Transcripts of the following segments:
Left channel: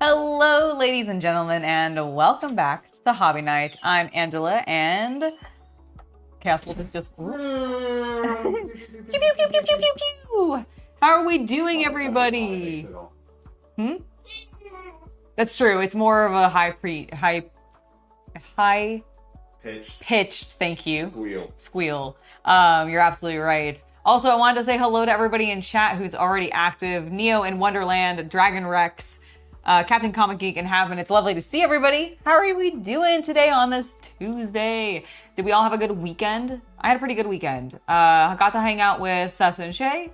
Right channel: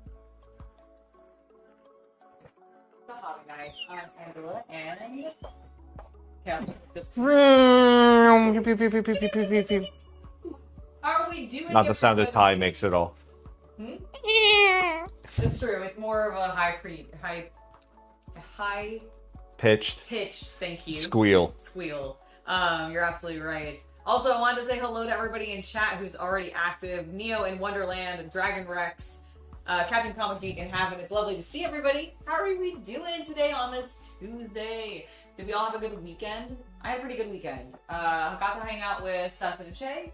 Hello, ladies and gentlemen, and welcome back to the Hobby Night. I'm Angela, and Chaos Cultist just How are we doing, Not the everybody? sound of TIE makes it all. That's true. It's more of a high Pitched. Thank you. Squeal. You're absolutely right. Also, I wanted to say hello to everybody in chat who's already active. Neo in Wonderland, Dragon Rex, Captain Comic Geek, and Havin. It's lovely to see everybody. How are we doing today on this Tuesday? Did we all have a good weekend? I had a pretty good weekend. I got to hang out with Seth and Shay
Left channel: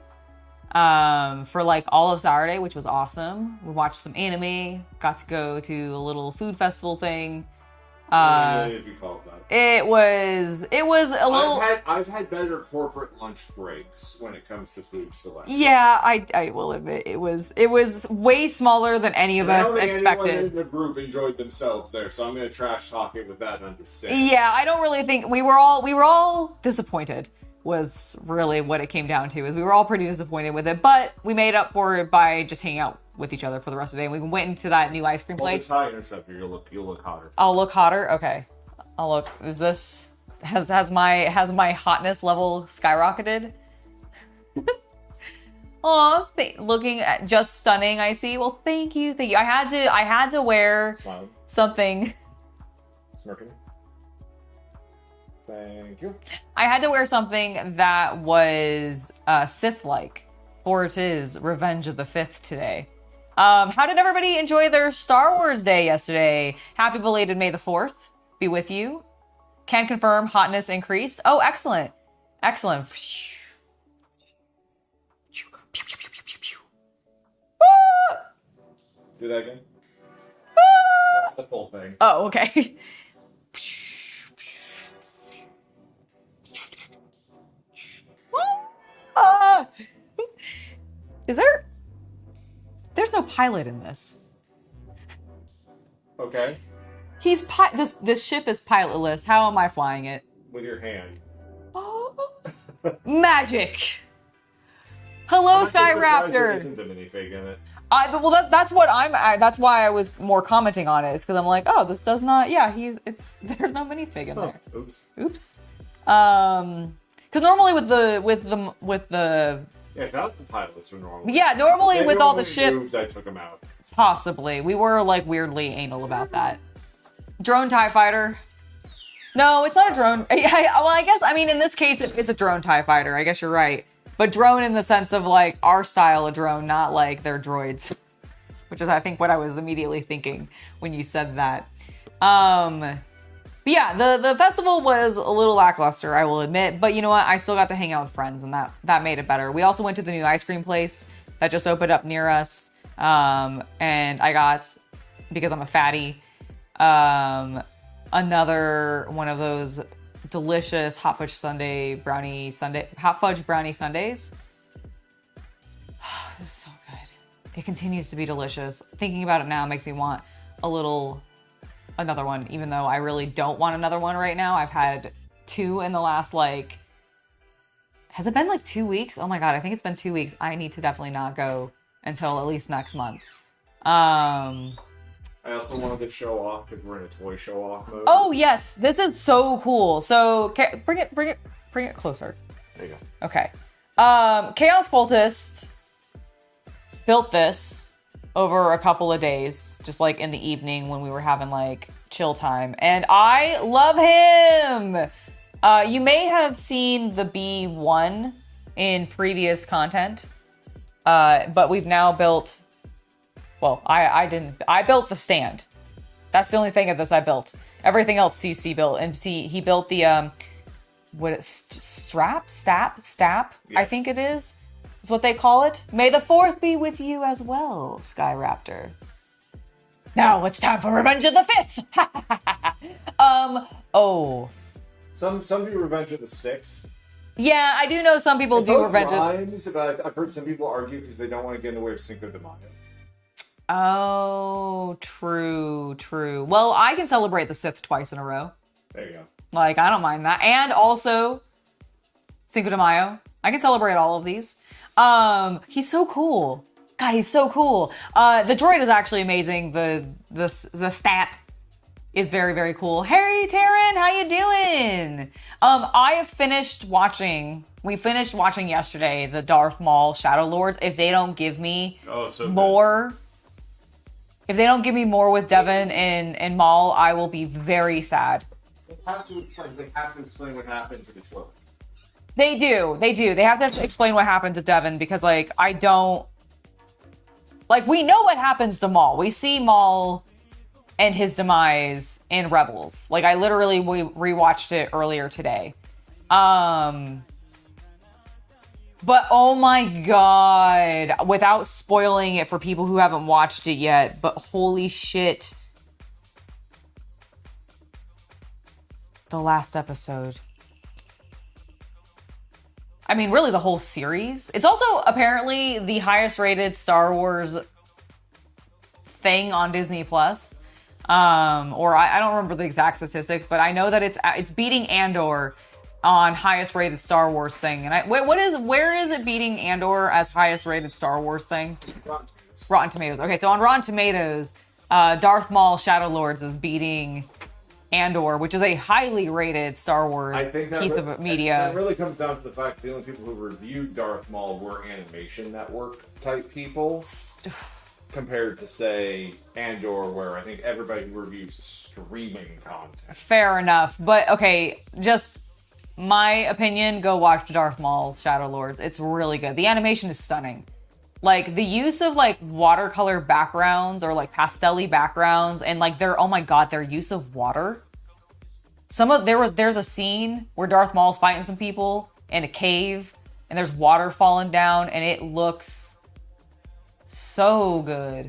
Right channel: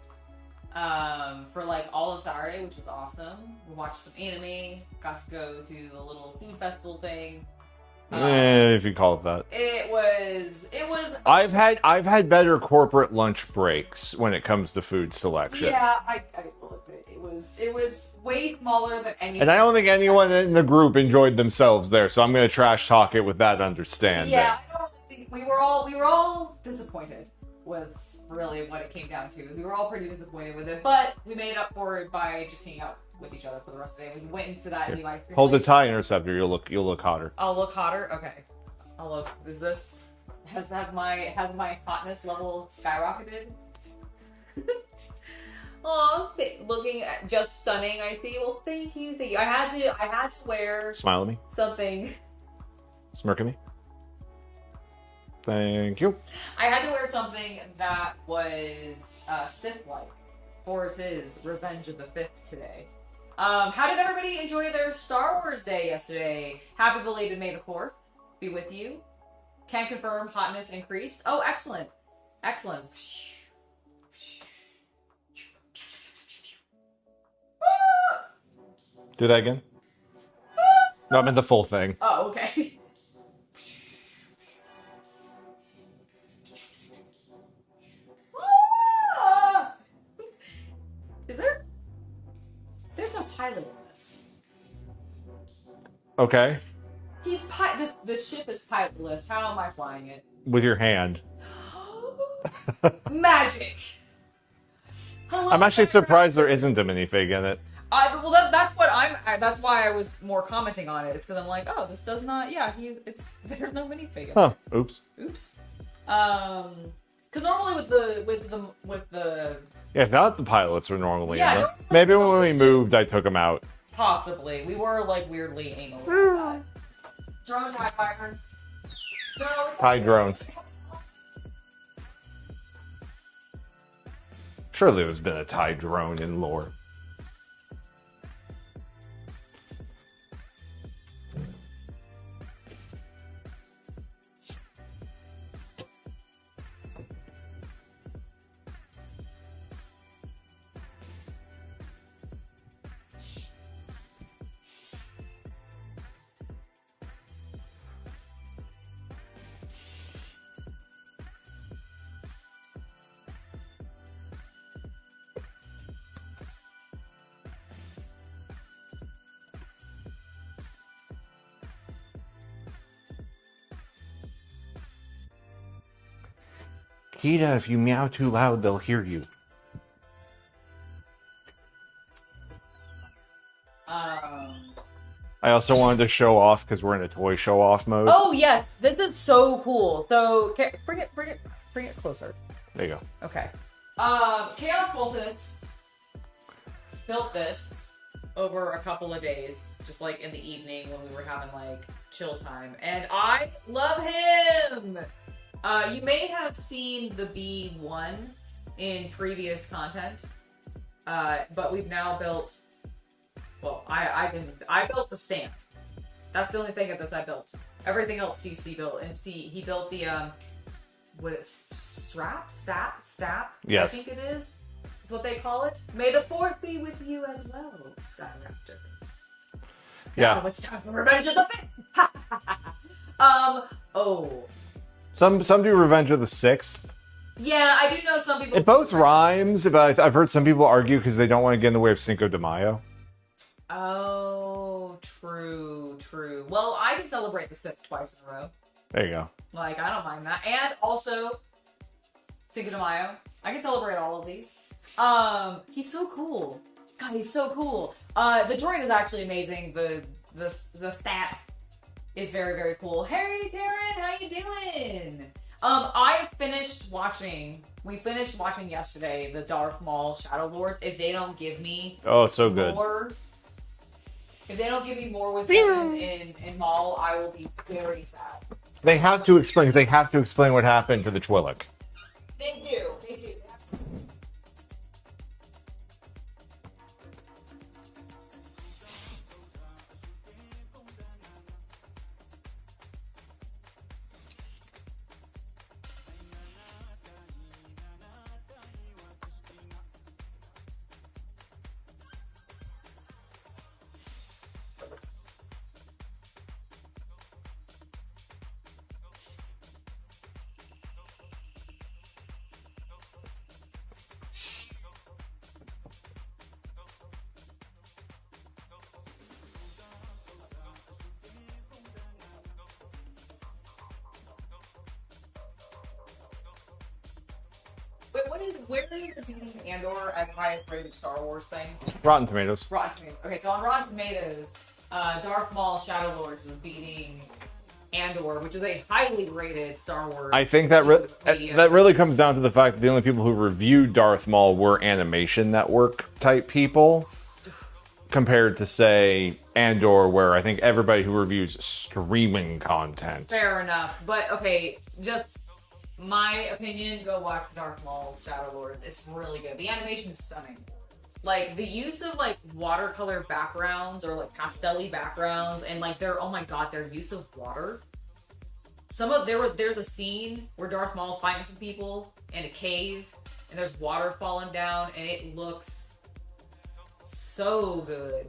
for like all of Saturday, which was awesome. We watched some anime, got to go to a little food festival thing. If you call it that. It was a little... I've had better corporate lunch breaks when it comes to food selection. Yeah, I will admit it was way smaller than any of us expected. And I don't think anyone in the group enjoyed themselves there, so I'm going to trash talk it with that understanding. Yeah, I don't really think we were all disappointed. Was really what it came down to. Is we were all pretty disappointed with it, but we made up for it by just hanging out with each other for the rest of the day. We went into that new ice cream place. Hold the TIE Interceptor. You'll look hotter. I'll look hotter. Okay, I'll look. Is this has my hotness level skyrocketed? Aw, looking at just stunning. I see. Well, thank you. I had to wear. Smile at me. Something. Smirk at me. Thank you. I had to wear something that was Sith-like, for it is Revenge of the Fifth today. How did everybody enjoy their Star Wars day yesterday? Happy belated May the 4th be with you. Can confirm hotness increased. Oh, excellent. Excellent. Do that again. No, I meant the full thing. Oh, okay. There's no pilot in this. Okay. This ship is pilotless. How am I flying it? With your hand. Magic. Hello, I'm actually Skyraptor. surprised there isn't a minifig in it. Well, that's that's why I was more commenting on it, is because I'm like, oh, this does not. Yeah, there's no minifig in there. Oops. Because normally with the. Yeah, not the pilots are normally. Yeah, normally Maybe with all when the we ships. moved, I took them out. Possibly, we were like weirdly anal about that. Drone TIE Fighter. No, it's not a drone. Well, I guess in this case it's a drone TIE Fighter. I guess you're right. But drone in the sense of like our style of drone, not like their droids, which is I think what I was immediately thinking when you said that. But yeah, the festival was a little lackluster, I will admit. But you know what? I still got to hang out with friends, and that made it better. We also went to the new ice cream place that just opened up near us, and I got, because I'm a fatty, another one of those delicious hot fudge brownie sundaes. It was so good. It continues to be delicious. Thinking about it now makes me want another one, even though I really don't want another one right now. I've had 2 in the last Hida, if you meow too has it been loud, like they'll 2 hear weeks? you. Oh my god, I think it's been 2 weeks. I need to definitely not go until at least next month. I also wanted to show off because we're in a toy show off mode. Oh yes, this is so cool. So bring it closer. There you go. Okay. Chaos Cultist built this over a couple of days, just like in the evening when we were having like chill time, and I love him. You may have seen the B1 in previous content, but we've now built. Well, I didn't. I built the stand. That's the only thing of this I built. Everything else CC built, and he built the stap. Yes. I think it is what they call it. May the 4th be with you as well, Skyraptor. Now it's time for Revenge of the 5th. Oh. Some do Revenge of the 6th. Yeah, I do know some people do both Revenge. rhymes, but I've heard some people argue because they don't want to get in the way of Cinco de Mayo. Oh, true. Well, I can celebrate the Sith twice in a row. There you go. Like, I don't mind that. And also, Cinco de Mayo. I can celebrate all of these. He's so cool. God, he's so cool. The droid is actually amazing. The stat is very, very cool. Hey, Taryn, how you doing? We finished watching yesterday the Darth Maul Shadow Lords. If they don't give me more, if they don't give me more with Devin and Maul, I will be very sad. They have to explain, because they have to explain what happened to the Twi'lek. They do. They have to explain what happened to Devin, because, like, I don't... Like, we know what happens to Maul. We see Maul and his demise in Rebels. Like, I literally rewatched it earlier today. But, oh my god. Without spoiling it for people who haven't watched it yet, but holy shit. The last episode. I mean, really the whole series. It's also apparently the highest rated Star Wars thing on Disney Plus. Or I don't remember the exact statistics, but I know that it's beating Andor on highest rated Star Wars thing. And where is it beating Andor as highest rated Star Wars thing? Rotten Tomatoes. Rotten Tomatoes. Okay, so on Rotten Tomatoes, Darth Maul Shadow Lords is beating Andor, which is a highly rated Star Wars I think that piece of media. That really comes down to the fact that the only people who reviewed Darth Maul were Animation Network type people, compared to, say, Andor, where I think everybody who reviews streaming content. Fair enough, but okay, just my opinion, go watch Darth Maul Shadow Lords. It's really good. The animation is stunning. Like, the use of, like, watercolor backgrounds or, like, pastel-y backgrounds and, like, oh my god, their use of water. There's a scene where Darth Maul's fighting some people in a cave and there's water falling down and it looks so good.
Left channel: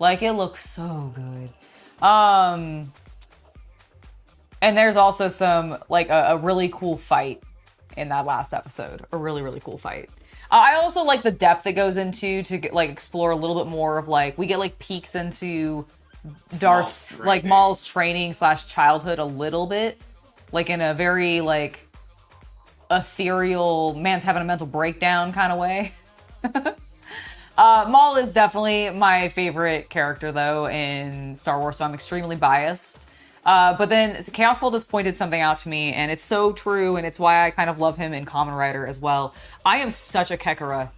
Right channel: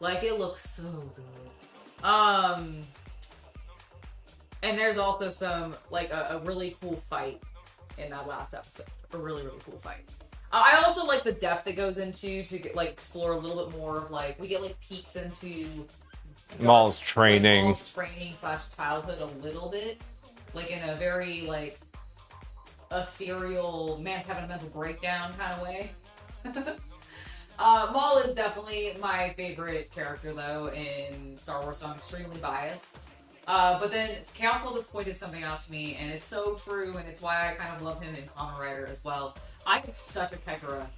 Like, it looks so good. And there's also some, like, a really cool fight in that last episode. A really, really cool fight. I also like the depth it goes into to get, like, explore a little bit more of, like, we get, like, peeks into Maul's training / childhood a little bit. Like, in a very, like, ethereal, man's having a mental breakdown kind of way. Maul is definitely my favorite character, though, in Star Wars, so I'm extremely biased. But then Chaos Cultist pointed something out to me, and it's so true, and it's why I kind of love him in Kamen Rider as well. I am such a Kekara.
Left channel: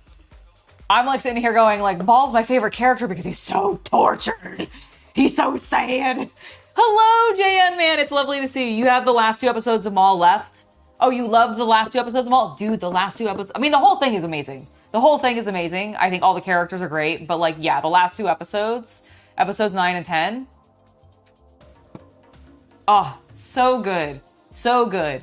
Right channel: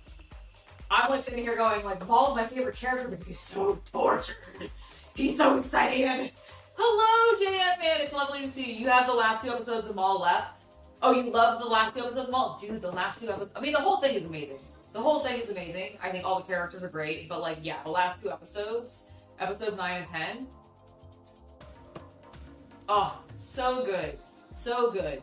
I'm like sitting here going, like, Maul's my favorite character because he's so tortured. He's so sad. Hello, JN man. It's lovely to see you. You have the last 2 episodes of Maul left. Oh, you loved the last 2 episodes of Maul? Dude, the last 2 episodes. I mean, the whole thing is amazing. The whole thing is amazing. I think all the characters are great, but, like, yeah, the last 2 episodes, episodes 9 and 10. Oh, so good. So good.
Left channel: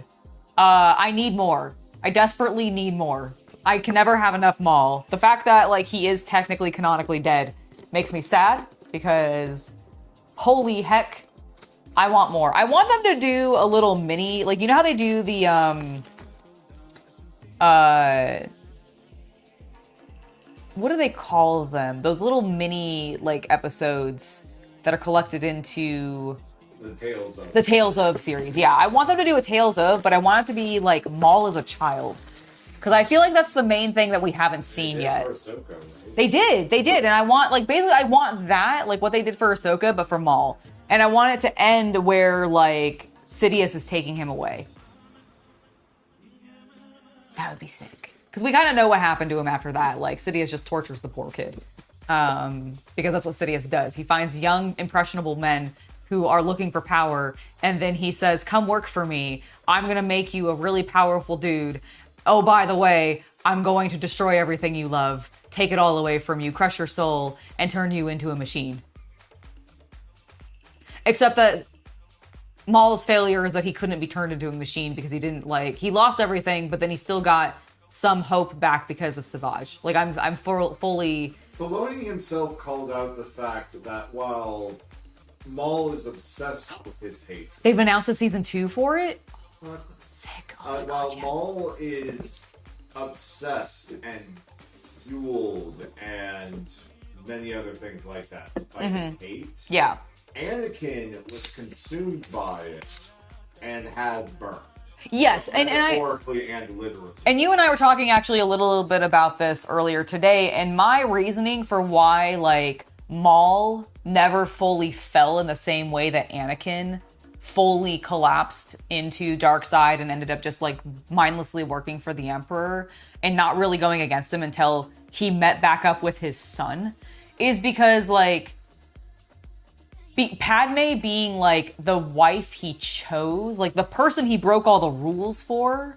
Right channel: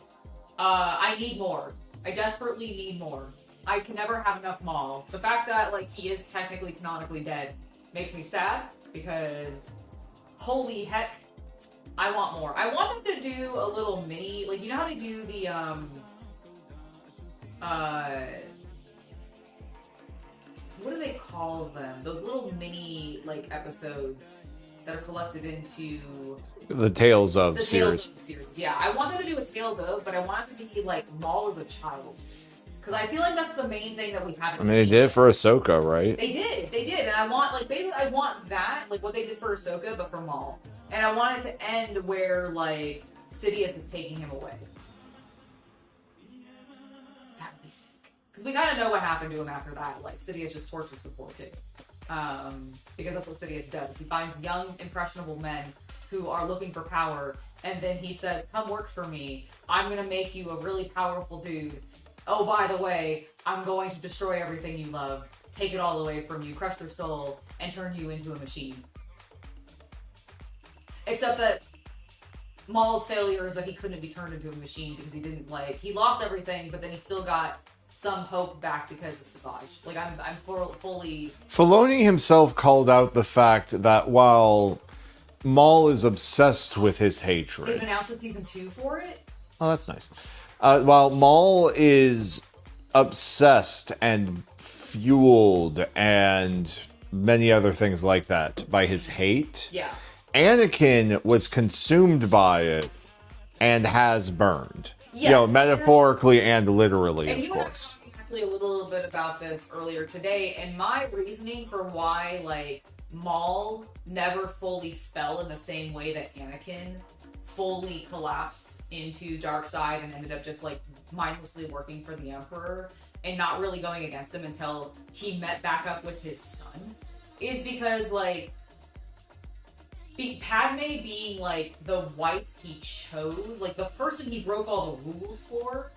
I need more. I desperately need more. I can never have enough Maul. The fact that, like, he is technically canonically dead makes me sad because holy heck, I want more. I want them to do a little mini, like, you know how they do the, what do they call them? Those little mini, like, episodes that are collected into the Tales of series. Yeah, I want them to do a Tales of, but I want it to be like Maul as a child, because I feel like that's the main thing that we haven't seen. They did yet. For Ahsoka, right? They did, and I want, like, basically I want that, like what they did for Ahsoka, but for Maul, and I want it to end where, like, Sidious is taking him away. That would be sick, because we kind of know what happened to him after that. Like, Sidious just tortures the poor kid, because that's what Sidious does. He finds young, impressionable men who are looking for power, and then he says, come work for me. I'm gonna make you a really powerful dude. Oh, by the way, I'm going to destroy everything you love, take it all away from you, crush your soul, and turn you into a machine. Except that Maul's failure is that he couldn't be turned into a machine because he lost everything, but then he still got some hope back because of Savage. Like, I'm fully... Filoni himself called out the fact that while Maul is obsessed with his hatred. They've announced a season 2 for it? Oh, that's nice. Sick. While Maul is obsessed and fueled and many other things like that by his hate, yeah, Anakin was consumed by it and has burned. Yes, metaphorically and literally. And you and I were talking actually a little bit about this earlier today, and my reasoning for why, like, Maul never fully fell in the same way that Anakin fully collapsed into dark side and ended up just, like, mindlessly working for the Emperor and not really going against him until he met back up with his son, is because, like, Padme being, like, the wife he chose, like, the person he broke all the rules for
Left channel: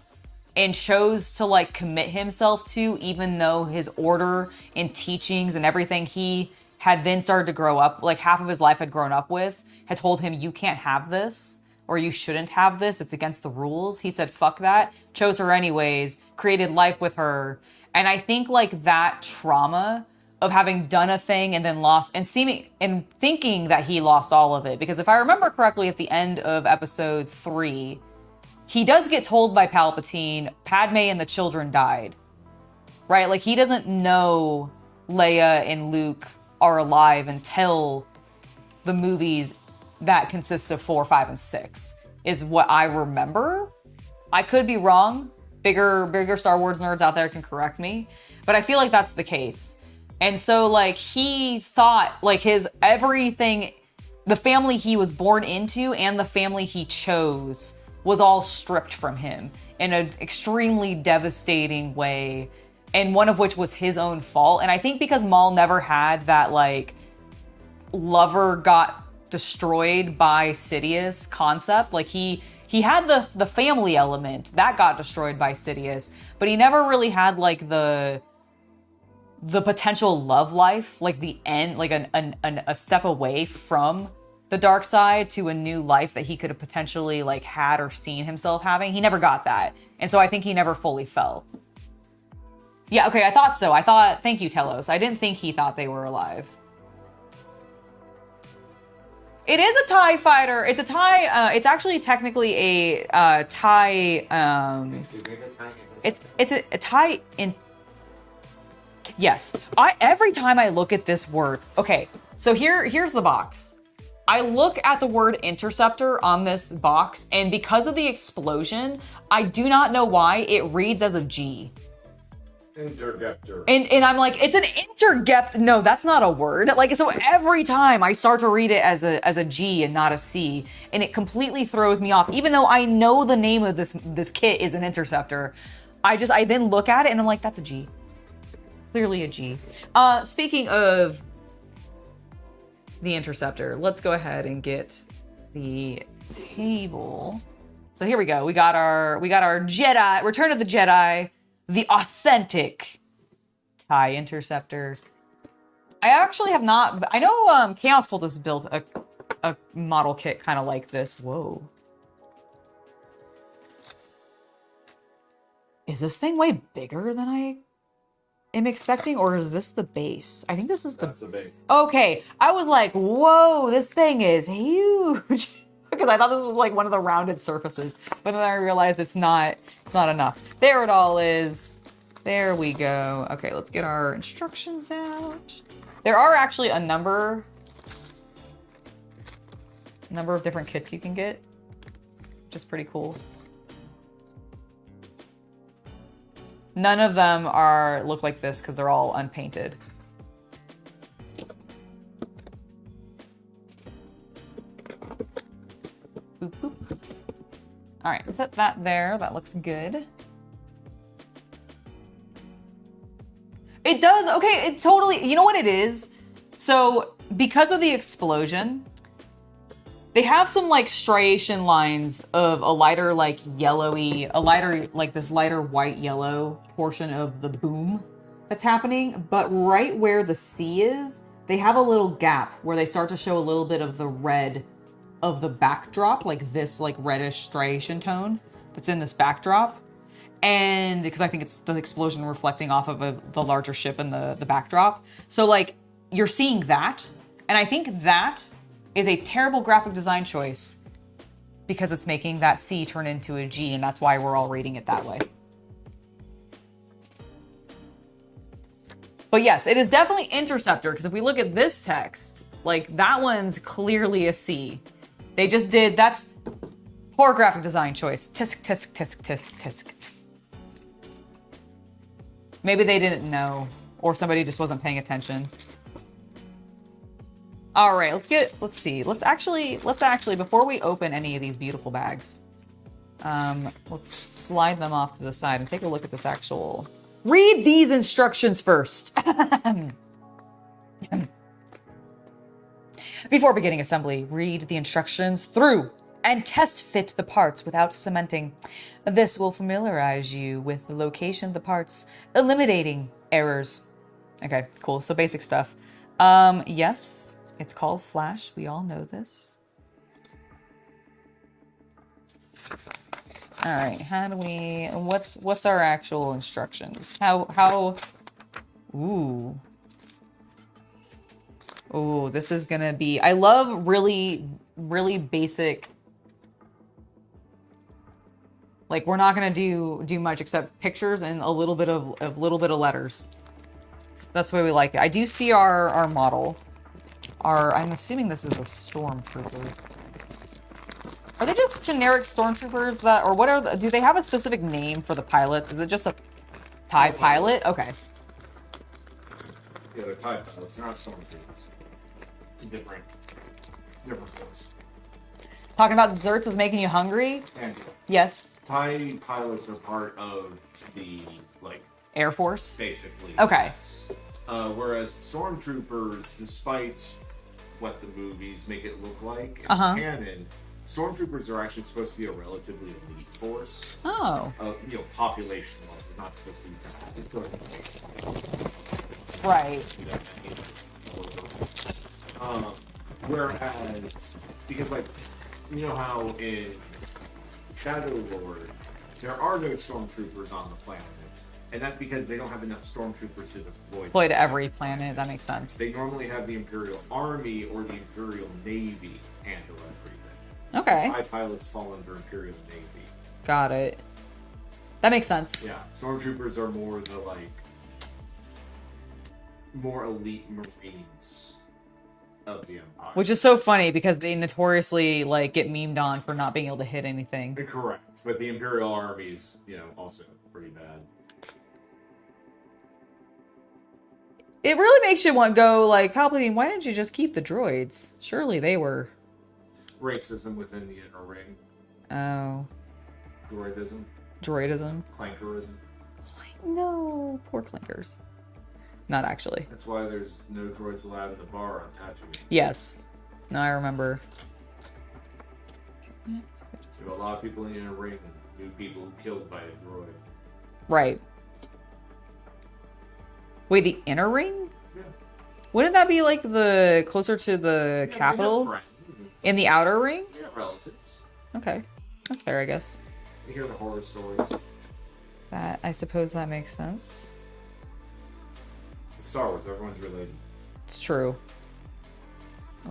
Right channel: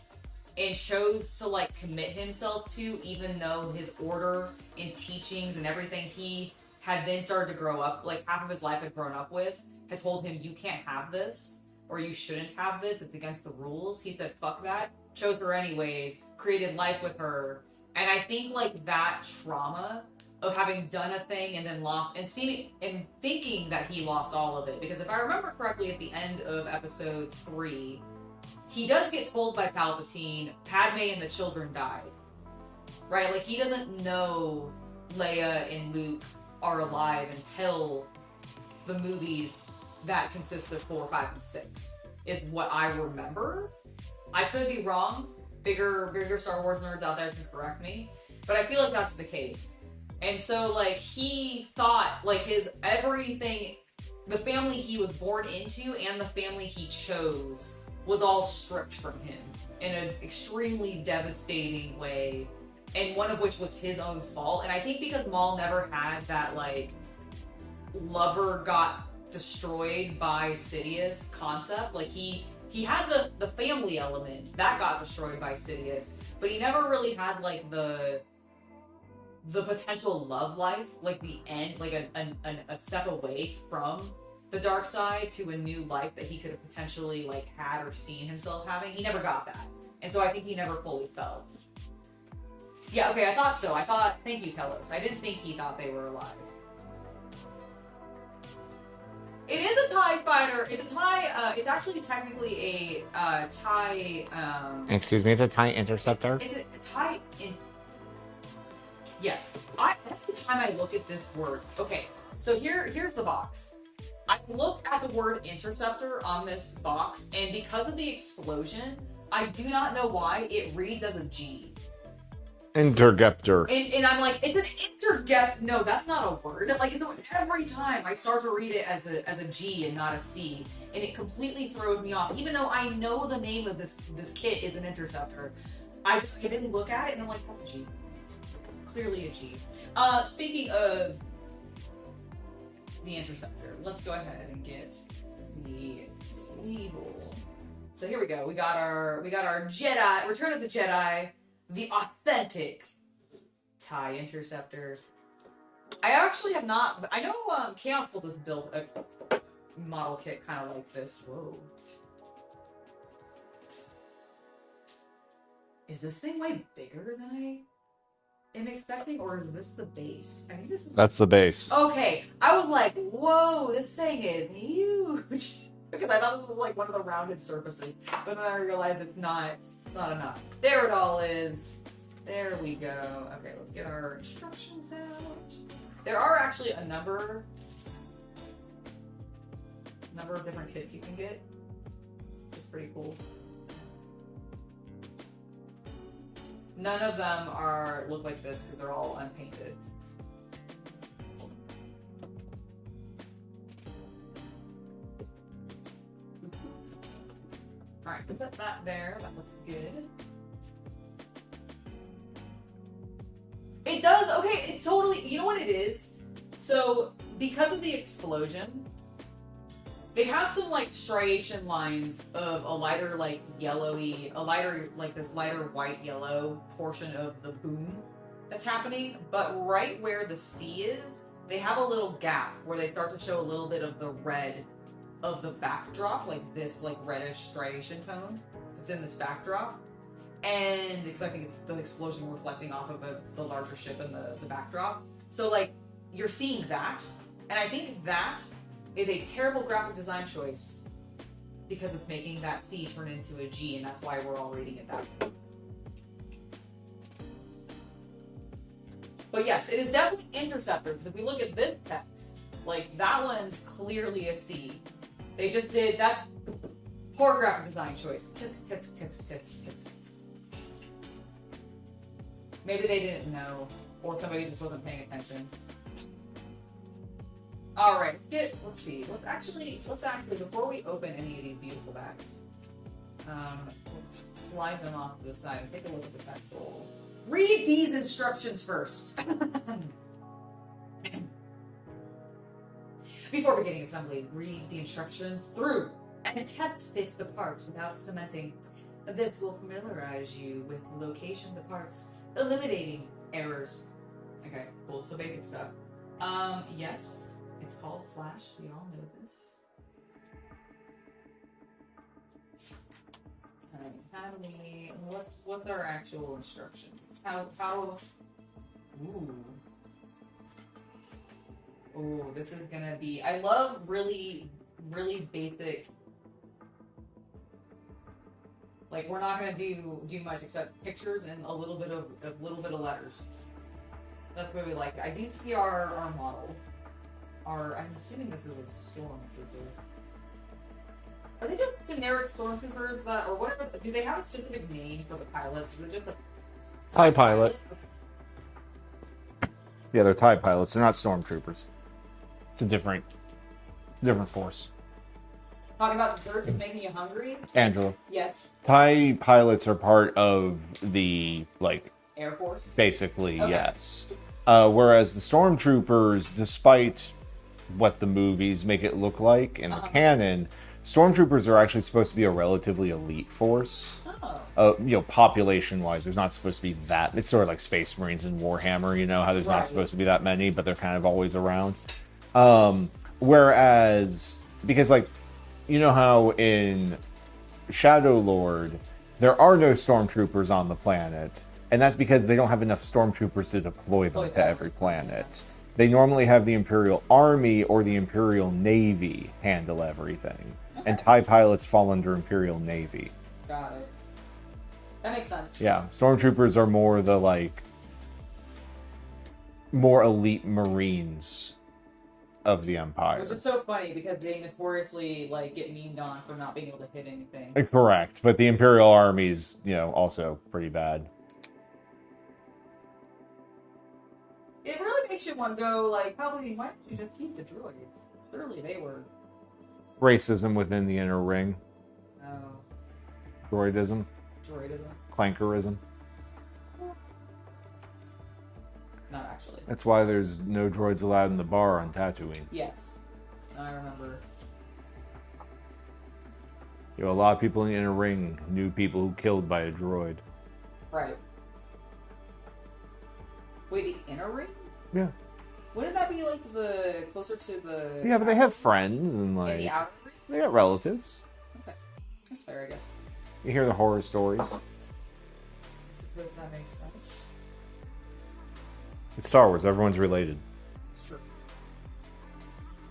and chose to, like, commit himself to, even though his order and teachings and everything he had then started to grow up, like, half of his life had grown up with, had told him, you can't have this, or you shouldn't have this, it's against the rules. He said, fuck that, chose her anyways, created life with her. And I think, like, that trauma of having done a thing and then lost, and thinking that he lost all of it, because if I remember correctly, at the end of episode 3, he does get told by Palpatine, Padme and the children died, right? Like, he doesn't know Leia and Luke are alive until the movies that consist of 4, 5, and 6, is what I remember. I could be wrong. Bigger Star Wars nerds out there can correct me, but I feel like that's the case. And so, like, he thought, like, his everything, the family he was born into and the family he chose was all stripped from him in an extremely devastating way, and one of which was his own fault. And I think because Maul never had that, like, lover got destroyed by Sidious concept, like, he had the family element that got destroyed by Sidious, but he never really had, like, the potential love life, like the end, like a step away from the dark side to a new life that he could have potentially, like, had or seen himself having. He never got that. And so I think he never fully fell. Yeah, okay, I thought so. Thank you, Telos. I didn't think he thought they were alive. It is a TIE fighter. It's a TIE, it's actually technically a TIE, Excuse me, it's a TIE Interceptor? It's a TIE Yes. Every time I look at this word, okay, so here's the box. I look at the word interceptor on this box, and because of the explosion, I do not know why it reads as a G. Interceptor. And I'm like, it's an intercept. No, that's not a word. Like, so every time I start to read it as a G and not a C, and it completely throws me off. Even though I know the name of this kit is an interceptor, I then look at it and I'm like, that's a G. Clearly a G. Speaking of the interceptor, let's go ahead and get the table. So here we go. We got our Jedi, Return of the Jedi, the authentic TIE Interceptor. I actually have not, I know Chaos Cultist built a model kit kind of like this. Whoa. Is this thing way bigger than I am expecting, or is this the base? I think this is That's the base. Okay, I was like, whoa, this thing is huge. Because I thought this was like one of the rounded surfaces, but then I realized it's not enough. There it all is. There we go. Okay, let's get our instructions out. There are actually a number of different kits you can get, which is pretty cool. None of them look like this because they're all unpainted. Boop, boop. All right, set that there. That looks good. It does, okay, it totally, you know what it is? So, because of the explosion, they have some, like, striation lines of a lighter, like, yellowy, this lighter white-yellow portion of the boom that's happening, but right where the C is, they have a little gap where they start to show a little bit of the red of the backdrop, like this, like, reddish striation tone that's in this backdrop. And because I think it's the explosion reflecting off of the larger ship in the backdrop. So, like, you're seeing that, and I think that is a terrible graphic design choice because it's making that C turn into a G, and that's why we're all reading it that way. But yes, it is definitely Interceptor, because if we look at this text, like, that one's clearly a C. They just did, that's Poor graphic design choice. Tisk, tisk, tisk, tisk, tisk. Maybe they didn't know, or somebody just wasn't paying attention. All right, let's see. Let's actually, before we open any of these beautiful bags, let's slide them off to the side and take a look at this actual, read these instructions first. Before beginning assembly, read the instructions through and test fit the parts without cementing. This will familiarize you with the location of the parts, eliminating errors. Okay, cool. So basic stuff. Yes, it's called Flash. We all know this. All right, how do we, what's our actual instructions? Ooh, this is gonna be, I love really, really basic. Like, we're not gonna do much except pictures and a little bit of letters. That's the way we like it. I do see our model. I'm assuming this is a stormtrooper. Are they just generic stormtroopers that, or what are the, do they have a specific name for the pilots? Is it just a TIE pilot? Okay. Yeah, they're TIE pilots. They're not stormtroopers. It's a different force. Talking about desserts is making you hungry? Angela. Yes. TIE pilots are part of the, like... Air Force? Basically, okay. Yes. Whereas the stormtroopers, despite what the movies make it look like in canon, stormtroopers are actually supposed to be a relatively elite force. Oh. Population-wise, there's not supposed to be that. It's sort of like Space Marines and Warhammer, you know, how there's not supposed to be that many, but they're kind of always around. Whereas, because, like, you know how in Shadow Lord, there are no stormtroopers on the planet, and that's because they don't have enough stormtroopers to deploy to every planet. That makes sense. They normally have the Imperial Army or the Imperial Navy handle everything. Okay. And TIE pilots fall under Imperial Navy. Got it. That makes sense. Yeah, stormtroopers are more the, like, more elite Marines of the Empire. Which is so funny because they notoriously, like, get memed on for not being able to hit anything. Correct, but the Imperial Army's, you know, also pretty bad. It really makes you want to go, like, Palpatine, why didn't you just keep the droids? Surely they were... Racism within the inner ring. Oh. Droidism. Droidism. Clankerism. No, poor clankers. Not actually. That's why there's no droids allowed in the bar on Tatooine. Yes. No, I remember. You know, a lot of people in the inner ring knew people who killed by a droid. Right. Wait, the inner ring? Yeah. Wouldn't that be like the closer to the capital? They have friends. And, like, in the outer ring? They got relatives. Okay. That's fair, I guess. You hear the horror stories. I suppose that makes sense. It's Star Wars. Everyone's related. It's true.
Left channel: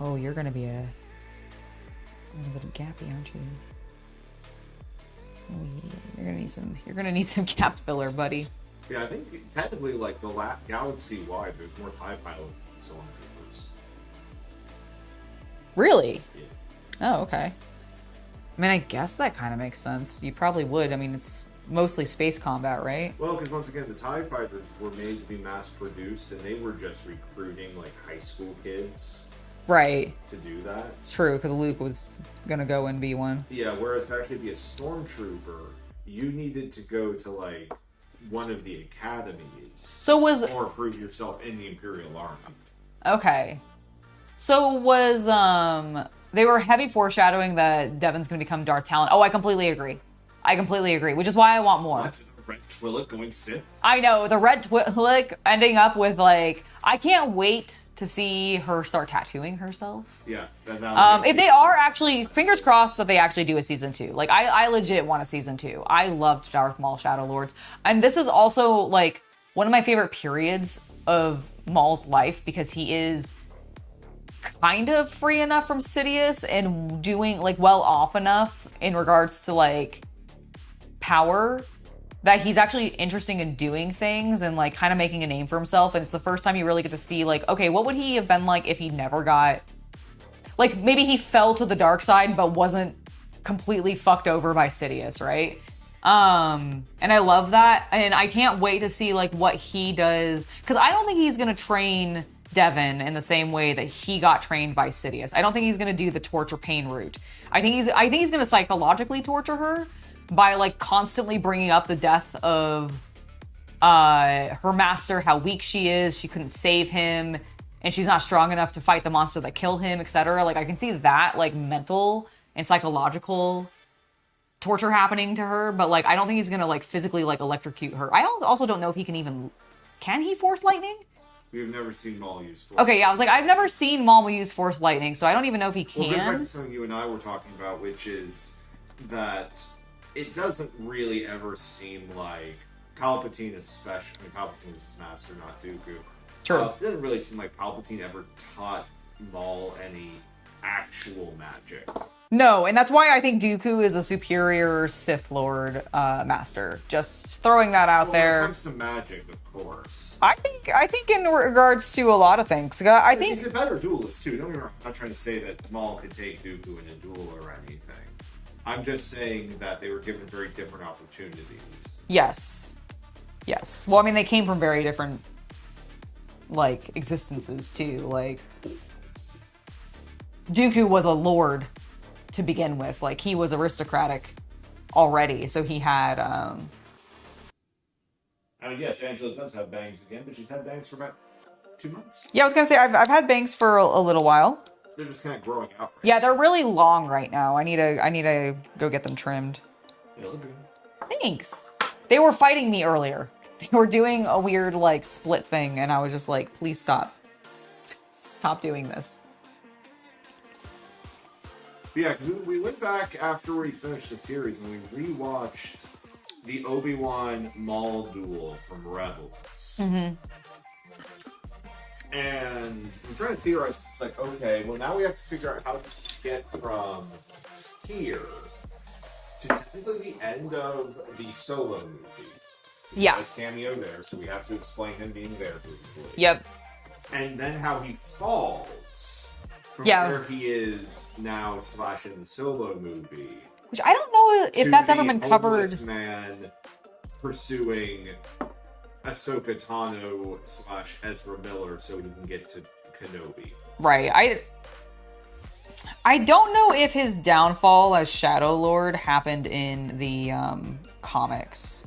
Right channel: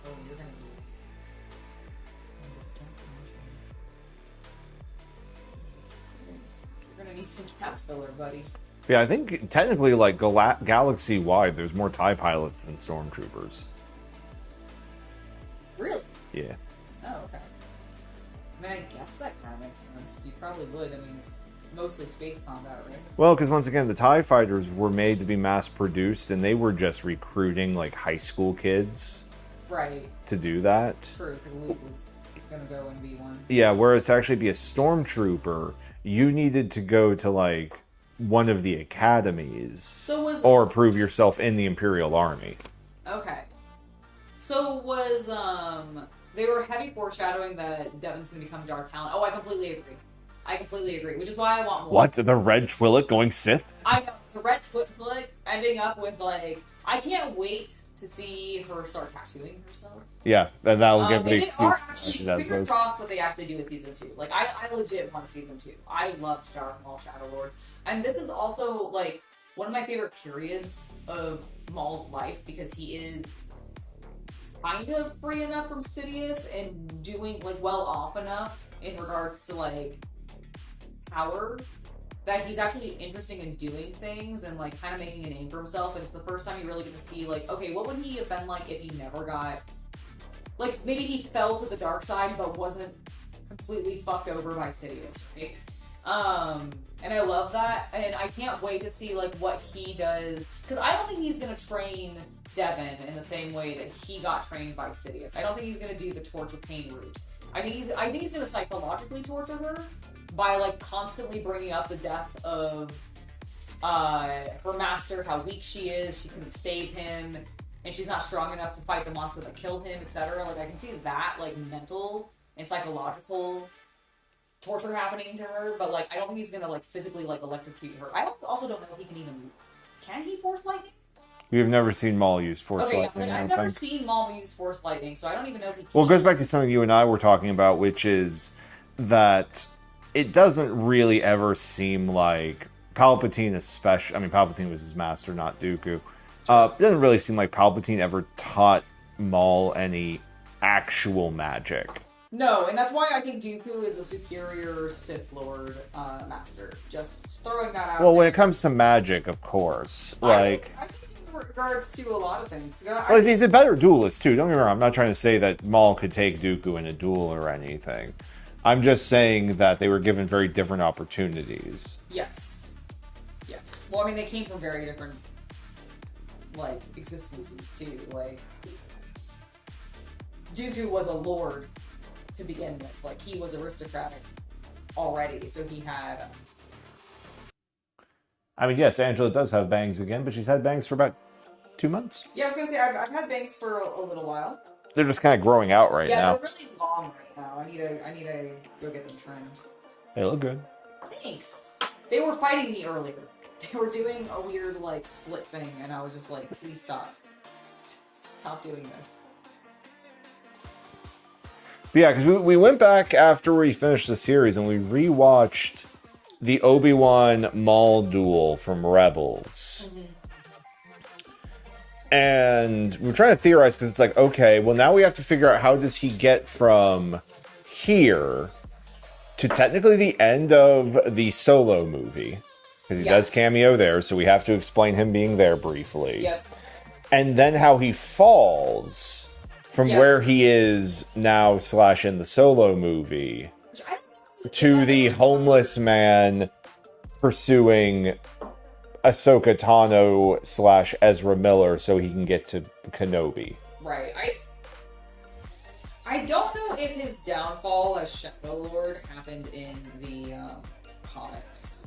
Oh, you're gonna be a little bit gappy, aren't you? Oh, yeah. You're gonna need some gap filler, buddy. Yeah, I think technically, like, galaxy-wide, there's more TIE pilots than stormtroopers. Really? Yeah. Oh, okay. I mean, I guess that kind of makes sense. You probably would. I mean, it's mostly space combat, right? Well, because once again, the TIE fighters were made to be mass-produced, and they were just recruiting, like, high school kids. Right. To do that. True, because Luke was gonna go and be one. Yeah, whereas to actually be a stormtrooper, you needed to go to, like, one of the academies. Or prove yourself in the Imperial Army. Okay. So was, they were heavy foreshadowing that Devin's gonna become Darth Talon. Oh, I completely agree. Which is why I want more. What? The Red Twi'lek going Sith? I know, the Red Twi'lek ending up with, like, I can't wait to see her start tattooing herself. Yeah, that'll get if they are actually, fingers crossed that they actually do a season 2. Like, I legit want a season 2. I loved Darth Maul Shadow Lords. And this is also, like, one of my favorite periods of Maul's life because he is kind of free enough from Sidious and doing, like, well off enough in regards to, like, power that he's actually interested in doing things and, like, kind of making a name for himself. And it's the first time you really get to see, like, okay, what would he have been like if he never got, like, maybe he fell to the dark side but wasn't completely fucked over by Sidious, right? And I love that, and I can't wait to see like what he does, because I don't think he's gonna train Devin in the same way that he got trained by Sidious. I don't think he's gonna do the torture pain route. I think he's gonna psychologically torture her by like constantly bringing up the death of her master, how weak she is, she couldn't save him, and she's not strong enough to fight the monster that killed him, etc. Like I can see that like mental and psychological torture happening to her, but like I don't think he's gonna like physically like electrocute her. Also don't know if he can he force lightning? We have never seen Maul use force lightning. Okay, yeah, I was like, I've never think. seen Maul use force lightning, so I don't even know if he can. Well, it goes back to something you and I were talking about, which is that it doesn't really ever seem like Palpatine, especially. I mean, Palpatine was his master, not Dooku. Sure. It doesn't really seem like Palpatine ever taught Maul any actual magic. No, and that's why I think Dooku is a superior Sith Lord master. Just throwing that out there. Well, when it comes to magic, of course. I think in regards to a lot of things. I think he's a better duelist, too. Don't get me wrong. I'm not trying to say that Maul could take Dooku in a duel or anything. I'm just saying that they were given very different opportunities. Yes. Yes. Well, I mean, they came from very different, like, existences, too. Like, Dooku was a lord to begin with. Like, he was aristocratic already, so he had I mean, yes, Angela does have bangs again, but she's had bangs for about 2 months. Yeah, I was gonna say I've had bangs for a little while. They're just kind of growing out right now. Yeah, they're really long right now. I need to go get them trimmed. They look good. Thanks. They were fighting me earlier. They were doing a weird like split thing, and I was just like, please stop. Stop doing this. But yeah, because we went back after we finished the series and we rewatched the Obi-Wan Maul duel from Rebels. Mm-hmm. And we're trying to theorize because it's like, okay, well now we have to figure out how does he get from here to technically the end of the Solo movie. Because he does cameo there, so we have to explain him being there briefly. Yep. And then how he falls from where he is now / in the Solo movie. Which I don't know if that's ever been covered. To the homeless man pursuing Ahsoka Tano / Ezra Miller so he can get to Kenobi. Right. I don't know if his downfall as Shadow Lord happened in the comics.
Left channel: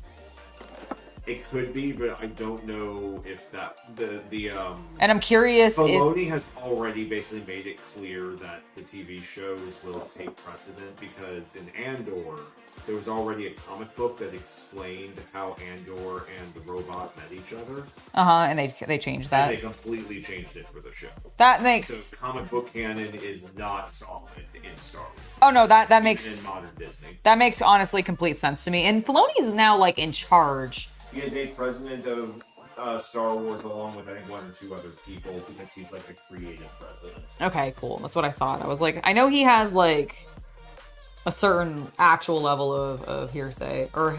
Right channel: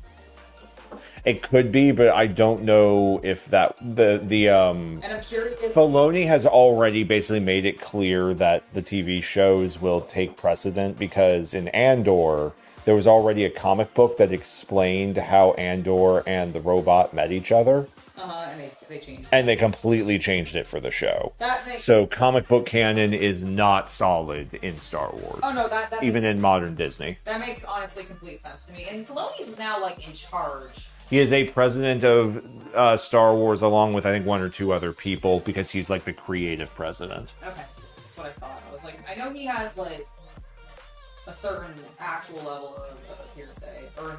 It could be, but I don't know if that and I'm curious. Filoni has already basically made it clear that the TV shows will take precedent because in Andor there was already a comic book that explained how Andor and the robot met each other. And they changed that. And they completely changed it for the show. That makes so comic book canon is not solid in Star Wars. Oh no, that makes even in modern Disney. That makes honestly complete sense to me. And Filoni's now like in charge. He is a president of Star Wars along with I think 1 or 2 other people because he's like the creative president. Okay, cool. That's what I thought. I was like, I know he has like a certain actual level of hearsay or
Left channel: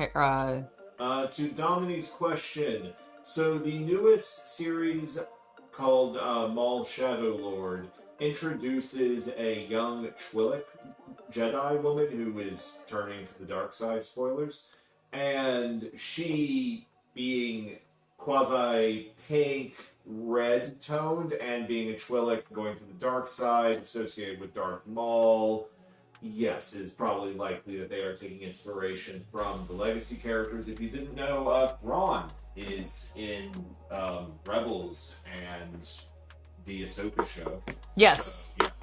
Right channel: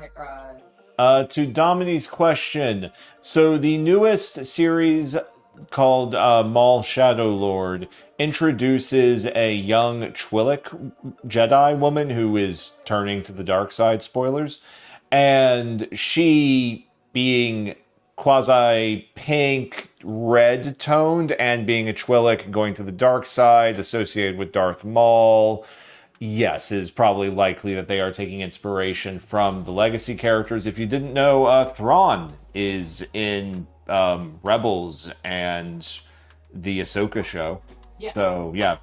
to Dominique's question, so the newest series called Maul Shadow Lord introduces a young Twi'lek Jedi woman who is turning to the dark side, spoilers, and she being quasi pink red toned and being a Twi'lek going to the dark side associated with Darth Maul. Yes, it is probably likely that they are taking inspiration from the legacy characters. If you didn't know, Thrawn is in Rebels and the Ahsoka show. Yes. So yeah,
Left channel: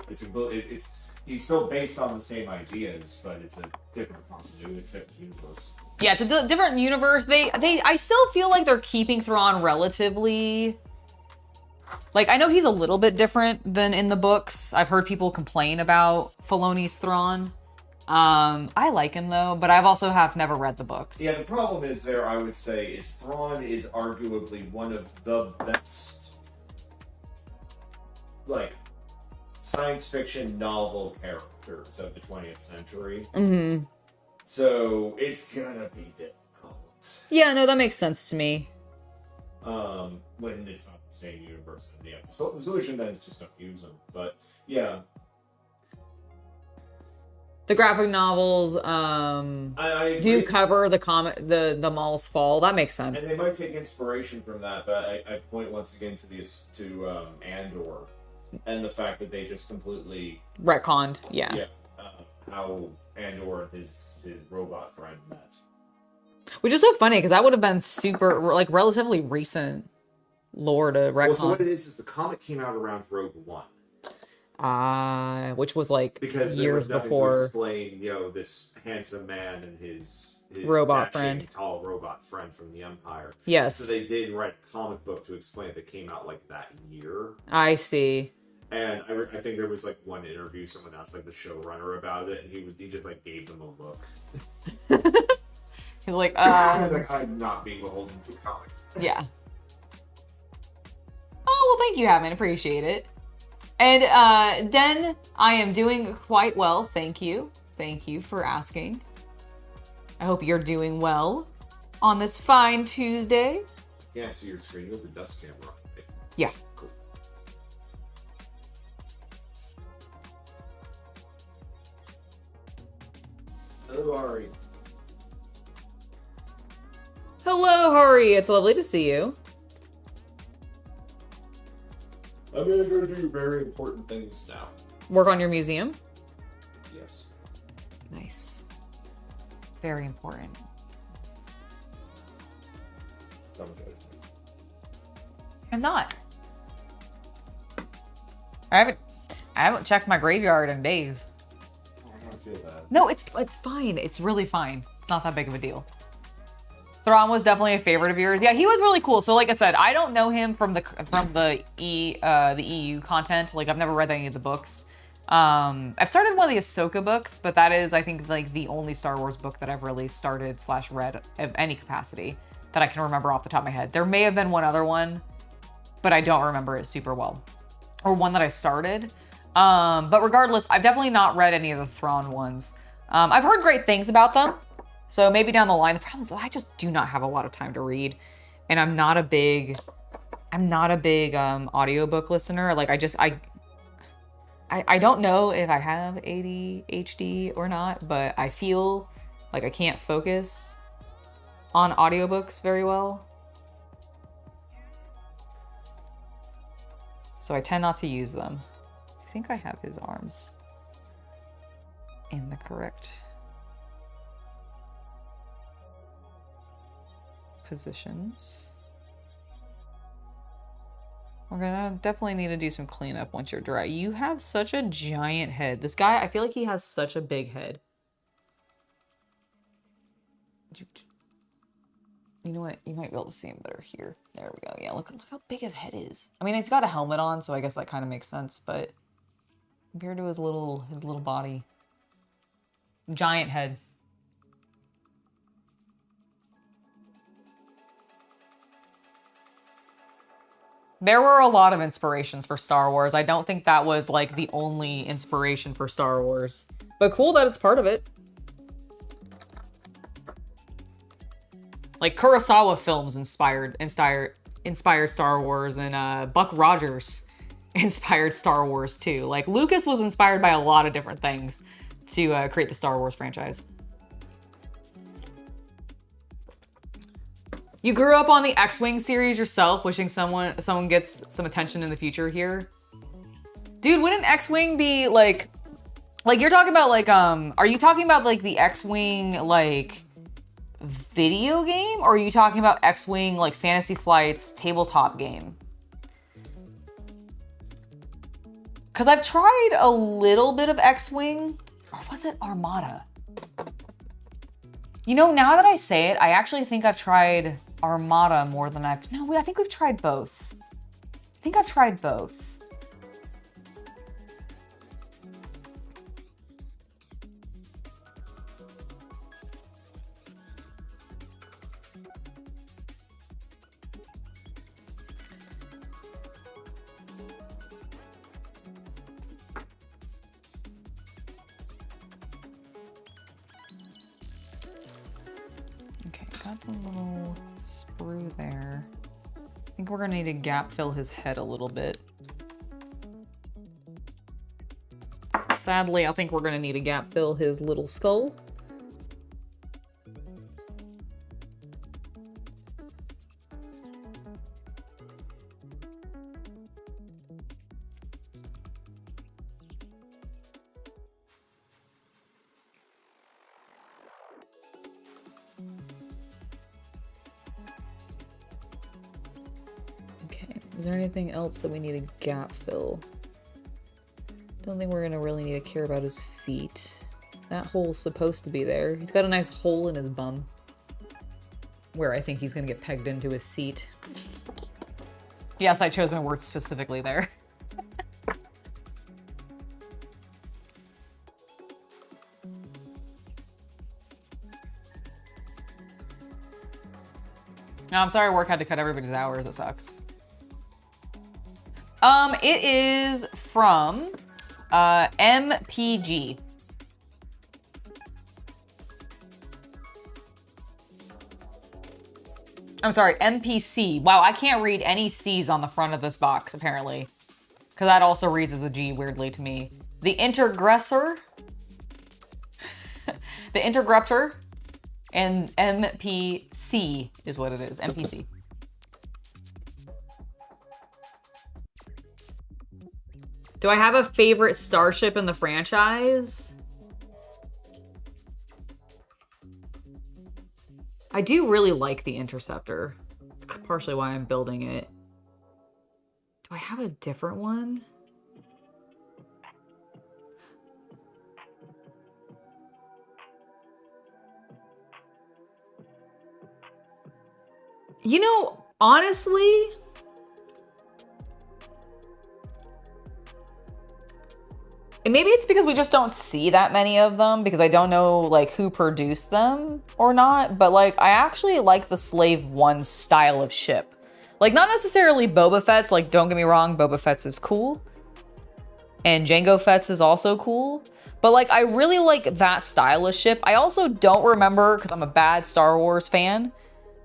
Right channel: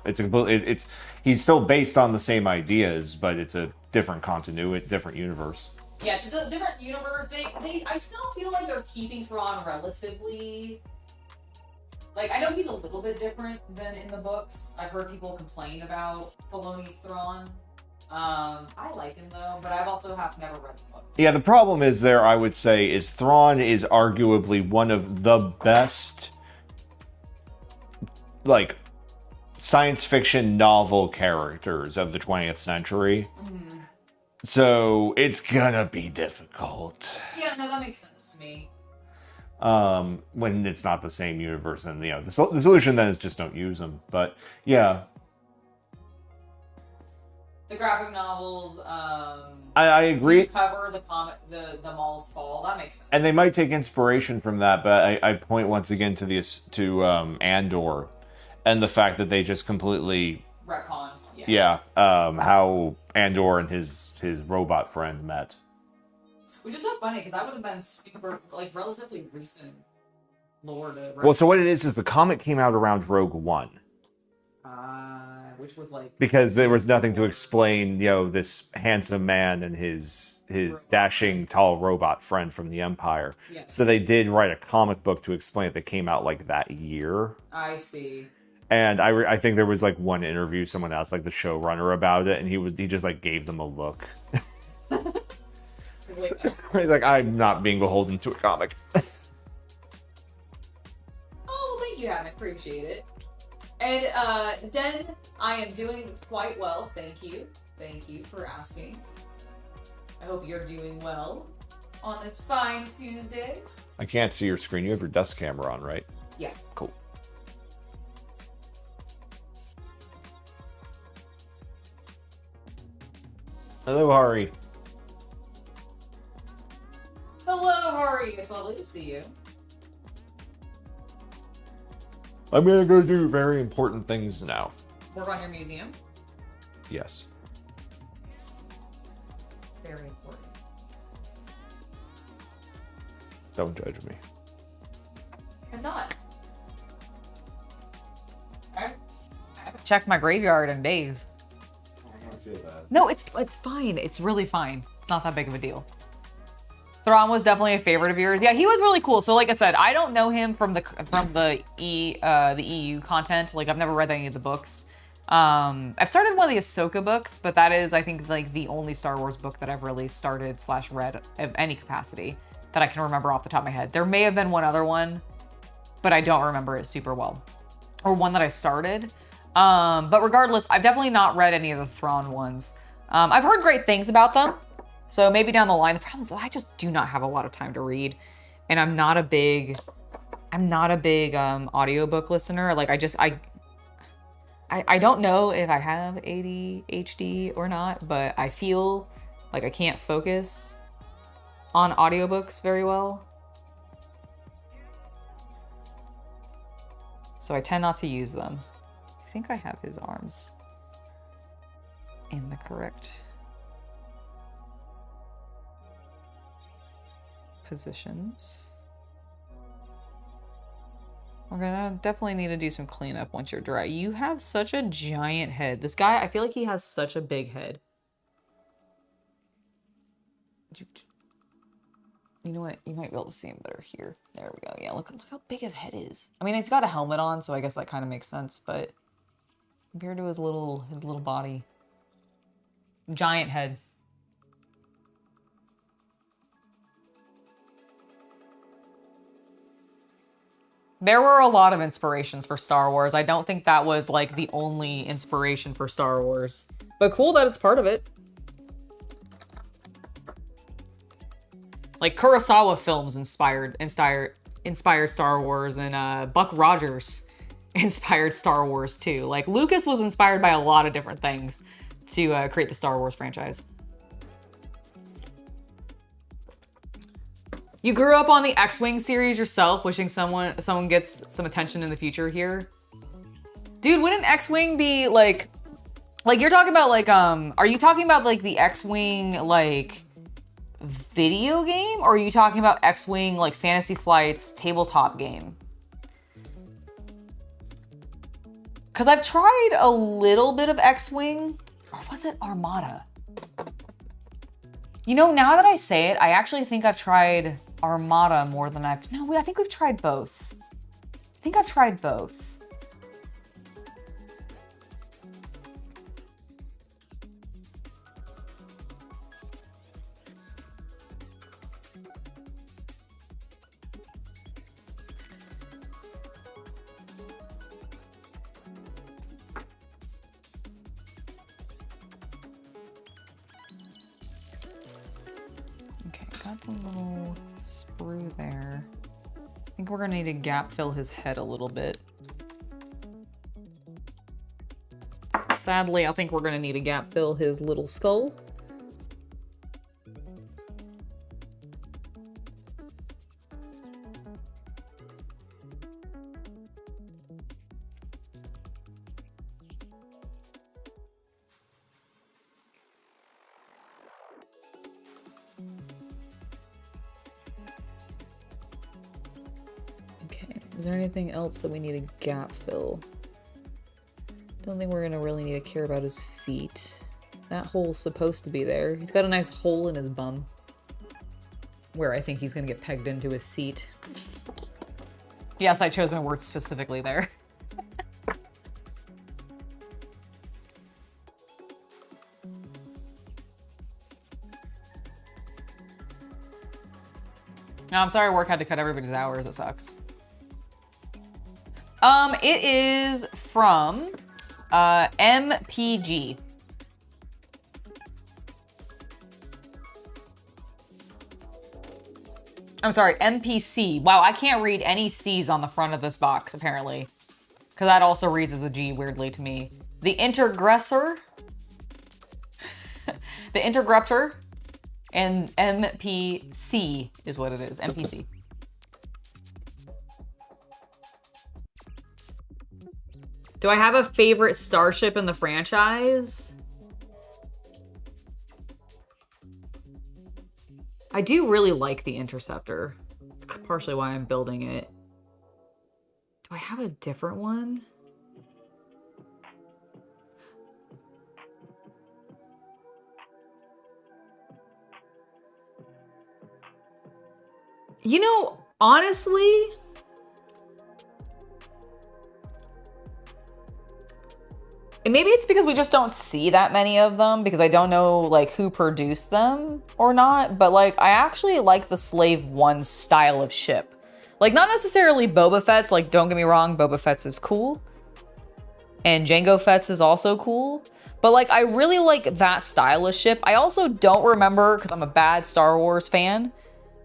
he's still based on the same ideas, but it's a different continuity, different universe. Yeah, it's a different universe. I still feel like they're keeping Thrawn relatively. Like, I know he's a little bit different than in the books. I've heard people complain about Filoni's Thrawn. I like him, though, but I've also never read the books. Yeah, the problem is there, I would say, is Thrawn is arguably one of the best, like, science fiction novel characters of the 20th century. Mm-hmm. So, it's gonna be difficult. Yeah, no, that makes sense to me. When it's not the same universe, and the solution then is just don't use them. But yeah, The graphic novels, I agree. do cover the Maul's fall. That makes sense. And they might take inspiration from that, but I point once again to Andor, and the fact that they just completely retconned. Yeah. Yeah. How Andor and his robot friend met. Which is so funny because that would have been super like relatively recent lore to retcon. Well, so what it is the comic came out around Rogue One. Which was like because there was nothing before. to explain, this handsome man and his Robot dashing friend. tall robot friend from the Empire. Yes. So they did write a comic book to explain it that came out like that year. I see. And I think there was like one interview someone asked like the showrunner about it, and he just like gave them a look. He's like, He's like, I'm not being beholden to a comic. Yeah. Oh well, thank you, Hammond. Appreciate it. And Den, I am doing quite well. Thank you. Thank you for asking. I hope you're doing well on this fine Tuesday. I can't see your screen. You have your desk camera on, right? Yeah. Cool. Hello, Hari. Hello, Hari. It's lovely to see you. I'm gonna go do very important things now. Work on your museum. Yes. Nice. Very important. Don't judge me. I'm not. I haven't checked my graveyard in days. I don't feel that. No, it's fine. It's really fine. It's not that big of a deal. Thrawn was definitely a favorite of yours. Yeah, he was really cool. So like I said, I don't know him from the EU content. Like I've never read any of the books. I've started one of the Ahsoka books, but that is I think like the only Star Wars book that I've really started / read of any capacity that I can remember off the top of my head. There may have been one other one, but I don't remember it super well. Or one that I started. But regardless, I've definitely not read any of the Thrawn ones. I've heard great things about them. So maybe down the line. The problem is I just do not have a lot of time to read. And I'm not a big audiobook listener. Like I don't know if I have ADHD or not, but I feel like I can't focus on audiobooks very well. So I tend not to use them. I think I have his arms in the correct positions. We're gonna definitely need to do some cleanup once you're dry. You have such a giant head. This guy, I feel like he has such a big head. You know what? You might be able to see him better here. There we go. Yeah, look how big his head is. I mean, he's got a helmet on, so I guess that kind of makes sense, but compared to his little body. Giant head. There were a lot of inspirations for Star Wars. I don't think that was like the only inspiration for Star Wars. But cool that it's part of it. Like Kurosawa films inspired Star Wars, and Buck Rogers inspired Star Wars too. Like Lucas was inspired by a lot of different things to create the Star Wars franchise. You grew up on the X-Wing series yourself, wishing someone gets some attention in the future here. Dude, wouldn't X-Wing be like you're talking about like are you talking about like the X-Wing like video game, or are you talking about X-Wing like Fantasy Flight's tabletop game? Because I've tried a little bit of X-Wing, or was it Armada? You know, now that I say it, I actually think I've tried Armada more than I think we've tried both. I think I've tried both. Got the little sprue there. I think we're gonna need to gap fill his head a little bit. Sadly, I think we're gonna need to gap fill his little skull. Okay, is there anything else that we need to gap fill? Don't think we're gonna really need to care about his feet. That hole's supposed to be there. He's got a nice hole in his bum, where I think he's gonna get pegged into his seat. Yes, I chose my words specifically there. No, I'm sorry work had to cut everybody's hours. It sucks. It is from MPG. I'm sorry, MPC. Wow, I can't read any C's on the front of this box, apparently. Because that also reads as a G, weirdly, to me. The Intergressor. The Intergruptor. And MPC is what it is. MPC. Do I have a favorite starship in the franchise? I do really like the Interceptor. It's partially why I'm building it. Do I have a different one? You know, honestly, and maybe it's because we just don't see that many of them because I don't know like who produced them or not, but like I actually like the Slave One style of ship. Like not necessarily Boba Fett's, like don't get me wrong, Boba Fett's is cool. And Jango Fett's is also cool. But like I really like that style of ship. I also don't remember, because I'm a bad Star Wars fan.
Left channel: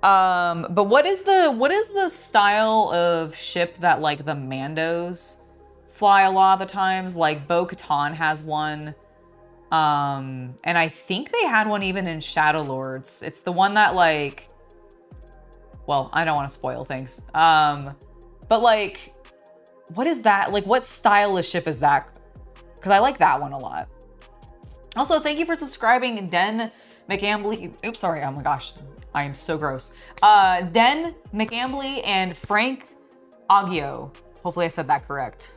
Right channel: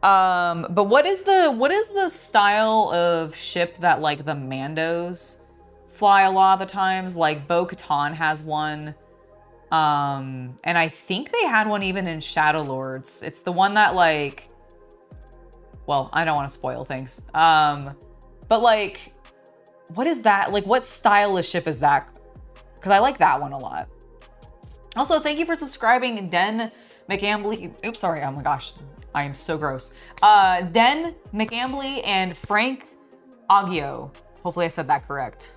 But what is the style of ship that like the Mandos fly a lot of the times? Like Bo-Katan has one. And I think they had one even in Shadow Lords. It's the one that like, well, I don't want to spoil things. But like, what is that? Like, what style of ship is that? Because I like that one a lot. Also, thank you for subscribing, Den McAmbly. Oops, sorry. Oh my gosh. I am so gross. Den McAmbly and Frank Aggio. Hopefully I said that correct.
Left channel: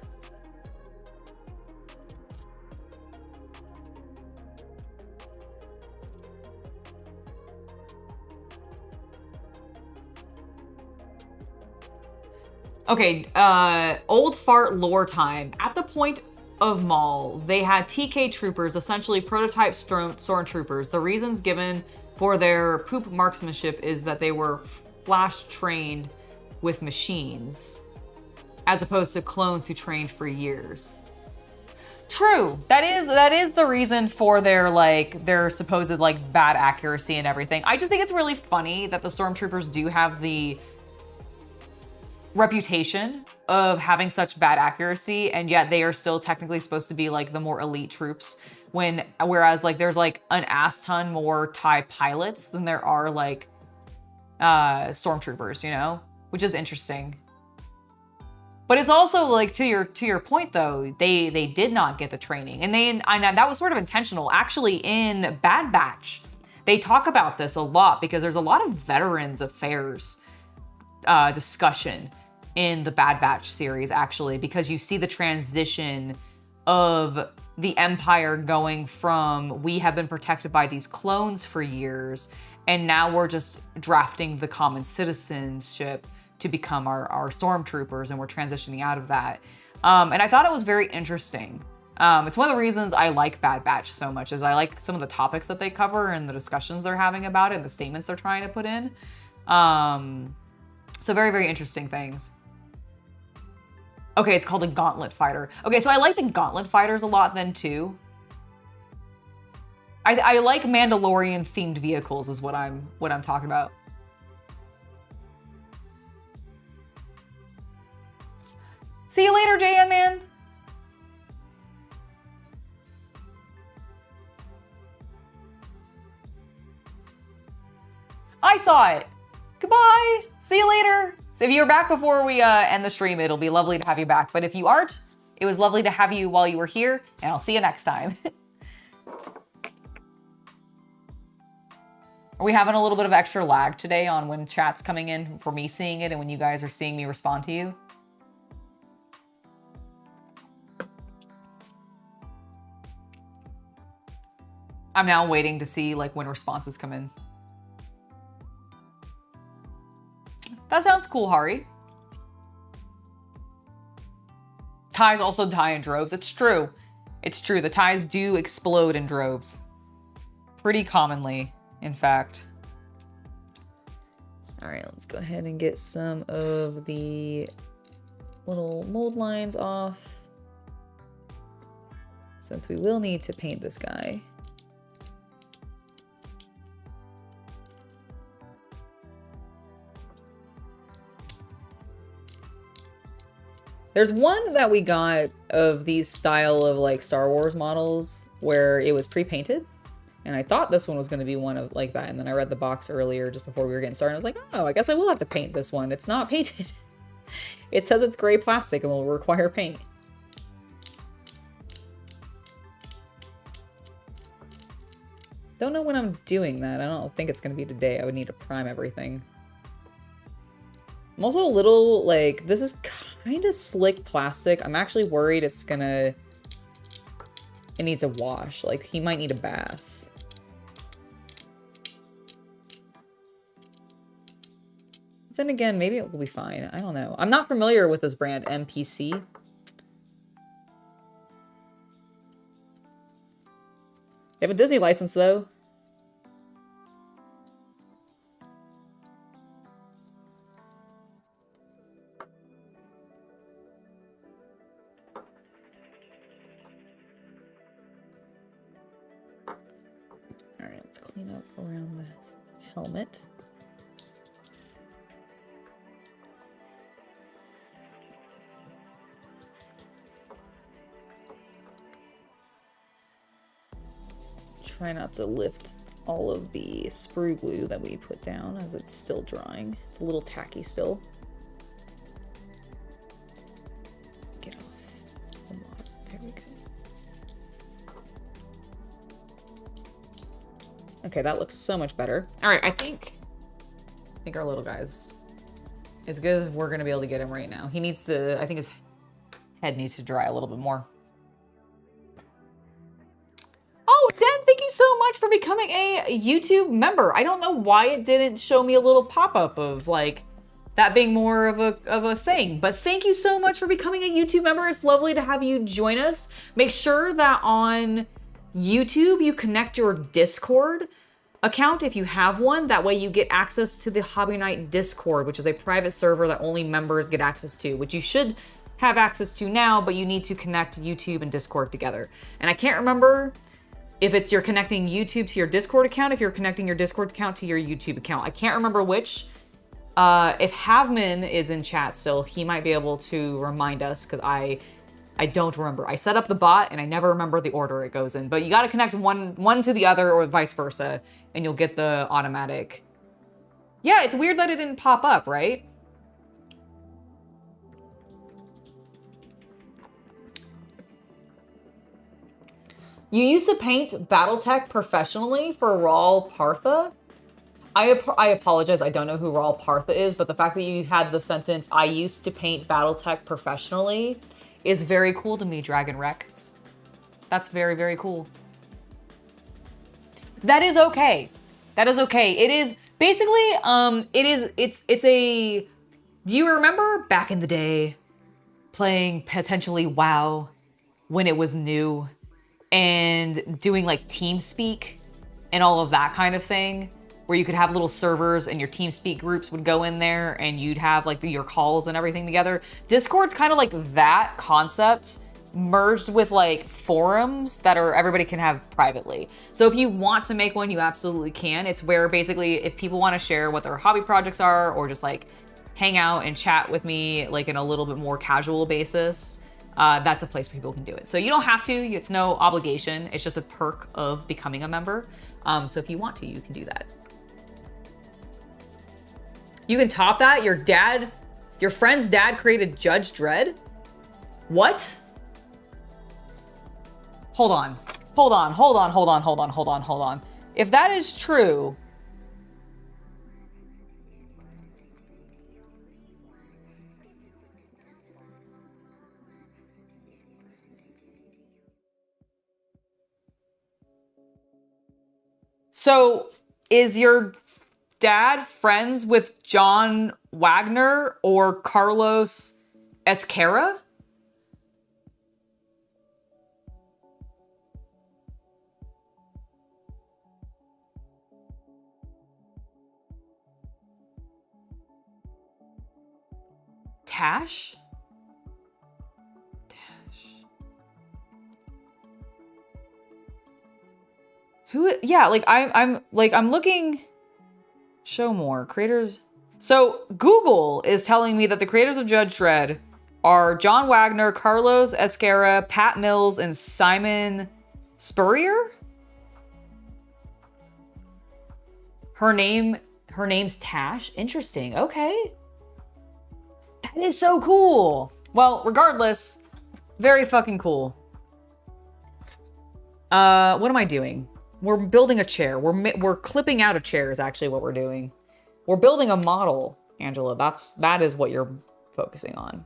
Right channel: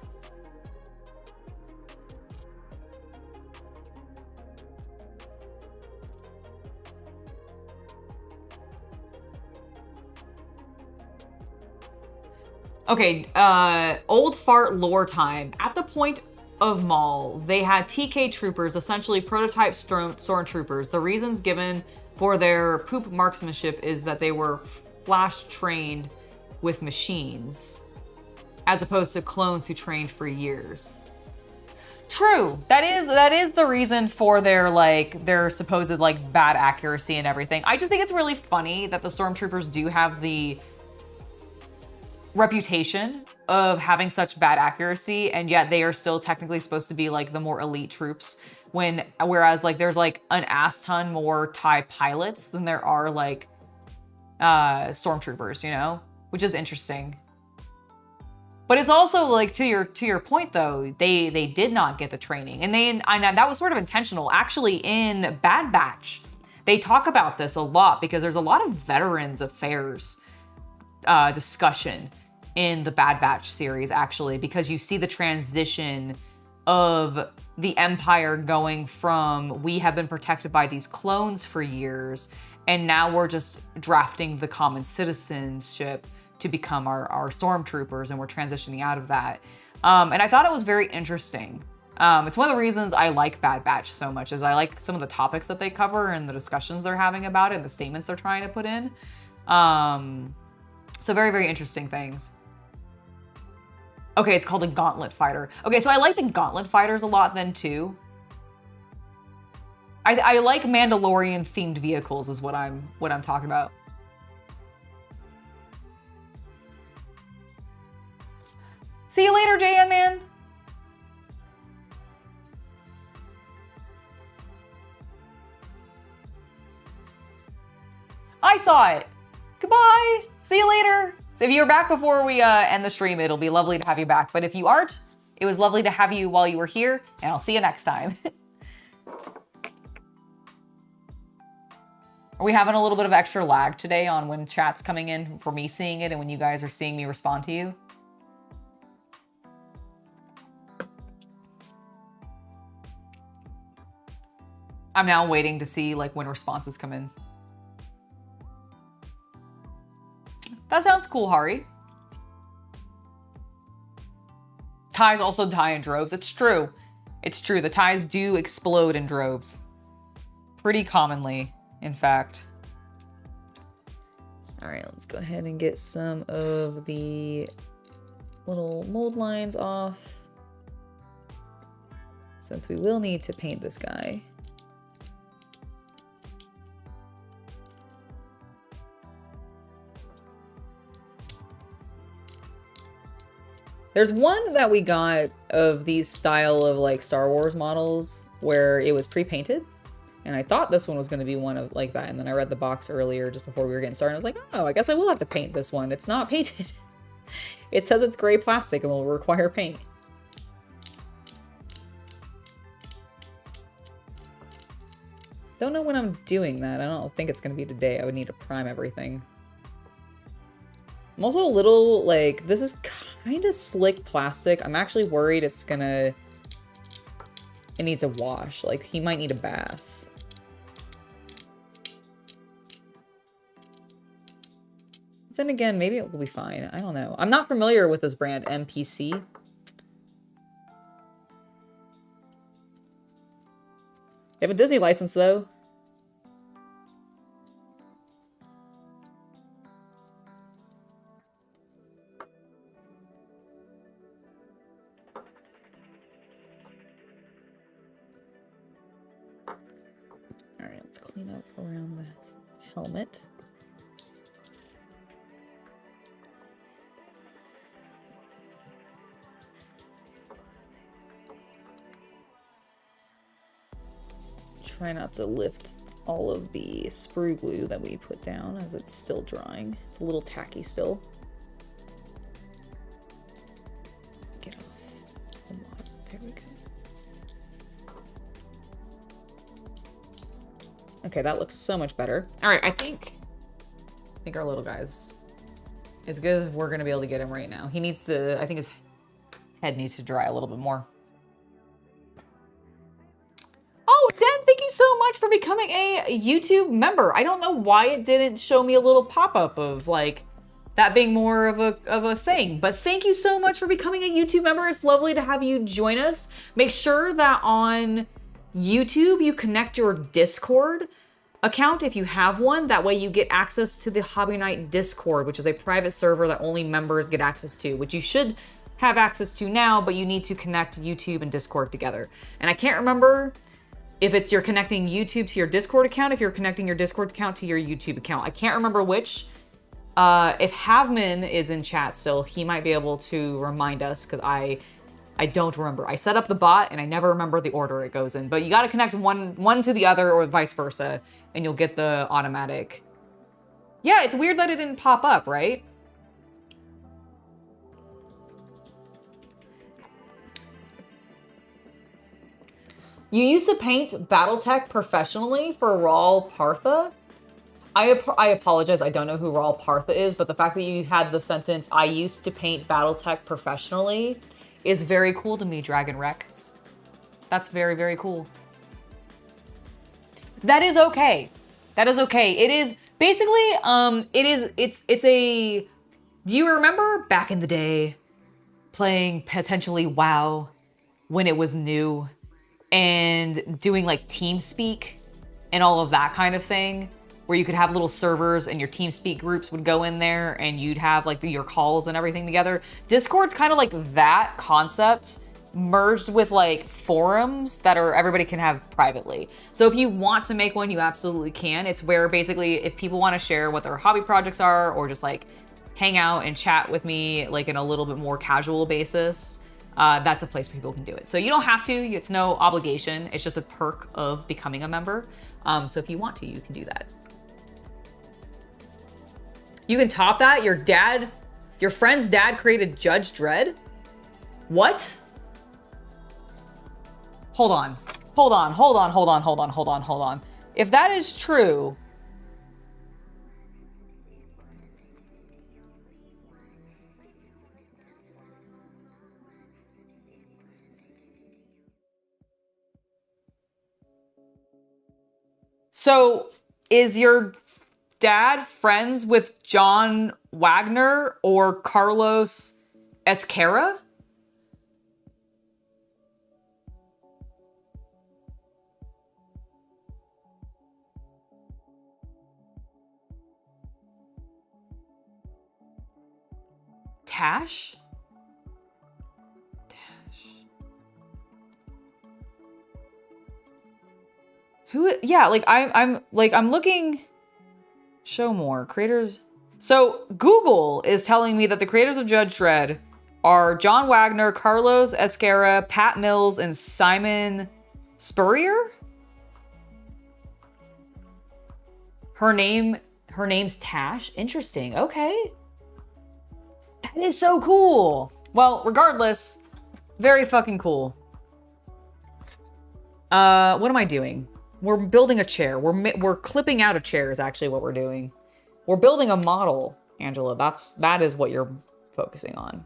Okay, old fart lore time. At the point of Maul, they had TK troopers, essentially prototype stormtroopers. The reasons given for their poop marksmanship is that they were flash trained with machines, as opposed to clones who trained for years. True, that is the reason for their supposed like bad accuracy and everything. I just think it's really funny that the stormtroopers do have the reputation of having such bad accuracy, and yet they are still technically supposed to be like the more elite troops. Whereas like there's like an ass ton more TIE pilots than there are like stormtroopers, you know, which is interesting. But it's also like to your point though, they did not get the training, and that was sort of intentional. Actually, in Bad Batch, they talk about this a lot because there's a lot of Veterans Affairs discussion in the Bad Batch series, actually, because you see the transition of the Empire going from, we have been protected by these clones for years, and now we're just drafting the common citizenship to become our stormtroopers, and we're transitioning out of that. And I thought it was very interesting. It's one of the reasons I like Bad Batch so much, is I like some of the topics that they cover and the discussions they're having about it and the statements they're trying to put in. So very, very interesting things. Okay, it's called a Gauntlet Fighter. Okay, so I like the Gauntlet Fighters a lot then too. I like Mandalorian themed vehicles is what I'm talking about. See you later, JN man. I saw it. Goodbye. See you later. So if you're back before we end the stream, it'll be lovely to have you back. But if you aren't, it was lovely to have you while you were here, and I'll see you next time. Are we having a little bit of extra lag today on when chat's coming in for me seeing it and when you guys are seeing me respond to you? I'm now waiting to see like when responses come in. That sounds cool, Hari. Ties also die in droves. It's true. It's true. The ties do explode in droves. Pretty commonly, in fact. All right, let's go ahead and get some of the little mold lines off, since we will need to paint this guy. There's one that we got of these style of like Star Wars models where it was pre-painted. And I thought this one was going to be one of like that. And then I read the box earlier just before we were getting started. I was like, oh, I guess I will have to paint this one. It's not painted. It says it's gray plastic and will require paint. Don't know when I'm doing that. I don't think it's going to be today. I would need to prime everything. I'm also a little like, this is kind of slick plastic. I'm actually worried it's gonna, it needs a wash. Like he might need a bath. Then again, maybe it will be fine. I don't know. I'm not familiar with this brand, MPC. They have a Disney license though. Clean up around the helmet. Try not to lift all of the sprue glue that we put down as it's still drying. It's a little tacky still. Get off the model. There we go. Okay, that looks so much better. All right, I think our little guy's as good as we're gonna be able to get him right now. He needs to, I think his head needs to dry a little bit more. Oh, Den, thank you so much for becoming a YouTube member. I don't know why it didn't show me a little pop-up of like that being more of a thing, but thank you so much for becoming a YouTube member. It's lovely to have you join us. Make sure that on YouTube, you connect your Discord account if you have one. That way you get access to the Hobby Night Discord, which is a private server that only members get access to, which you should have access to now, but you need to connect YouTube and Discord together. And I can't remember if it's you're connecting YouTube to your Discord account, if you're connecting your Discord account to your YouTube account. I can't remember which. If Havman is in chat still, he might be able to remind us because I don't remember. I set up the bot and I never remember the order it goes in, but you got to connect one to the other or vice versa and you'll get the automatic. Yeah, it's weird that it didn't pop up, right? You used to paint Battletech professionally for Raul Partha? I apologize, I don't know who Raul Partha is, but the fact that you had the sentence, I used to paint Battletech professionally, is very cool to me, Dragon Rex. That's very, very cool. That is okay. That is okay. It is basically, it's a, do you remember back in the day playing potentially WoW when it was new and doing like TeamSpeak and all of that kind of thing? Where you could have little servers and your TeamSpeak groups would go in there and you'd have like your calls and everything together. Discord's kind of like that concept merged with like forums that are everybody can have privately. So if you want to make one, you absolutely can. It's where basically if people want to share what their hobby projects are or just like hang out and chat with me like in a little bit more casual basis, that's a place where people can do it. So you don't have to, it's no obligation. It's just a perk of becoming a member. So if you want to, you can do that. You can top that? Your friend's dad created Judge Dredd? What? Hold on. If that is true, so is your dad friends with John Wagner or Carlos Esquerra? Tash? Who? Yeah, like I'm looking. Show more creators. So Google is telling me that the creators of Judge Dredd are John Wagner, Carlos Esquerra, Pat Mills, and Simon Spurrier. Her name's Tash. Interesting. Okay. That is so cool. Well, regardless, very fucking cool. What am I doing? We're building a chair. We're clipping out a chair is actually what we're doing. We're building a model, Angela. That is what you're focusing on.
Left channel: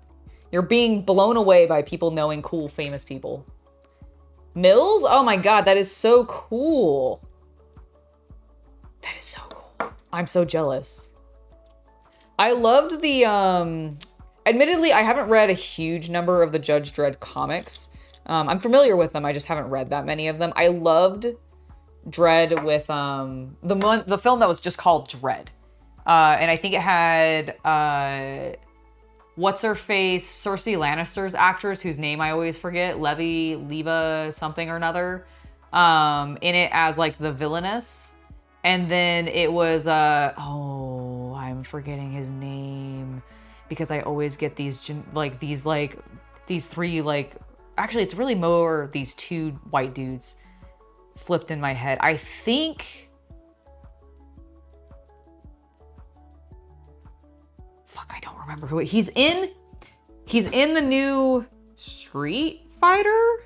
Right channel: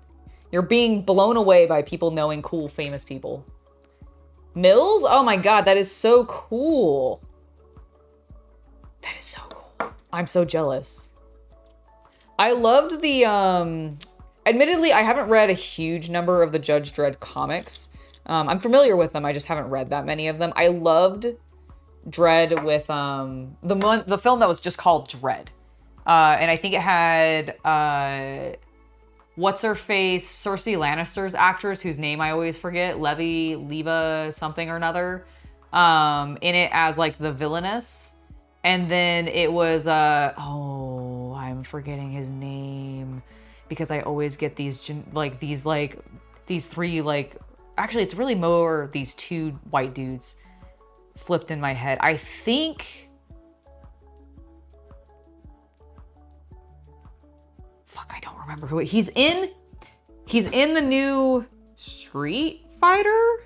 You're being blown away by people knowing cool, famous people. Mills? Oh my God, that is so cool. That is so cool. I'm so jealous. I loved the, admittedly, I haven't read a huge number of the Judge Dredd comics. I'm familiar with them. I just haven't read that many of them. I loved Dredd with the film that was just called Dredd. And I think it had what's her face, Cersei Lannister's actress whose name I always forget, Leva something or another, in it as like the villainess. And then it was oh, I'm forgetting his name because I always get these three, like, actually it's really more these two white dudes flipped in my head. I think, fuck, I don't remember who he's in the new Street Fighter.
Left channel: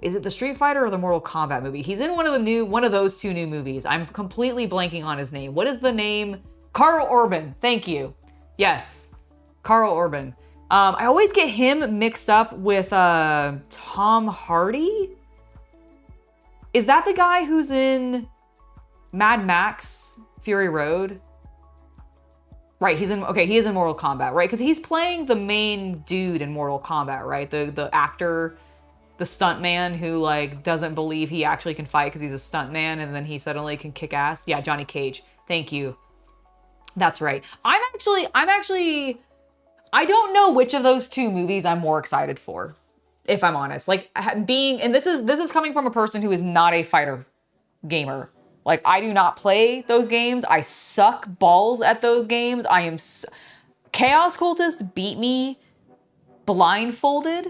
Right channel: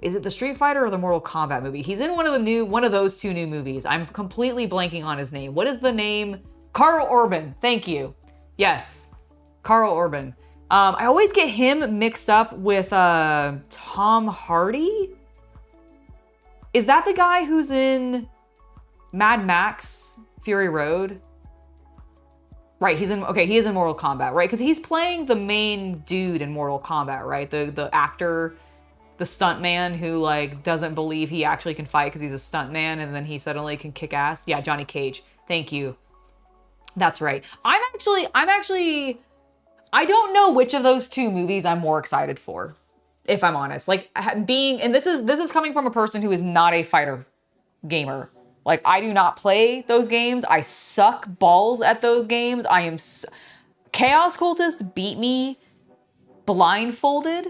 Is it the Street Fighter or the Mortal Kombat movie? He's in one of those two new movies. I'm completely blanking on his name. What is the name? Carl Urban. Thank you. Yes, Carl Urban. I always get him mixed up with Tom Hardy. Is that the guy who's in Mad Max Fury Road? Right, he is in Mortal Kombat, right? Because he's playing the main dude in Mortal Kombat, right? The actor, the stuntman who like doesn't believe he actually can fight because he's a stuntman and then he suddenly can kick ass. Yeah, Johnny Cage. Thank you. That's right. I'm actually I don't know which of those two movies I'm more excited for, if I'm honest. Like and this is coming from a person who is not a fighter gamer. Like I do not play those games. I suck balls at those games. Chaos Cultist beat me blindfolded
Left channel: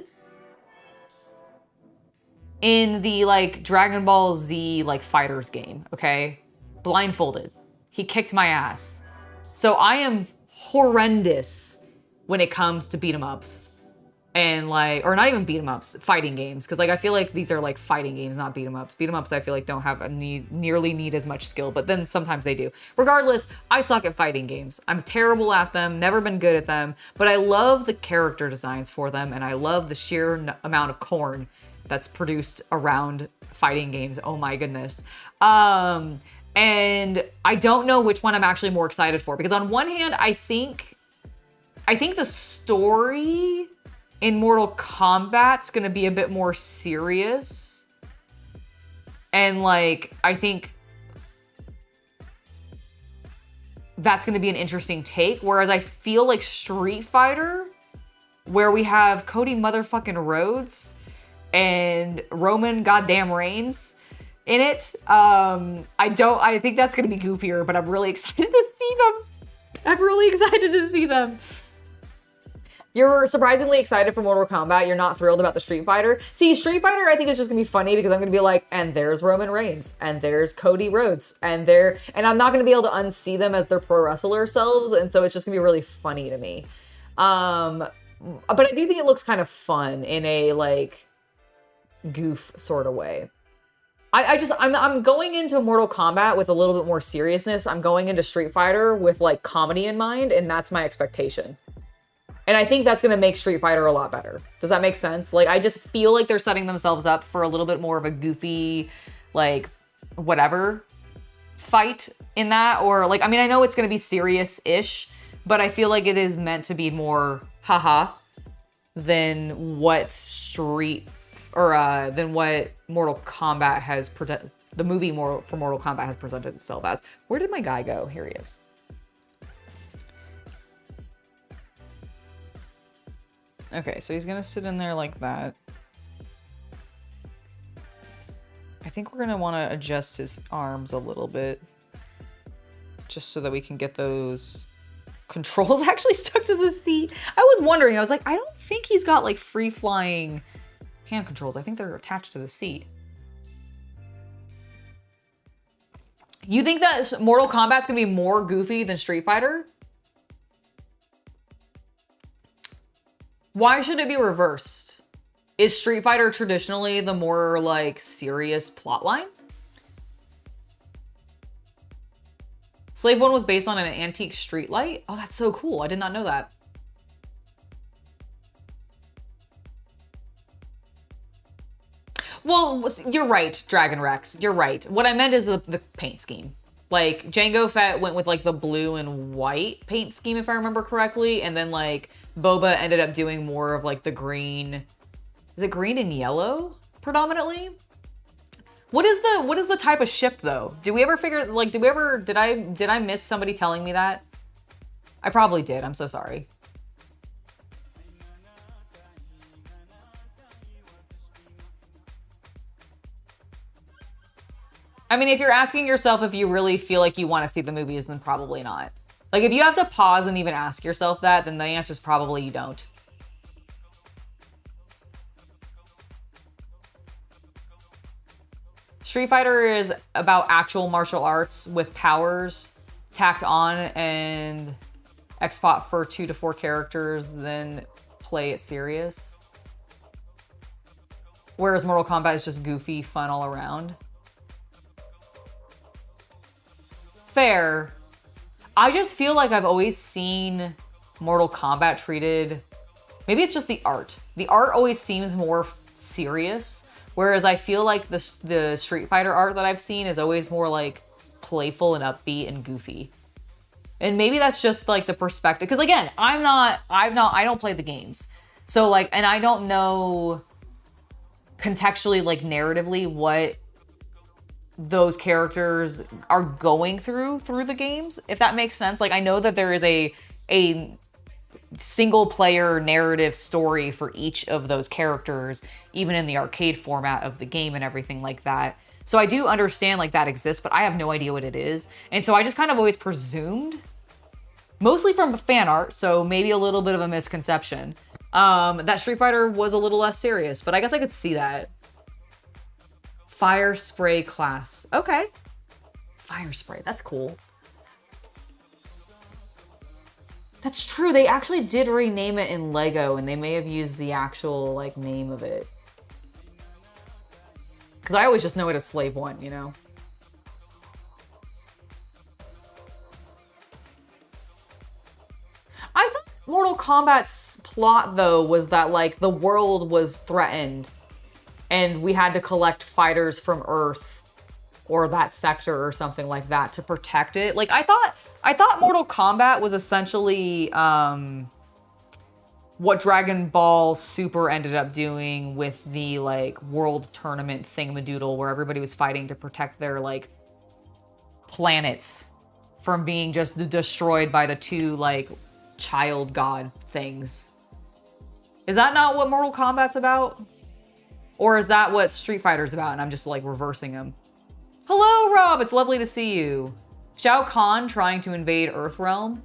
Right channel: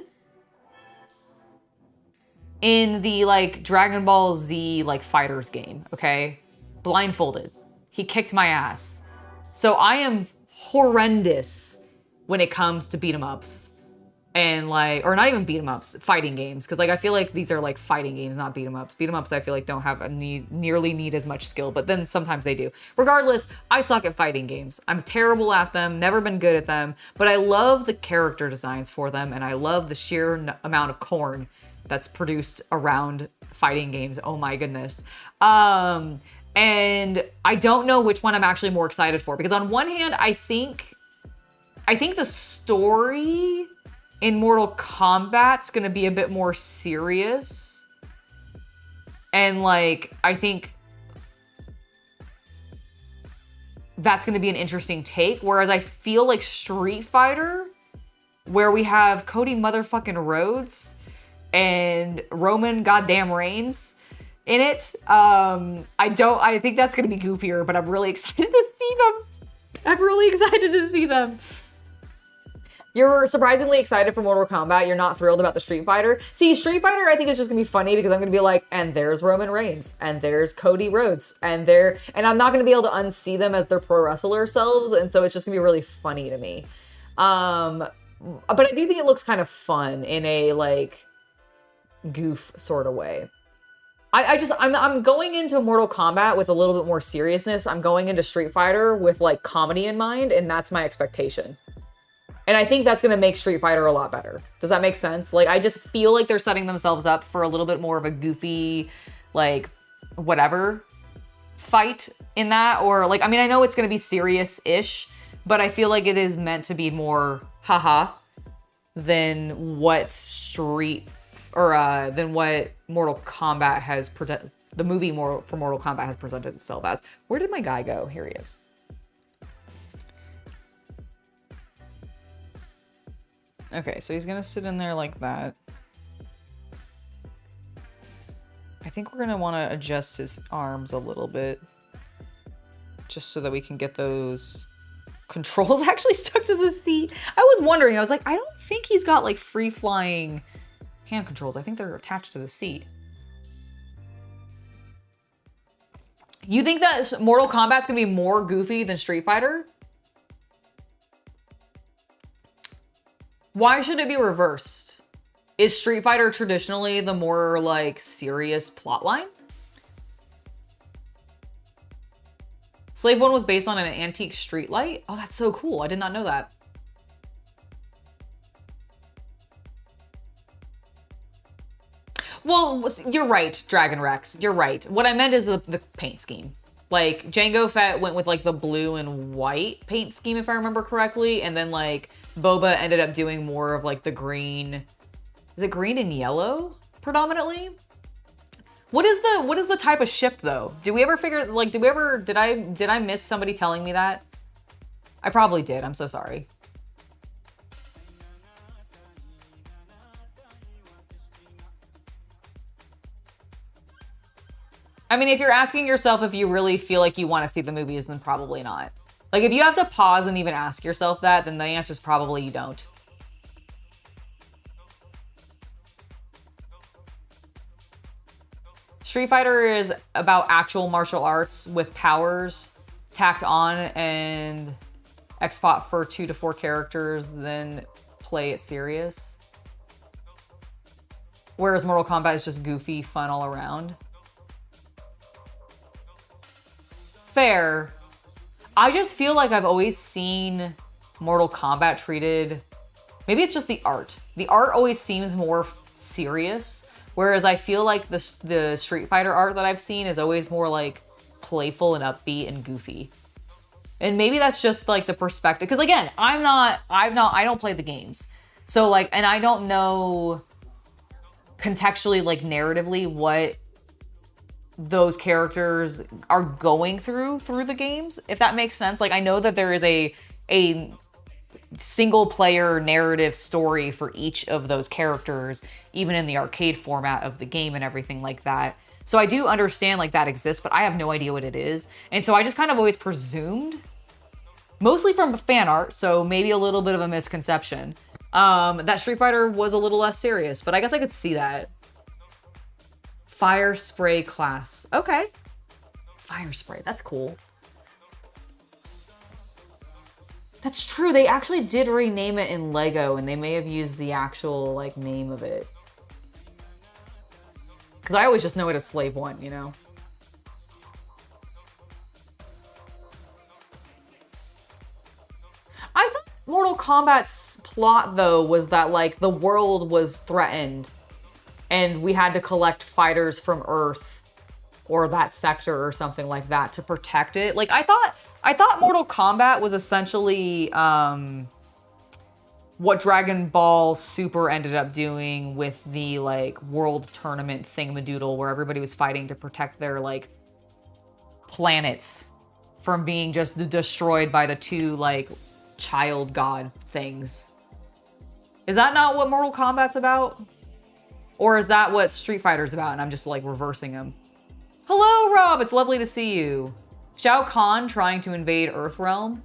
in the like Dragon Ball Z like fighters game, okay? Blindfolded. He kicked my ass. So I am horrendous when it comes to beat 'em ups and like, or not even beat 'em ups, fighting games. Cause like, I feel like these are like fighting games, not beat 'em ups. Beat 'em ups, I feel like don't have nearly need as much skill, but then sometimes they do. Regardless, I suck at fighting games. I'm terrible at them, never been good at them, but I love the character designs for them. And I love the sheer amount of corn that's produced around fighting games. Oh my goodness. And I don't know which one I'm actually more excited for, because on one hand, I think the story in Mortal Kombat's gonna be a bit more serious. And like, I think that's gonna be an interesting take. Whereas I feel like Street Fighter, where we have Cody motherfucking Rhodes and Roman goddamn Reigns in it, I think that's gonna be goofier, but I'm really excited to see them. You're surprisingly excited for Mortal Kombat. You're not thrilled about the Street Fighter. See, Street Fighter, I think is just gonna be funny because I'm gonna be like, and there's Roman Reigns, and there's Cody Rhodes, and I'm not gonna be able to unsee them as their pro wrestler selves, and so it's just gonna be really funny to me. But I do think it looks kind of fun in a like goof sort of way. I'm going into Mortal Kombat with a little bit more seriousness. I'm going into Street Fighter with like comedy in mind, and that's my expectation. And I think that's going to make Street Fighter a lot better. Does that make sense? Like, I just feel like they're setting themselves up for a little bit more of a goofy, like, whatever fight in that. Or, like, I mean, I know it's going to be serious-ish, but I feel like it is meant to be more haha than what than what Mortal Kombat has the movie for Mortal Kombat has presented itself as. Where did my guy go? Here he is. Okay, so he's gonna sit in there like that. I think we're gonna wanna adjust his arms a little bit. Just so that we can get those controls actually stuck to the seat. I was wondering, I was like, I don't think he's got like free flying hand controls. I think they're attached to the seat. You think that Mortal Kombat's gonna be more goofy than Street Fighter? Why should it be reversed? Is Street Fighter traditionally the more like serious plotline? Slave 1 was based on an antique street light? Oh, that's so cool. I did not know that. Well, you're right, Dragon Rex. You're right. What I meant is the paint scheme. Like, Jango Fett went with like the blue and white paint scheme, if I remember correctly. And then like Boba ended up doing more of like the green. Is it green and yellow predominantly? What is the type of ship though? Did we ever figure, like, did I miss somebody telling me that? I probably did. I'm so sorry. I mean, if you're asking yourself if you really feel like you want to see the movies, then probably not. Like, if you have to pause and even ask yourself that, then the answer is probably you don't. Street Fighter is about actual martial arts with powers tacked on and expot for 2 to 4 characters, then play it serious. Whereas Mortal Kombat is just goofy, fun all around. Fair. I just feel like I've always seen Mortal Kombat treated, maybe it's just the art. The art always seems more serious, whereas I feel like the Street Fighter art that I've seen is always more like playful and upbeat and goofy. And maybe that's just like the perspective. Because again, I don't play the games. So like, and I don't know contextually, like narratively, what those characters are going through the games, if that makes sense. Like, I know that there is a single player narrative story for each of those characters, even in the arcade format of the game and everything like that. So I do understand like that exists, but I have no idea what it is. And so I just kind of always presumed, mostly from fan art, so maybe a little bit of a misconception, that Street Fighter was a little less serious, but I guess I could see that. Fire spray class. Okay. Fire spray. That's cool. That's true. They actually did rename it in Lego, and they may have used the actual like name of it. Because I always just know it as Slave 1, you know? I thought Mortal Kombat's plot, though, was that like the world was threatened and we had to collect fighters from Earth or that sector or something like that to protect it. Like, I thought Mortal Kombat was essentially what Dragon Ball Super ended up doing with the like world tournament thingamadoodle, where everybody was fighting to protect their like planets from being just destroyed by the 2 like child god things. Is that not what Mortal Kombat's about? Or is that what Street Fighter's about and I'm just like reversing them? Hello, Rob, it's lovely to see you. Shao Kahn trying to invade Earthrealm.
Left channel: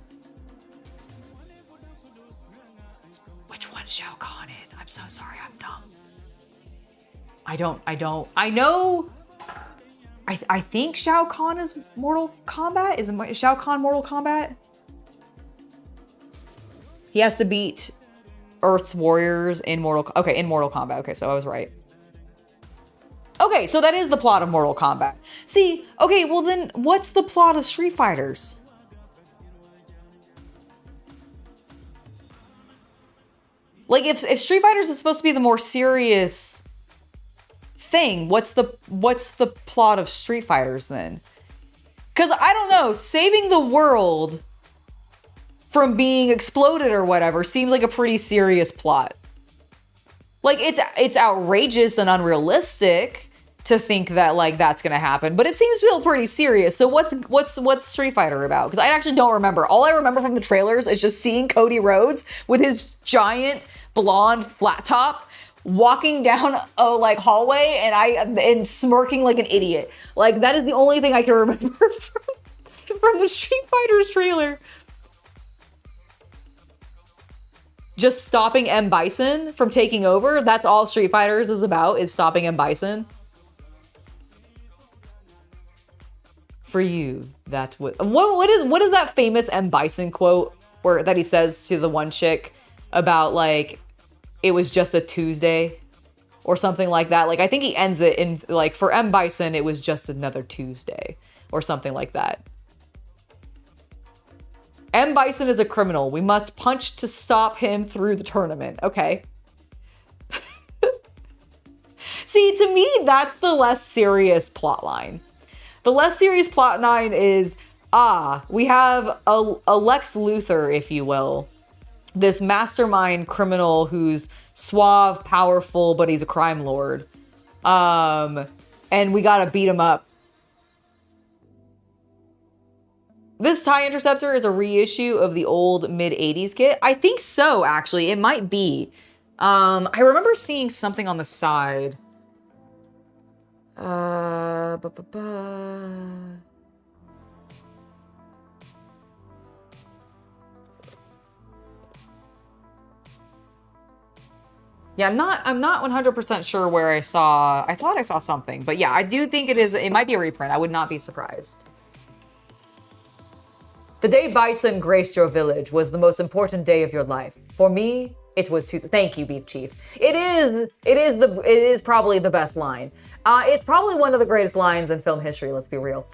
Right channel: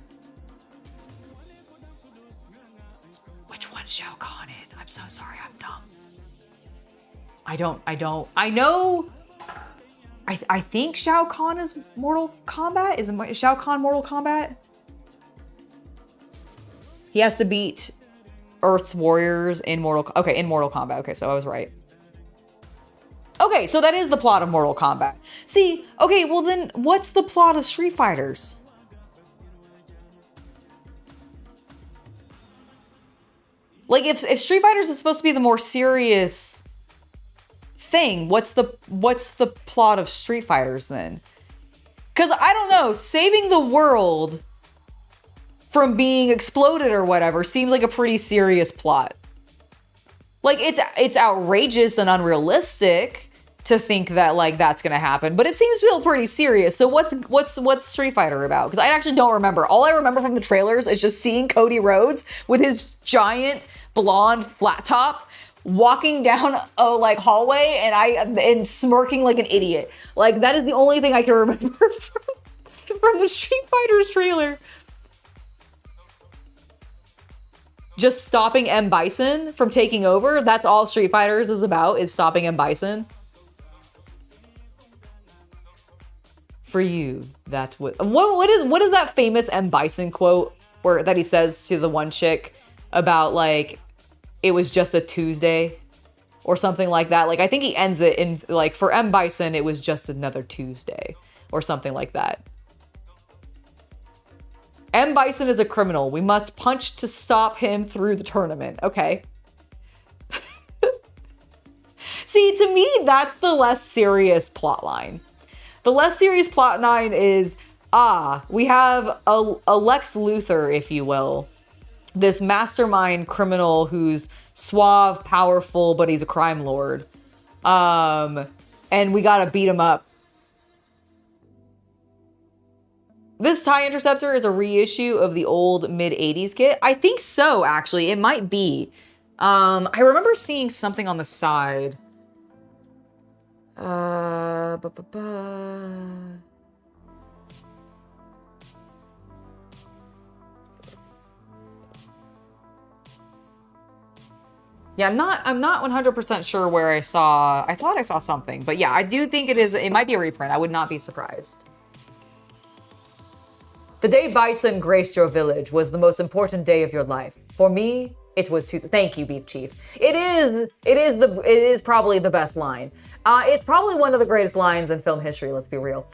put Shao Kahn in. I'm so sorry, I'm dumb. I know, I think Shao Kahn is Mortal Kombat. Is Shao Kahn Mortal Kombat? He has to beat Earth's warriors in Mortal Kombat. Okay, so I was right. Okay, so that is the plot of Mortal Kombat. See, okay, well then what's the plot of Street Fighters? Like if Street Fighters is supposed to be the more serious thing, what's the plot of Street Fighters then? Cuz I don't know, saving the world from being exploded or whatever seems like a pretty serious plot. Like it's outrageous and unrealistic to think that like that's gonna happen, but it seems to feel pretty serious. So what's Street Fighter about? Because I actually don't remember. All I remember from the trailers is just seeing Cody Rhodes with his giant blonde flat top walking down a like hallway and smirking like an idiot. Like that is the only thing I can remember from the Street Fighters trailer. Just stopping M. Bison from taking over. That's all Street Fighters is about, is stopping M. Bison. For you, that's what is that famous M. Bison quote that he says to the one chick about like, it was just a Tuesday or something like that. Like, I think he ends it in like, for M. Bison, it was just another Tuesday or something like that. M. Bison is a criminal. We must punch to stop him through the tournament. Okay. See, to me, that's the less serious plot line. The less serious plot line is, we have a Lex Luthor, if you will. This mastermind criminal who's suave, powerful, but he's a crime lord. And we gotta beat him up. This TIE Interceptor is a reissue of the old mid-80s kit. I think so, actually. It might be. I remember seeing something on the side. Yeah, I'm not 100% sure where I thought I saw something, but yeah, I do think it might be a reprint. I would not be surprised. The day Bison graced your village was the most important day of your life. For me, it was Tuesday. Thank you, Beef Chief. It is probably the best line. It's probably one of the greatest lines in film history, let's be real.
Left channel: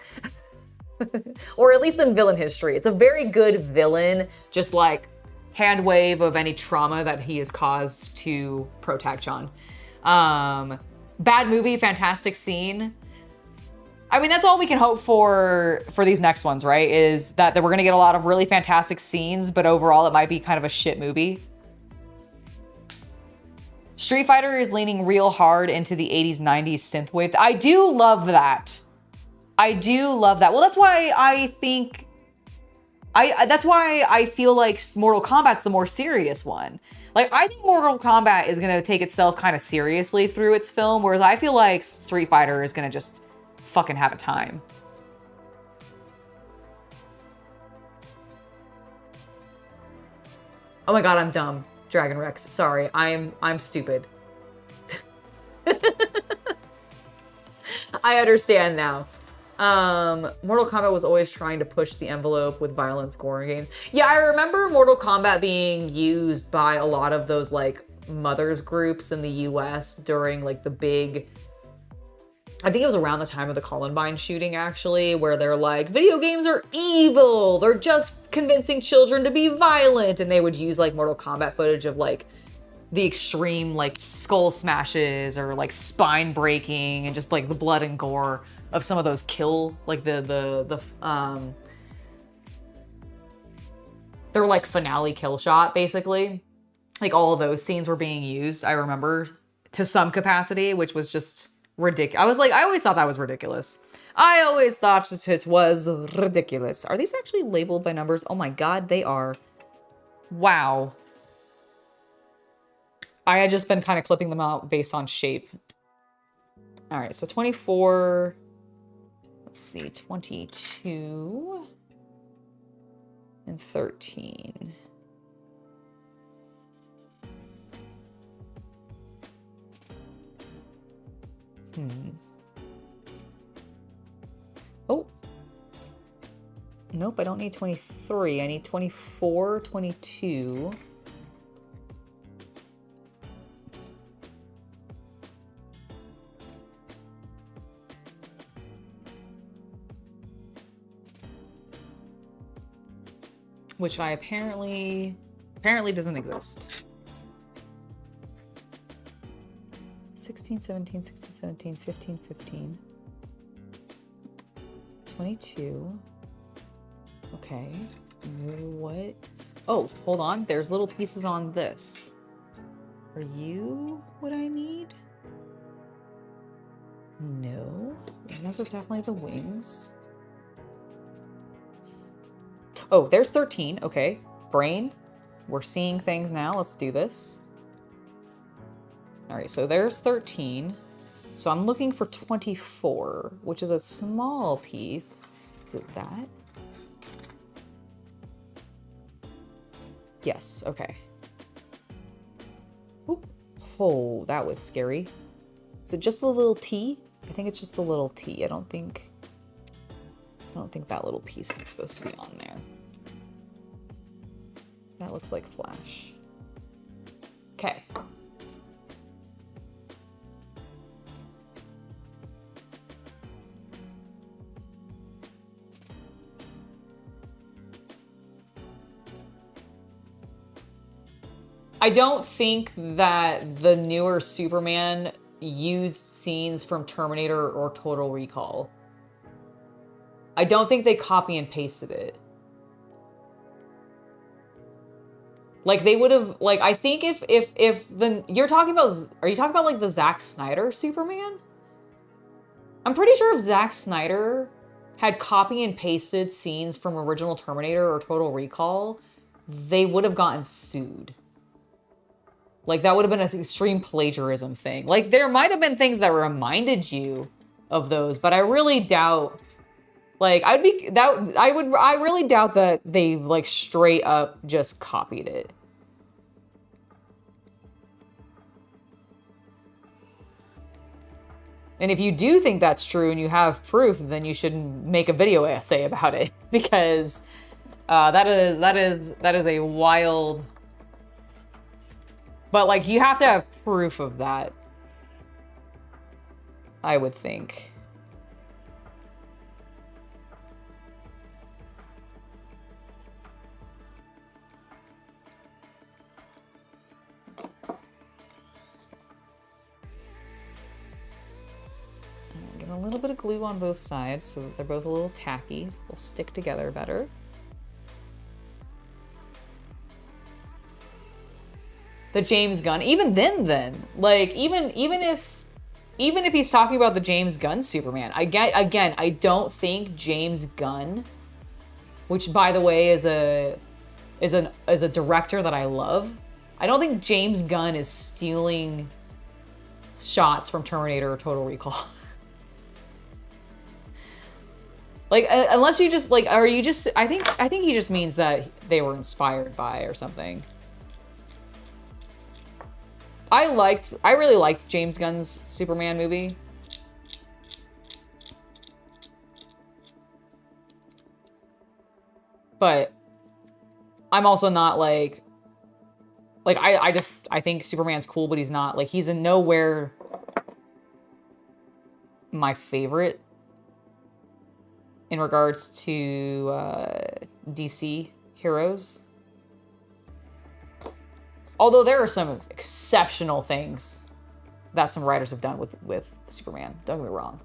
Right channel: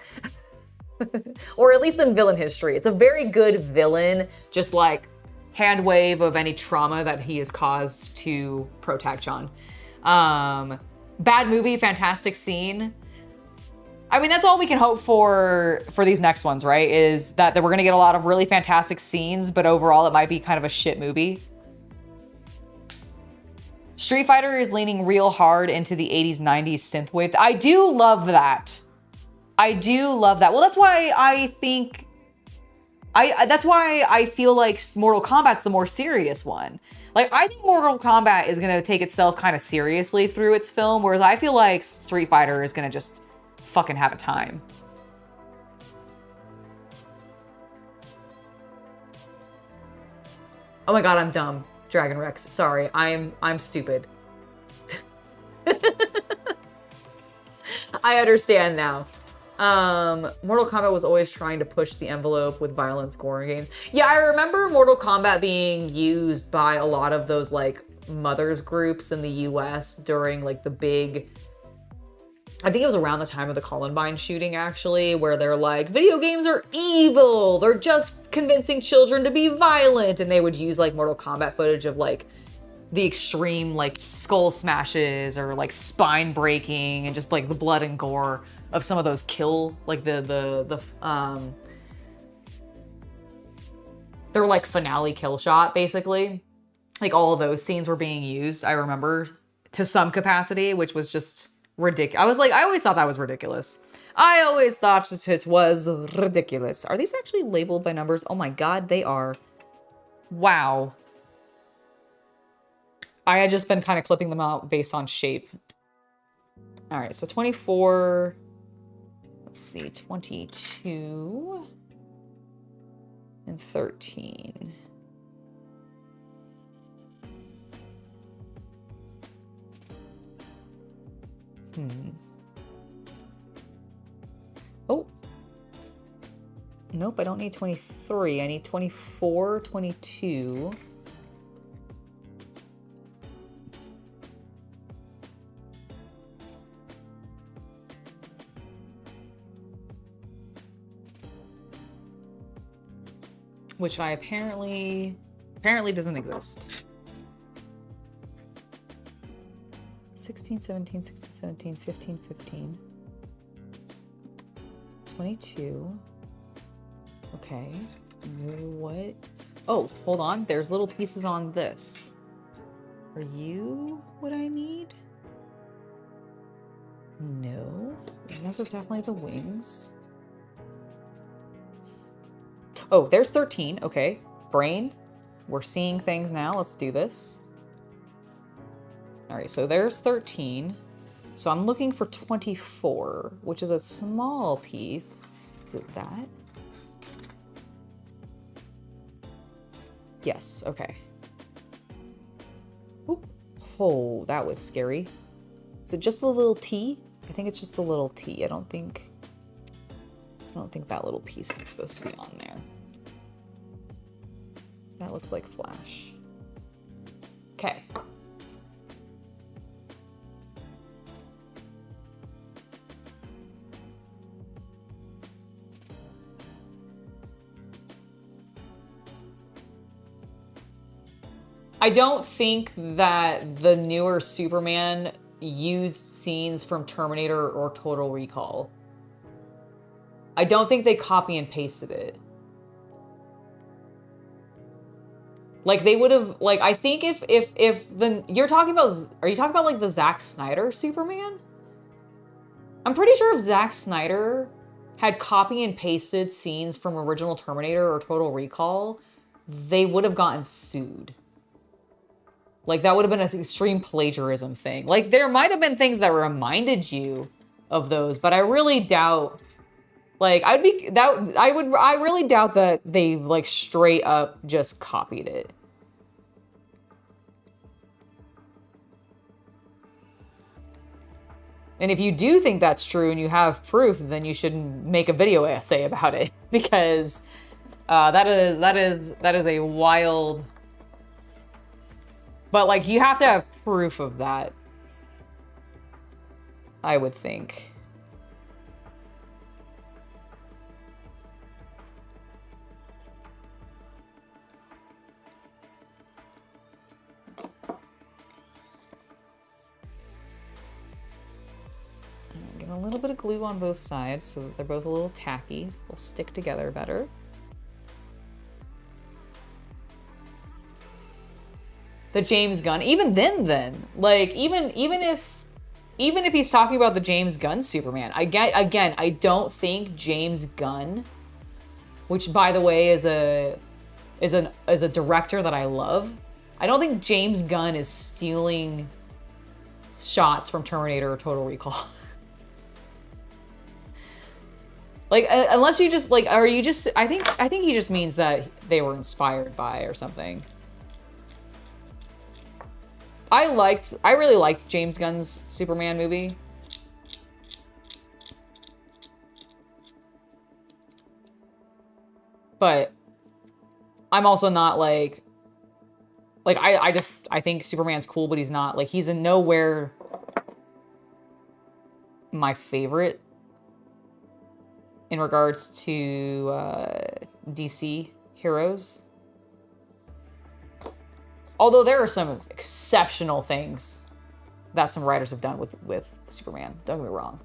Or at least in villain history. It's a very good villain, just like hand wave of any trauma that he has caused to Protag-chan. Bad movie, fantastic scene. I mean, that's all we can hope for these next ones, right? Is that we're gonna get a lot of really fantastic scenes, but overall it might be kind of a shit movie. Street Fighter is leaning real hard into the 80s, 90s synthwave. I do love that. I do love that. Well, that's why I think, that's why I feel like Mortal Kombat's the more serious one. Like, I think Mortal Kombat is gonna take itself kind of seriously through its film, whereas I feel like Street Fighter is gonna just fucking have a time. Oh my god, I'm dumb. Dragon Rex, sorry. I'm stupid. I understand now. Mortal Kombat was always trying to push the envelope with violence gore in games. Yeah, I remember Mortal Kombat being used by a lot of those like mothers groups in the US during like the big, I think it was around the time of the Columbine shooting, actually, where they're like, video games are evil. They're just convincing children to be violent. And they would use like Mortal Kombat footage of like the extreme like skull smashes or like spine breaking and just like the blood and gore of some of those kill, like their like finale kill shot, basically. Like all of those scenes were being used, I remember, to some capacity, which was just ridiculous. I always thought that was ridiculous. I always thought it was ridiculous. Are these actually labeled by numbers? Oh my god, they are. Wow. I had just been kind of clipping them out based on shape. All right, so 24, let's see, 22 and 13. Oh. Nope, I don't need 23. I need 24, 22. Which I apparently doesn't exist. 16, 17, 16, 17, 15, 15. 22. Okay. What? Oh, hold on. There's little pieces on this. Are you what I need? No. Those are definitely the wings. Oh, there's 13. Okay. Brain. We're seeing things now. Let's do this. All right, so there's 13. So I'm looking for 24, which is a small piece. Is it that? Yes, okay. Oop. Oh, that was scary. Is it just the little T? I think it's just the little T. I don't think that little piece is supposed to be on there. That looks like Flash. Okay. I don't think that the newer Superman used scenes from Terminator or Total Recall. I don't think they copy and pasted it. Like they would have, like, I think if the, you're talking about, are you talking about like the Zack Snyder Superman? I'm pretty sure if Zack Snyder had copy and pasted scenes from original Terminator or Total Recall, they would have gotten sued. Like, that would have been an extreme plagiarism thing. Like, there might have been things that reminded you of those, but I really doubt, like, I really doubt that they, like, straight up just copied it. And if you do think that's true and you have proof, then you should make a video essay about it, because that is a wild. But, like, you have to have proof of that, I would think. Get a little bit of glue on both sides so that they're both a little tacky, so they'll stick together better. The James Gunn, even then, like, even if he's talking about the James Gunn Superman, I don't think James Gunn, which by the way is a director that I love, I don't think James Gunn is stealing shots from Terminator or Total Recall. Like, unless you just, like, are you just, I think he just means that they were inspired by or something. I really liked James Gunn's Superman movie. But I'm also not like I think Superman's cool, but he's not, like, he's in nowhere my favorite in regards to DC heroes. Although there are some exceptional things that some writers have done with Superman. Don't get me wrong.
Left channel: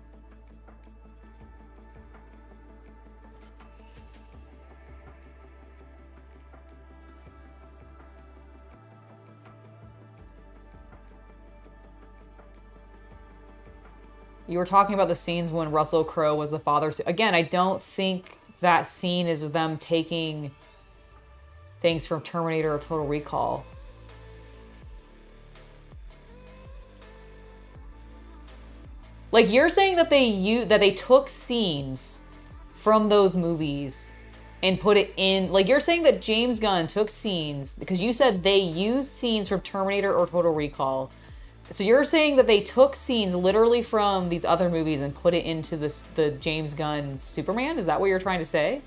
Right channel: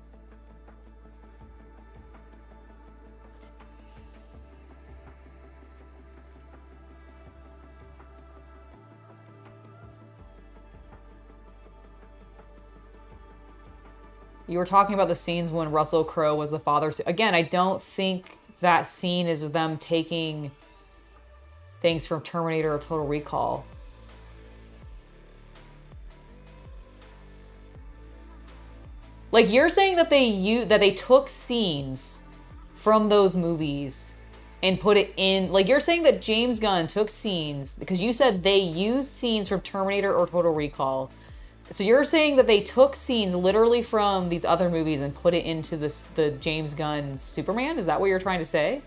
You were talking about the scenes when Russell Crowe was the father. Again, I don't think that scene is them taking things from Terminator or Total Recall. Like, you're saying that they took scenes from those movies and put it in, like, you're saying that James Gunn took scenes, because you said they used scenes from Terminator or Total Recall, So you're saying that they took scenes literally from these other movies and put it into the James Gunn Superman? Is that what you're trying to say?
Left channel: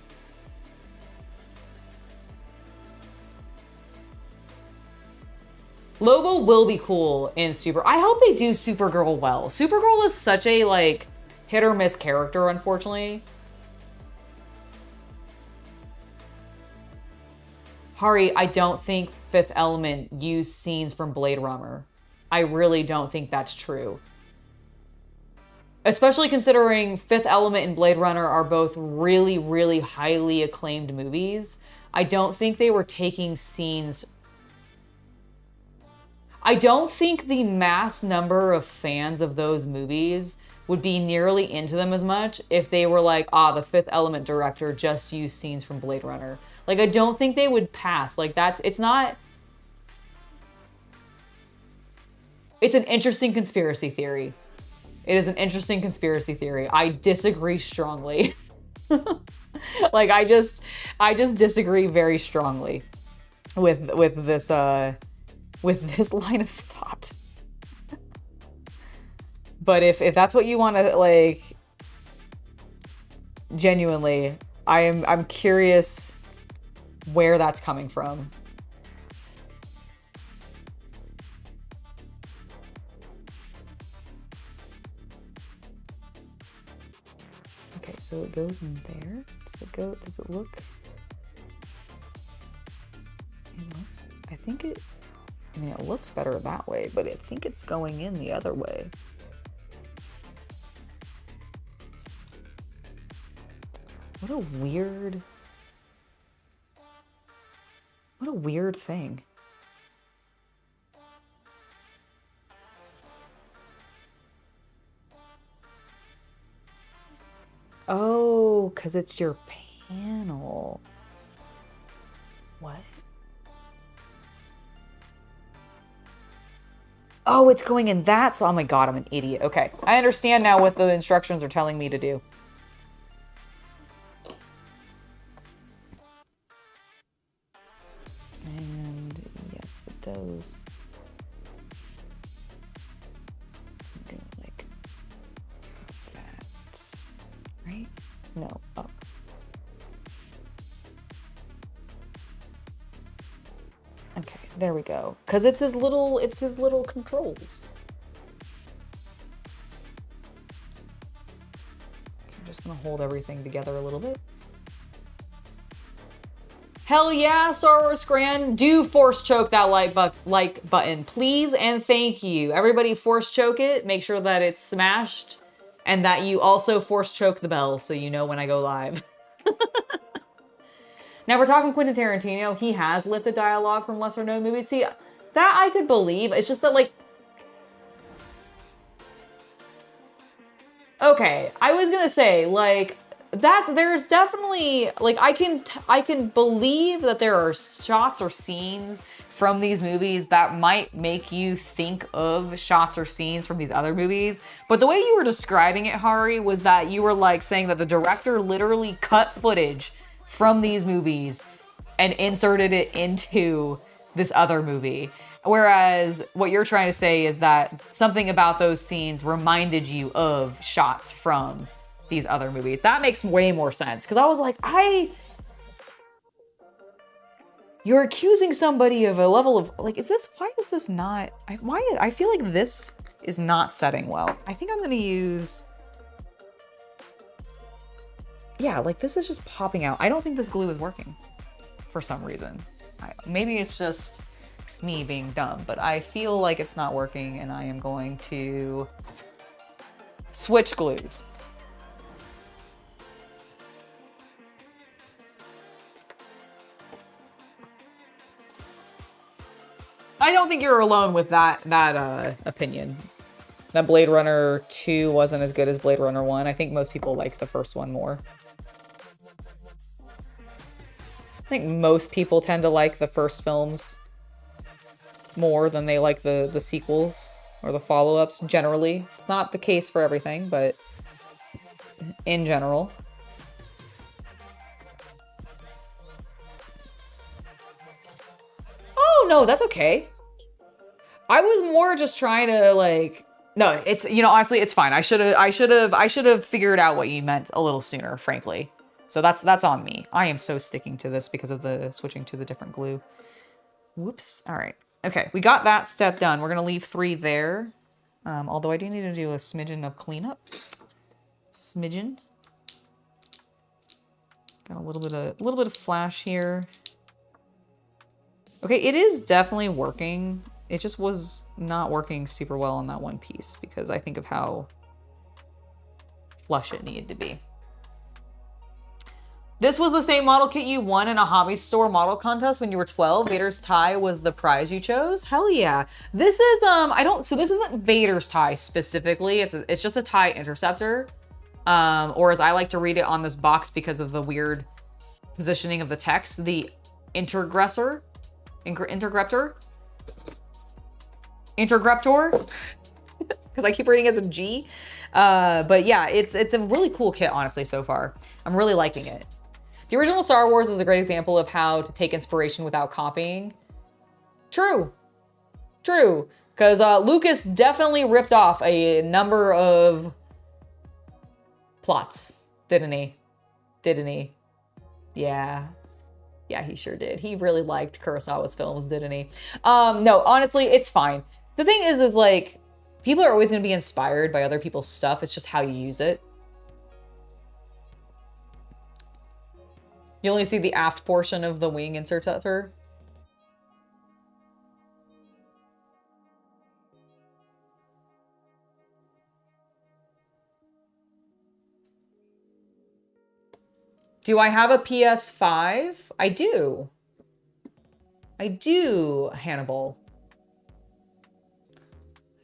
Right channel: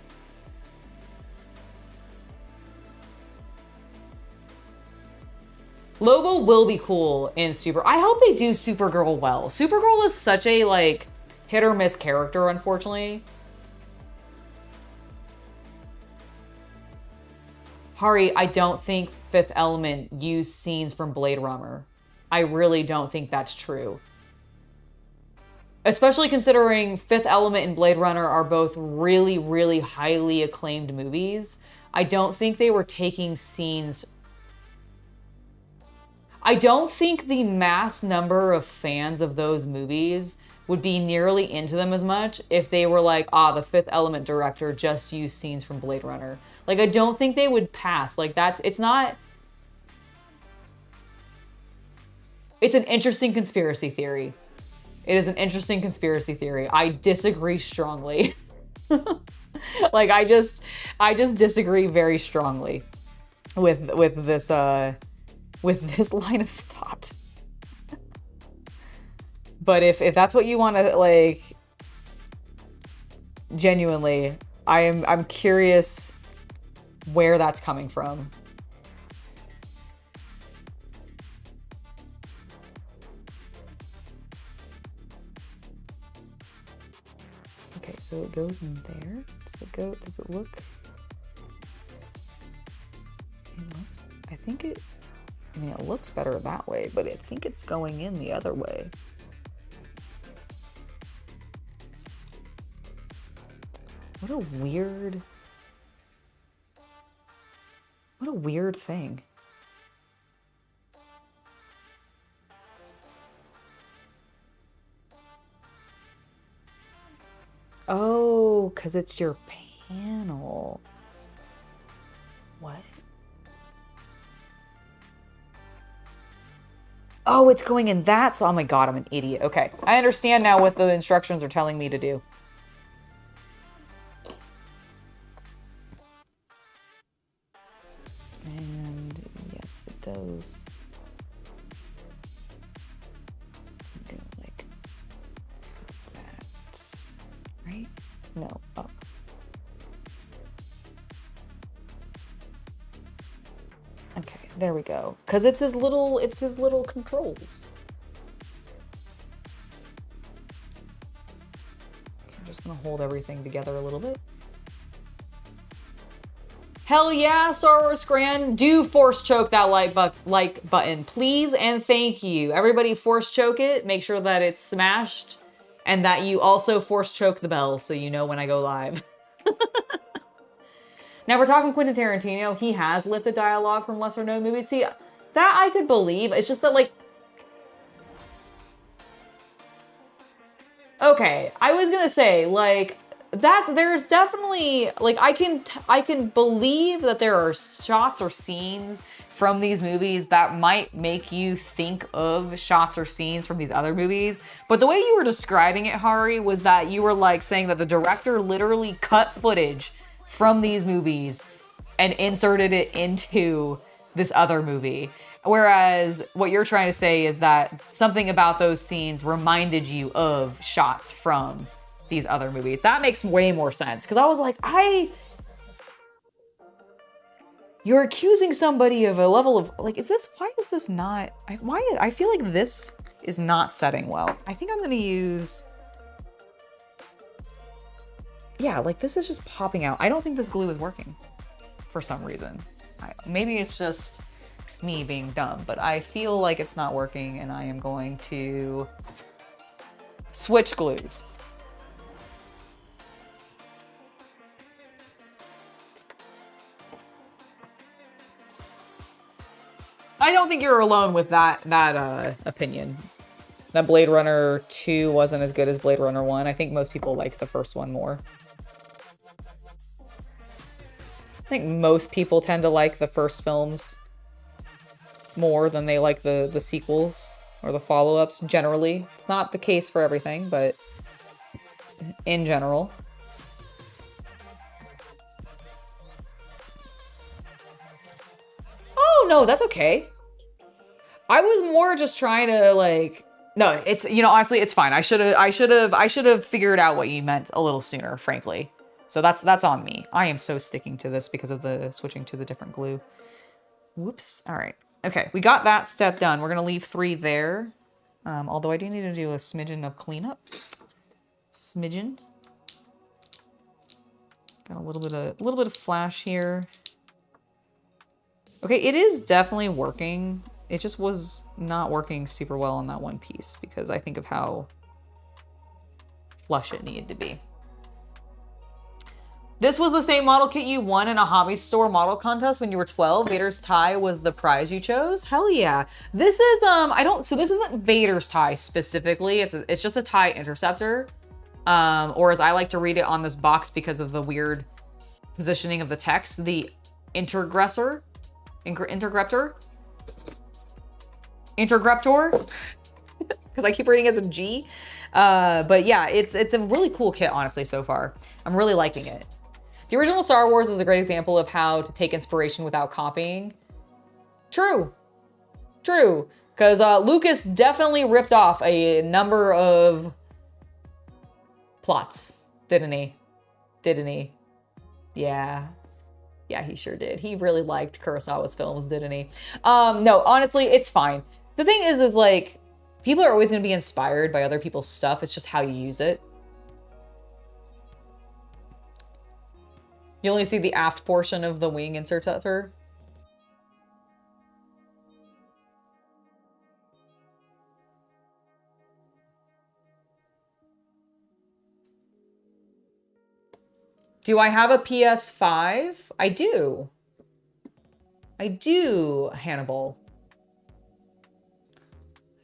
Lobo will be cool in Super. I hope they do Supergirl well. Supergirl is such a, like, hit or miss character, unfortunately. Hari, I don't think Fifth Element used scenes from Blade Runner. I really don't think that's true. Especially considering Fifth Element and Blade Runner are both really, really highly acclaimed movies. I don't think they were taking scenes... I don't think the mass number of fans of those movies would be nearly into them as much if they were like, the Fifth Element director just used scenes from Blade Runner. Like, I don't think they would pass. Like, it's not... It's an interesting conspiracy theory. It is an interesting conspiracy theory. I disagree strongly. Like, I just disagree very strongly with this line of thought. But if that's what you want to, like, genuinely, I'm curious where that's coming from. Okay, so it goes in there. Does it look? It looks, it looks better that way, but I think it's going in the other way. What a weird thing. Oh, because it's your panel. What? Oh, it's going in that. So, oh my God, I'm an idiot. Okay. I understand now what the instructions are telling me to do. And yes, it does. Go like that. Right? No, up. Okay, there we go. Cause it's his little controls. Okay, I'm just gonna hold everything together a little bit. Hell yeah, Star Wars Scran, do force choke that like button, please and thank you. Everybody force choke it, make sure that it's smashed, and that you also force choke the bell so you know when I go live. Now, we're talking Quentin Tarantino. He has lifted dialogue from lesser known movies. See, that I could believe. It's just that, like... Okay, I was gonna say, like, that there's definitely... Like, I can believe that there are shots or scenes from these movies that might make you think of shots or scenes from these other movies. But the way you were describing it, Hari, was that you were, like, saying that the director literally cut footage from these movies and inserted it into this other movie. Whereas what you're trying to say is that something about those scenes reminded you of shots from these other movies. That makes way more sense. Because I was like, you're accusing somebody of a level of, like, why is this not, I feel like this is not setting well. I think I'm going to use... Yeah, like this is just popping out. I don't think this glue is working for some reason. Maybe it's just me being dumb, but I feel like it's not working and I am going to switch glues. I don't think you're alone with that opinion. That Blade Runner 2 wasn't as good as Blade Runner 1. I think most people like the first one more. I think most people tend to like the first films more than they like the sequels or the follow-ups generally. It's not the case for everything, but in general. Oh, no, that's okay. I was more just trying to like, no, it's, you know, honestly, it's fine. I should have figured out what you meant a little sooner, frankly. So that's on me. I am so sticking to this because of the switching to the different glue. Whoops. All right. Okay. We got that step done. We're going to leave 3 there. Although I do need to do a smidgen of cleanup. Smidgen. Got a little bit of flash here. Okay. It is definitely working. It just was not working super well on that one piece because I think of how flush it needed to be. This was the same model kit you won in a hobby store model contest when you were 12. Vader's tie was the prize you chose. Hell yeah. This is, so this isn't Vader's tie specifically. It's just a TIE Interceptor. Or as I like to read it on this box because of the weird positioning of the text, the Intergressor. Intergreptor, because I keep reading as a G. But yeah, it's a really cool kit, honestly, so far. I'm really liking it. The original Star Wars is a great example of how to take inspiration without copying. True. Because Lucas definitely ripped off a number of plots, didn't he? Yeah. Yeah, he sure did. He really liked Kurosawa's films, didn't he? No, honestly, it's fine. The thing is like, people are always going to be inspired by other people's stuff. It's just how you use it. You only see the aft portion of the wing interceptor. Do I have a PS5? I do. Hannibal.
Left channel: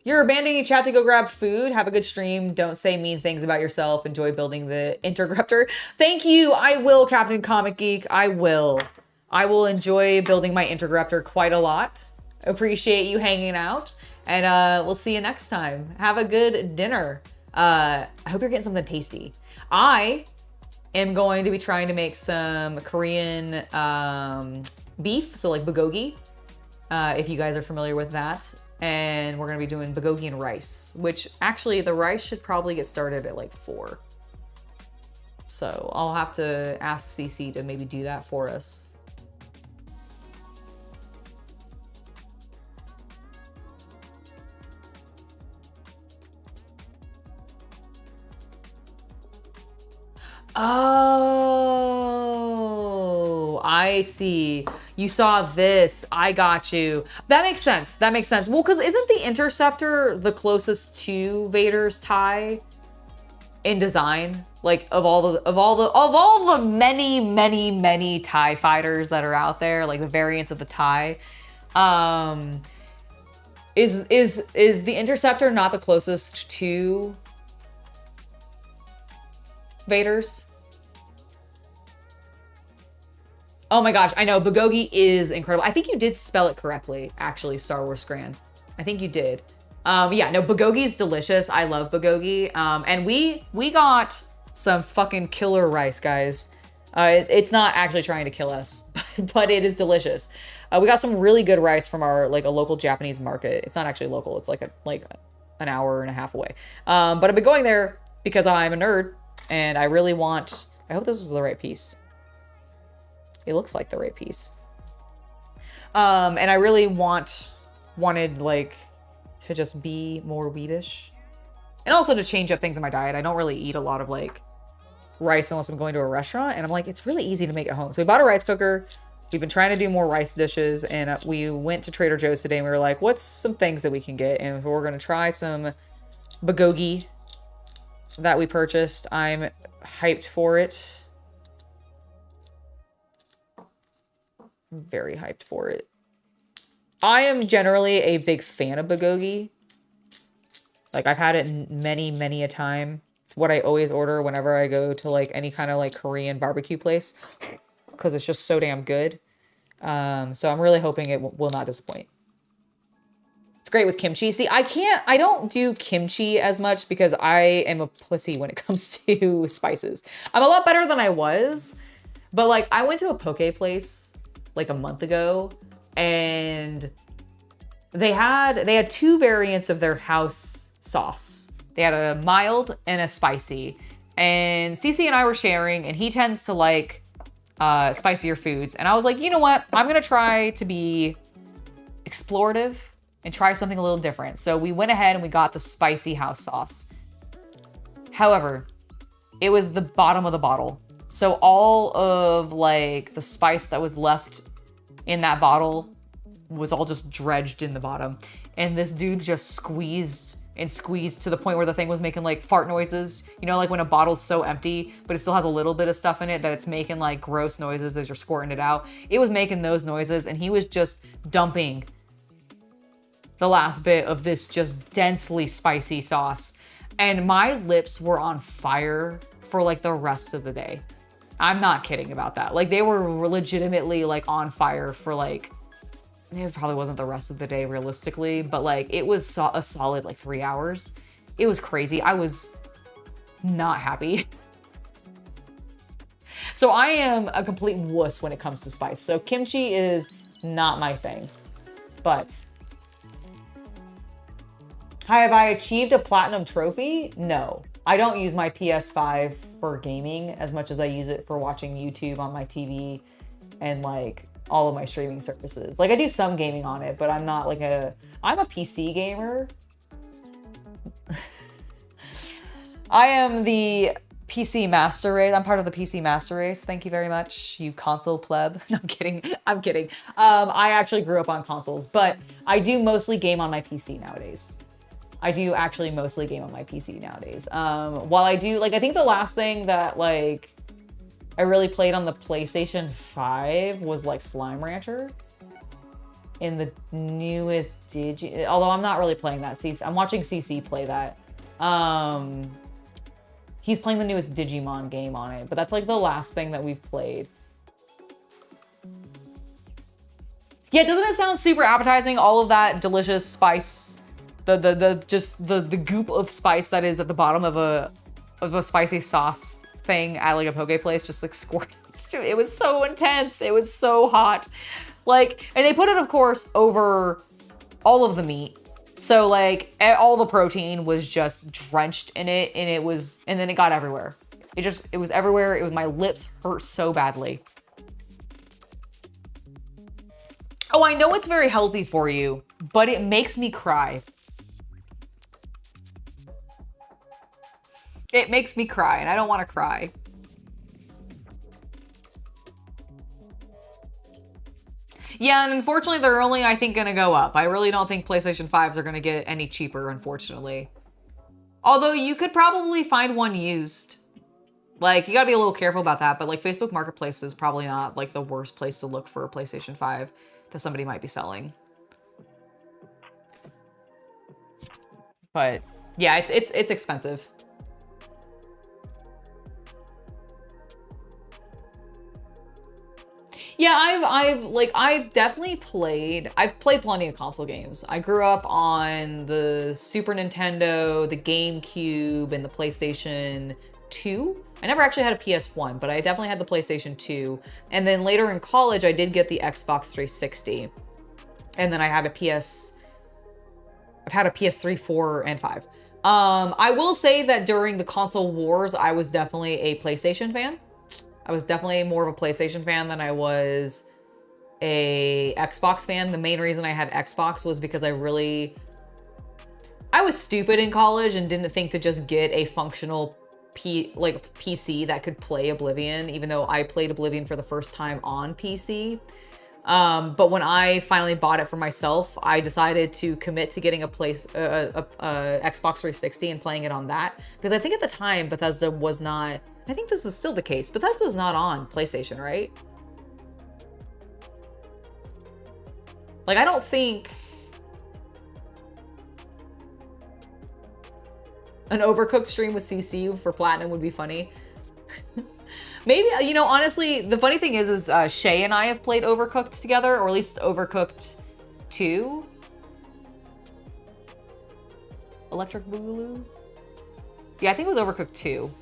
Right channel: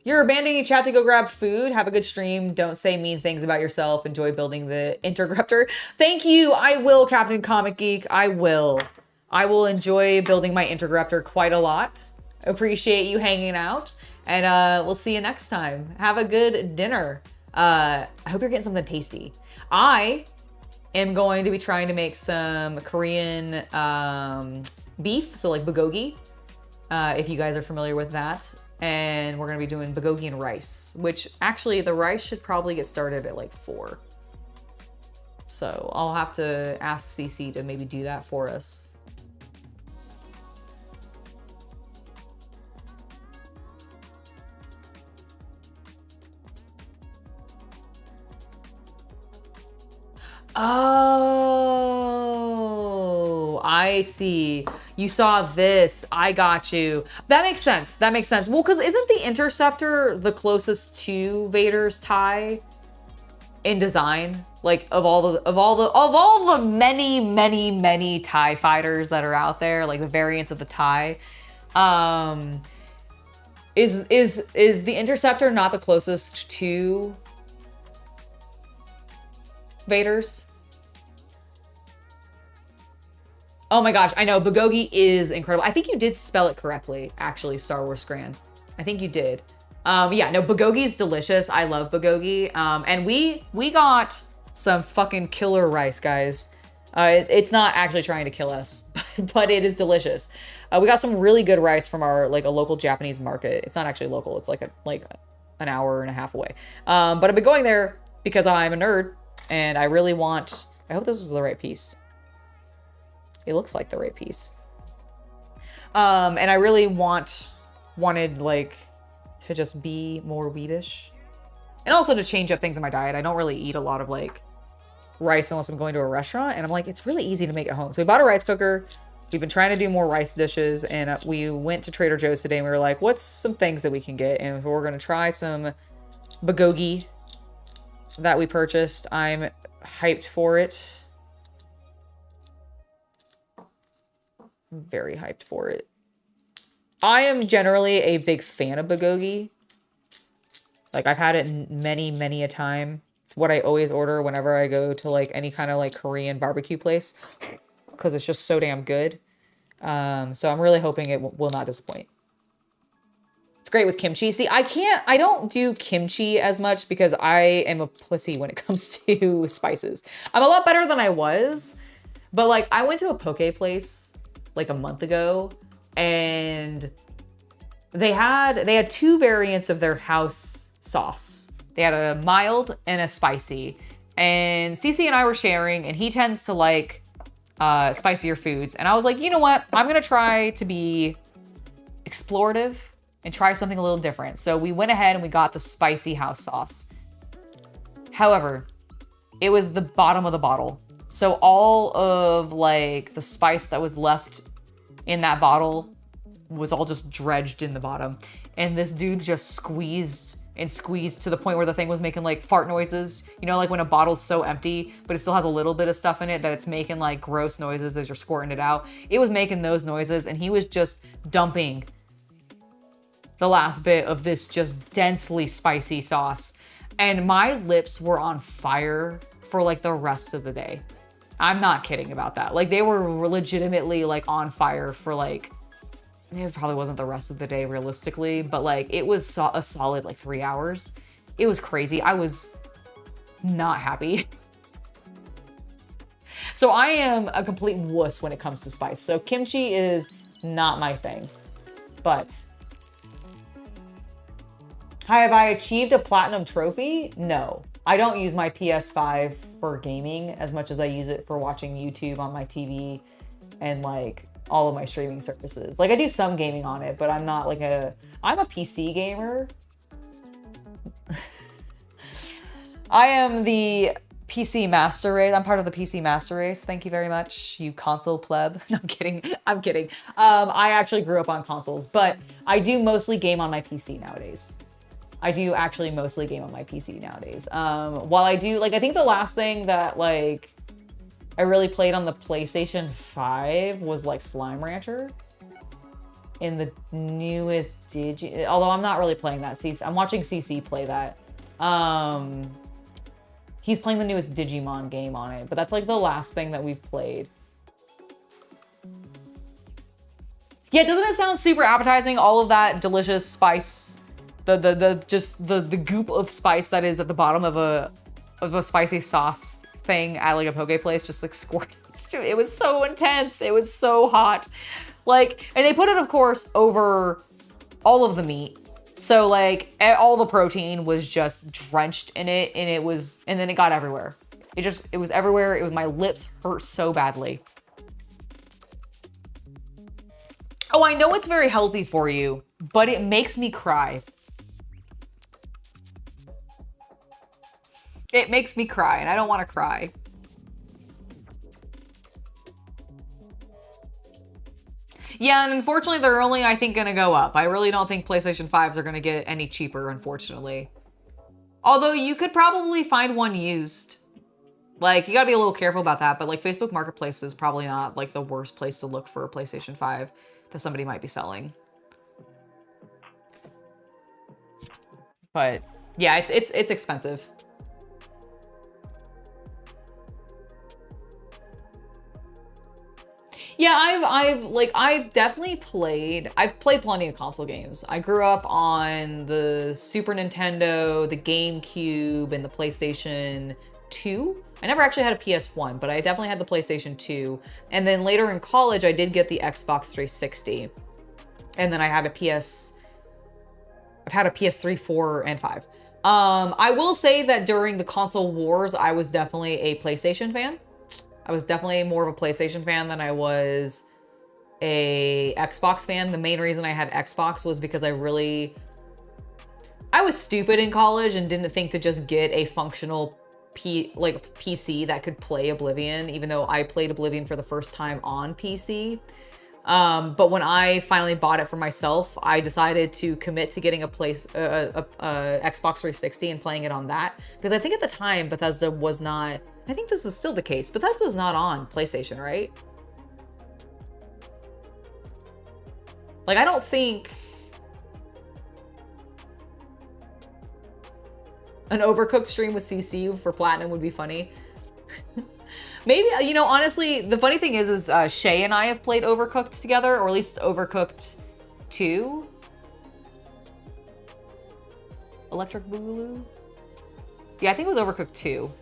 You're abandoning chat to go grab food. Have a good stream. Don't say mean things about yourself. Enjoy building the Intergreptor. Thank you. I will, Captain Comic Geek. I will enjoy building my Intergreptor quite a lot. Appreciate you hanging out. And we'll see you next time. Have a good dinner. I hope you're getting something tasty. I am going to be trying to make some Korean beef. So like bulgogi, if you guys are familiar with that. And we're gonna be doing bulgogi and rice, which actually the rice should probably get started at like 4. So I'll have to ask CC to maybe do that for us. Oh, I see. You saw this. I got you. That makes sense. Well, because isn't the Interceptor the closest to Vader's tie in design? Like of all the many TIE fighters that are out there, like the variants of the TIE, is the Interceptor not the closest to Vader's? Oh my gosh, I know, bulgogi is incredible. I think you did spell it correctly, actually, Star Wars Scran. I think you did. Yeah, no, bulgogi is delicious. I love bulgogi. And we got some fucking killer rice, guys. It's not actually trying to kill us, but it is delicious. We got some really good rice from a local Japanese market. It's not actually local. It's like an hour and a half away. But I've been going there because I'm a nerd and I really want, I hope this is the right piece. It looks like the right piece. And I really wanted like to just be more weebish. And also to change up things in my diet. I don't really eat a lot of like rice unless I'm going to a restaurant. And I'm like, it's really easy to make at home. So we bought a rice cooker. We've been trying to do more rice dishes. And we went to Trader Joe's today and we were like, what's some things that we can get? And we're going to try some bulgogi that we purchased. I'm hyped for it. Very hyped for it. I am generally a big fan of bulgogi. Like I've had it many a time. It's what I always order whenever I go to like any kind of like Korean barbecue place because it's just so damn good. So I'm really hoping it will not disappoint. It's great with kimchi. See, I don't do kimchi as much because I am a pussy when it comes to spices. I'm a lot better than I was, but like I went to a poke place like a month ago and they had two variants of their house sauce. They had a mild and a spicy. And Cece and I were sharing, and he tends to like spicier foods. And I was like, you know what? I'm gonna try to be explorative and try something a little different. So we went ahead and we got the spicy house sauce. However, it was the bottom of the bottle. So all of like the spice that was left in that bottle was all just dredged in the bottom. And this dude just squeezed and squeezed to the point where the thing was making like fart noises. You know, like when a bottle's so empty, but it still has a little bit of stuff in it that it's making like gross noises as you're squirting it out. It was making those noises, and he was just dumping the last bit of this just densely spicy sauce. And my lips were on fire for like the rest of the day. I'm not kidding about that. Like they were legitimately like on fire for like, it probably wasn't the rest of the day realistically, but like it was a solid like 3 hours. It was crazy. I was not happy. So I am a complete wuss when it comes to spice. So kimchi is not my thing, but have I achieved a platinum trophy? No. I don't use my PS5 for gaming as much as I use it for watching YouTube on my TV and like all of my streaming services. Like I do some gaming on it, but I'm not like I'm a PC gamer. I am the PC master race. I'm part of the PC master race. Thank you very much, you console pleb. No, I'm kidding. I'm kidding. I actually grew up on consoles, but I do mostly game on my PC nowadays. I do actually mostly game on my PC nowadays. While I do, like, I think the last thing that, like, I really played on the PlayStation 5 was, like, Slime Rancher. In the newest although I'm not really playing that. I'm watching CC play that. He's playing the newest Digimon game on it, but that's, like, the last thing that we've played. Yeah, doesn't it sound super appetizing? All of that delicious spice... The goop of spice that is at the bottom of a spicy sauce thing at like a poke place just like squirted. It was so intense. It was so hot. Like, and they put it of course over all of the meat. So like all the protein was just drenched in it, and then it got everywhere. It was everywhere. My lips hurt so badly. Oh, I know it's very healthy for you, but it makes me cry. It makes me cry, and I don't want to cry. Yeah, and unfortunately, they're only, I think, going to go up. I really don't think PlayStation 5s are going to get any cheaper, unfortunately. Although, you could probably find one used. Like, you got to be a little careful about that, but, like, Facebook Marketplace is probably not, like, the worst place to look for a PlayStation 5 that somebody might be selling. But, yeah, it's expensive. Yeah, I've definitely played plenty of console games. I grew up on the Super Nintendo, the GameCube, and the PlayStation 2. I never actually had a PS1, but I definitely had the PlayStation 2. And then later in college, I did get the Xbox 360. And then I've had a PS3, 4, and 5. I will say that during the console wars, I was definitely a PlayStation fan. I was definitely more of a PlayStation fan than I was a Xbox fan. The main reason I had Xbox was because I was stupid in college and didn't think to just get a functional PC that could play Oblivion, even though I played Oblivion for the first time on PC. But when I finally bought it for myself, I decided to commit to getting a Xbox 360 and playing it on that. Because I think at the time, Bethesda was not... I think this is still the case. Bethesda's not on PlayStation, right? Like, I don't think... An Overcooked stream with CC for Platinum would be funny. Maybe, you know, honestly, the funny thing is Shay and I have played Overcooked together, or at least Overcooked 2. Electric Boogaloo? Yeah, I think it was Overcooked 2.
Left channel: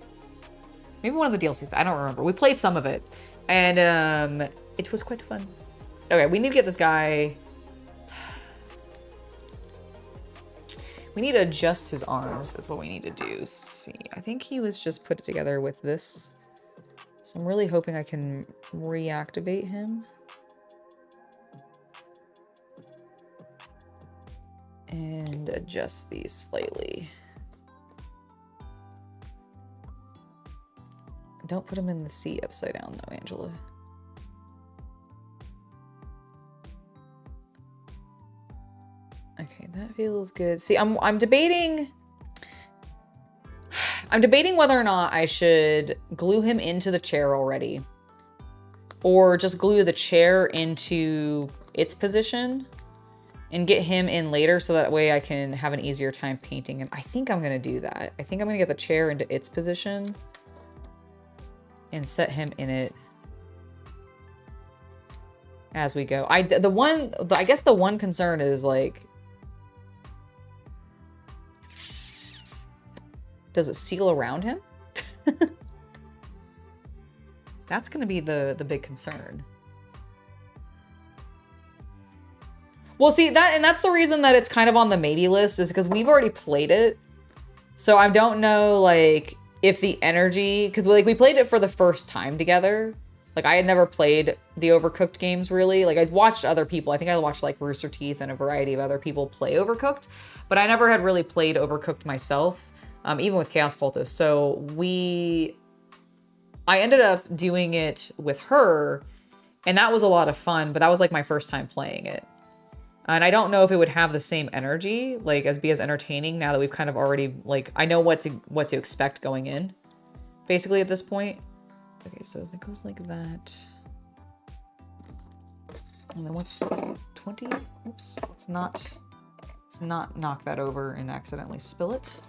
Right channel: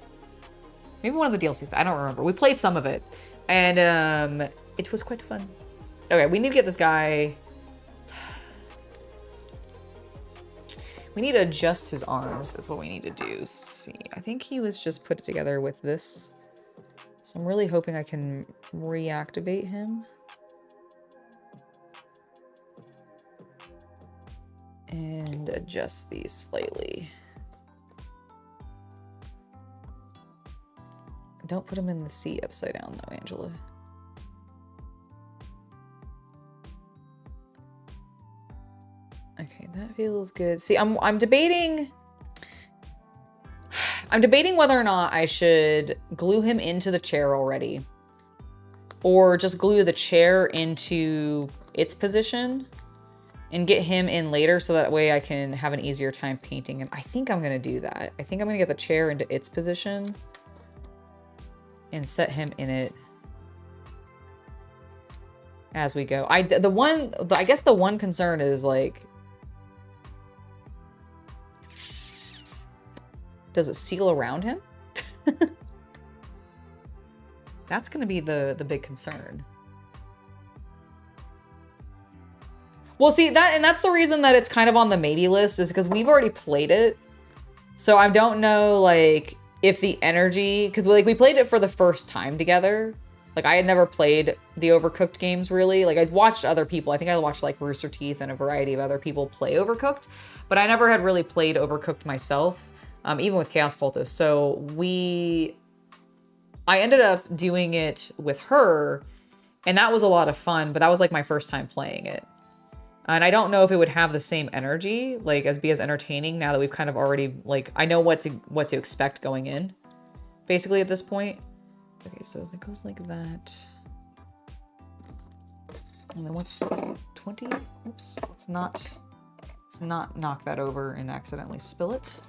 Maybe one of the DLCs, I don't remember. We played some of it, and it was quite fun. Okay, we need to get this guy. We need to adjust his arms is what we need to do. See, I think he was just put together with this. So I'm really hoping I can reactivate him. And adjust these slightly. Don't put him in the seat upside down though, Angela. Okay, that feels good. See, I'm debating whether or not I should glue him into the chair already or just glue the chair into its position and get him in later so that way I can have an easier time painting him. I think I'm gonna do that. I think I'm gonna get the chair into its position and set him in it as we go. I guess the one concern is like, does it seal around him? That's gonna be the big concern. Well, see, that's the reason that it's kind of on the maybe list is because we've already played it. So I don't know, like, if the energy, because like we played it for the first time together. Like I had never played the Overcooked games really. Like I'd watched other people. I think I watched like Rooster Teeth and a variety of other people play Overcooked, but I never had really played Overcooked myself, even with Chaos Cultist. So I ended up doing it with her, and that was a lot of fun, but that was like my first time playing it. And I don't know if it would have the same energy, like be as entertaining now that we've kind of already, like, I know what to expect going in, basically at this point. Okay, so it goes like that. And then what's the 20? Oops, let's not knock that over and accidentally spill it.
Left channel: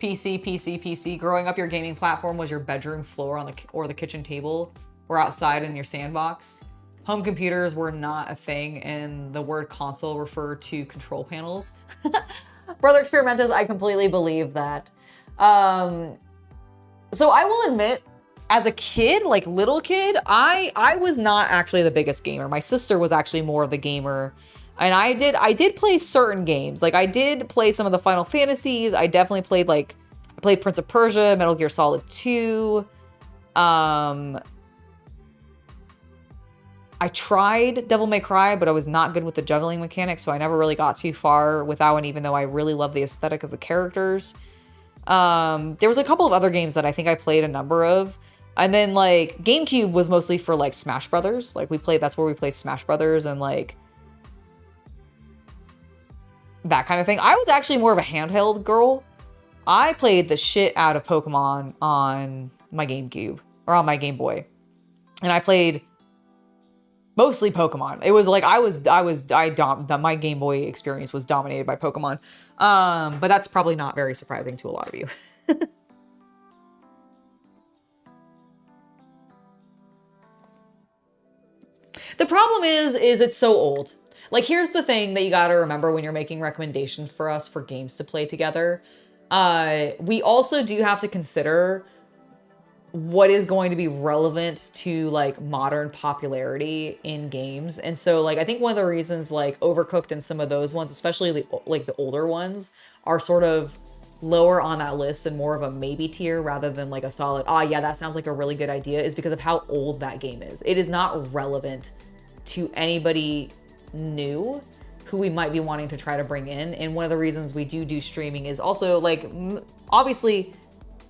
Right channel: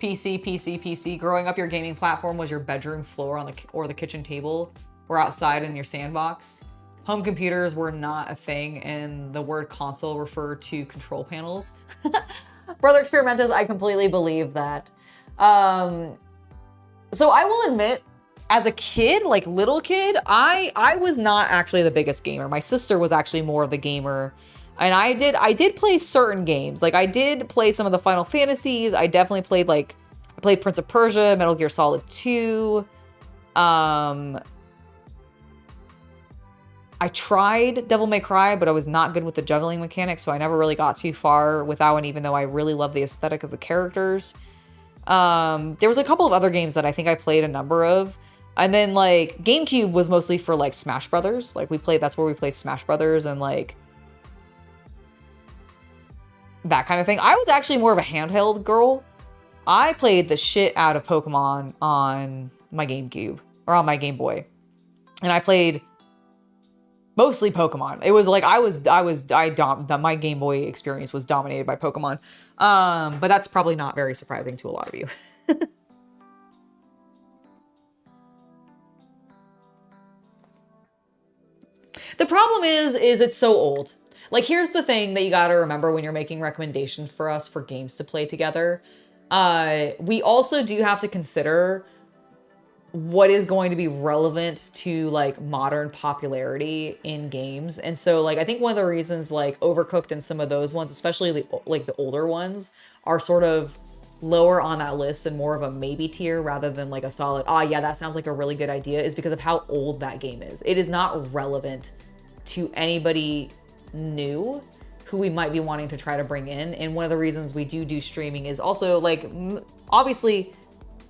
PC. Growing up, your gaming platform was your bedroom floor or the kitchen table or outside in your sandbox. Home computers were not a thing, and the word console referred to control panels. Brother Experimentus, I completely believe that. So I will admit, as a kid, like little kid, I was not actually the biggest gamer. My sister was actually more of the gamer. And I did play certain games. Like I did play some of the Final Fantasies. I definitely played I played Prince of Persia, Metal Gear Solid 2. I tried Devil May Cry, but I was not good with the juggling mechanics, so I never really got too far with that one, even though I really love the aesthetic of the characters. There was a couple of other games that I think I played a number of. And then like GameCube was mostly for like Smash Brothers. Like that's where we played Smash Brothers and like that kind of thing. I was actually more of a handheld girl. I played the shit out of Pokemon on my GameCube or on my Game Boy. And I played mostly Pokemon. It was like my Game Boy experience was dominated by Pokemon. But that's probably not very surprising to a lot of you. The problem is it's so old. Like, here's the thing that you got to remember when you're making recommendations for us for games to play together. We also do have to consider what is going to be relevant to like modern popularity in games. And so like, I think one of the reasons like Overcooked and some of those ones, especially the older ones, are sort of lower on that list and more of a maybe tier rather than like a solid, yeah, that sounds like a really good idea, is because of how old that game is. It is not relevant to anybody new who we might be wanting to try to bring in. And one of the reasons we do streaming is also like, obviously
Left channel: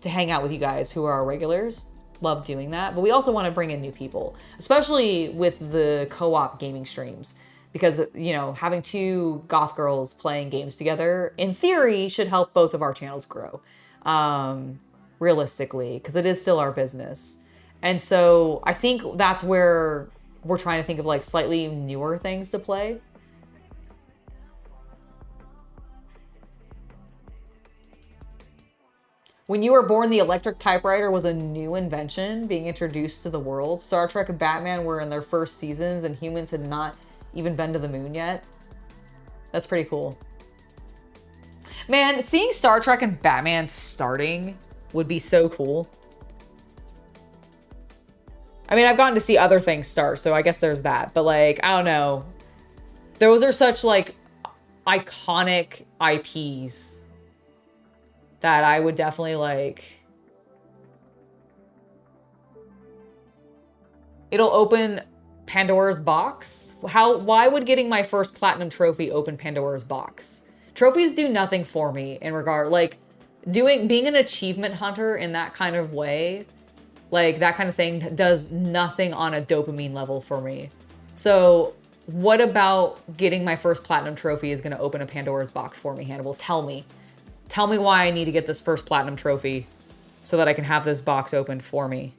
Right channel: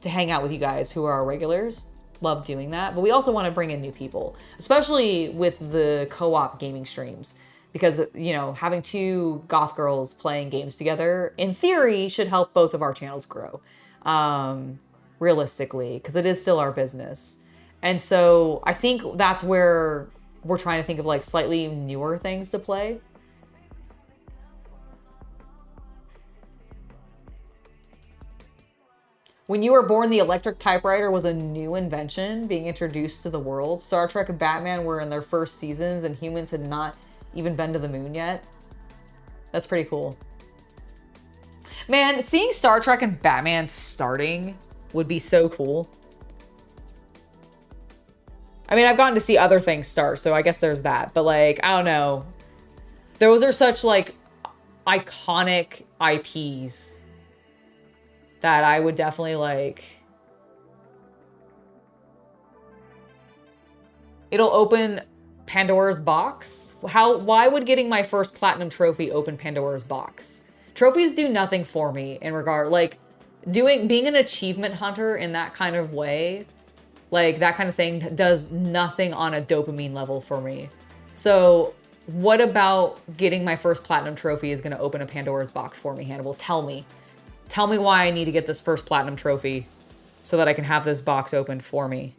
to hang out with you guys who are our regulars. Love doing that. But we also want to bring in new people, especially with the co-op gaming streams, because, you know, having two goth girls playing games together in theory should help both of our channels grow, realistically, because it is still our business. And so I think that's where we're trying to think of like slightly newer things to play. When you were born, the electric typewriter was a new invention being introduced to the world. Star Trek and Batman were in their first seasons and humans had not even been to the moon yet. That's pretty cool. Man, seeing Star Trek and Batman starting would be so cool. I mean, I've gotten to see other things start, so I guess there's that. But like, I don't know. Those are such like iconic IPs that I would definitely like. It'll open Pandora's box. Why would getting my first platinum trophy open Pandora's box? Trophies do nothing for me in regard, like being an achievement hunter in that kind of way, like that kind of thing does nothing on a dopamine level for me. So what about getting my first platinum trophy is going to open a Pandora's box for me, Hannibal? Tell me why I need to get this first platinum trophy so that I can have this box opened for me.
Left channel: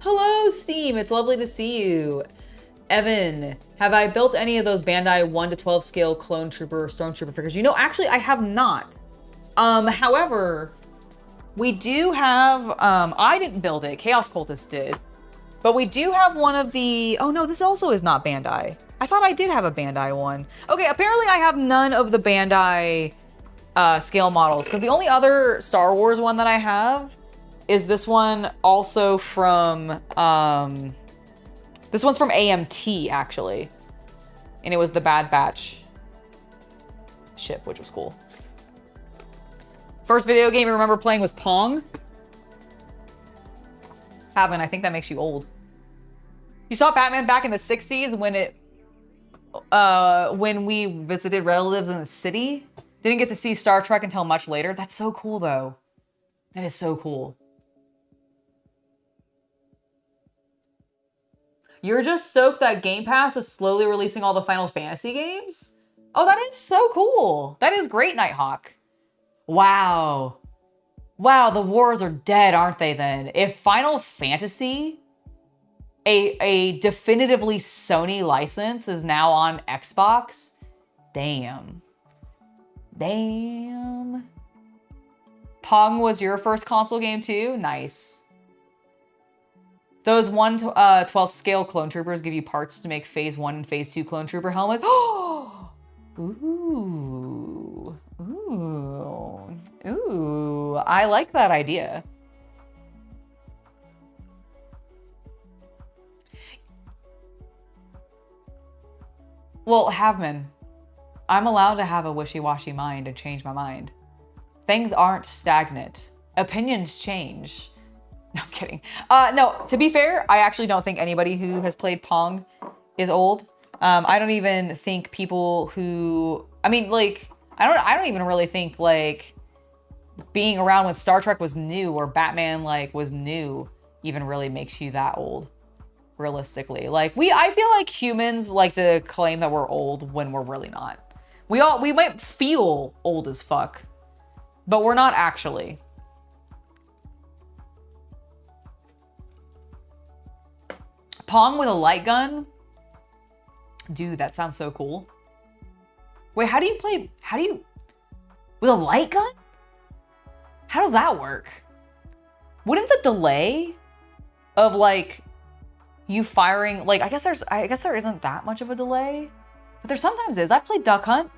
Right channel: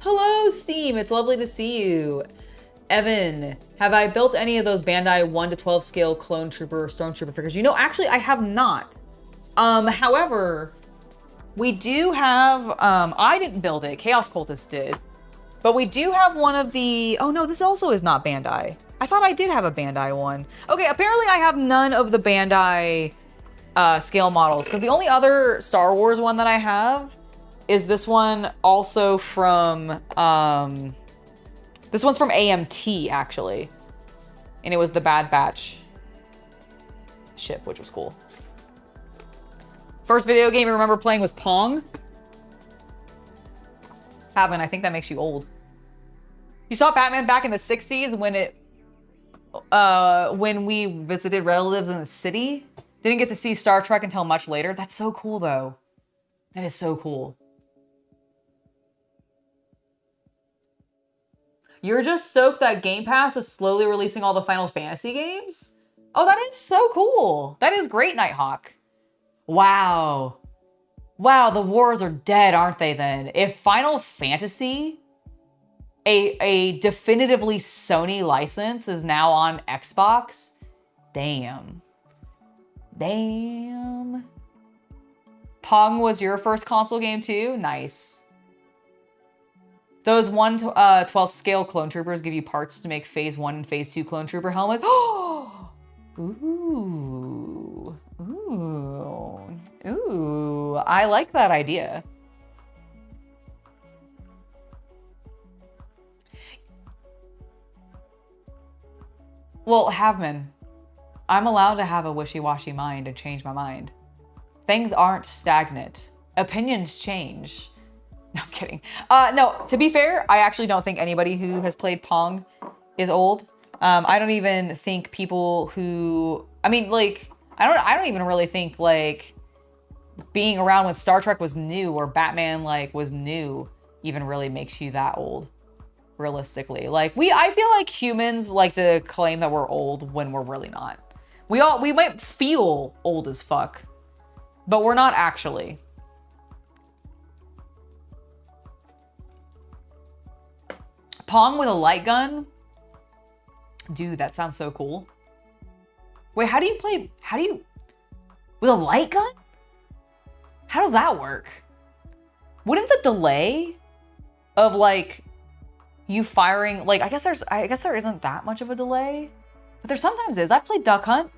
Hello, Steam. It's lovely to see you. Evan, have I built any of those Bandai 1 to 12 scale clone trooper or stormtrooper figures? You know, actually, I have not. However, we do have, I didn't build it. Chaos Cultist did. But we do have one of the, oh no, this also is not Bandai. I thought I did have a Bandai one. Okay, apparently I have none of the Bandai scale models, because the only other Star Wars one that I have is this one, also from, this one's from AMT, actually. And it was the Bad Batch ship, which was cool. First video game you remember playing was Pong? Haven't, I think that makes you old. You saw Batman back in the 60s when we visited relatives in the city? Didn't get to see Star Trek until much later. That's so cool, though. That is so cool. You're just stoked that Game Pass is slowly releasing all the Final Fantasy games? Oh, that is so cool. That is great, Nighthawk. Wow. Wow, the wars are dead, aren't they then? If Final Fantasy, a definitively Sony license, is now on Xbox, damn. Damn. Pong was your first console game too? Nice. Those 1 to 12th scale clone troopers give you parts to make phase 1 and phase 2 clone trooper helmets. Oh! Ooh. Ooh. Ooh. I like that idea. Well, Havman, I'm allowed to have a wishy-washy mind and change my mind. Things aren't stagnant. Opinions change. No, I'm kidding. No, to be fair, I actually don't think anybody who has played Pong is old. I don't even think people who, I mean, like, I don't even really think, like, being around when Star Trek was new or Batman, like, was new even really makes you that old, realistically. Like, I feel like humans like to claim that we're old when we're really not. We might feel old as fuck, but we're not actually. Pong with a light gun? Dude, that sounds so cool. Wait, with a light gun? How does that work? Wouldn't the delay of like you firing, like, I guess there isn't that much of a delay, but there sometimes is. I played Duck Hunt.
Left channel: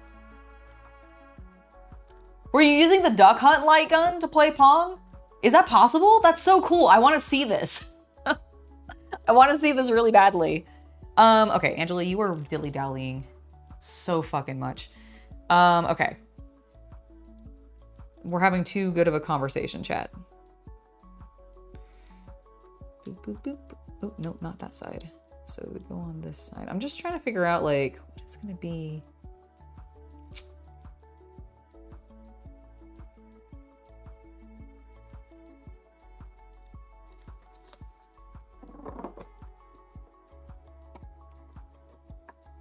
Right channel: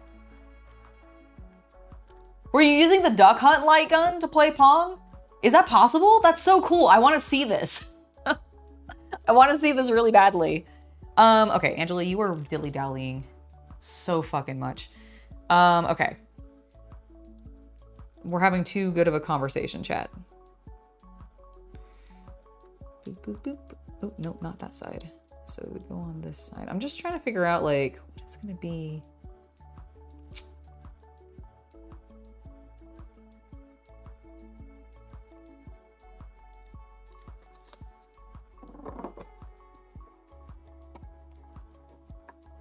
Were you using the Duck Hunt light gun to play Pong? Is that possible? That's so cool. I want to see this. I want to see this really badly. Okay, Angela, you are dilly-dallying so fucking much. Okay. We're having too good of a conversation, chat. Boop, boop, boop. Oh, no, not that side. So it would go on this side. I'm just trying to figure out, like, what is going to be...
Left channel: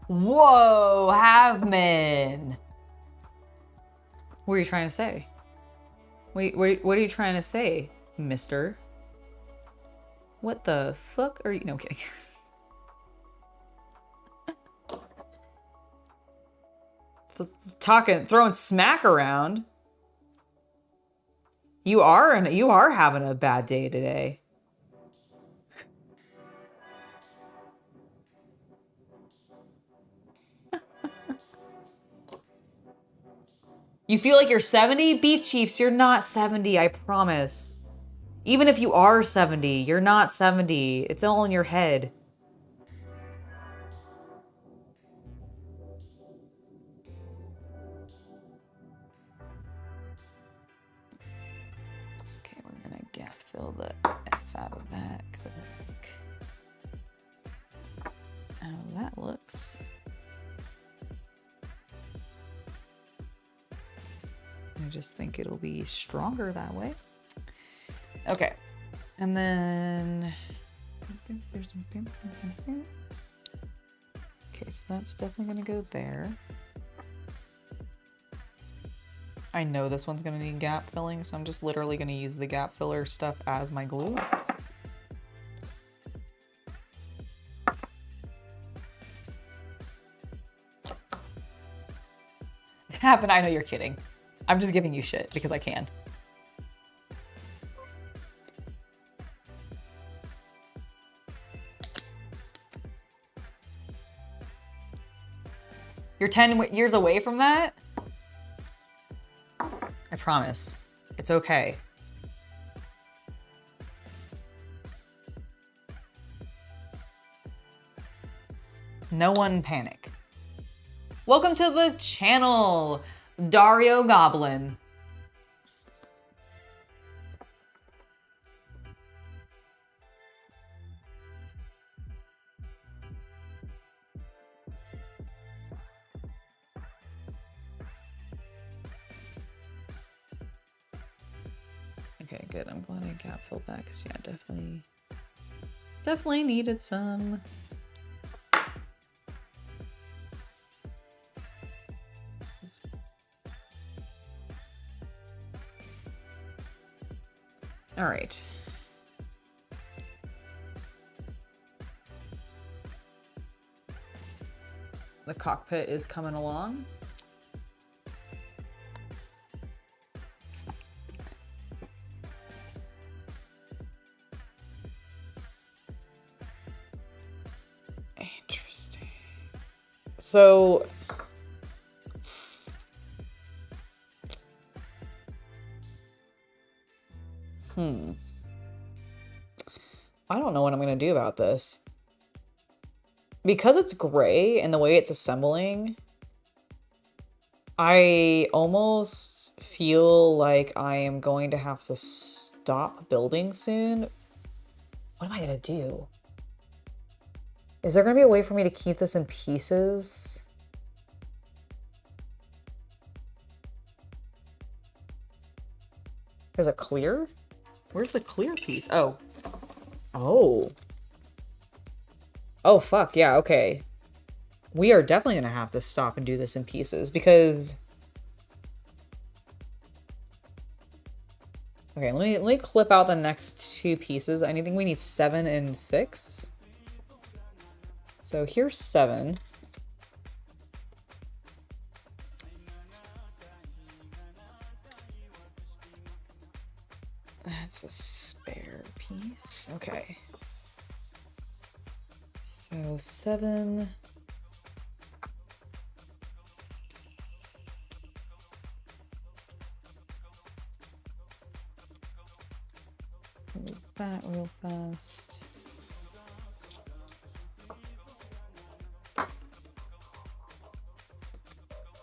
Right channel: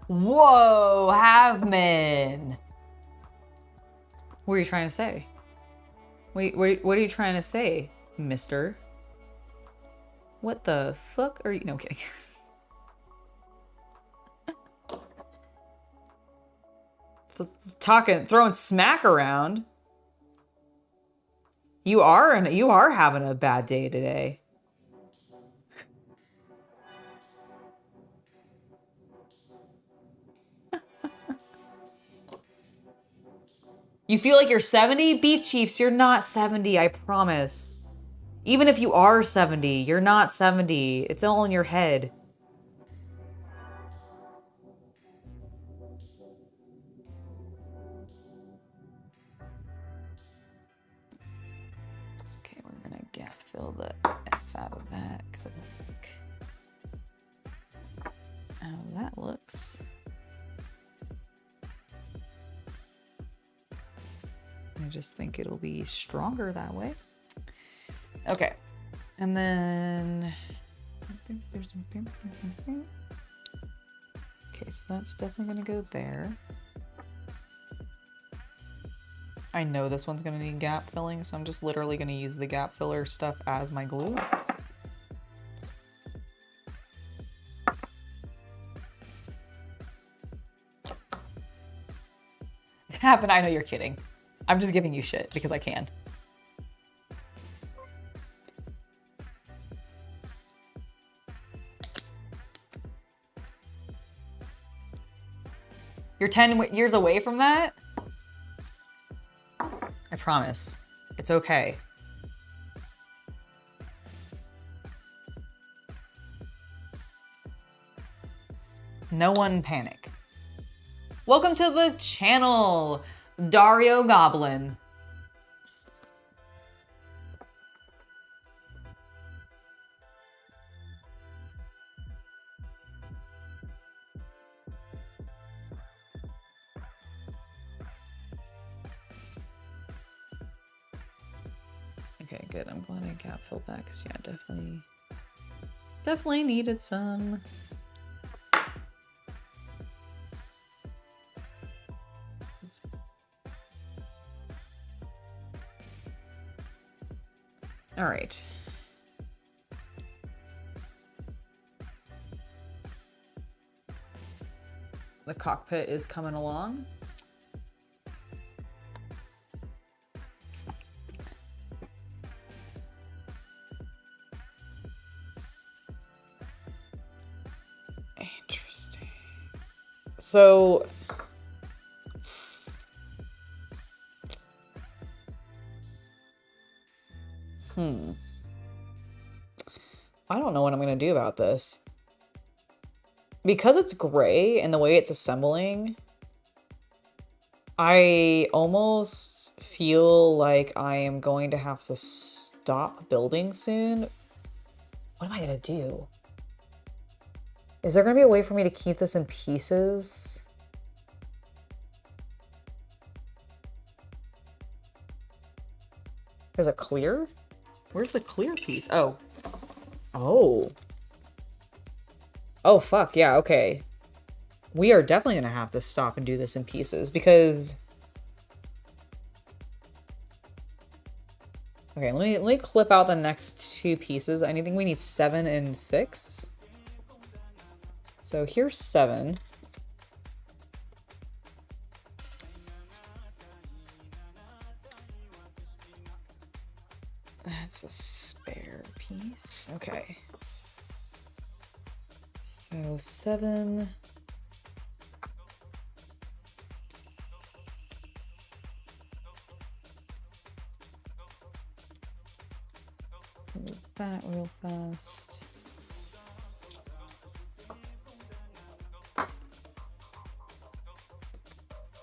Whoa, Havman. What are you trying to say? Wait, what are you trying to say, mister? What the fuck are you? No, I'm kidding. Throwing smack around. You are having a bad day today. You feel like you're 70? Beef Chiefs, you're not 70, I promise. Even if you are 70, you're not 70. It's all in your head. Okay, we're gonna fill the F out of that because I think how that looks. I just think it'll be stronger that way. Okay, and then okay, so that's definitely gonna go there. I know this one's gonna need gap filling, so I'm just literally gonna use the gap filler stuff as my glue. Happen, I know you're kidding. I'm just giving you shit because I can. You're 10 years away from that? I promise. It's okay. No one panic. Welcome to the channel, Dario Goblin. Okay, good. I'm glad I gap filled that because yeah, definitely needed some. All right. The cockpit is coming along. Interesting. So I don't know what I'm gonna do about this. Because it's gray and the way it's assembling, I almost feel like I am going to have to stop building soon. What am I gonna do? Is there gonna be a way for me to keep this in pieces? There's a clear? Where's the clear piece? Oh. Oh. Oh, fuck. Yeah, okay. We are definitely going to have to stop and do this in pieces because... Okay, let me clip out the next two pieces. I think we need 7 and 6. So here's 7. That's a spare piece. Okay. So 7. Move that real fast.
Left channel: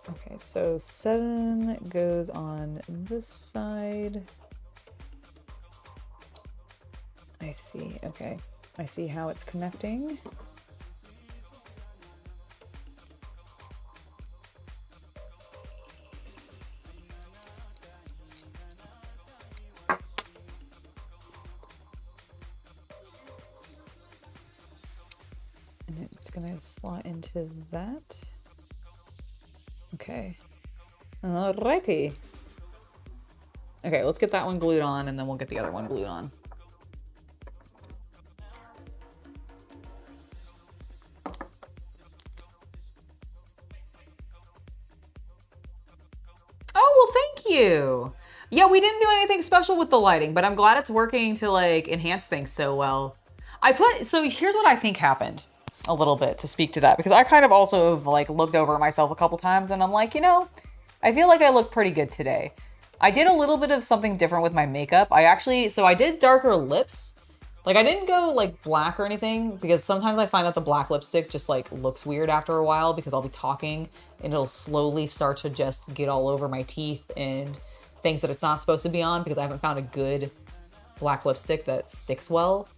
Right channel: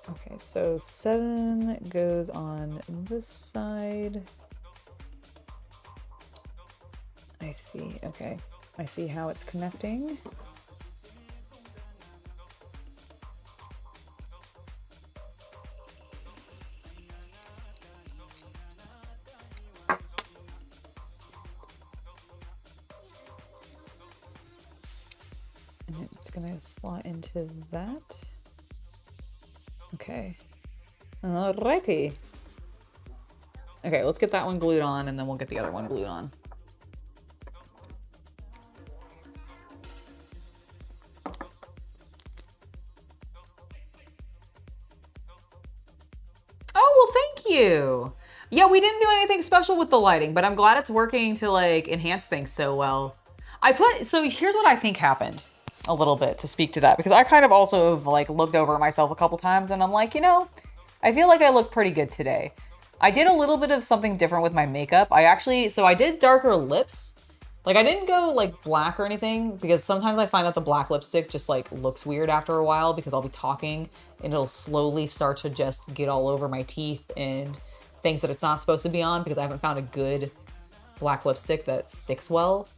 Okay, so 7 goes on this side. I see, okay. I see how it's connecting. And it's gonna slot into that. Okay. Alrighty. Okay, let's get that one glued on and then we'll get the other one glued on. You. Yeah, we didn't do anything special with the lighting, but I'm glad it's working to like enhance things so well. So here's what I think happened a little bit to speak to that, because I kind of also have like looked over myself a couple times and I'm like, you know, I feel like I look pretty good today. I did a little bit of something different with my makeup. So I did darker lips. Like I didn't go like black or anything because sometimes I find that the black lipstick just like looks weird after a while because I'll be talking and it'll slowly start to just get all over my teeth and things that it's not supposed to be on because I haven't found a good black lipstick that sticks well.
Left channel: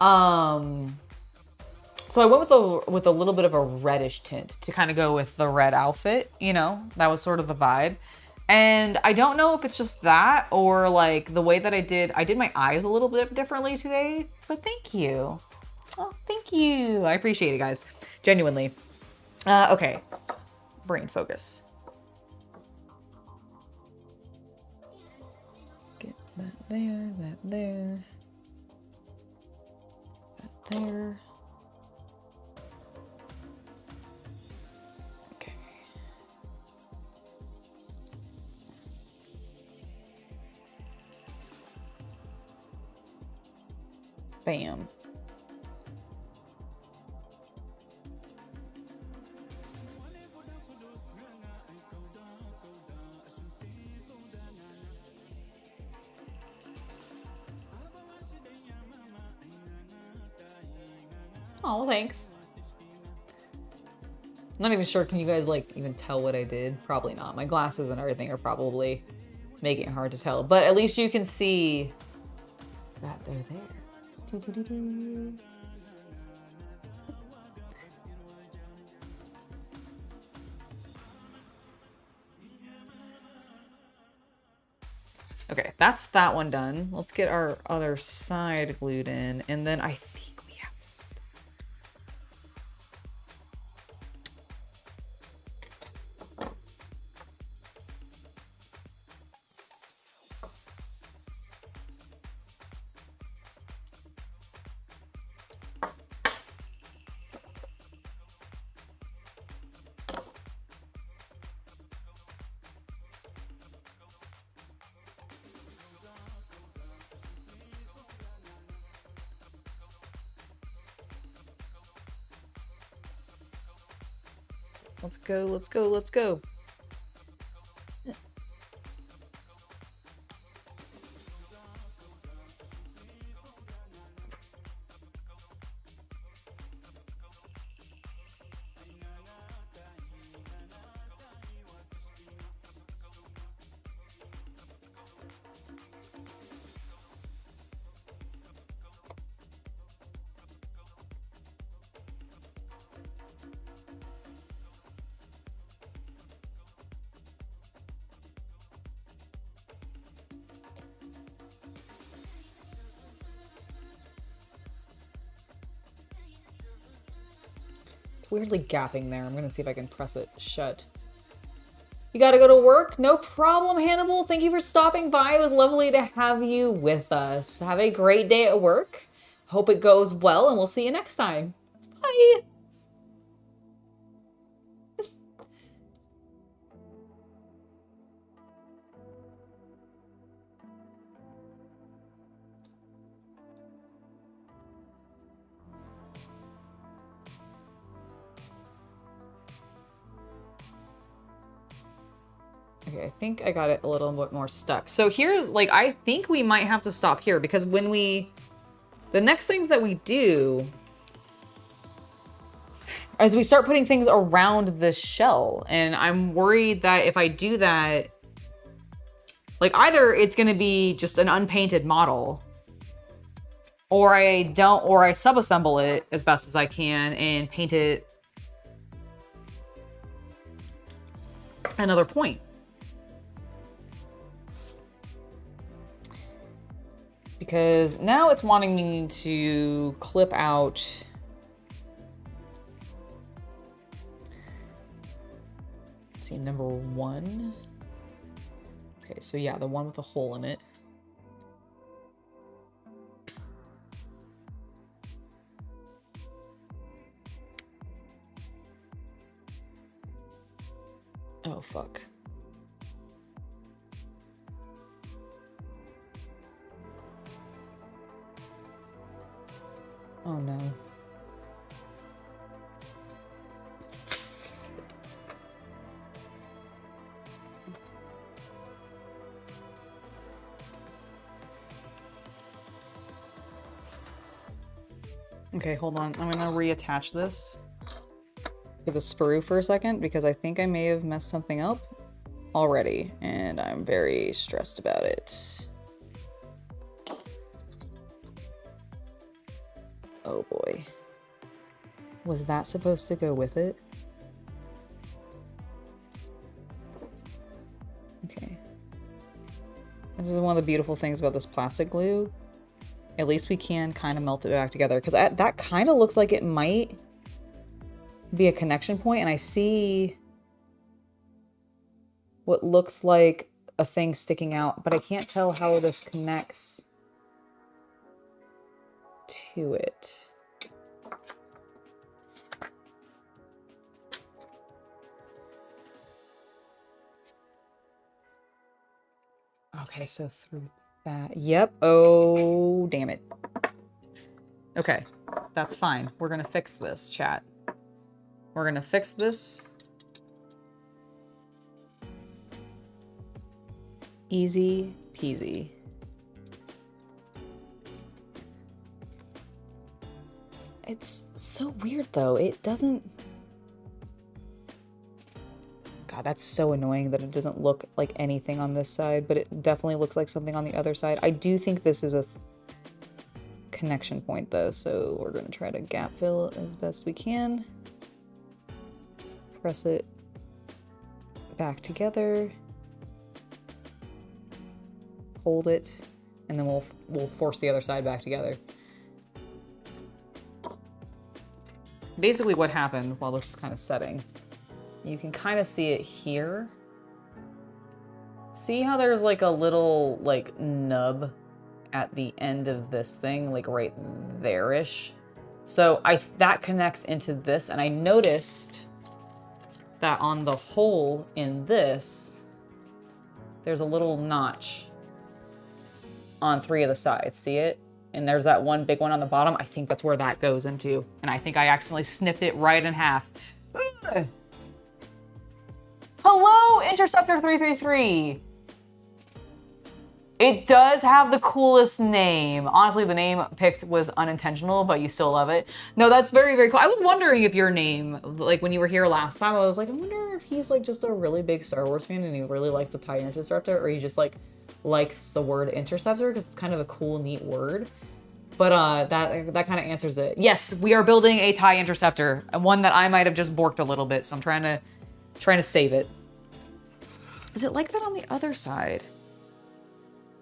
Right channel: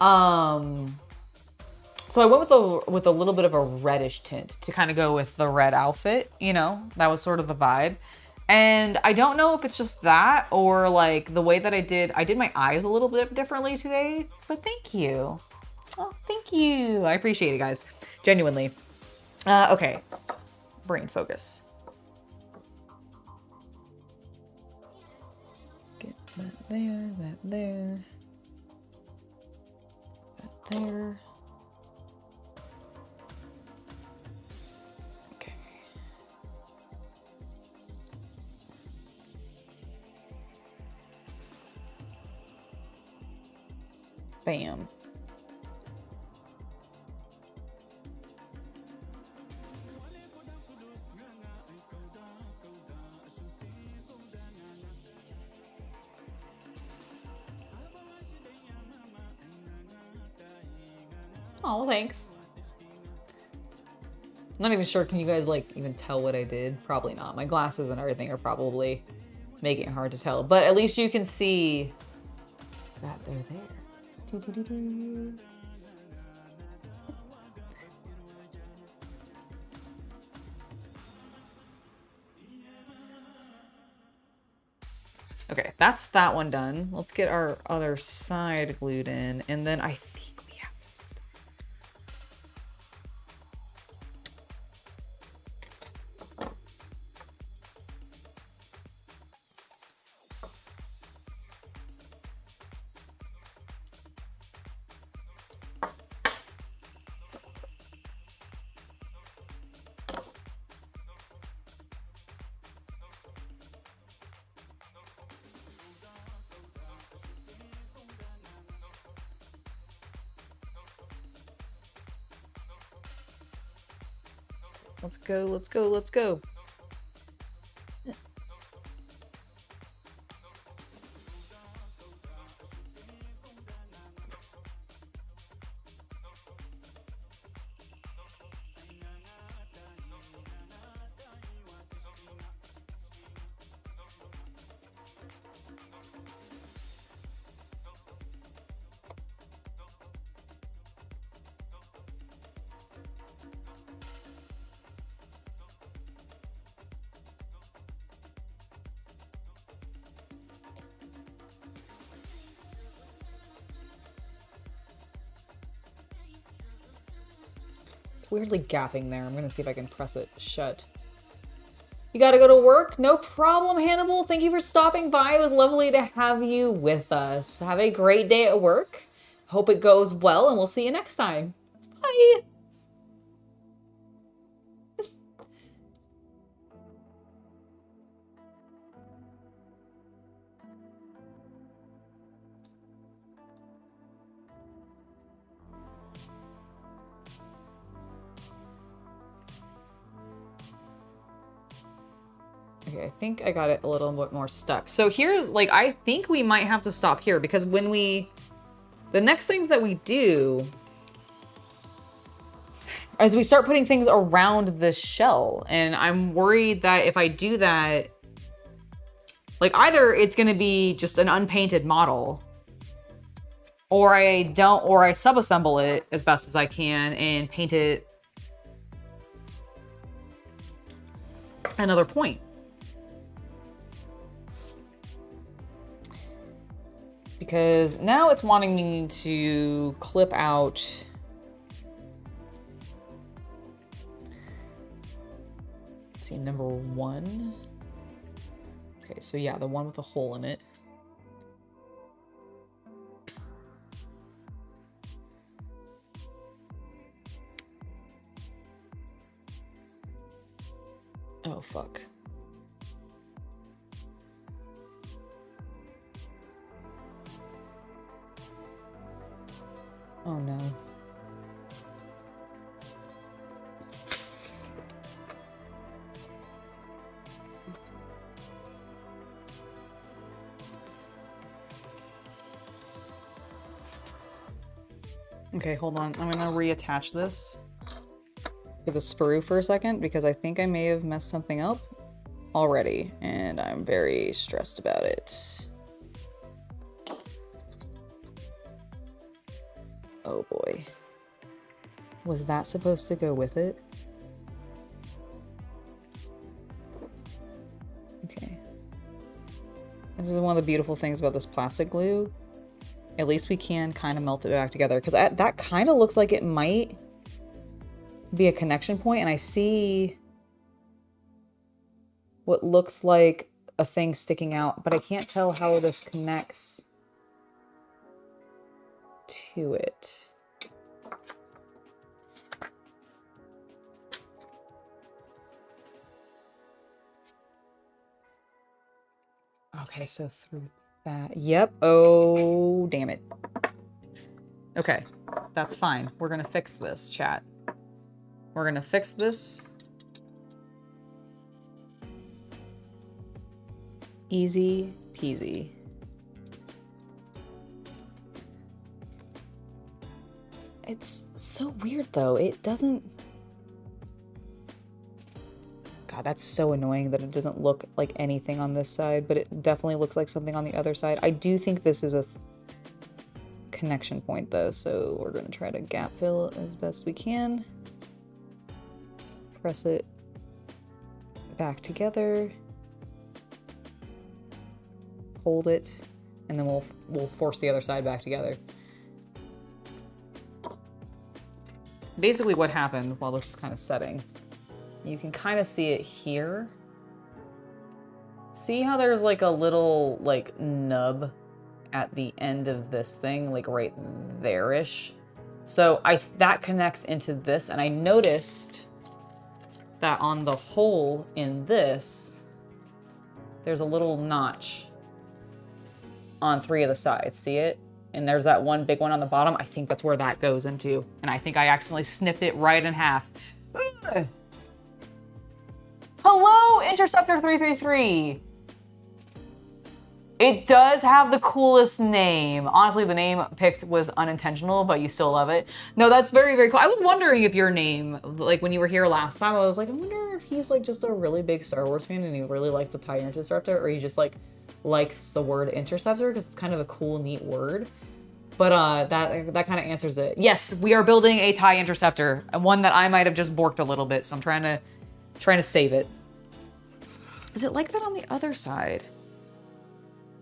So I went with a little bit of a reddish tint to kind of go with the red outfit, you know, that was sort of the vibe. And I don't know if it's just that or like the way that I did my eyes a little bit differently today, but thank you. Oh, thank you. I appreciate it, guys. Genuinely. Okay. Brain focus. Let's get that there, that there, that there. Bam. Oh, thanks. I'm not even sure, can you guys like even tell what I did? Probably not. My glasses and everything are probably making it hard to tell, but at least you can see that they're there. Okay, that's that one done. Let's get our other side glued in, and then I think we have to stop. Let's go, let's go, let's go. Weirdly gapping there. I'm gonna see if I can press it shut. You gotta go to work? No problem, Hannibal. Thank you for stopping by. It was lovely to have you with us. Have a great day at work. Hope it goes well, and we'll see you next time. Bye. Okay, I think I got it a little bit more stuck. So here's, like, I think we might have to stop here because when the next things that we do, as we start putting things around the shell, and I'm worried that if I do that, like either it's gonna be just an unpainted model, or I sub-assemble it as best as I can and paint it another point. Because now it's wanting me to clip out. Let's see, number 1. Okay, so yeah, the one with the hole in it. Oh, fuck. Oh no. Okay, hold on. I'm gonna reattach this to the sprue for a second because I think I may have messed something up already, and I'm very stressed about it. Oh boy. Was that supposed to go with it? Okay. This is one of the beautiful things about this plastic glue. At least we can kind of melt it back together, because that kind of looks like it might be a connection point, and I see what looks like a thing sticking out, but I can't tell how this connects to it. Okay, so through that. Yep. Oh, damn it. Okay, that's fine. We're gonna fix this, chat. We're gonna fix this. Easy peasy. It's so weird though. It doesn't... God, that's so annoying that it doesn't look like anything on this side, but it definitely looks like something on the other side. I do think this is a connection point though, so we're gonna try to gap fill as best we can. Press it back together. Hold it, and then we'll force the other side back together. Basically what happened while this is kind of setting, you can kind of see it here. See how there's like a little like nub at the end of this thing, like right there-ish? So that connects into this, and I noticed that on the hole in this, there's a little notch on 3 of the sides. See it? And there's that one big one on the bottom. I think that's where that goes into. And I think I accidentally snipped it right in half. Ugh. Hello, Interceptor 333. It does have the coolest name. Honestly, the name picked was unintentional, but you still love it. No, that's very, very cool. I was wondering if your name, like when you were here last time, I was like, I wonder if he's like just a really big Star Wars fan and he really likes the TIE Interceptor, or he just like likes the word interceptor because it's kind of a cool, neat word. But that kind of answers it. Yes, we are building a TIE Interceptor, and one that I might have just borked a little bit, so I'm trying to save it. Is it like that on the other side?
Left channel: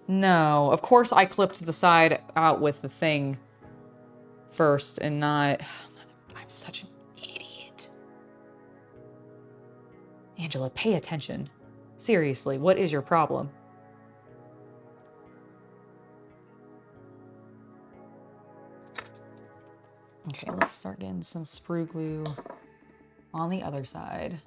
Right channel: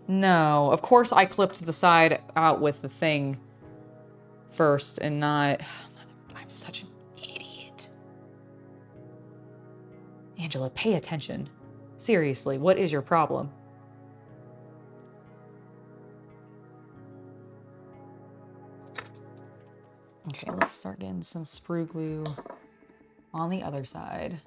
No, of course I clipped the side out with the thing first and not... I'm such an idiot. Angela, pay attention. Seriously, what is your problem? Okay, let's start getting some sprue glue on the other side.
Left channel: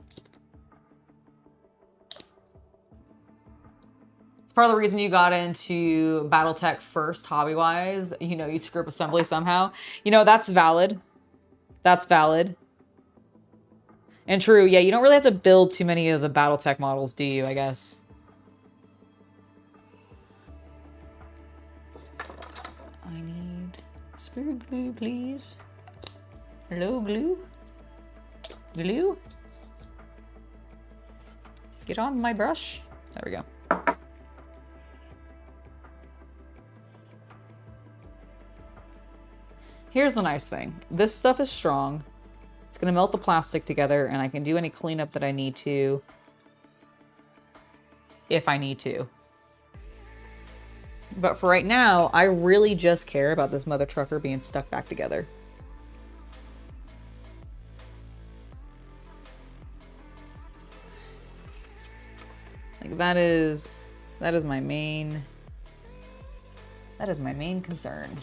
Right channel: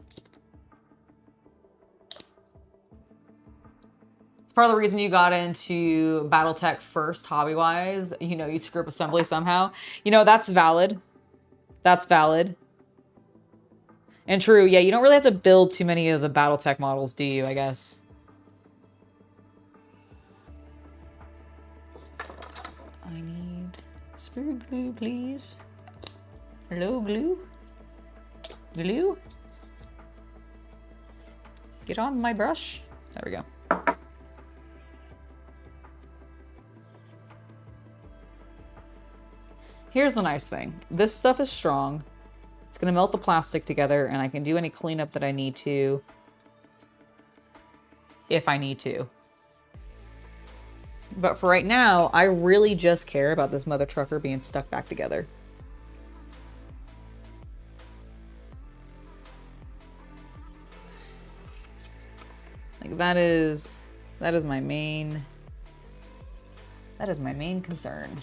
It's part of the reason you got into Battletech first, hobby-wise. You know, you'd screw up assembly somehow. You know, that's valid. That's valid. And true, yeah, you don't really have to build too many of the Battletech models, do you, I guess? I need sprue glue, please. Hello, glue? Glue? Get on my brush. There we go. Here's the nice thing. This stuff is strong. It's gonna melt the plastic together, and I can do any cleanup that I need to, if I need to. But for right now, I really just care about this mother trucker being stuck back together. Like that is my main concern.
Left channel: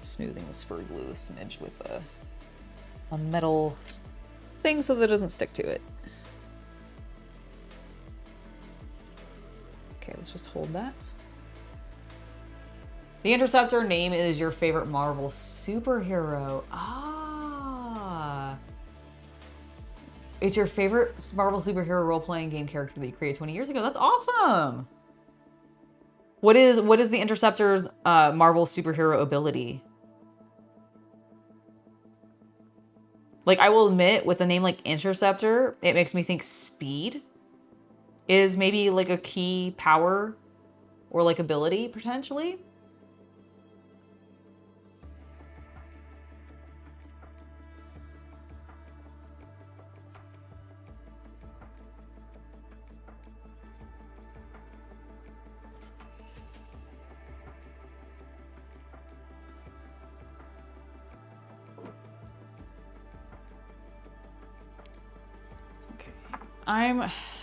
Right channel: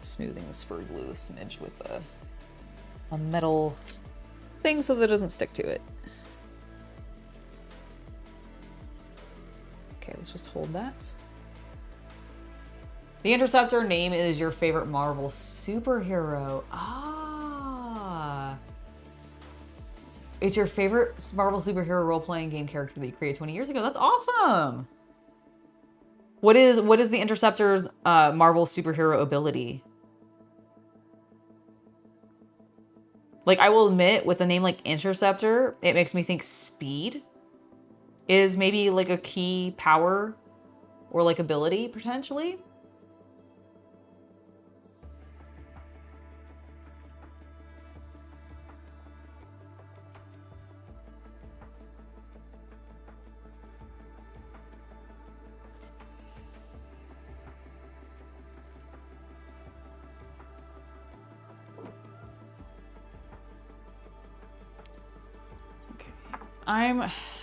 Smoothing the sprue glue a smidge with a metal thing so that it doesn't stick to it. Okay, let's just hold that. The Interceptor name is your favorite Marvel superhero. Ah. It's your favorite Marvel superhero role-playing game character that you created 20 years ago. That's awesome. What is the Interceptor's Marvel superhero ability? Like, I will admit, with a name like Interceptor, it makes me think speed is maybe like a key power or like ability, potentially.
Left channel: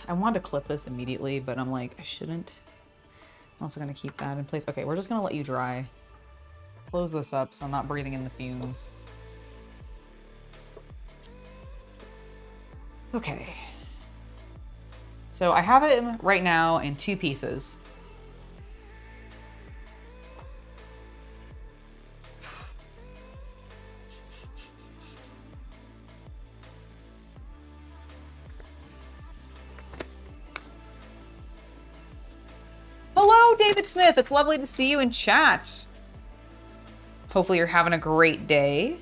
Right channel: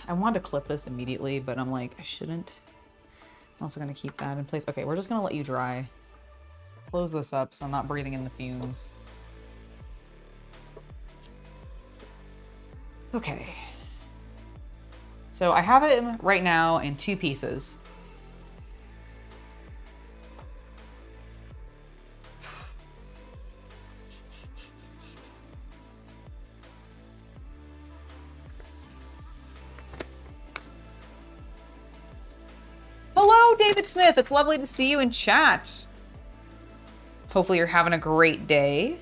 I wanted to clip this immediately, but I'm like, I shouldn't. I'm also gonna keep that in place. Okay, we're just gonna let you dry. Close this up so I'm not breathing in the fumes. Okay. So I have it right now in 2 pieces. Hello, David Smith. It's lovely to see you in chat. Hopefully you're having a great day.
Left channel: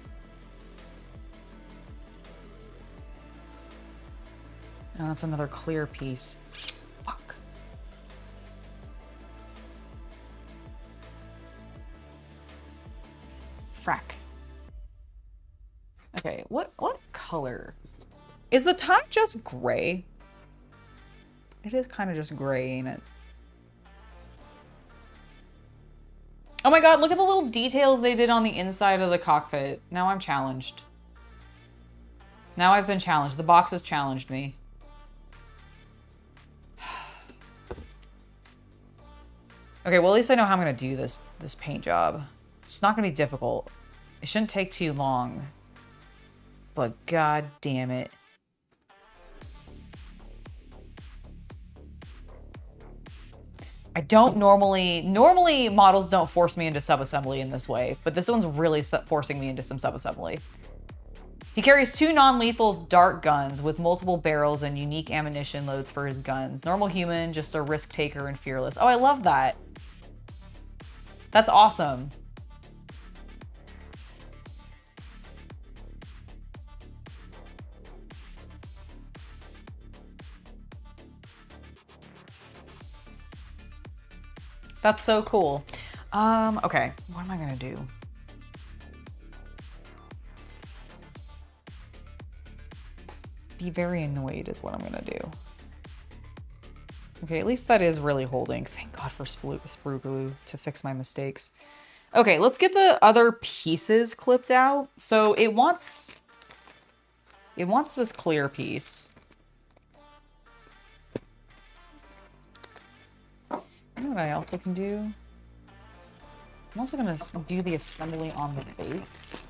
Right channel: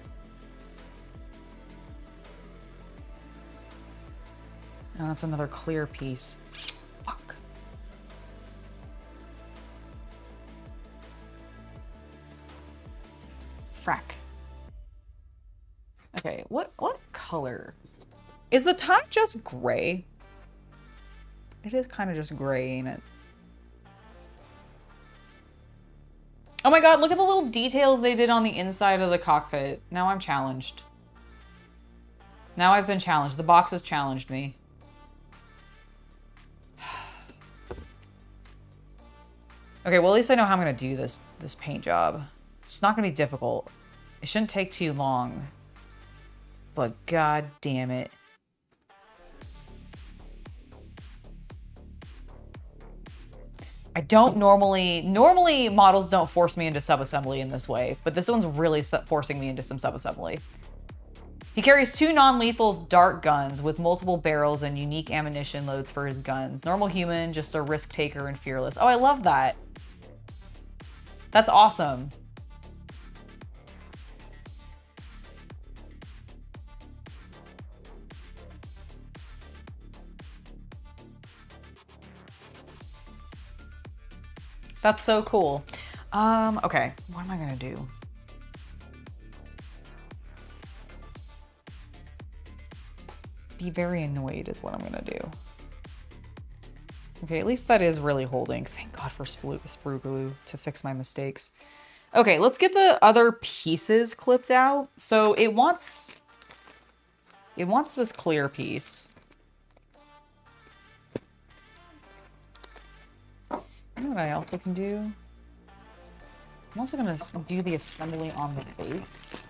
Oh, that's another clear piece. Fuck. Frack. Okay, what color? Is the tie just gray? It is kind of just gray, ain't it? Oh my god, look at the little details they did on the inside of the cockpit. Now I'm challenged. Now I've been challenged. The box has challenged me. Okay, well at least I know how I'm gonna do this paint job. It's not gonna be difficult. It shouldn't take too long. But god damn it. I don't normally models don't force me into subassembly in this way, but this one's really forcing me into some subassembly. He carries 2 non-lethal dart guns with multiple barrels and unique ammunition loads for his guns. Normal human, just a risk taker and fearless. Oh, I love that. That's awesome. That's so cool. Okay, what am I gonna do? Be very annoyed is what I'm gonna do. Okay, at least that is really holding. Thank God for sprue glue to fix my mistakes. Okay, let's get the other pieces clipped out. So it wants this clear piece. You know what I also can do? I'm also gonna do the assembly on the base.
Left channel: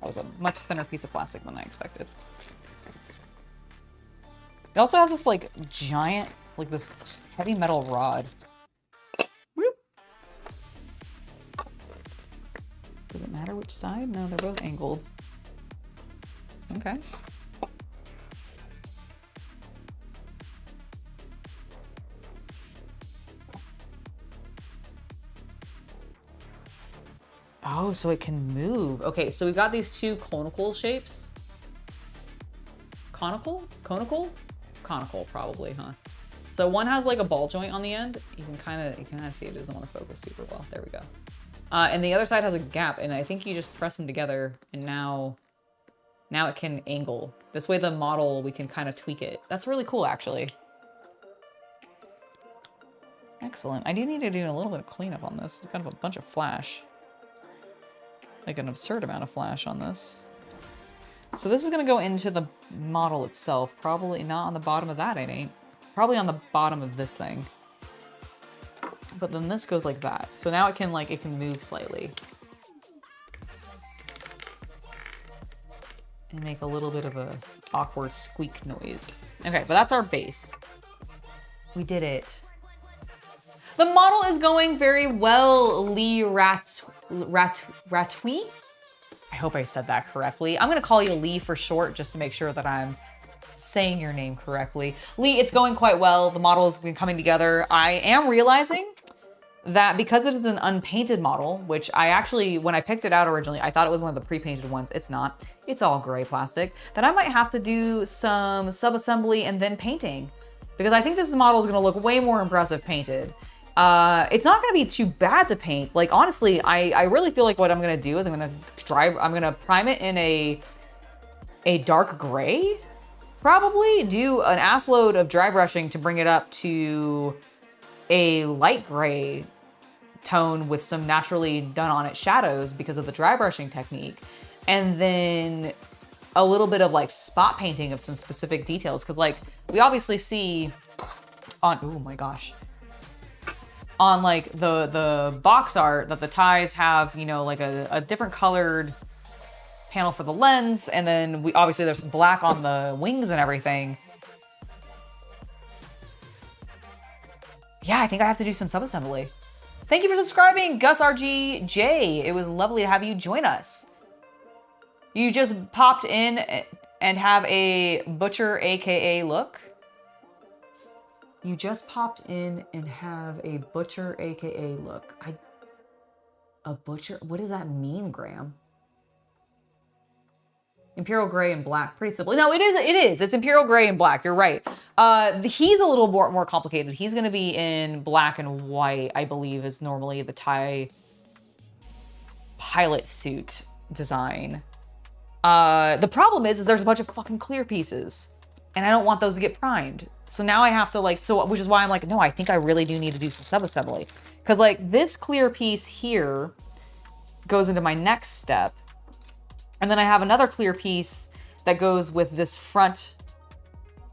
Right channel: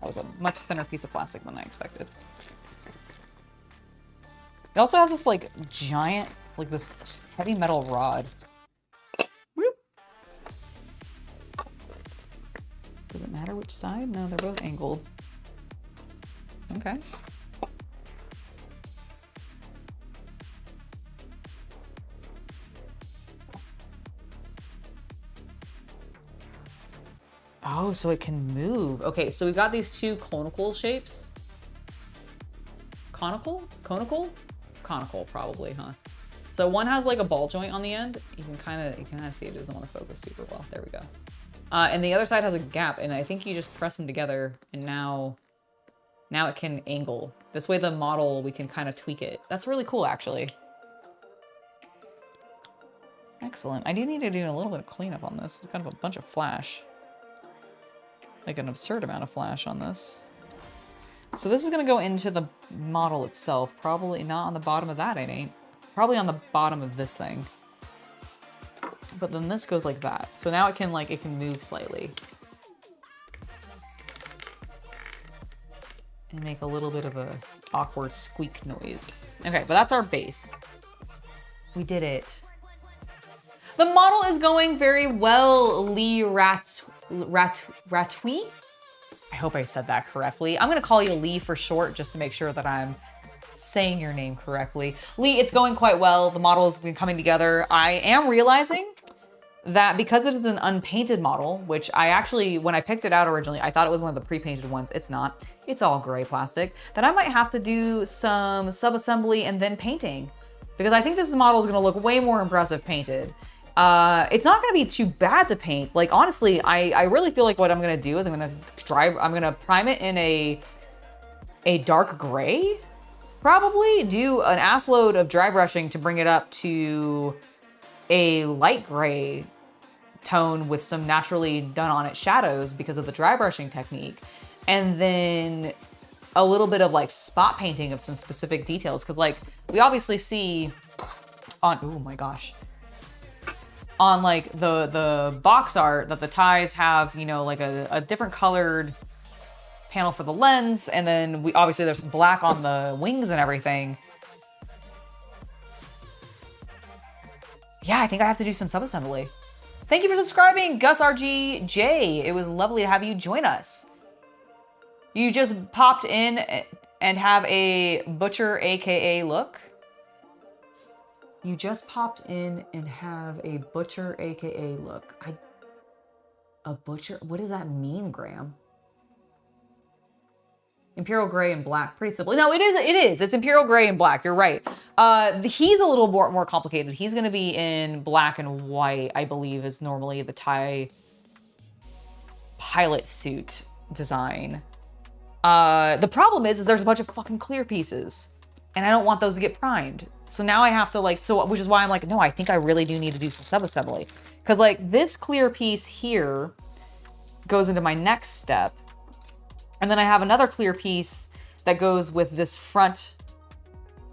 That was a much thinner piece of plastic than I expected. It also has this like giant, like this heavy metal rod. Whoop. Does it matter which side? No, they're both angled. Okay. Oh, so it can move. Okay, so we've got these 2 conical shapes. Conical? Conical? Conical, probably, huh? So one has like a ball joint on the end. You can kind of see it doesn't want to focus super well. There we go. And the other side has a gap, and I think you just press them together, and now it can angle. This way the model, we can kind of tweak it. That's really cool, actually. Excellent. I do need to do a little bit of cleanup on this. It's kind of a bunch of flash. Like an absurd amount of flash on this. So this is gonna go into the model itself. Probably not on the bottom of that, it ain't. Probably on the bottom of this thing. But then this goes like that. So now it can move slightly. And make a little bit of a awkward squeak noise. Okay, but that's our base. We did it. The model is going very well, Lee Ratui? I hope I said that correctly. I'm gonna call you Lee for short just to make sure that I'm saying your name correctly. Lee, it's going quite well. The model's been coming together. I am realizing that because it is an unpainted model, which I actually, when I picked it out originally, I thought it was one of the pre-painted ones. It's not. It's all gray plastic. That I might have to do some sub-assembly and then painting, because I think this model is going to look way more impressive painted. It's not going to be too bad to paint. Like, honestly, I really feel like what I'm going to do is I'm going to prime it in a dark gray, probably do an ass load of dry brushing to bring it up to a light gray tone with some naturally done on it shadows because of the dry brushing technique. And then a little bit of like spot painting of some specific details. Cause like we obviously see on, oh my gosh, on like the box art that the ties have, you know, like a different colored panel for the lens. And then we obviously there's black on the wings and everything. Yeah, I think I have to do some sub-assembly. Thank you for subscribing, Gus RGJ. It was lovely to have you join us. You just popped in and have a butcher AKA look. You just popped in and have a butcher AKA look. A butcher? What does that mean, Graham? Imperial gray and black, pretty simple. No, it is. It's imperial gray and black. You're right. He's a little more complicated. He's going to be in black and white, I believe, is normally the TIE pilot suit design. The problem is there's a bunch of fucking clear pieces, and I don't want those to get primed. So now I have to which is why I'm like, no, I think I really do need to do some sub-assembly, because like this clear piece here goes into my next step. And then I have another clear piece that goes with this front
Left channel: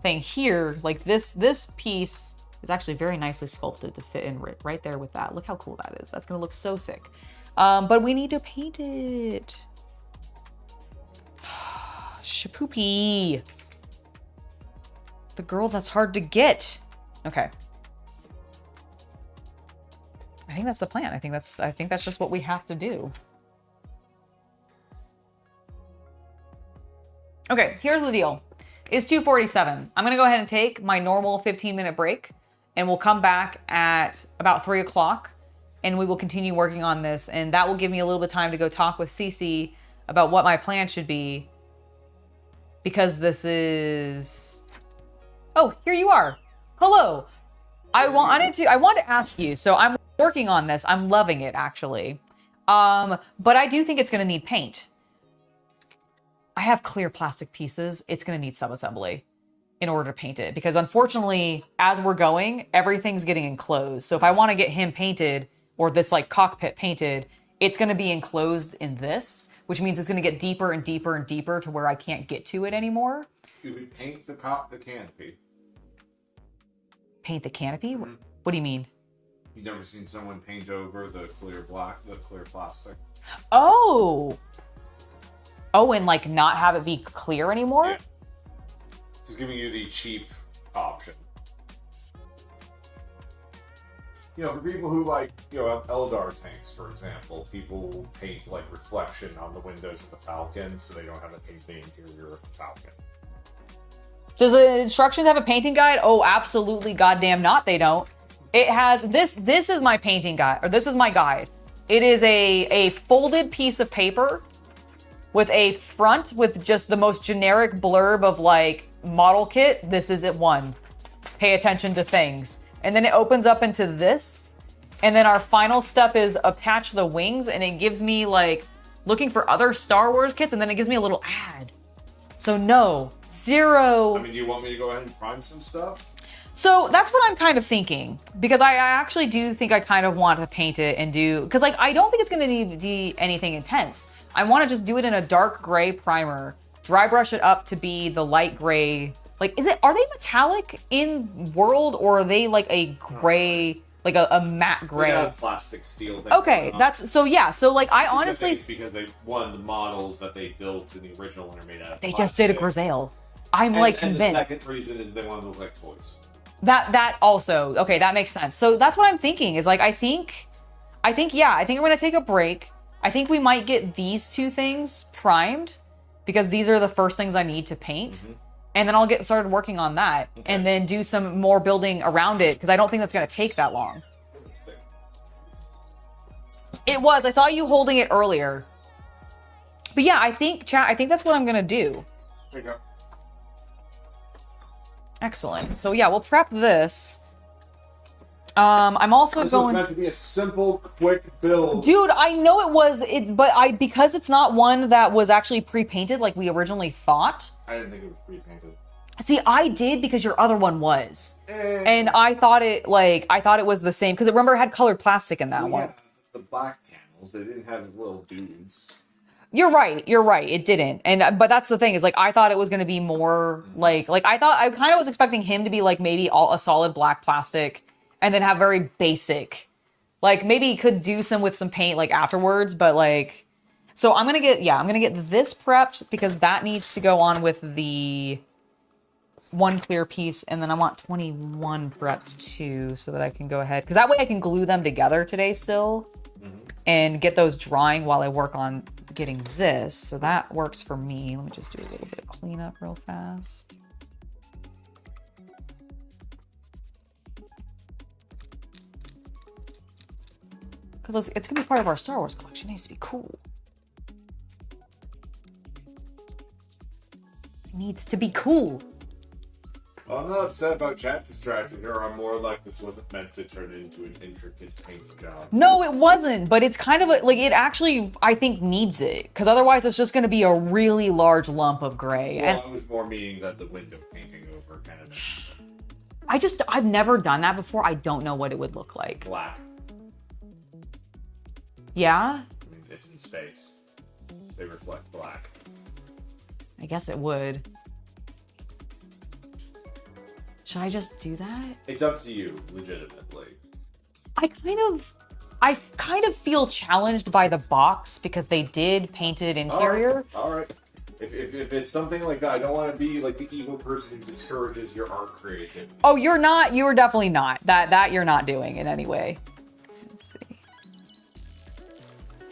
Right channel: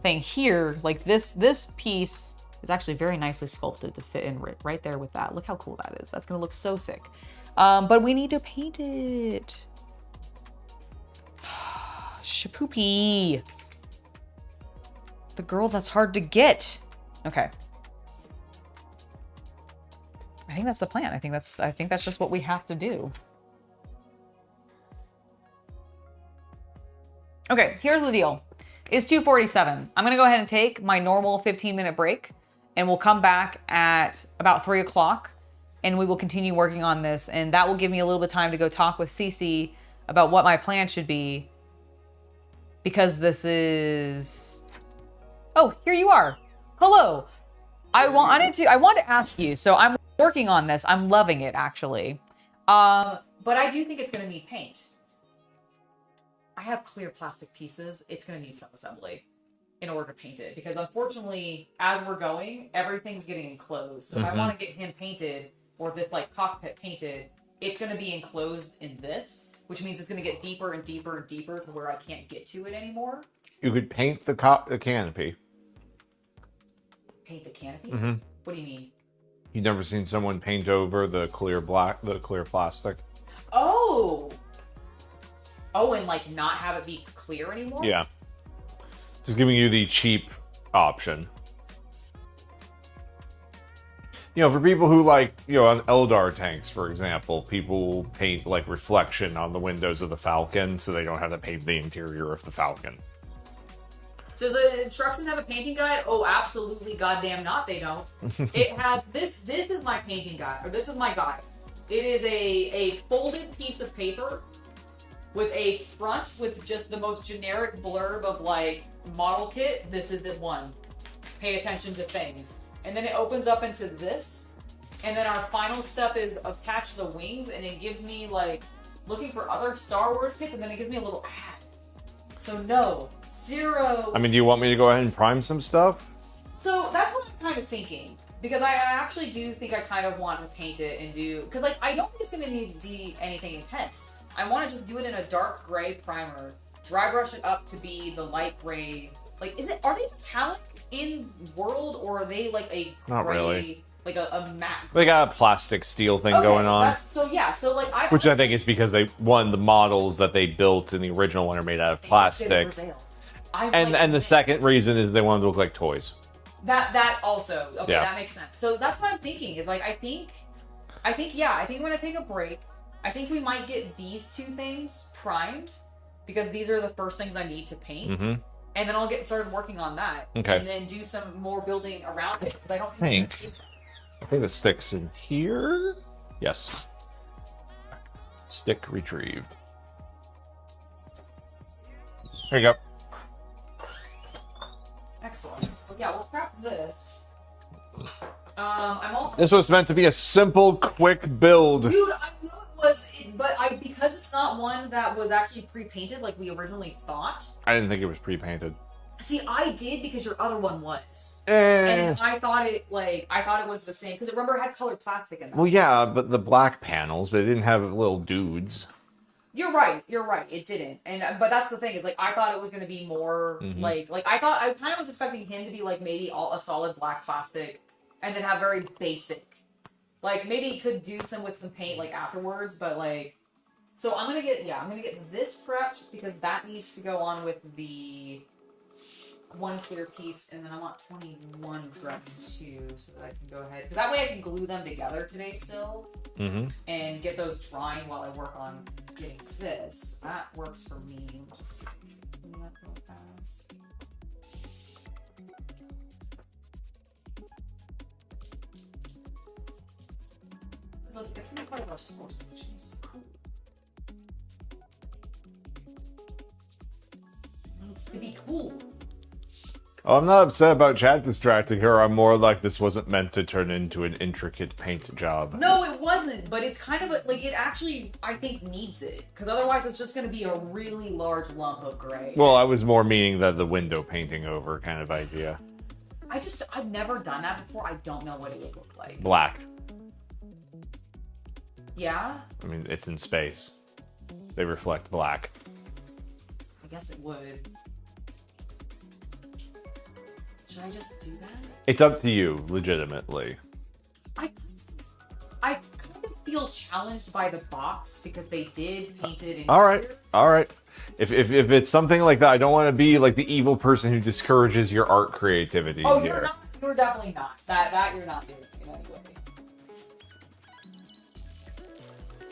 thing here. Like this piece is actually very nicely sculpted to fit in right there with that. Look how cool that is. That's gonna look so sick. But we need to paint it. Shapoopy. The girl that's hard to get. Okay. I think that's the plan. I think that's just what we have to do. Okay, here's the deal. It's 2:47. I'm gonna go ahead and take my normal 15-minute break, and we'll come back at about 3 o'clock, and we will continue working on this, and that will give me a little bit of time to go talk with Cece about what my plan should be, because this is... Oh, here you are. Hello. I wanted to ask you, so I'm working on this. I'm loving it, actually. But I do think it's gonna need paint. I have clear plastic pieces. It's going to need sub-assembly in order to paint it, because unfortunately, as we're going, everything's getting enclosed. So if I want to get him painted, or this like cockpit painted, it's going to be enclosed in this, which means it's going to get deeper and deeper and deeper to where I can't get to it anymore. You could paint the canopy. Paint the canopy? What do you mean? You've never seen someone paint over the clear plastic? Oh, and like not have it be clear anymore? Yeah. Just giving you the cheap option. You know, for people who like, you know, on Eldar tanks, for example, people paint like reflection on the windows of the Falcon so they don't have to paint the interior of the Falcon. Does the instructions have a painting guide? Oh, absolutely goddamn not, they don't. It has, this is my painting guide, or this is my guide. It is a folded piece of paper with a front with just the most generic blurb of like model kit. This is it one. Pay attention to things. And then it opens up into this. And then our final step is attach the wings, and it gives me like looking for other Star Wars kits, and then it gives me a little ad. So no, zero. I mean, do you want me to go ahead and prime some stuff? So that's what I'm kind of thinking, because I actually do think I kind of want to paint it and do, because like I don't think it's going to need anything intense. I want to just do it in a dark gray primer, dry brush it up to be the light gray. Like, are they metallic in world, or are they like a gray, like a matte gray? They got a plastic steel thing going on. So like I honestly... Which I think is because the models that they built in the original one are made out of plastic. They just did it Brazil. And the second reason is they wanted to look like toys. That also, okay, yeah. That makes sense. So that's what I'm thinking, is like, I think I'm going to take a break. I think we might get these two things primed, because these are the first things I need to paint. and then I'll get started working on that, and then do some more building around it, because I don't think that's going to take that long. I think the stick's in here. Yes. It was. I saw you holding it earlier. Stick retrieved. But yeah, I think, chat, I think that's what I'm going to do. There you go. Excellent. So yeah, we'll prep this. I'm also So it's meant to be a simple, quick build. Dude, I know it was, but because it's not one that was actually pre-painted like we originally thought. I didn't think it was pre-painted. See, I did because your other one was. And I thought it was the same, because remember it had colored plastic in that one. Yeah, but the black panels, but it didn't have little dudes. You're right. It didn't. But that's the thing, is like I thought it was going to be more like I kind of was expecting him to be like maybe all a solid black plastic and then have very basic, like maybe could do some with some paint like afterwards, but like, so I'm going to get this prepped because that needs to go on with the one clear piece, and then I want 21 prepped too, so that I can go ahead, because that way I can glue them together today still and get those drying while I work on getting this. So that works for me. Let me just do a little bit of cleanup real fast. Because it's going to be part of our Star Wars collection. It needs to be cool. It needs to be cool. Oh, I'm not upset about chat distracting her. I'm more like this wasn't meant to turn into an intricate paint job. No, it wasn't. But it's kind of like it actually, I think, needs it. Because otherwise it's just going to be a really large lump of gray. Well, I was more meaning the window painting over kind of idea. I've never done that before. I don't know what it would look like. Black. Yeah? I mean, it's in space. They reflect black. I guess it would. Should I just do that? It's up to you, legitimately. I kind of feel challenged by the box because they did paint it interior. All right. If it's something like that, I don't want to be like the evil person who discourages your art creativity. Oh, you're not. You are definitely not. That you're not doing in any way. Let's see.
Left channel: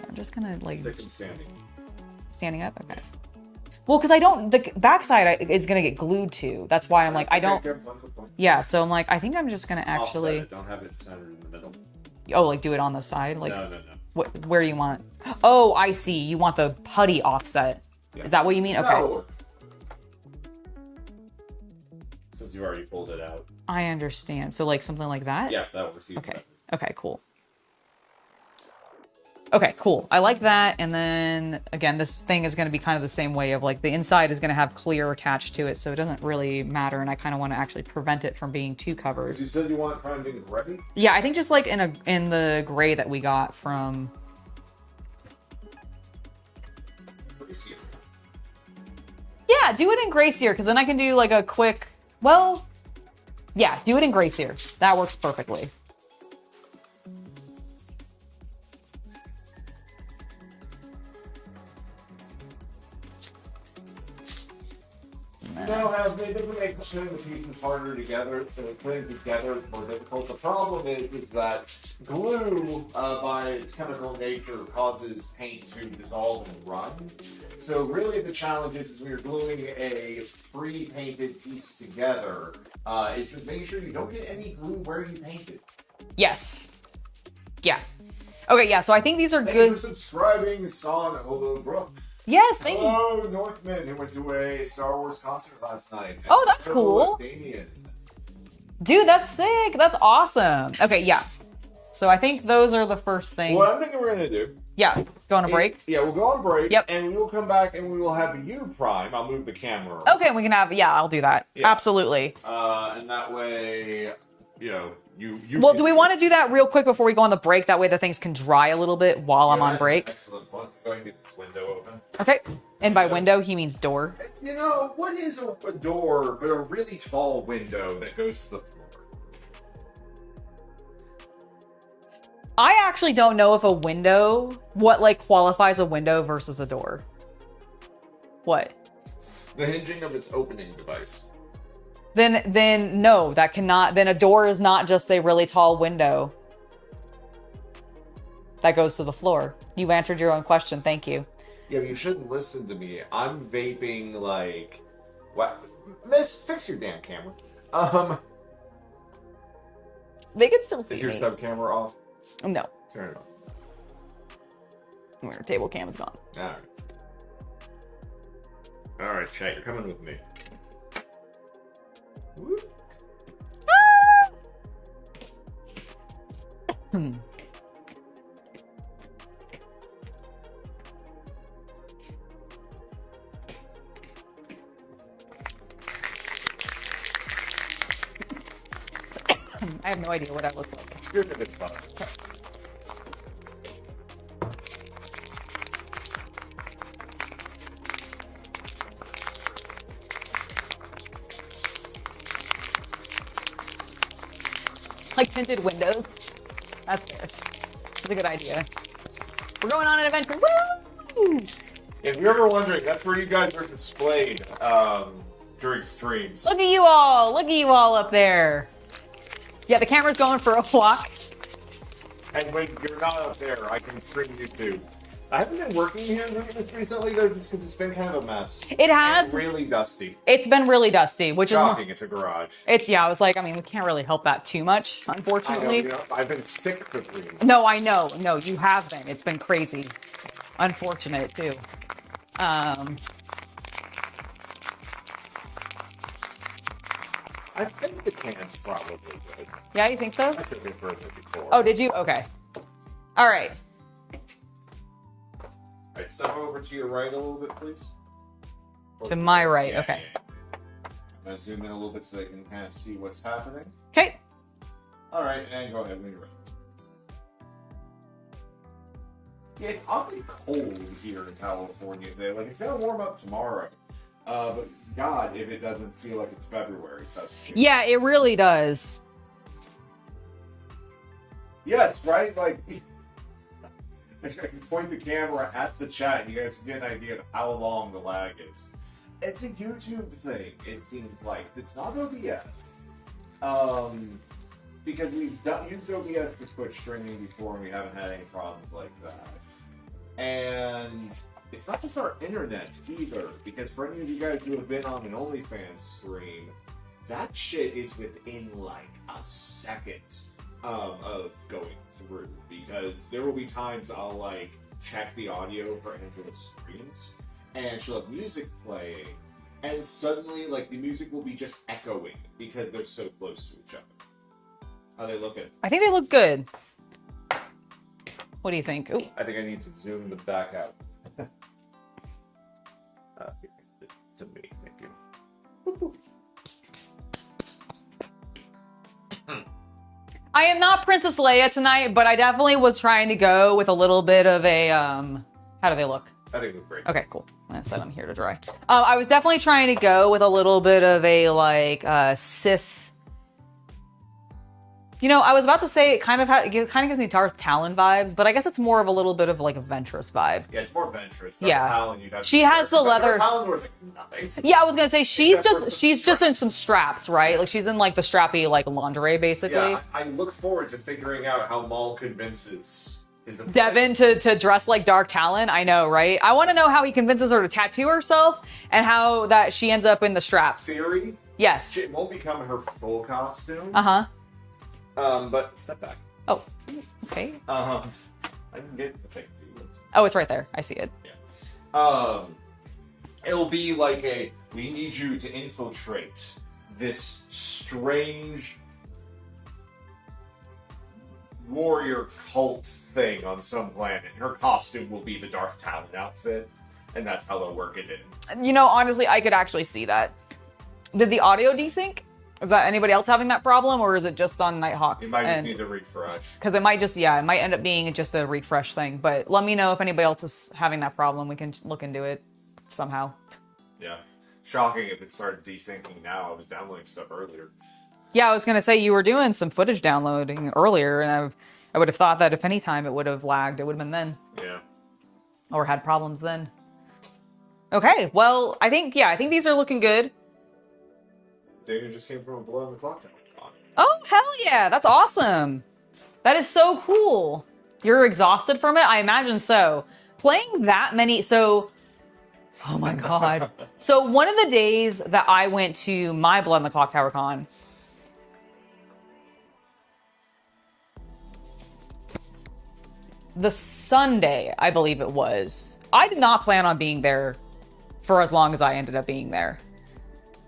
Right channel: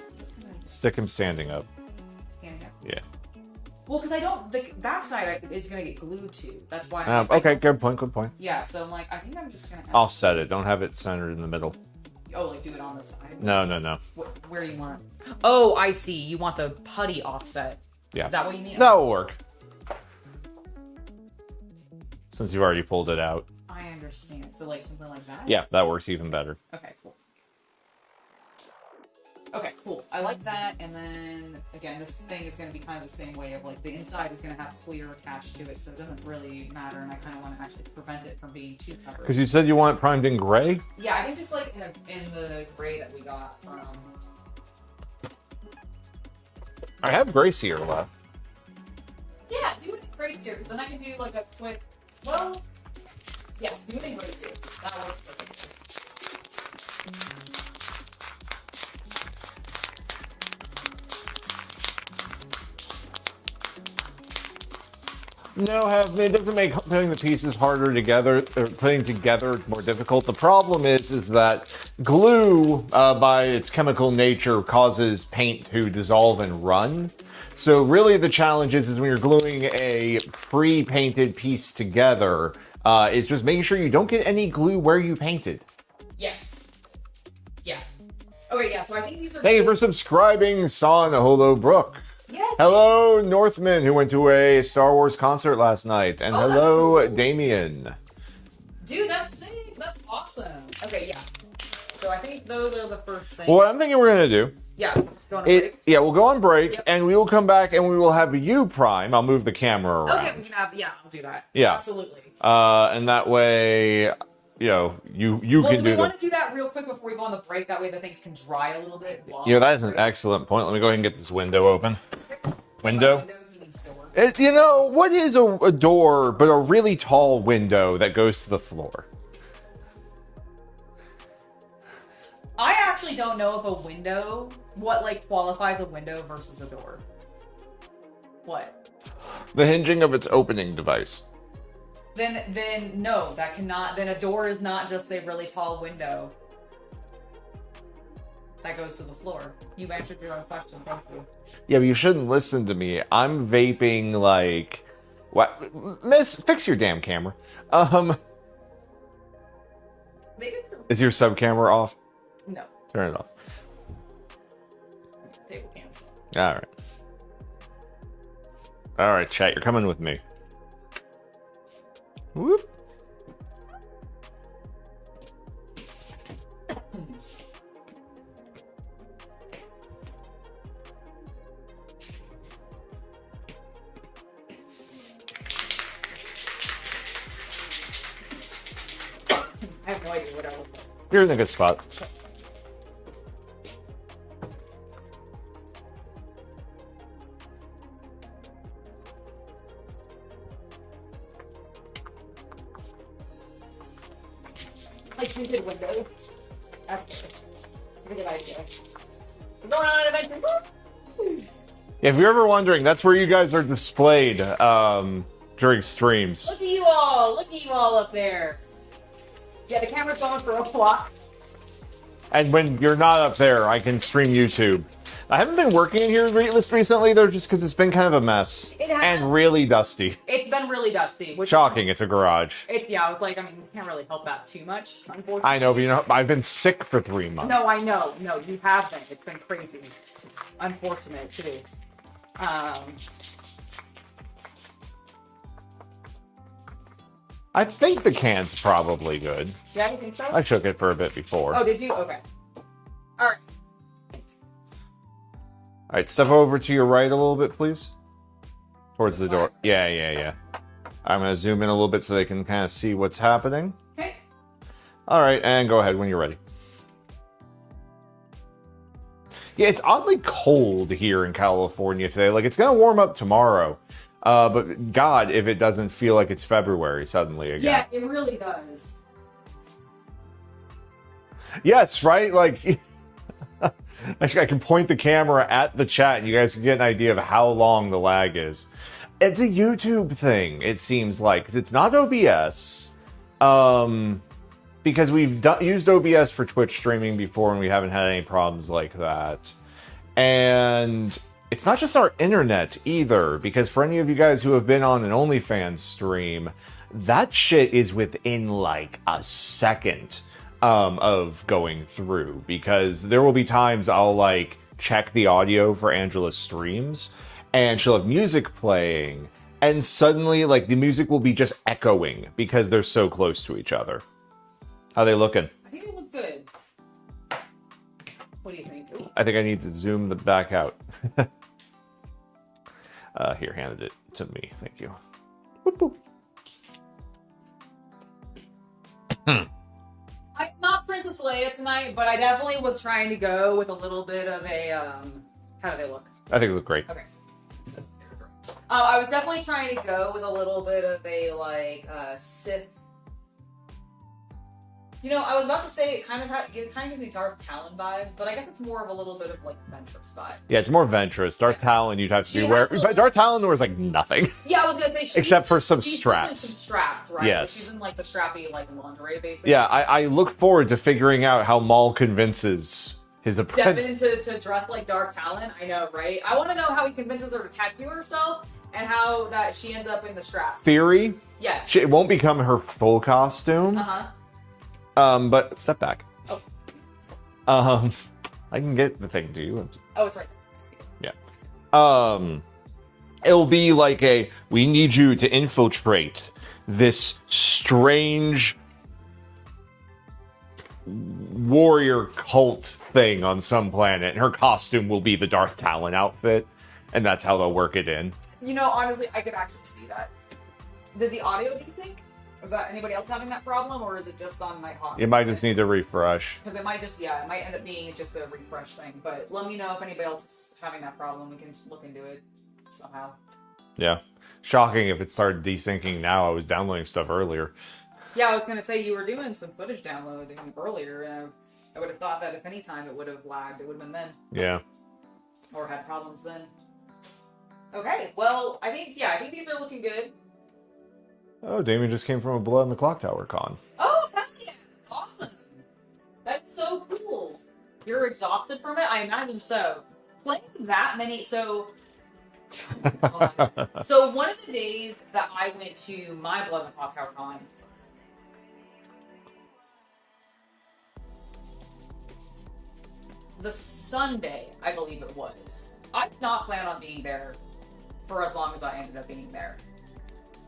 I'm just gonna like stick him standing up. Standing up. Okay. Yeah. Well, because the backside is gonna get glued to. That's why I'm like, okay, I don't. Good point. Yeah, so I'm like, I think I'm just gonna actually offset it. Don't have it centered in the middle. Oh, like do it on the side? Like, no. Where do you want? Oh, I see. You want the putty offset. Yeah. Is that what you mean? Okay. That'll work. Since you've already pulled it out. I understand. So like something like that? Yeah, that works even better. Okay, cool. Okay, cool. I like that. And then again, this thing is going to be kind of the same way of like the inside is going to have clear attached to it, so it doesn't really matter. And I kind of want to actually prevent it from being too covered. Because you said you want it primed in gray? Yeah, I think just like in the gray that we got from. I have gray sear left. Yeah, do it in gray sear, because then I can do like a quick. Well, yeah, do it in gray sear. That works perfectly. You know, it doesn't make putting the pieces harder together, or putting together more difficult. The problem is that glue, by its chemical nature, causes paint to dissolve and run. So really the challenge is when you're gluing a pre-painted piece together, is just making sure you don't get any glue where you painted. Yes. Yeah. Okay, yeah, so I think these are Thank good. you for subscribing, Son Holo Brook. Yes. Hello, Northman, who went to a Star Wars concert last night. And that's hello, cool. Damien. Dude, that's sick. That's awesome. Okay, yeah. So I think those are the first things. Well, what I'm thinking we're going to do... Yeah, go on a break. Yeah, we'll go on break, Yep. and we will come back, and we will have you prime. I'll move the camera around. Okay, we can have, yeah, I'll do that. Yeah. Absolutely. And that way, you know, you Well, can do we want to do that real quick before we go on the break? That way the things can dry a little bit while I'm on that's break. an excellent point. Let me go ahead and get this window open. Okay. And by Window? window, he means door. You know, what is a door but a really tall window that goes to the floor? I actually don't know if a window, what like qualifies a window versus a door. What? The hinging of its opening device. Then no, that cannot, then a door is not just a really tall window that goes to the floor. You answered your own question, thank you. Yeah, but you shouldn't listen to me. I'm vaping like What? Miss, fix your damn camera. They can still see Is your me. sub camera off? No. Turn it off. Your table cam is gone. All right. All right, chat. You're coming with me. Whoop. I have no idea what I look like. You're in a good spot. Like tinted windows. That's good. That's a good idea. We're going on an adventure. Woo! Yeah, if you're ever wondering, that's where you guys are displayed during streams. Look at you all. Look at you all up there. Yeah, the camera's going for a walk. And when you're not up there, I can stream YouTube. I haven't been working in here recently, though, just because it's been kind of a mess. It has. And really dusty. It's been really dusty, which Shocking, is... it's a garage. Yeah, I was like, I mean, we can't really help that too much, unfortunately. I know, but you know, I've been sick for 3 months. No, I know. No, you have been. It's been crazy. Unfortunate, too. I think the can's probably good. Yeah, you think so? I shook it for a bit before. Oh, did you? Okay. All right. All right, step over to your right a little bit, please. Towards To the my door. right, Yeah, okay. yeah. I'm going to zoom in a little bit so they can kind of see what's happening. Okay. All right, and go ahead when you're ready. Yeah, it's oddly cold here in California today. Like, it's going to warm up tomorrow. But God, if it doesn't feel like it's February suddenly again. Yeah, it really does. Yes, right? Like, I can point the camera at the chat and you guys can get an idea of how long the lag is. It's a YouTube thing, it seems like, because it's not OBS. Because we've used OBS for Twitch streaming before and we haven't had any problems like that. And it's not just our internet either, because for any of you guys who have been on an OnlyFans stream, that shit is within like a second of going through, because there will be times I'll like check the audio for Angela's streams and she'll have music playing and suddenly like the music will be just echoing because they're so close to each other. How they looking? I think they look good. What do you think? Ooh. I think I need to zoom the back out. Here, handed it to me. Thank you. Boop, boop. I am not Princess Leia tonight, but I definitely was trying to go with a little bit of a, how do they look? I think it looked great. Okay, cool. I said I'm here to dry. I was definitely trying to go with a little bit of a, like, Sith. You know, I was about to say it kind of gives me Darth Talon vibes, but I guess it's more of a little bit of like a Ventress vibe. Yeah, it's more Ventress. Darth Yeah. Talon, you'd have to She be has the but leather- Darth Talon wears like nothing. Yeah, I was gonna say she's Except for some just in straps. some straps, right? Like Yes. she's in like the strappy like lingerie basically. Yeah, I look forward to figuring out how Maul convinces his apprentice. Devin to dress like Dark Talon. I know, right? I want to know how he convinces her to tattoo herself and how that she ends up in the straps. Theory, Yes. it won't become her full costume. Uh-huh. But step back. Oh, okay. I can get the thing to you. Oh, it's right there. I see it. Yeah. It'll be like we need you to infiltrate this strange warrior cult thing on some planet. And her costume will be the Darth Talon outfit. And that's how they'll work it in. You know, honestly, I could actually see that. Did the audio desync? Is that anybody else having that problem, or is it just on Nighthawks? You might just need to refresh. Because it might just, it might end up being just a refresh thing. But let me know if anybody else is having that problem. We can look into it somehow. Yeah. Shocking if it started desyncing now. I was downloading stuff earlier. Yeah, I was going to say you were doing some footage downloading earlier, and I would have thought that if any time it would have lagged, it would have been then. Yeah. Or had problems then. Okay, well, I think these are looking good. Oh, Damien just came from a Blood on the Clock Tower con. Oh, hell yeah, that's awesome. That is so cool. You're exhausted from it? I imagine so. Playing that many, so Oh my God. So one of the days that I went to my Blood in the Clock Tower Con, the Sunday, I believe it was, I did not plan on being there for as long as I ended up being there.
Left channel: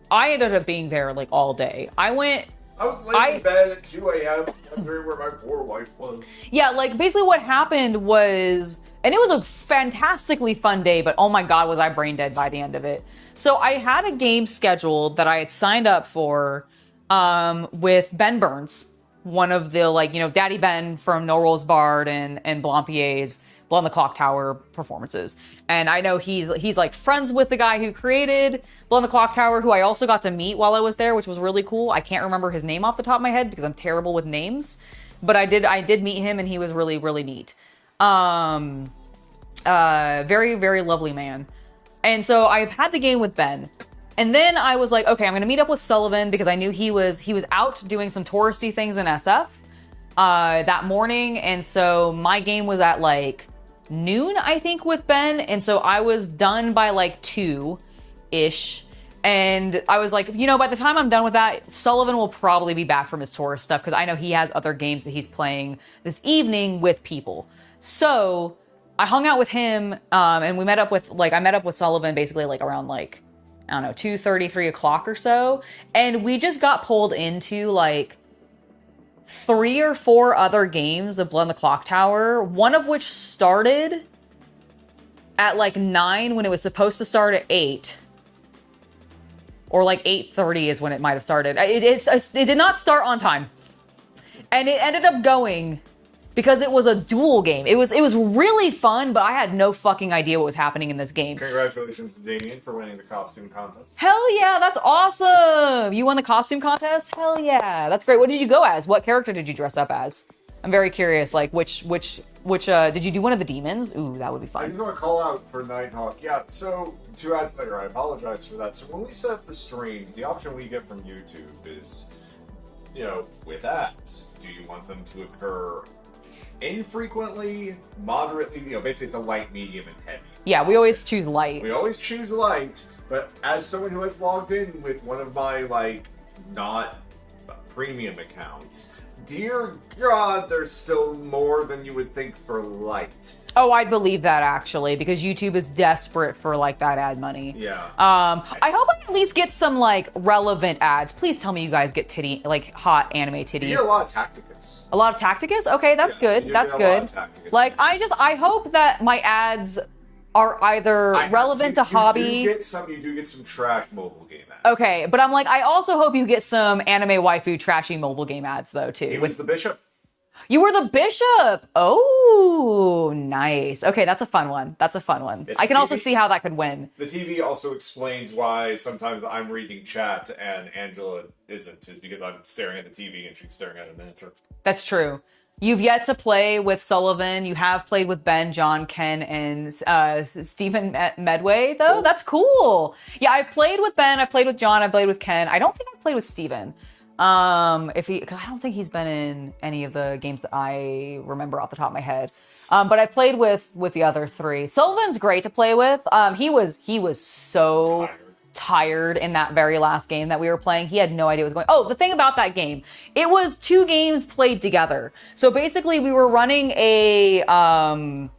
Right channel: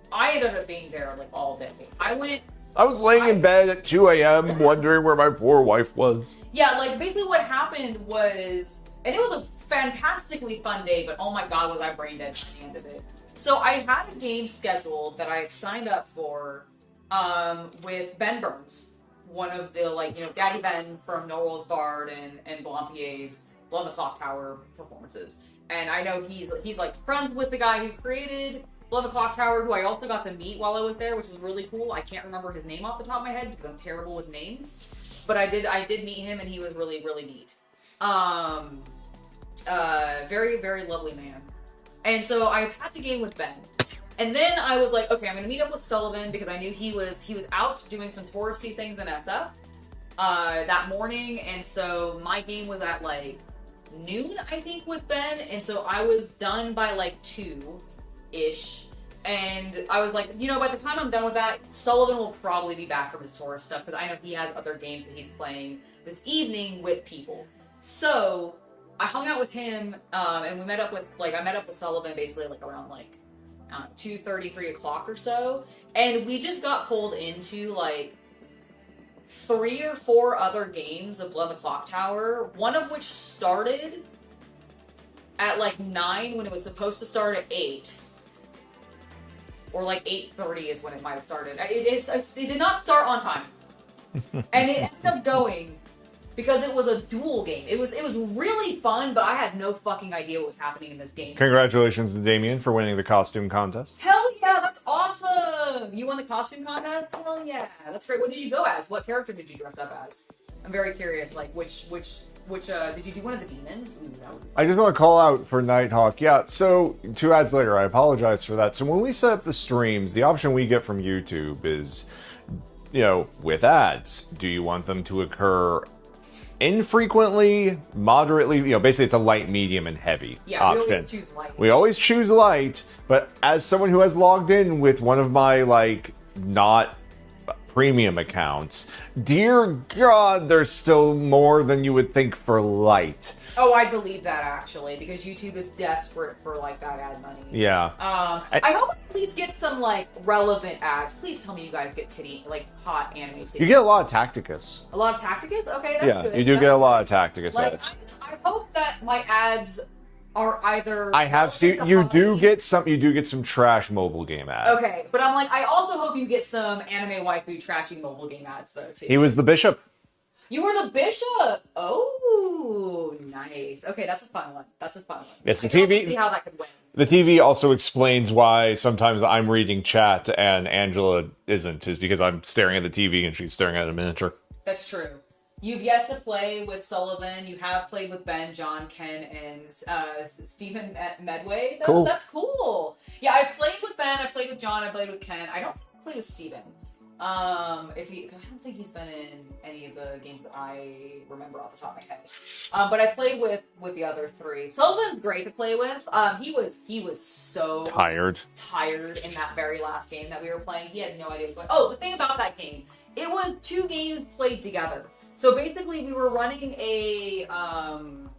I ended up being there like all day. I was laying in bed at 2 a.m. wondering where my poor wife was. Yeah, like basically what happened was, and it was a fantastically fun day, but oh my God, was I brain dead by the end of it. So I had a game scheduled that I had signed up for with Ben Burns, one of the Daddy Ben from No Rules Barred and Blampier's Blood on the Clock Tower performances. And I know he's like friends with the guy who created Blood on the Clock Tower, who I also got to meet while I was there, which was really cool. I can't remember his name off the top of my head because I'm terrible with names, but I did meet him and he was really, really neat. Very, very lovely man. And so I had the game with Ben. And then I was like, okay, I'm gonna meet up with Sullivan because I knew he was out doing some touristy things in SF that morning. And so my game was at like noon, I think, with Ben. And so I was done by like 2-ish. And I was like, by the time I'm done with that, Sullivan will probably be back from his tourist stuff because I know he has other games that he's playing this evening with people. So I hung out with him and we met up with I met up with Sullivan basically like around like, I don't know, 2:30, 3 o'clock or so. And we just got pulled into like 3 or 4 other games of Blood on the Clock Tower, one of which started at like 9 when it was supposed to start at 8. Or like 8:30 is when it might have started. It did not start on time. And it ended up going because it was a duel game. It was really fun, but I had no fucking idea what was happening in this game. Congratulations to Damien for winning the costume contest. Hell yeah, that's awesome! You won the costume contest? Hell yeah, that's great. What did you go as? What character did you dress up as? I'm very curious, like which did you do one of the demons? Ooh, that would be fun. I just want to call out for Nighthawk. Yeah, so 2 ads later, I apologize for that. So when we set up the streams, the option we get from YouTube is, with ads, do you want them to occur infrequently, moderately, basically it's a light, medium, and heavy. Yeah, option. we always choose light. We always choose light, but as someone who has logged in with one of my, not premium accounts, dear God, there's still more than you would think for light. Oh, I believe that actually, because YouTube is desperate for that ad money. Yeah. I hope I at least get some relevant ads. Please tell me you guys get hot anime titties. You get a lot of Tacticus. A lot of Tacticus? Okay, that's good. You do that's get a good. lot of Tacticus ads. I hope that my ads are either relevant to hobby. You do get some trash mobile game ads. Okay, but I'm I also hope you get some anime waifu trashy mobile game ads though too. He was the bishop. You were the bishop. Oh, nice. Okay, that's a fun one. Yes, I can also see how that could win. The TV also explains why sometimes I'm reading chat and Angela isn't, is because I'm staring at the TV and she's staring at a miniature. That's true. You've yet to play with Sullivan. You have played with Ben, John, Ken, and Stephen Medway, though. Cool. That's cool. Yeah, I've played with Ben. I've played with John. I've played with Ken. I don't think I've played with Stephen. I don't think he's been in any of the games that I remember off the top of my head. But I played with the other 3. Sullivan's great to play with. He was so tired in that very last game that we were playing. He had no idea what was going on. Oh, the thing about that game, it was 2 games played together. So basically we were running a, oh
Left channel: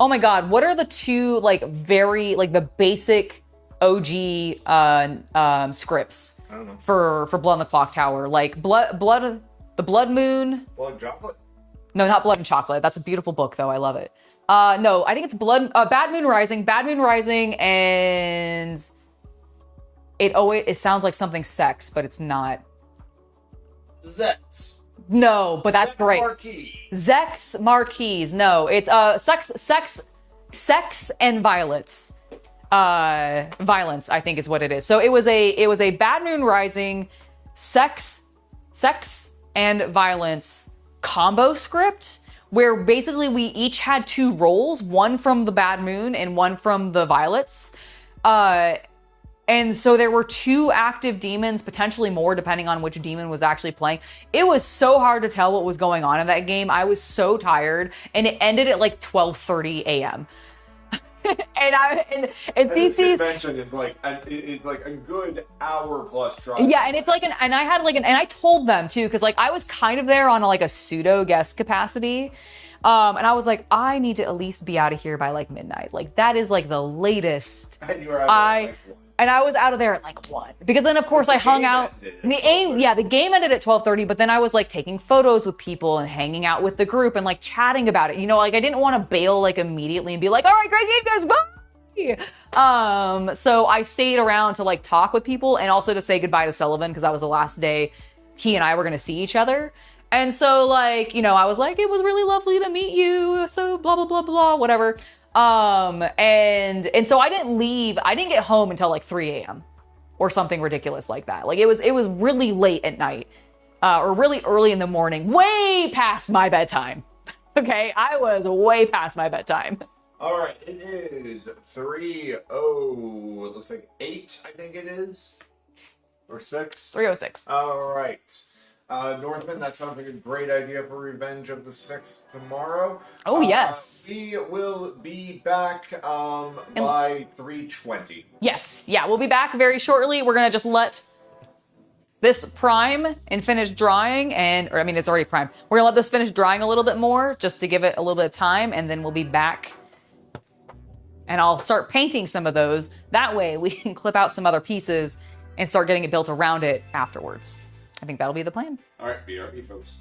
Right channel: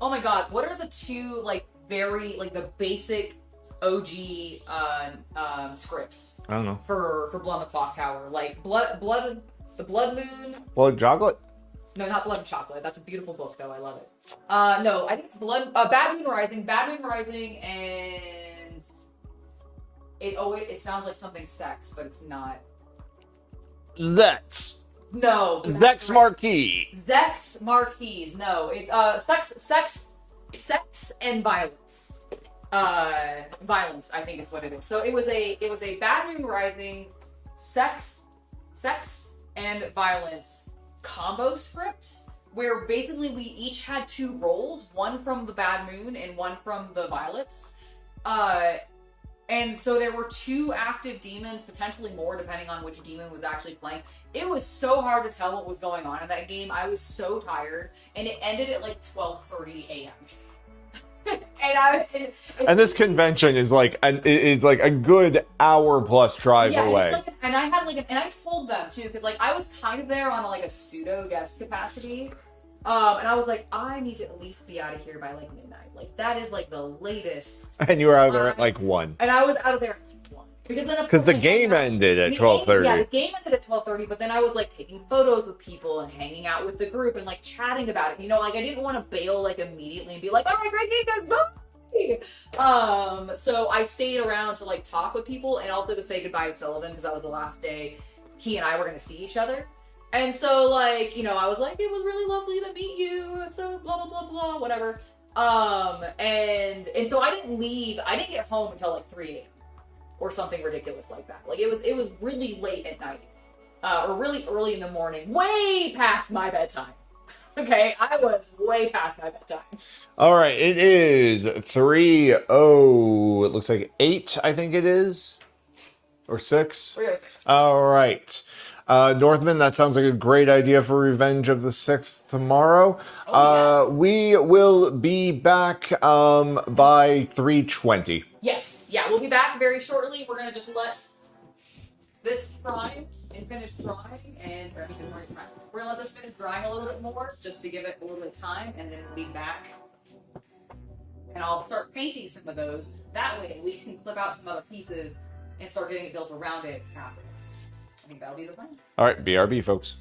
my God, what are the 2 very the basic OG scripts? I don't know. For Blood on the Clock Tower, the Blood Moon. Blood Chocolate? No, not Blood and Chocolate. That's a beautiful book though. I love it. No, I think it's Bad Moon Rising. Bad Moon Rising, and it sounds like something sex, but it's not. Zex. No, but that's Zex great. Marquis. Zex Marquis. No, it's sex and violence. Violence, I think is what it is. So it was a Bad Moon Rising sex and violence combo script where basically we each had 2 roles, one from the Bad Moon and one from the Violets. And so there were 2 active demons, potentially more depending on which demon was actually playing. It was so hard to tell what was going on in that game. I was so tired, and it ended at like 12:30 a.m. and this convention is like a good hour plus drive away. And it's like and I had and I told them too, because like I was kind of there on like a pseudo guest capacity. And I was like, I need to at least be out of here by like midnight. Like that is like the latest. And you were out there at like 1. And I was out of there at like 1. Because then of course I hung out. The game ended at 12:30. Yeah, the game ended at 12:30, but then I was like taking photos with people and hanging out with the group and like chatting about it. You know, like I didn't want to bail like immediately and be like, all right, great game guys, bye. So I stayed around to like talk with people and also to say goodbye to Sullivan because that was the last day he and I were gonna see each other. And so, like, you know, I was like, it was really lovely to meet you, so blah, blah, blah, blah, whatever. And so I didn't get home until like 3 a.m. or something ridiculous like that. Like, it was really late at night, or really early in the morning, way past my bedtime. Okay, I was way past my bedtime. All right, it is 3:00, it looks like 8, I think it is, or 6? 3:06. All right. Northman, that sounds like a great idea for Revenge of the Sixth tomorrow. Oh, yes. We will be back by 3:20. Yes. Yeah, we'll be back very shortly. We're going to just let this prime and finish drying or I mean, it's already primed. We're going to let this finish drying a little bit more just to give it a little bit of time, and then we'll be back. And I'll start painting some of those. That way we can clip out some other pieces and start getting it built around it afterwards. I think that'll be the plan. All right, BRB, folks.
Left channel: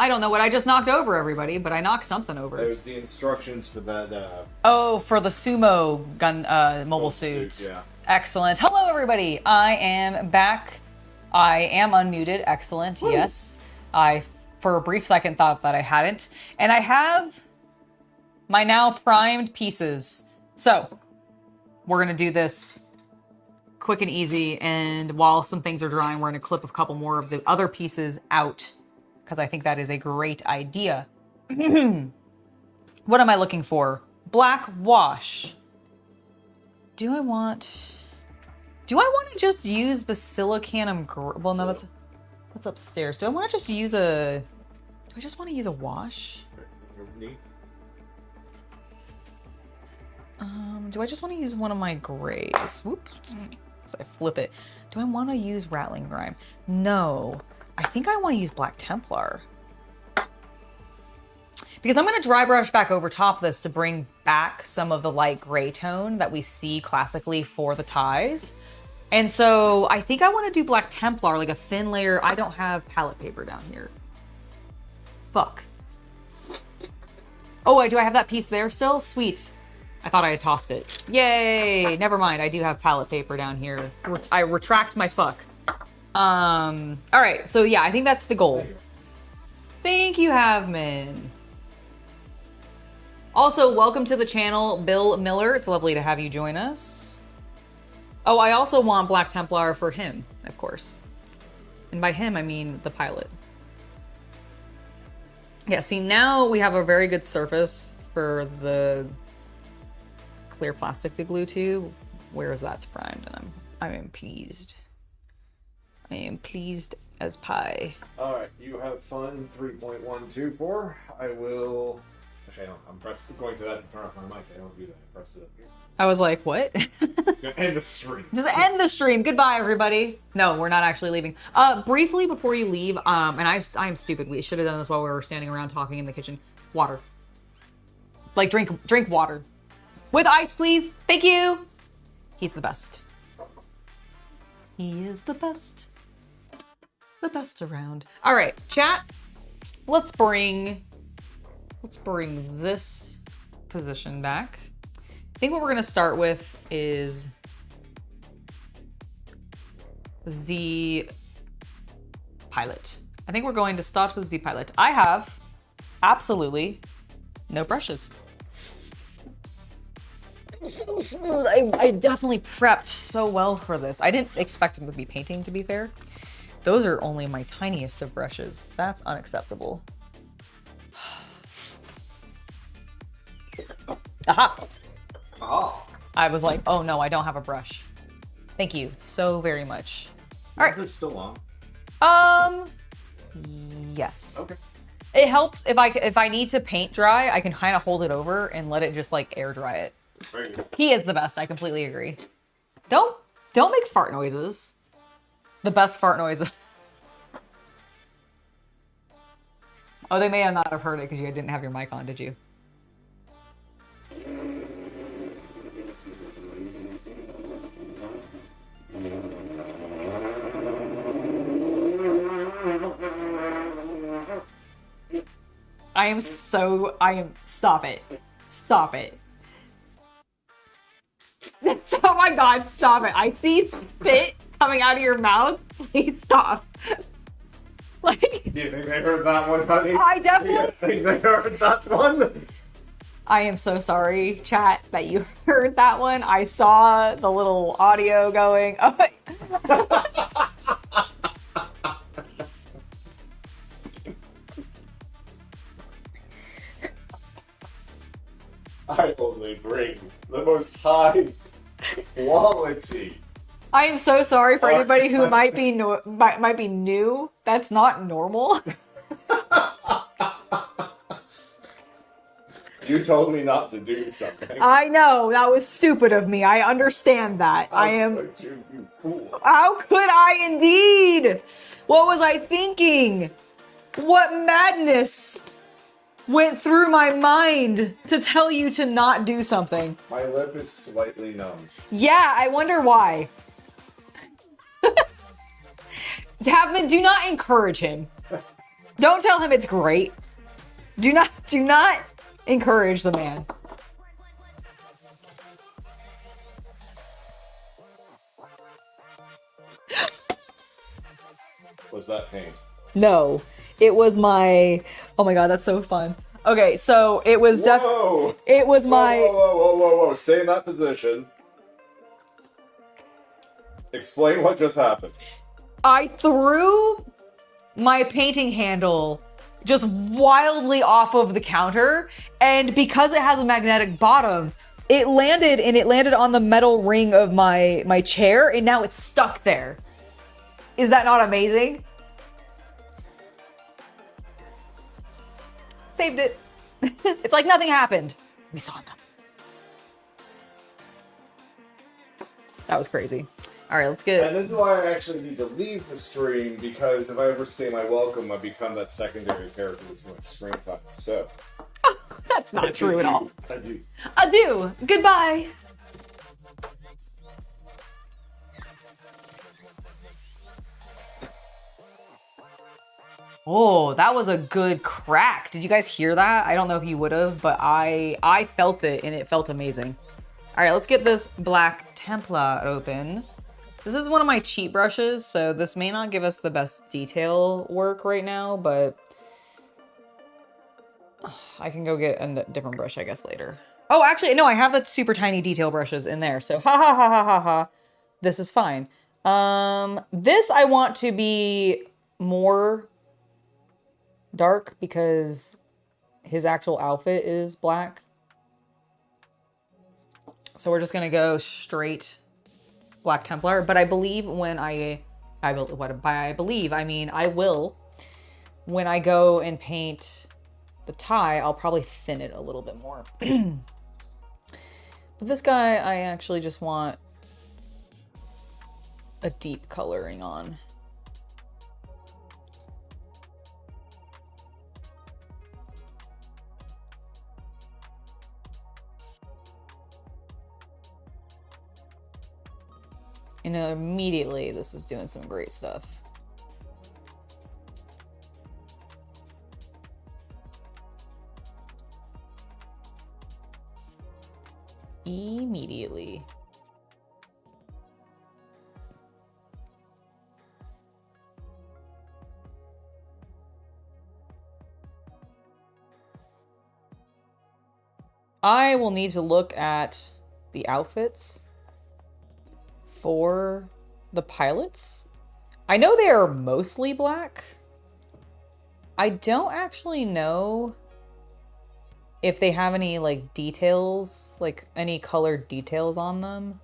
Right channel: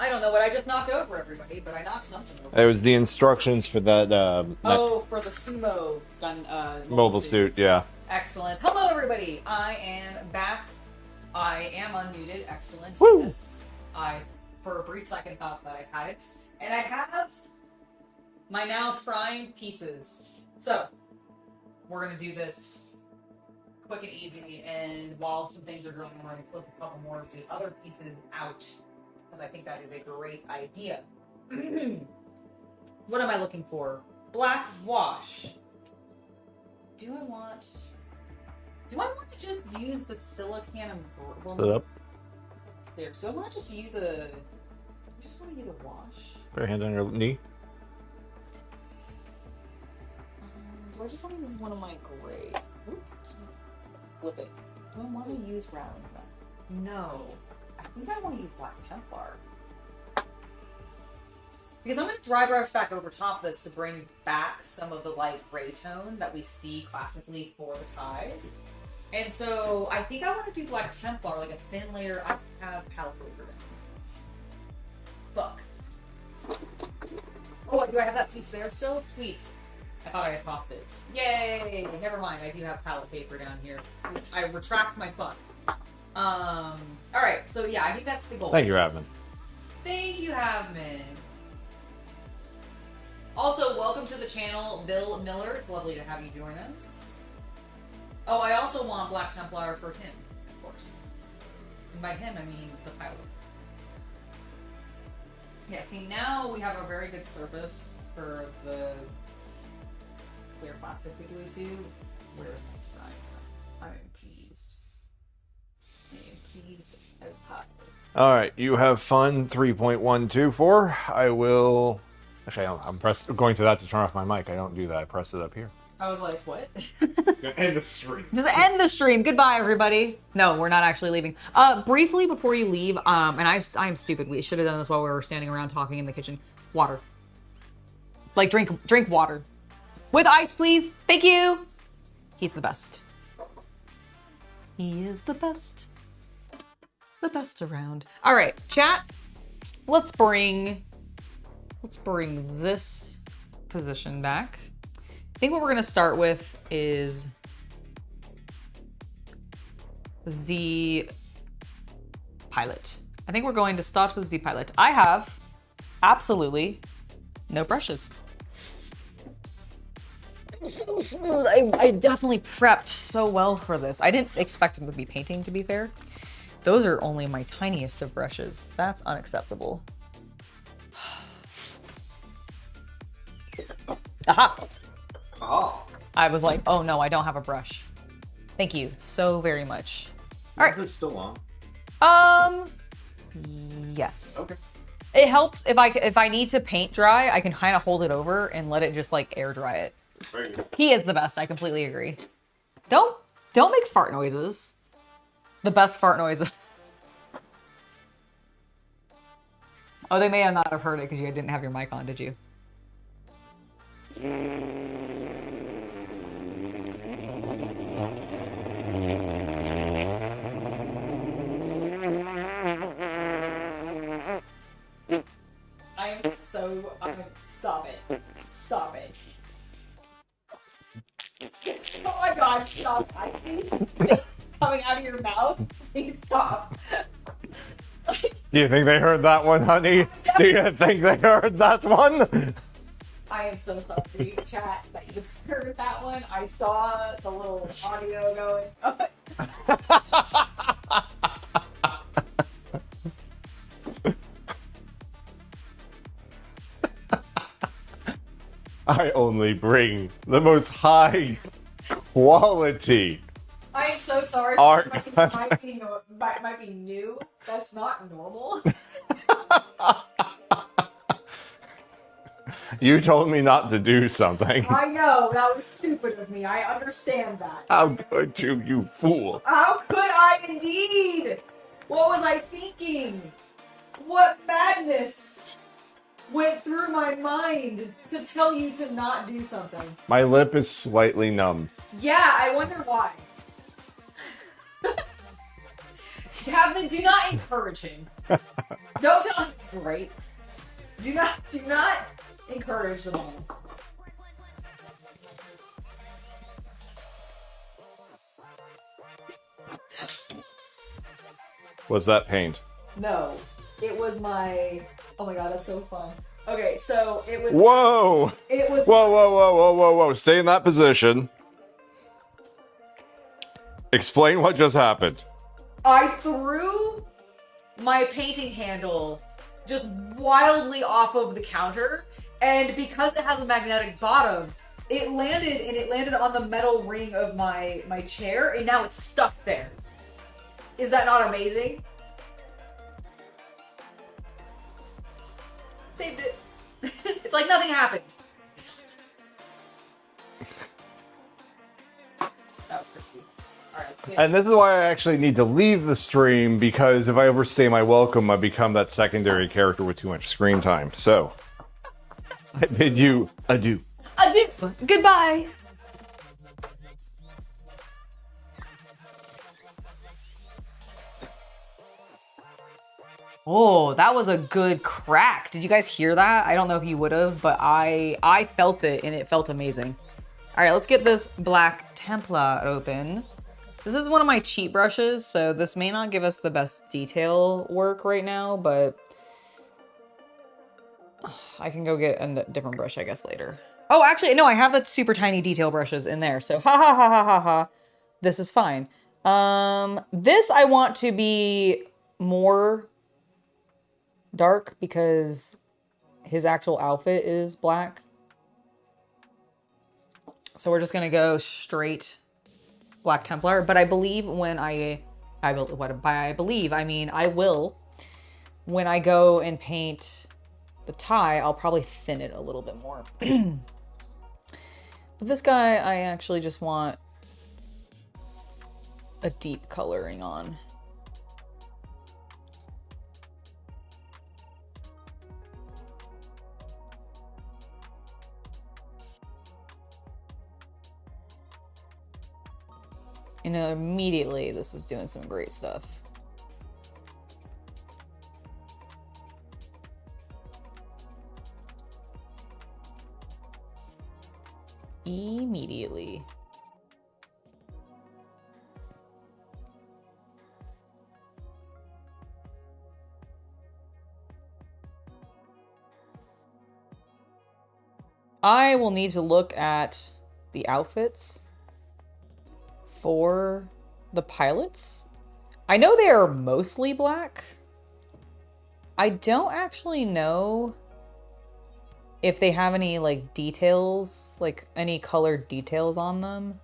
I don't know what I just knocked over, everybody, but I knocked something over. It was the instructions for that. For the sumo gun mobile suit. Yeah. Excellent. Hello, everybody. I am back. I am unmuted. Excellent. Woo. Yes. I, for a brief second, thought that I hadn't. And I have my now primed pieces. So, we're going to do this quick and easy. And while some things are drying, we're going to clip a couple more of the other pieces out, because I think that is a great idea. What am I looking for? Black wash. Do I want to just use Basilicanum? Well, no, that's upstairs. Do I want to just use a? Do I just want to use a wash? Put your hand on your knee. Do I just want to use one of my grays? Whoops. So I flip it. Do I want to use Rattling Grime? No. I think I want to use Black Templar. Because I'm going to dry brush back over top of this to bring back some of the light gray tone that we see classically for the ties. And so I think I want to do Black Templar, like a thin layer. I don't have palette paper down here. Fuck. Oh, wait, do I have that piece there still? Sweet. I thought I had tossed it. Yay! Never mind, I do have palette paper down here. I retract my fuck. Alright, so yeah, I think that's the goal. Thank you, Havman. Thank you, Havman. Also, welcome to the channel, Bill Miller. It's lovely to have you join us. Oh, I also want Black Templar for him, of course. And by him, I mean the pilot. Yeah, see, now we have a very good surface for the clear plastic to glue to. Whereas that's primed, and I am pleased. I am pleased as pie. All right, you have fun. 3.124. I will. Actually, I'm going to that to turn off my mic. I don't do that. I press it up here. I was like, what? End the stream. Just end the stream. Goodbye, everybody. No, we're not actually leaving. Briefly before you leave, and I'm stupid. We should have done this while we were standing around talking in the kitchen. Water. Like drink water. With ice, please. Thank you. He's the best. He is the best. The best around. All right, chat. Let's bring this position back. I think what we're gonna start with is Z Pilot. I think we're going to start with Z Pilot. I have absolutely no brushes. So smooth. I definitely prepped so well for this. I didn't expect him to be painting, to be fair. Those are only my tiniest of brushes. That's unacceptable. Aha! Oh. I was like, oh no, I don't have a brush. Thank you so very much. All right. Is this still on? Yes. Okay. It helps if I need to paint dry, I can kind of hold it over and let it just like air dry it. Very good. He is the best. I completely agree. Don't make fart noises. The best fart noises. Oh, they may not have heard it because you didn't have your mic on, did you? Stop it. Stop it. Oh my God, stop it. I see spit coming out of your mouth. Please stop. Like, do you think they heard that one, honey? I definitely... Do you think they heard that one? I am so sorry, chat, that you heard that one. I saw the little audio going. Oh, I only bring the most high quality. I am so sorry for anybody who might be new. That's not normal. You told me not to do something. I know, that was stupid of me. I understand that. How could you, you fool? How could I indeed? What was I thinking? What madness went through my mind to tell you to not do something? My lip is slightly numb. Yeah, I wonder why. Davin, do not encourage him. Don't tell him it's great. Do not encourage the man. Was that paint? No, it was my. Oh my god, that's so fun. Okay, so it was. Whoa! It was whoa, my. Whoa! Stay in that position. Explain what just happened. I threw my painting handle just wildly off of the counter, and because it has a magnetic bottom, it landed on the metal ring of my chair, and now it's stuck there. Is that not amazing? Saved it. It's like nothing happened. We saw nothing. That was crazy. All right, let's get... And this is why I actually need to leave the stream, because if I overstay my welcome, I become that secondary character with too much screen time. So... That's not true at all. Adieu. Adieu. Goodbye. Oh, that was a good crack. Did you guys hear that? I don't know if you would have, but I felt it, and it felt amazing. All right, let's get this black Templar open. This is one of my cheat brushes, so this may not give us the best detail work right now, but I can go get a different brush, I guess, later. Oh, actually, no, I have the super tiny detail brushes in there, so ha ha ha ha ha ha. This is fine. This I want to be more dark because his actual outfit is black. So we're just gonna go straight Black Templar, but I believe when I will, when I go and paint the tie, I'll probably thin it a little bit more. But this guy, I actually just want a deep coloring on. And immediately, this is doing some great stuff. Immediately. I will need to look at the outfits for the pilots. I know they are mostly black. I don't actually know if they have any like details, like any colored details on them.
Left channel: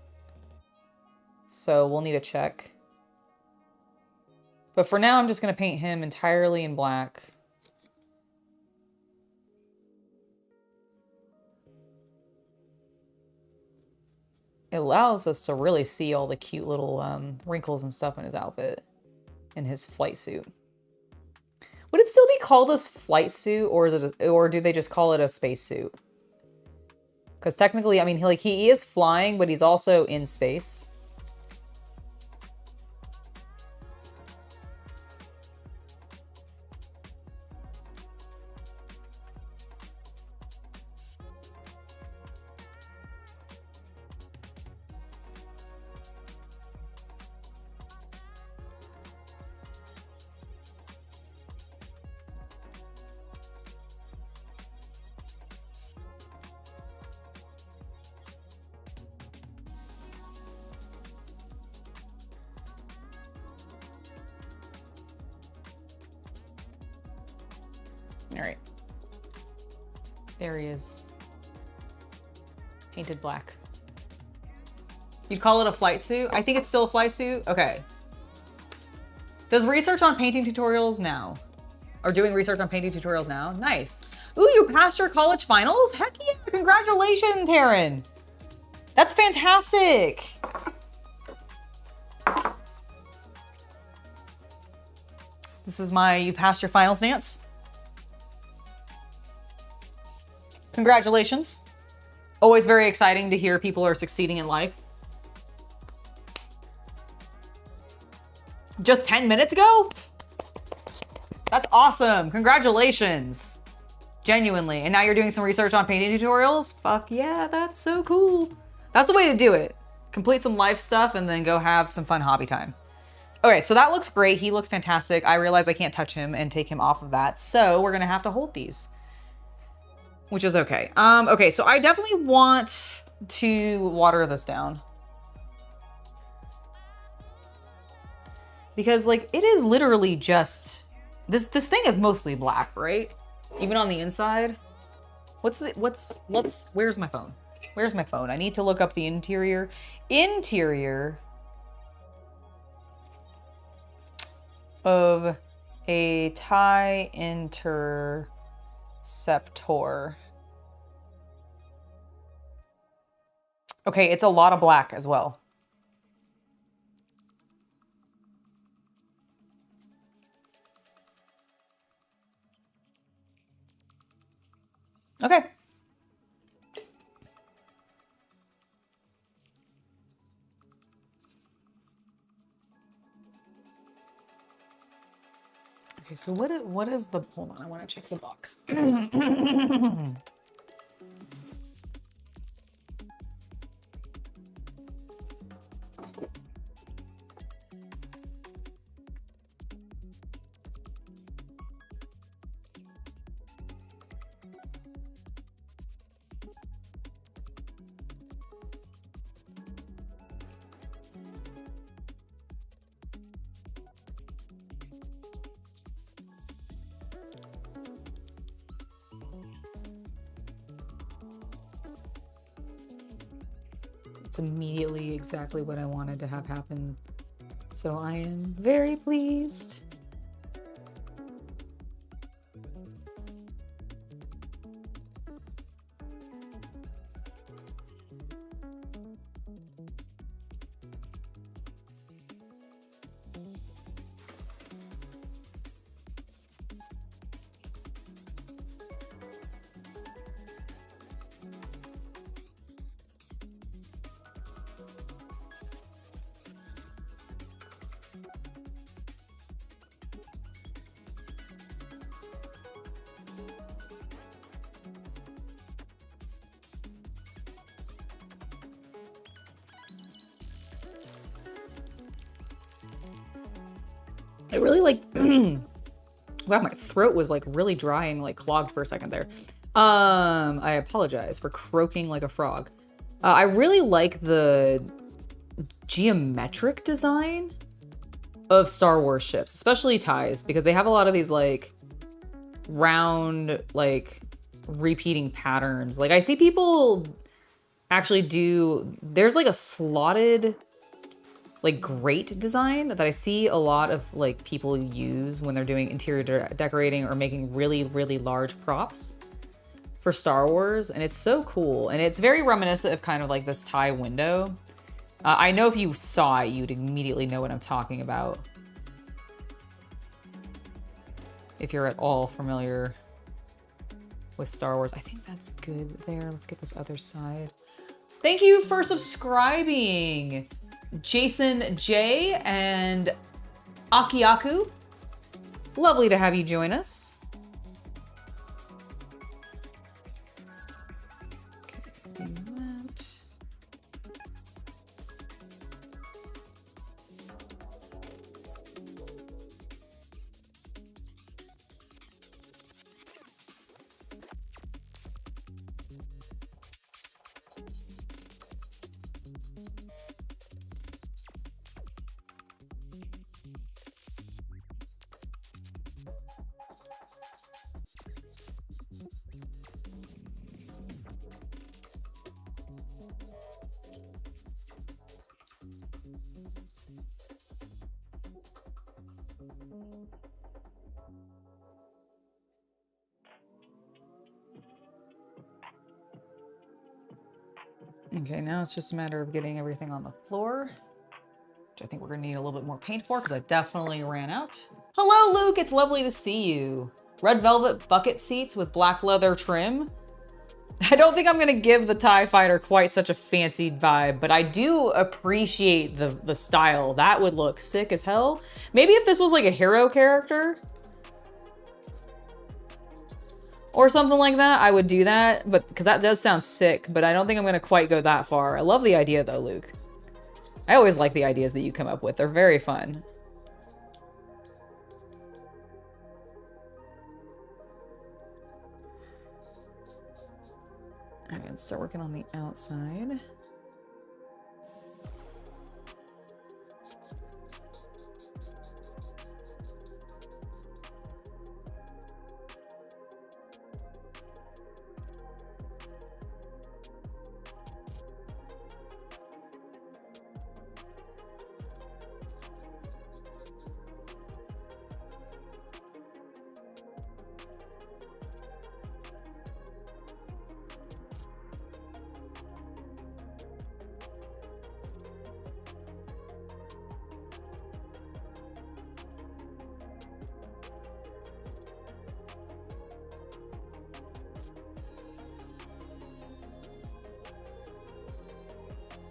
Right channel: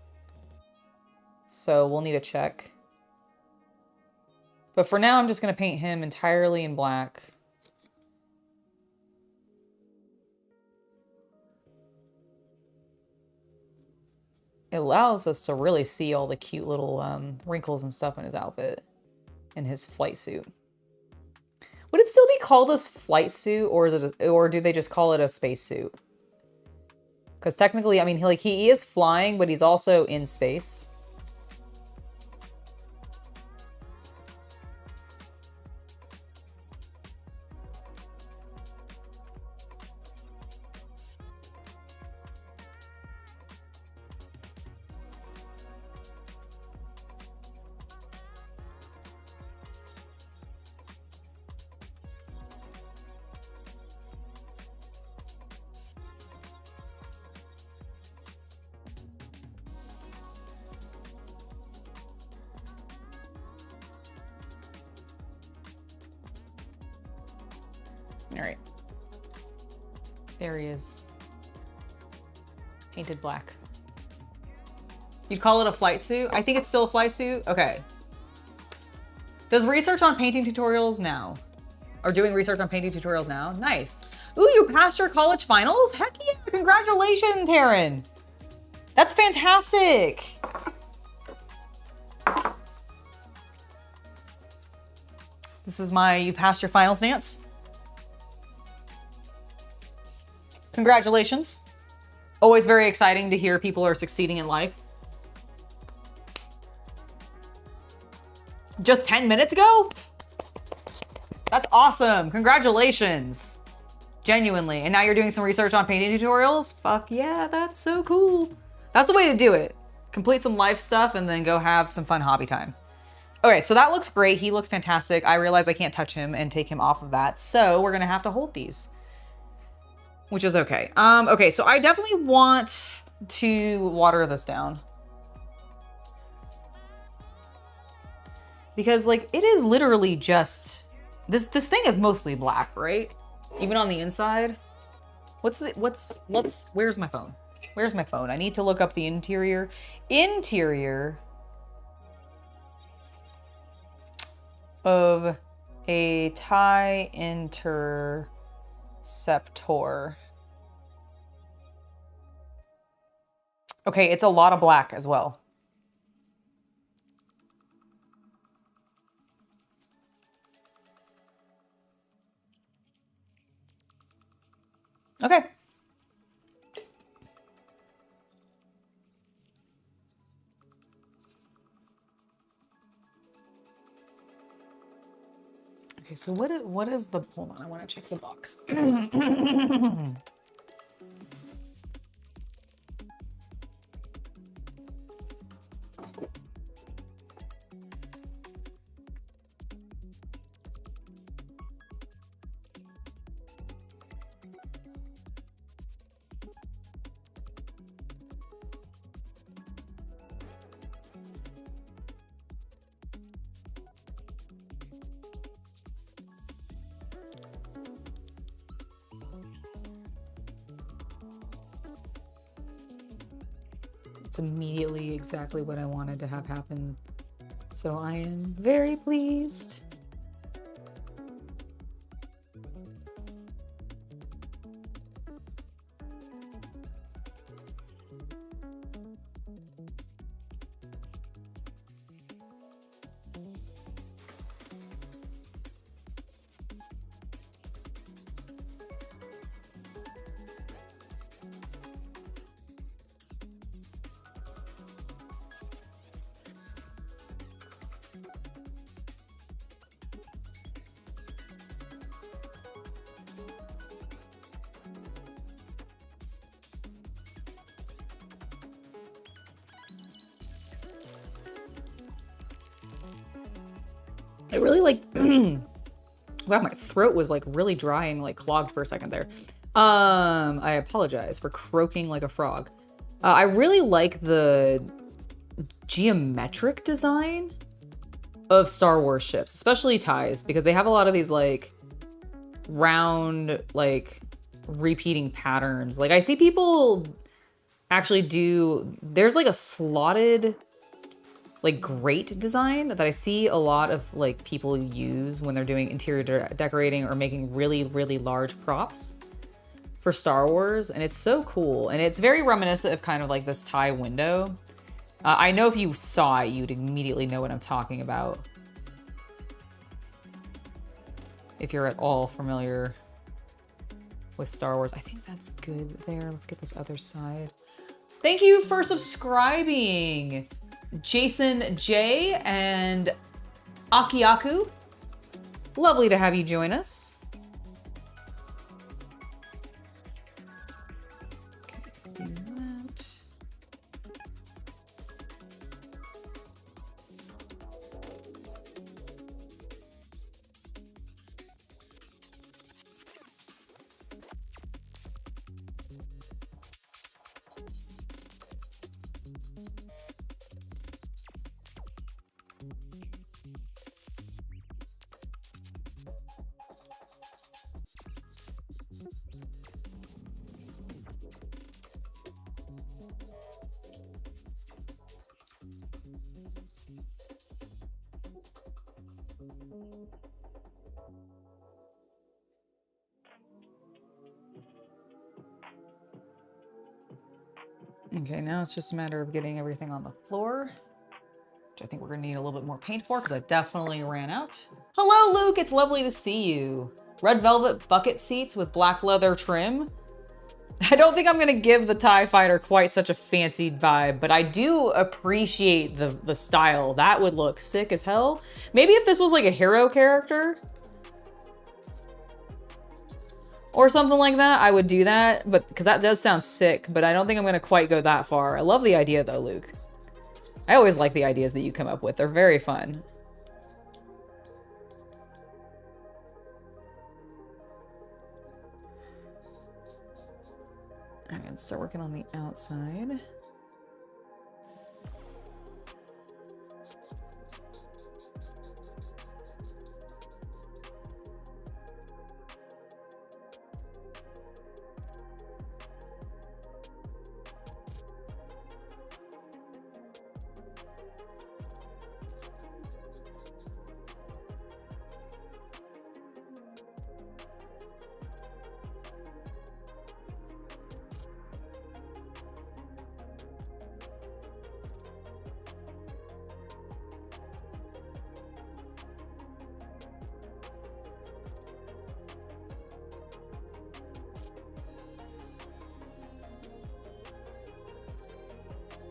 So we'll need to check. But for now, I'm just gonna paint him entirely in black. It allows us to really see all the cute little wrinkles and stuff in his outfit and his flight suit. Would it still be called a flight suit, or is it, or do they just call it a space suit? Because technically, I mean, he is flying, but he's also in space. All right. There he is. Painted black. You'd call it a flight suit? I think it's still a flight suit. Okay. Does research on painting tutorials now. Or doing research on painting tutorials now. Nice. Ooh, you passed your college finals? Heck yeah, congratulations, Taryn. That's fantastic. This is my you passed your finals dance. Congratulations. Always very exciting to hear people are succeeding in life. Just 10 minutes ago? That's awesome. Congratulations. Genuinely. And now you're doing some research on painting tutorials? Fuck yeah, that's so cool. That's the way to do it. Complete some life stuff and then go have some fun hobby time. Okay, so that looks great. He looks fantastic. I realize I can't touch him and take him off of that. So we're gonna have to hold these, which is okay. Okay, so I definitely want to water this down. Because like, it is literally just, this thing is mostly black, right? Even on the inside. Where's my phone? Where's my phone? I need to look up the interior. Interior of a TIE Interceptor. Okay, it's a lot of black as well. Okay. Okay, so what is the, hold on, I want to check the box. It's immediately exactly what I wanted to have happen. So I am very pleased. I really like, wow, my throat was like really dry and like clogged for a second there. I apologize for croaking like a frog. I really like the geometric design of Star Wars ships, especially TIEs, because they have a lot of these like round, like repeating patterns. Like I see people actually do, there's like a slotted like grate design that I see a lot of like people use when they're doing interior decorating or making really, really large props for Star Wars. And it's so cool. And it's very reminiscent of kind of like this TIE window. I know if you saw it, you'd immediately know what I'm talking about. If you're at all familiar with Star Wars. I think that's good there. Let's get this other side. Thank you for subscribing, Jason J and Akiaku. Lovely to have you join us. Okay, do that. Okay, now it's just a matter of getting everything on the floor, which I think we're gonna need a little bit more paint for because I definitely ran out. Hello, Luke, it's lovely to see you. Red velvet bucket seats with black leather trim. I don't think I'm gonna give the TIE Fighter quite such a fancy vibe, but I do appreciate the style. That would look sick as hell. Maybe if this was like a hero character, or something like that, I would do that, but because that does sound sick, but I don't think I'm gonna quite go that far. I love the idea though, Luke. I always like the ideas that you come up with. They're very fun. All right, let's start working on the outside.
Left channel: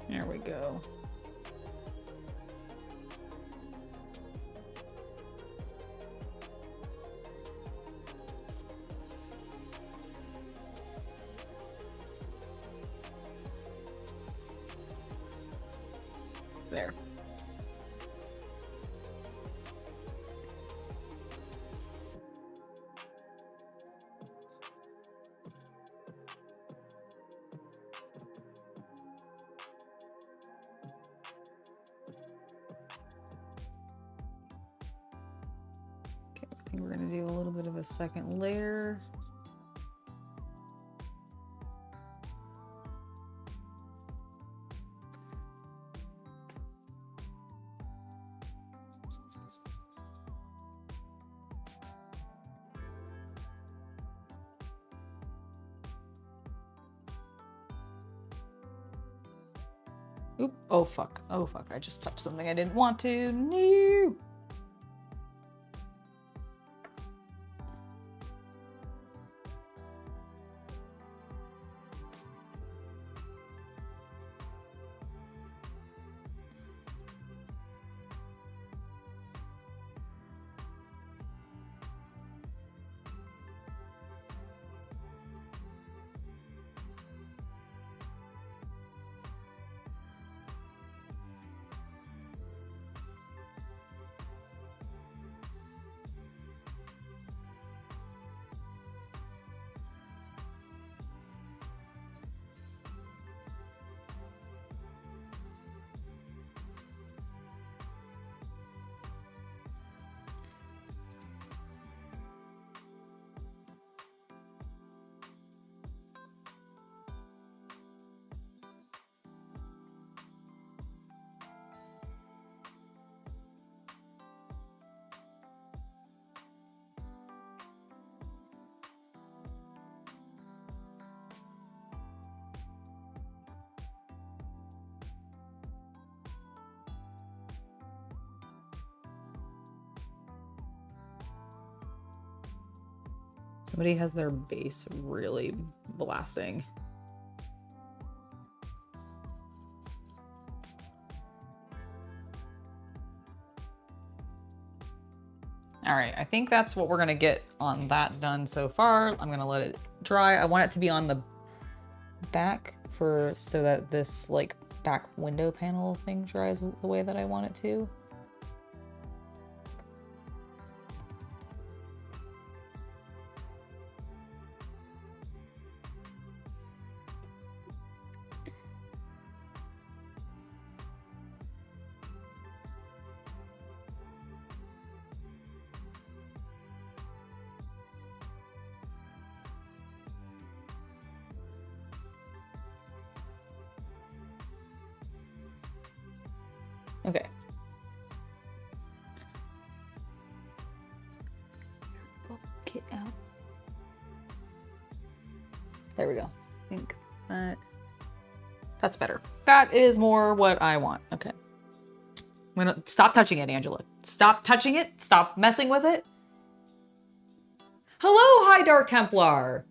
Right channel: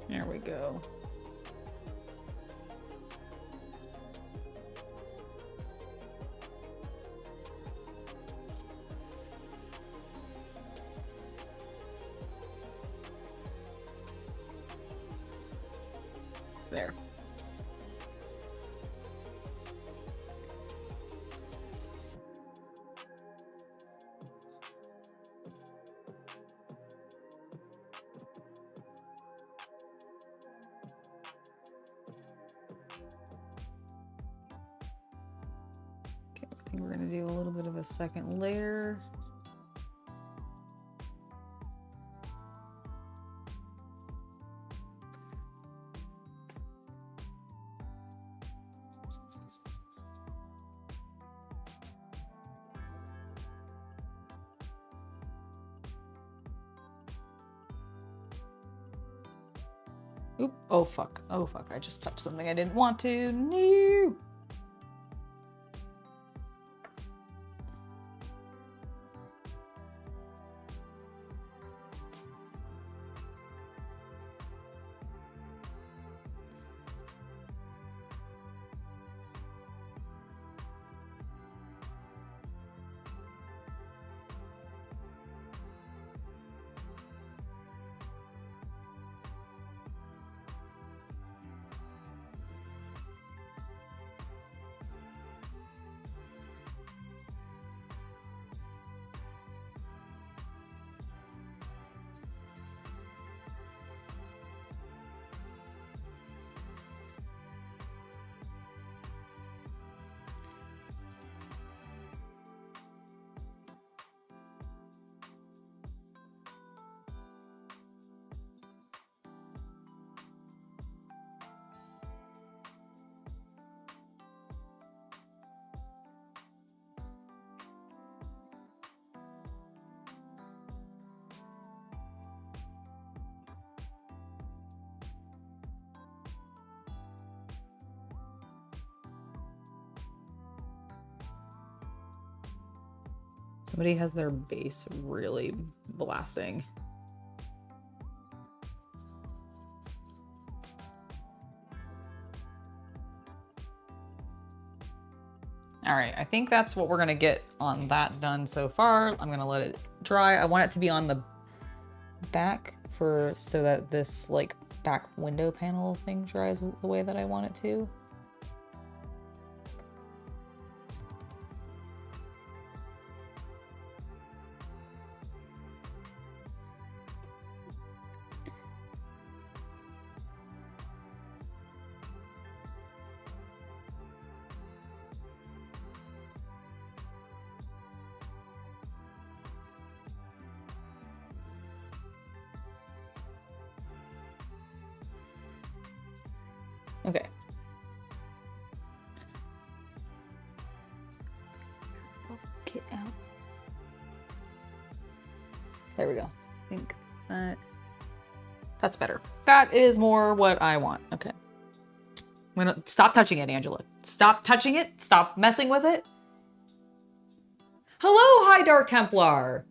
There we go. There. I think we're gonna do a little bit of a second layer. Oop, oh fuck, oh fuck, I just touched something I didn't want to, no! Somebody has their bass really blasting. All right, I think that's what we're gonna get on that done so far. I'm gonna let it dry. I want it to be on the back so that this like back window panel thing dries the way that I want it to. Okay. Get out. There we go. I think that's better. That is more what I want. Okay. I'm gonna stop touching it, Angela. Stop touching it. Stop messing with it. Hello, High Dark Templar.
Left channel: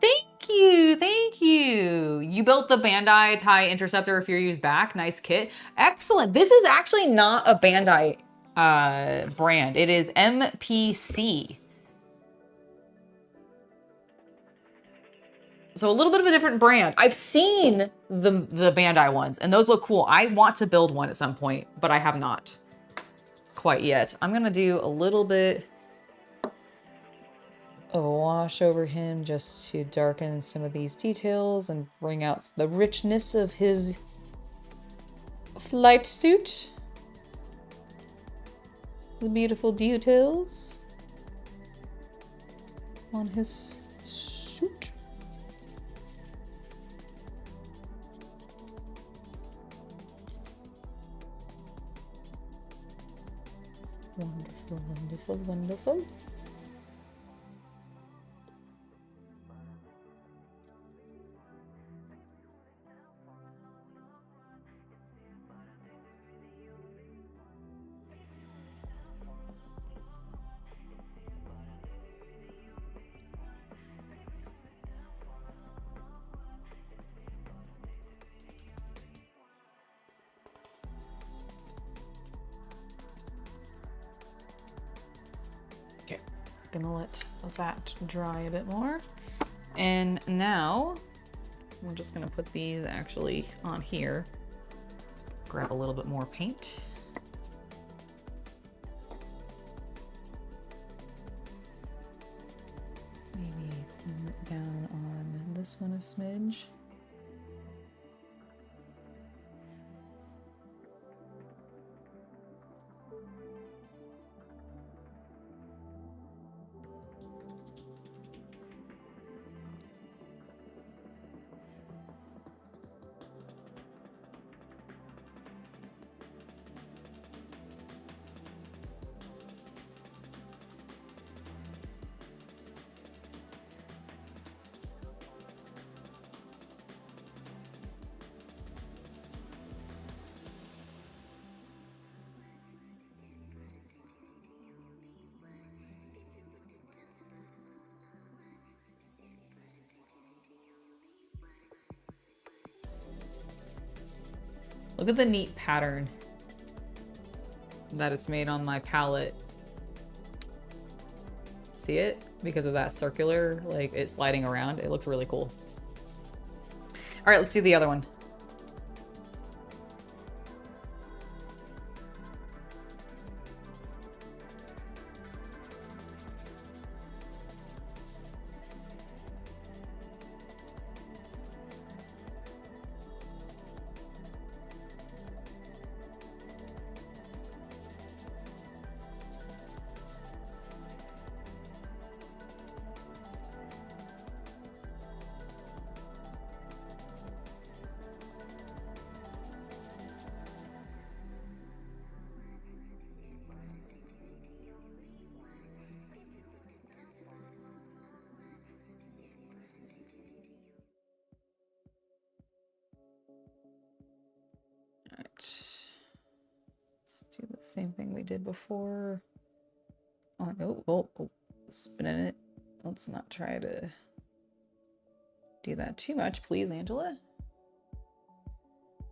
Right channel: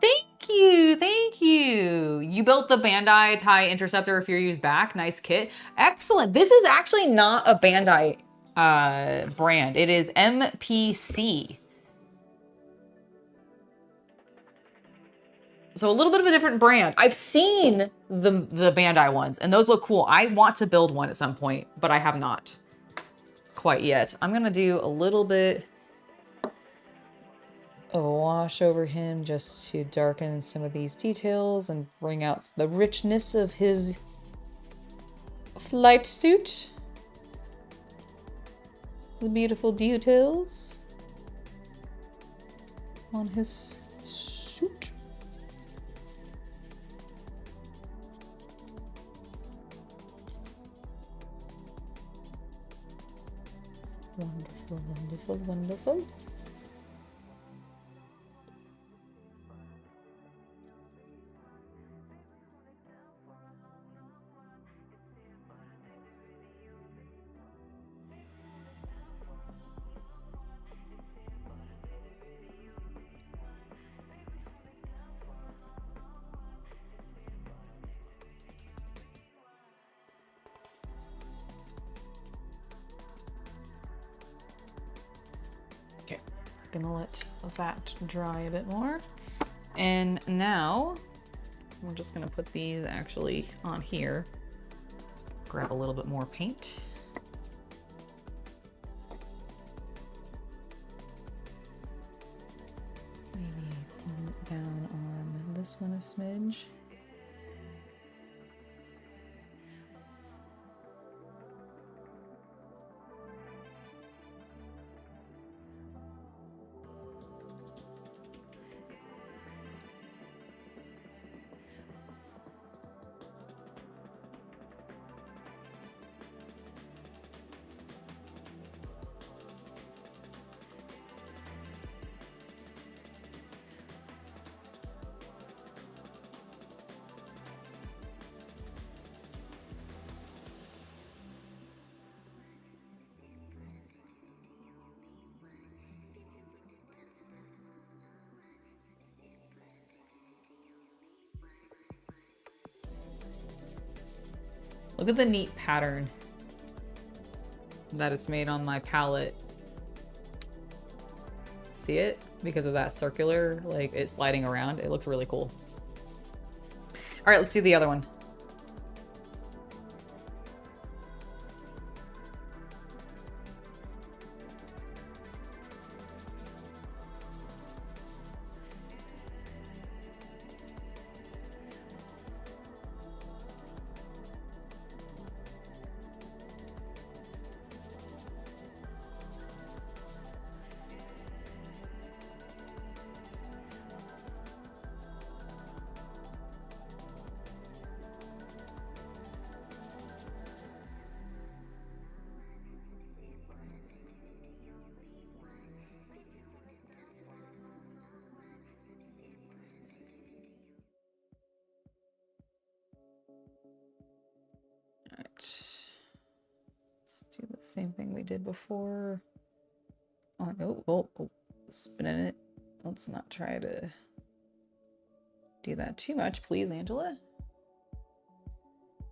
Thank you, thank you. You built the Bandai TIE Interceptor a few years back. Nice kit. Excellent. This is actually not a Bandai brand. It is MPC. So a little bit of a different brand. I've seen the Bandai ones, and those look cool. I want to build one at some point, but I have not quite yet. I'm gonna do a little bit of a wash over him just to darken some of these details and bring out the richness of his flight suit. The beautiful details on his suit. Wonderful, wonderful, wonderful. Okay, gonna let that dry a bit more. And now we're just gonna put these actually on here. Grab a little bit more paint. Maybe down on this one a smidge. Look at the neat pattern that it's made on my palette. See it? Because of that circular, like it sliding around. It looks really cool. All right, let's do the other one. Let's do the same thing we did before. Oh, no. Oh, spinning it. Let's not try to do that too much, please, Angela.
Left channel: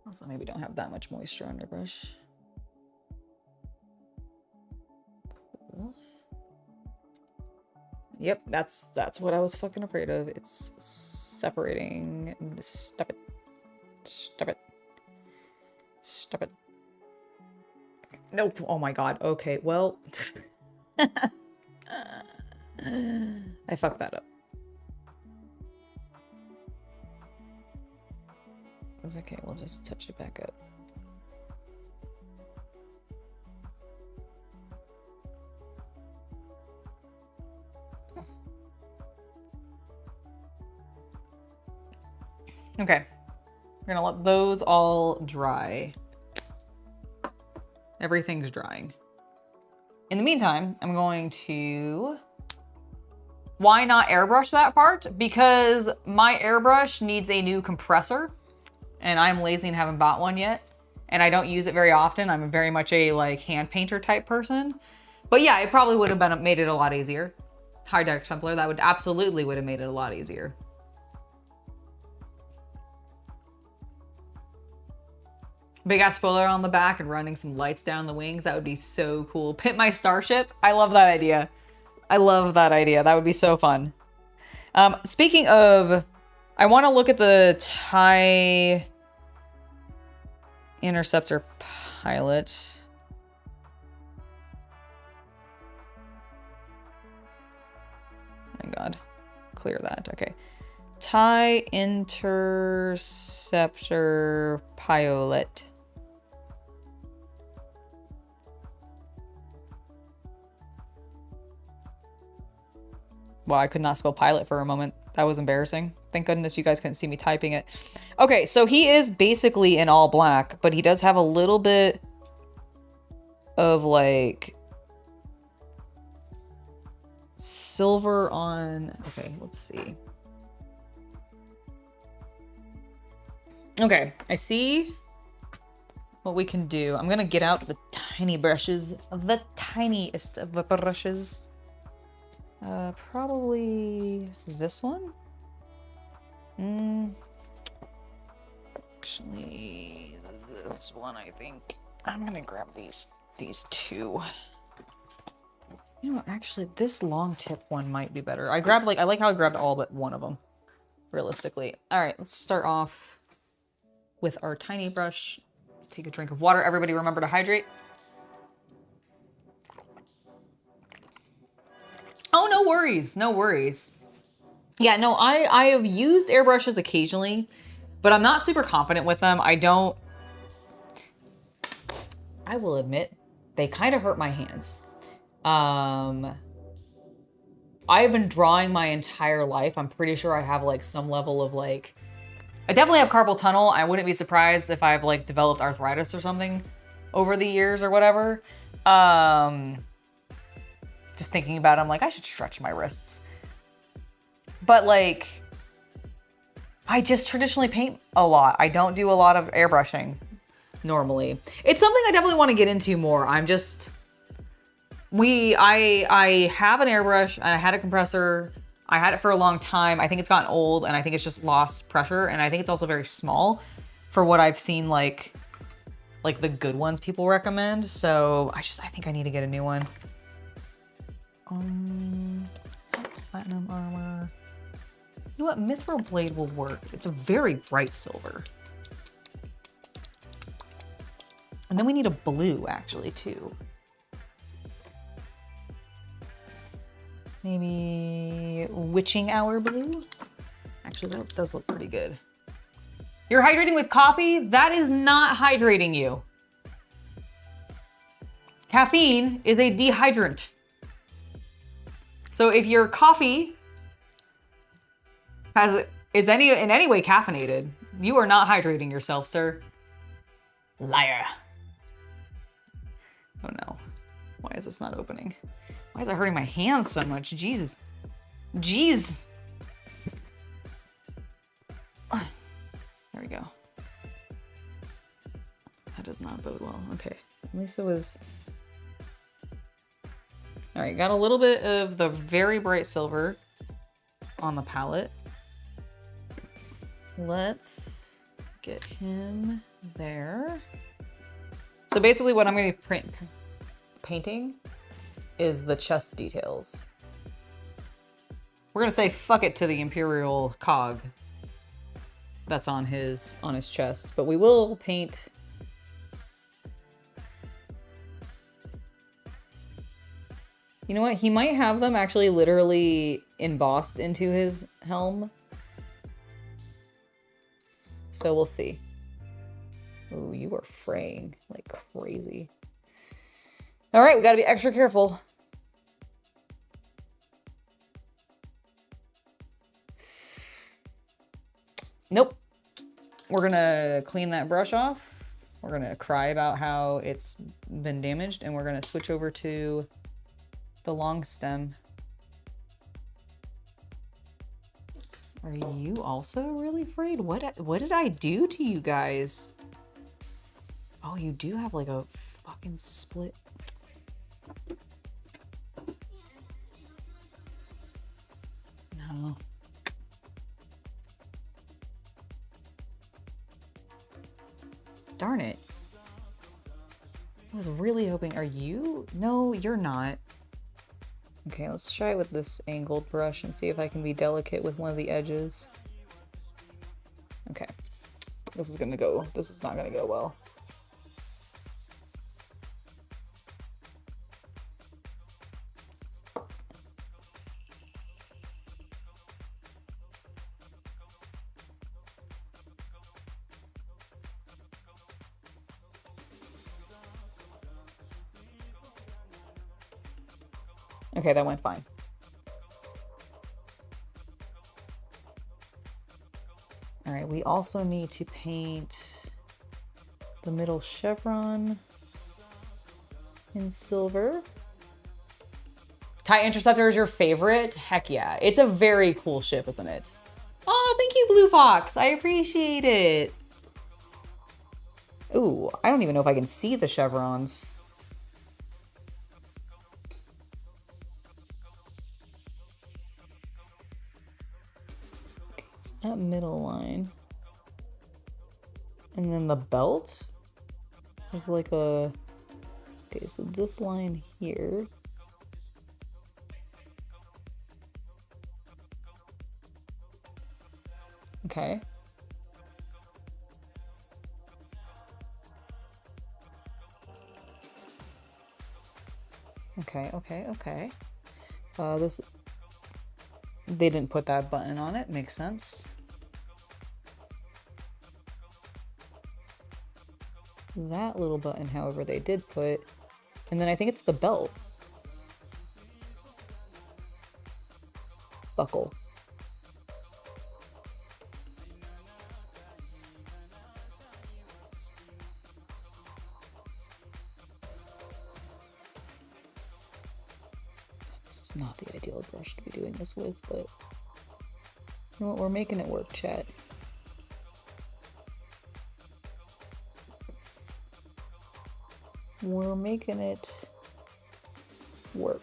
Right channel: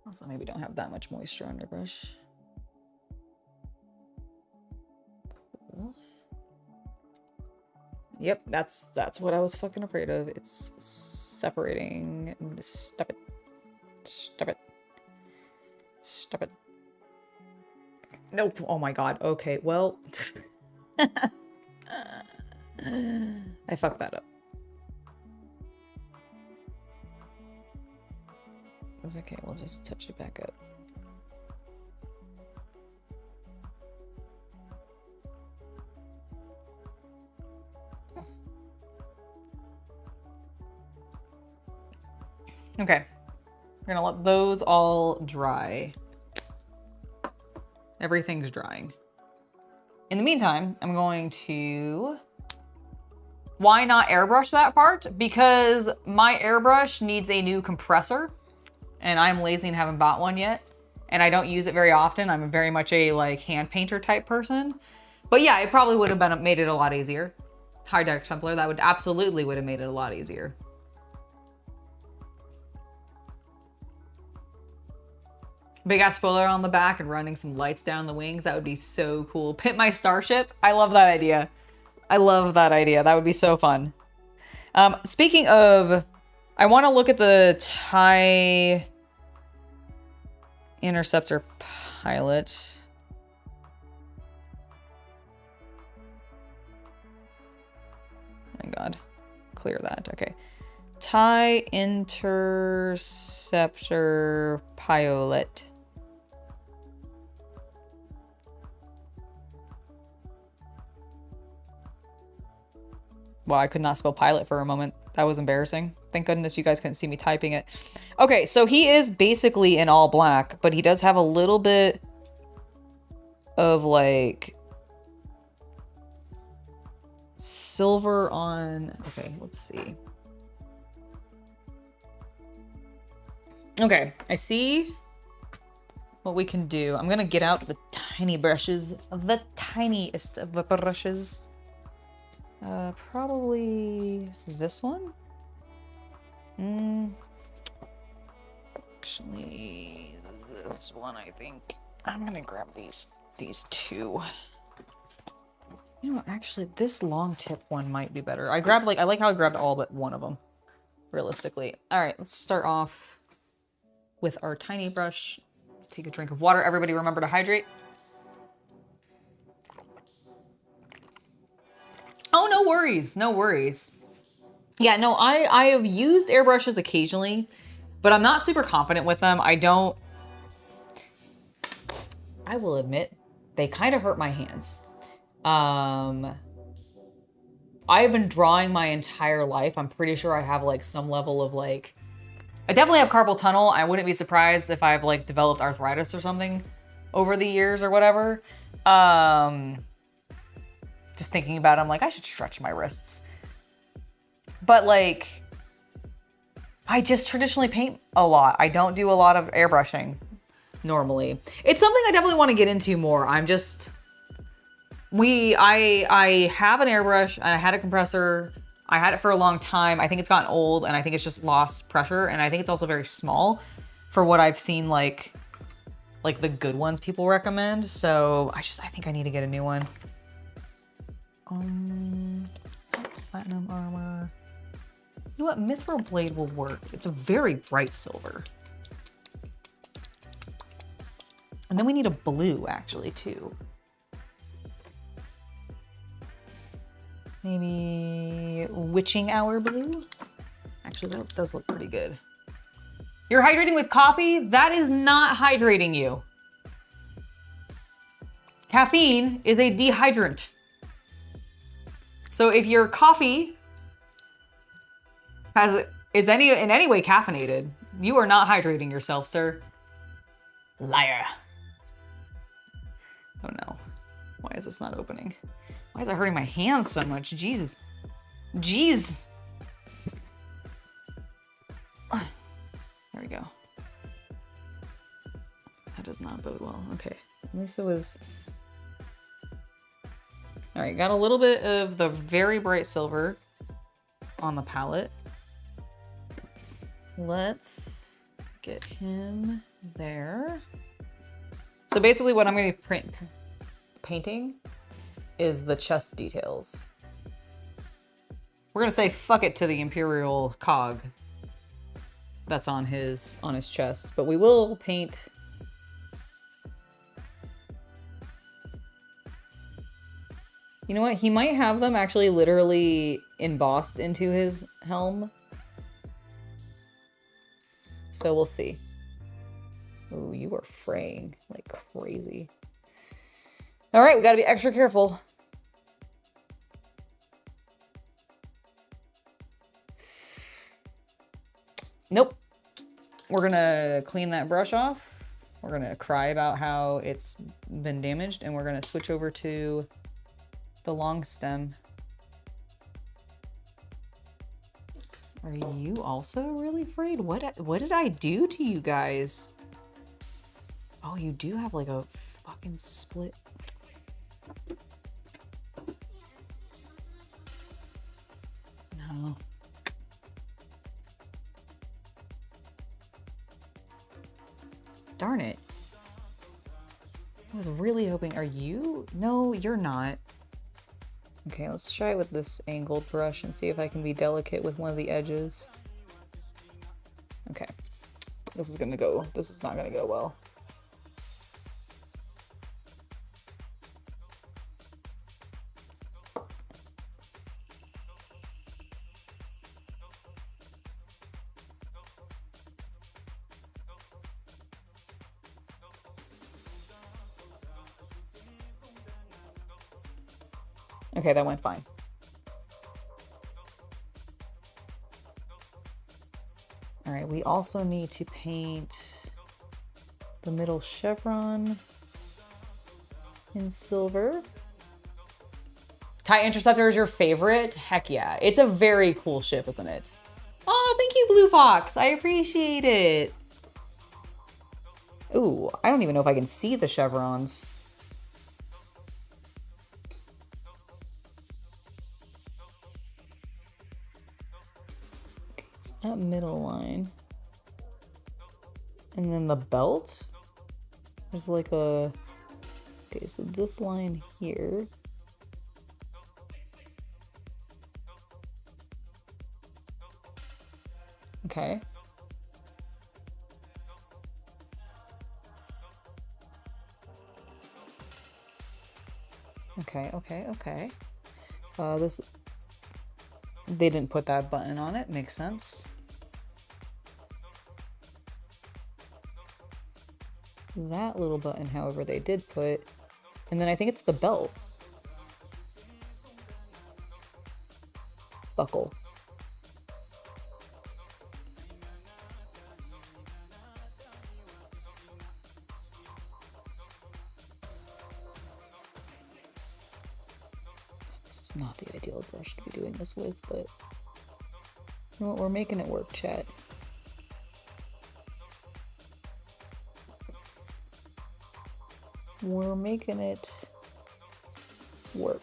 Also, maybe don't have that much moisture on your brush. Cool. Yep, that's what I was fucking afraid of. It's separating. Stop it. Stop it. Stop it. Nope. Oh my god. Okay, well. I fucked that up. That's okay. We'll just touch it back up. Okay. We're gonna let those all dry. Everything's drying. In the meantime, I'm going to... Why not airbrush that part? Because my airbrush needs a new compressor, and I'm lazy and haven't bought one yet. And I don't use it very often. I'm very much a like hand painter type person. But yeah, it probably would have made it a lot easier. Hi, Dark Templar. That would absolutely have made it a lot easier. Big ass spoiler on the back and running some lights down the wings. That would be so cool. Pimp my starship. I love that idea. I love that idea. That would be so fun. Speaking of I want to look at the TIE Interceptor pilot. My God. Clear that. Okay. TIE Interceptor pilot. Wow, I could not spell pilot for a moment. That was embarrassing. Thank goodness you guys couldn't see me typing it. Okay, so he is basically in all black, but he does have a little bit of like silver on. Okay, let's see. Okay, I see what we can do. I'm gonna get out the tiny brushes, the tiniest of the brushes. Probably this one. Actually, this one, I think. I'm gonna grab these two. You know, actually, this long tip one might be better. I like how I grabbed all but one of them, realistically. All right, let's start off with our tiny brush. Let's take a drink of water. Everybody remember to hydrate. Oh, no worries. No worries. Yeah, no, I have used airbrushes occasionally, but I'm not super confident with them. I will admit, they kind of hurt my hands. I've been drawing my entire life. I'm pretty sure I have like some level of like, I definitely have carpal tunnel. I wouldn't be surprised if I've like developed arthritis or something over the years or whatever. Just thinking about it, I'm like, I should stretch my wrists. But like, I just traditionally paint a lot. I don't do a lot of airbrushing normally. It's something I definitely want to get into more. I'm just, I have an airbrush and I had a compressor. I had it for a long time. I think it's gotten old and I think it's just lost pressure. And I think it's also very small for what I've seen like the good ones people recommend. So I think I need to get a new one. Platinum armor. You know what? Mithril blade will work. It's a very bright silver. And then we need a blue actually too. Maybe witching hour blue? Actually, that does look pretty good. You're hydrating with coffee? That is not hydrating you. Caffeine is a dehydrant. So if your coffee is in any way caffeinated, you are not hydrating yourself, sir. Liar. Oh no. Why is this not opening? Why is it hurting my hands so much? Jesus. Jeez. There we go. That does not bode well. Okay. At least it was... All right, got a little bit of the very bright silver on the palette. Let's get him there. So basically what I'm going to be painting is the chest details. We're going to say fuck it to the Imperial cog that's on his chest, but we will paint You know what? He might have them actually literally embossed into his helm. So we'll see. Oh, you are fraying like crazy. All right, we gotta be extra careful. Nope. We're gonna clean that brush off. We're gonna cry about how it's been damaged, and we're gonna switch over to the long stem. Are you also really frayed? What did I do to you guys? Oh, you do have like a fucking split. No. Darn it. I was really hoping, are you? No, you're not. Okay, let's try it with this angled brush and see if I can be delicate with one of the edges. This is not gonna go well. Okay, that went fine. All right, we also need to paint the middle chevron in silver. TIE Interceptor is your favorite? Heck yeah. It's a very cool ship, isn't it? Oh, thank you, Blue Fox. I appreciate it. Ooh, I don't even know if I can see the chevrons. Okay, it's that middle line. And then the belt? There's like a... Okay, so this line here. Okay. Okay. This... They didn't put that button on it. Makes sense. That little button, however, they did put. And then I think it's the belt. Buckle. This is not the ideal brush to be doing this with, but you know what? We're making it work, chat. We're making it work.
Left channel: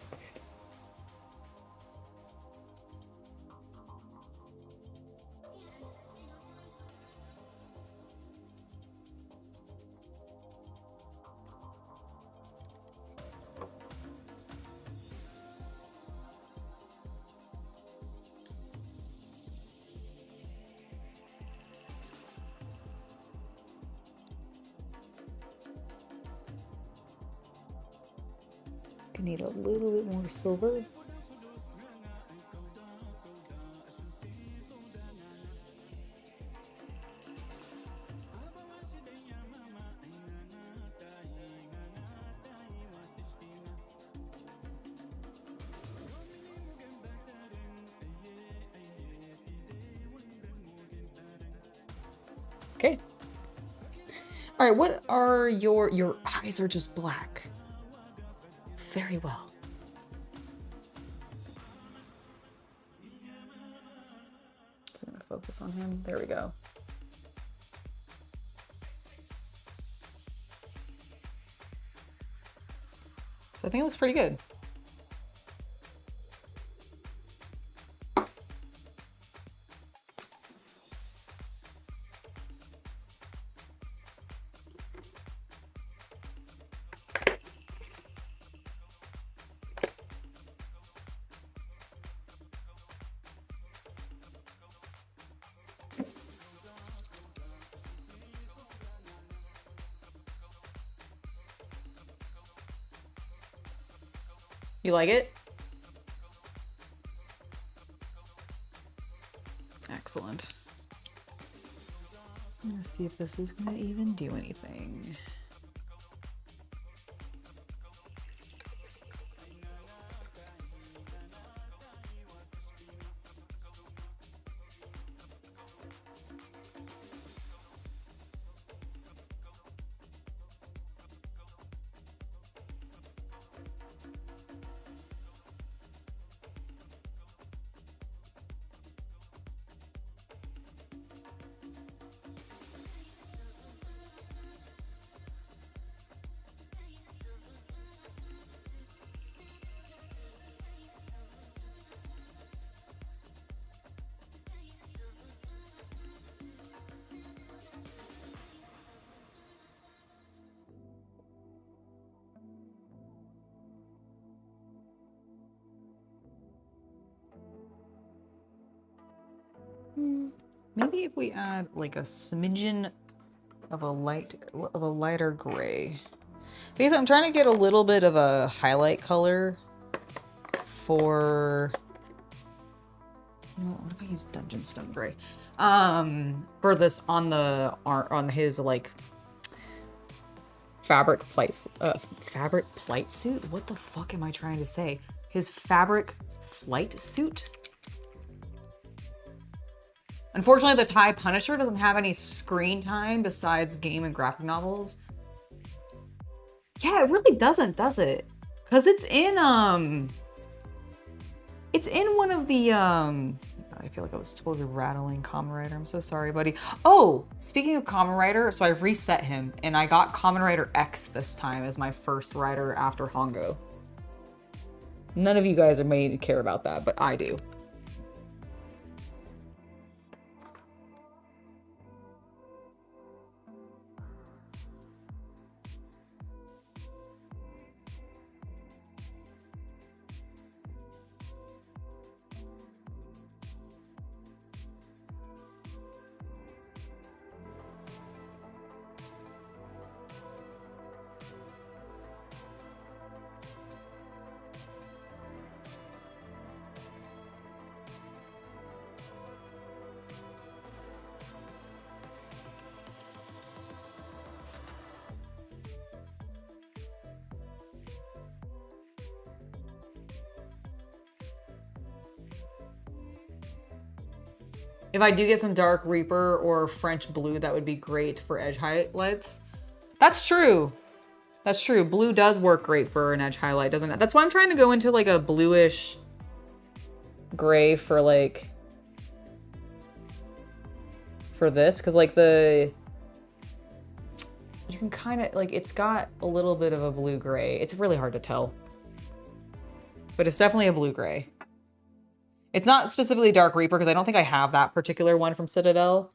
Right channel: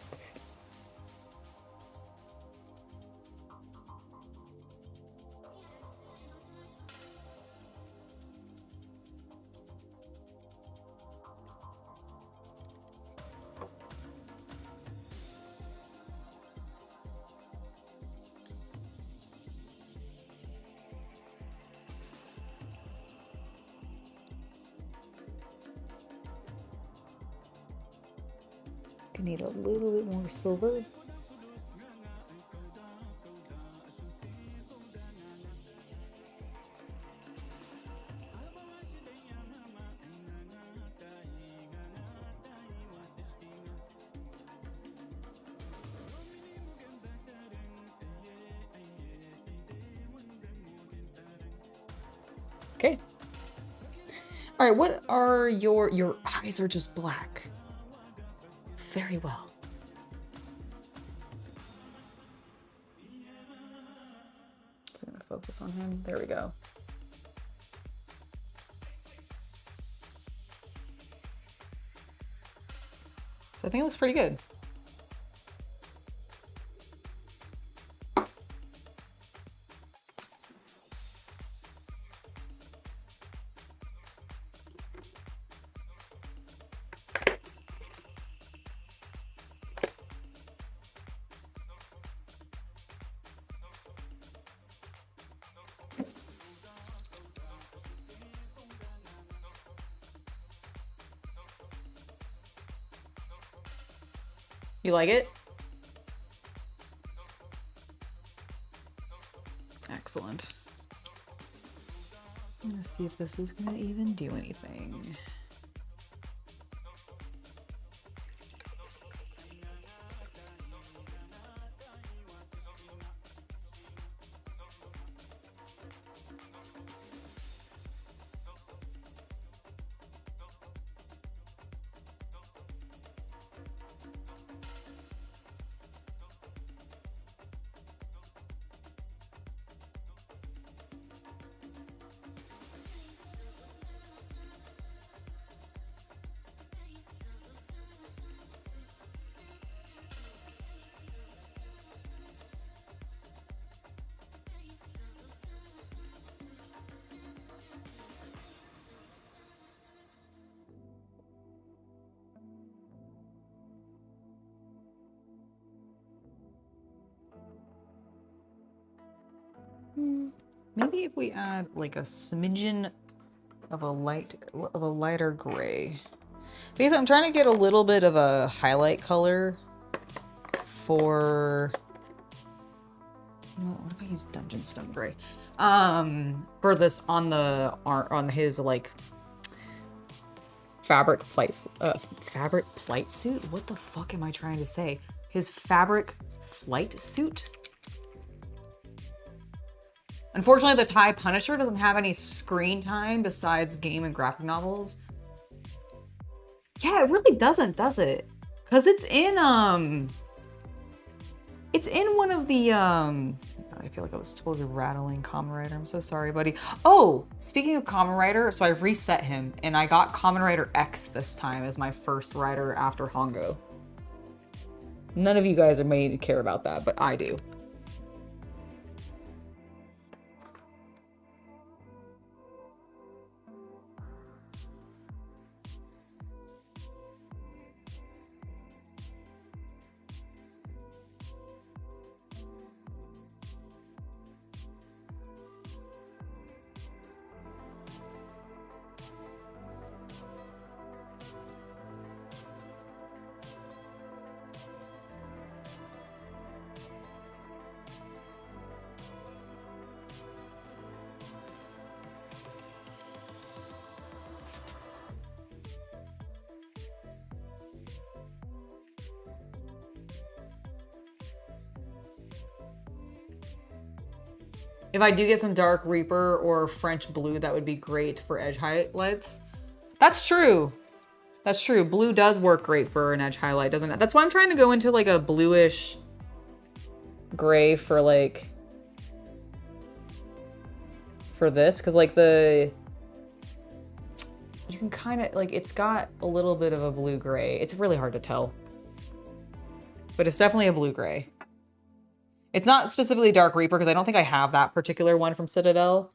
Need a little bit more silver. Okay. All right, what are your eyes are just black. Very well. So I'm gonna focus on him. There we go. So I think it looks pretty good. You like it? Excellent. I'm gonna see if this is gonna even do anything. Maybe if we add like a smidgen of a lighter gray. Because I'm trying to get a little bit of a highlight color for, you know what if I use Dungeon Stone Gray? For this on his like fabric plight suit? What the fuck am I trying to say? His fabric flight suit? Unfortunately, the TIE Punisher doesn't have any screen time besides game and graphic novels. Yeah, it really doesn't, does it? Because it's in one of the I feel like I was totally rattling Kamen Rider. I'm so sorry, buddy. Oh, speaking of Kamen Rider, so I've reset him and I got Kamen Rider X this time as my first rider after Hongo. None of you guys are made to care about that, but I do. If I do get some Dark Reaper or French Blue, that would be great for edge highlights. That's true. That's true. Blue does work great for an edge highlight, doesn't it? That's why I'm trying to go into like a bluish gray for like, for this. Cause like you can kind of like, it's got a little bit of a blue gray. It's really hard to tell, but it's definitely a blue gray. It's not specifically Dark Reaper because I don't think I have that particular one from Citadel.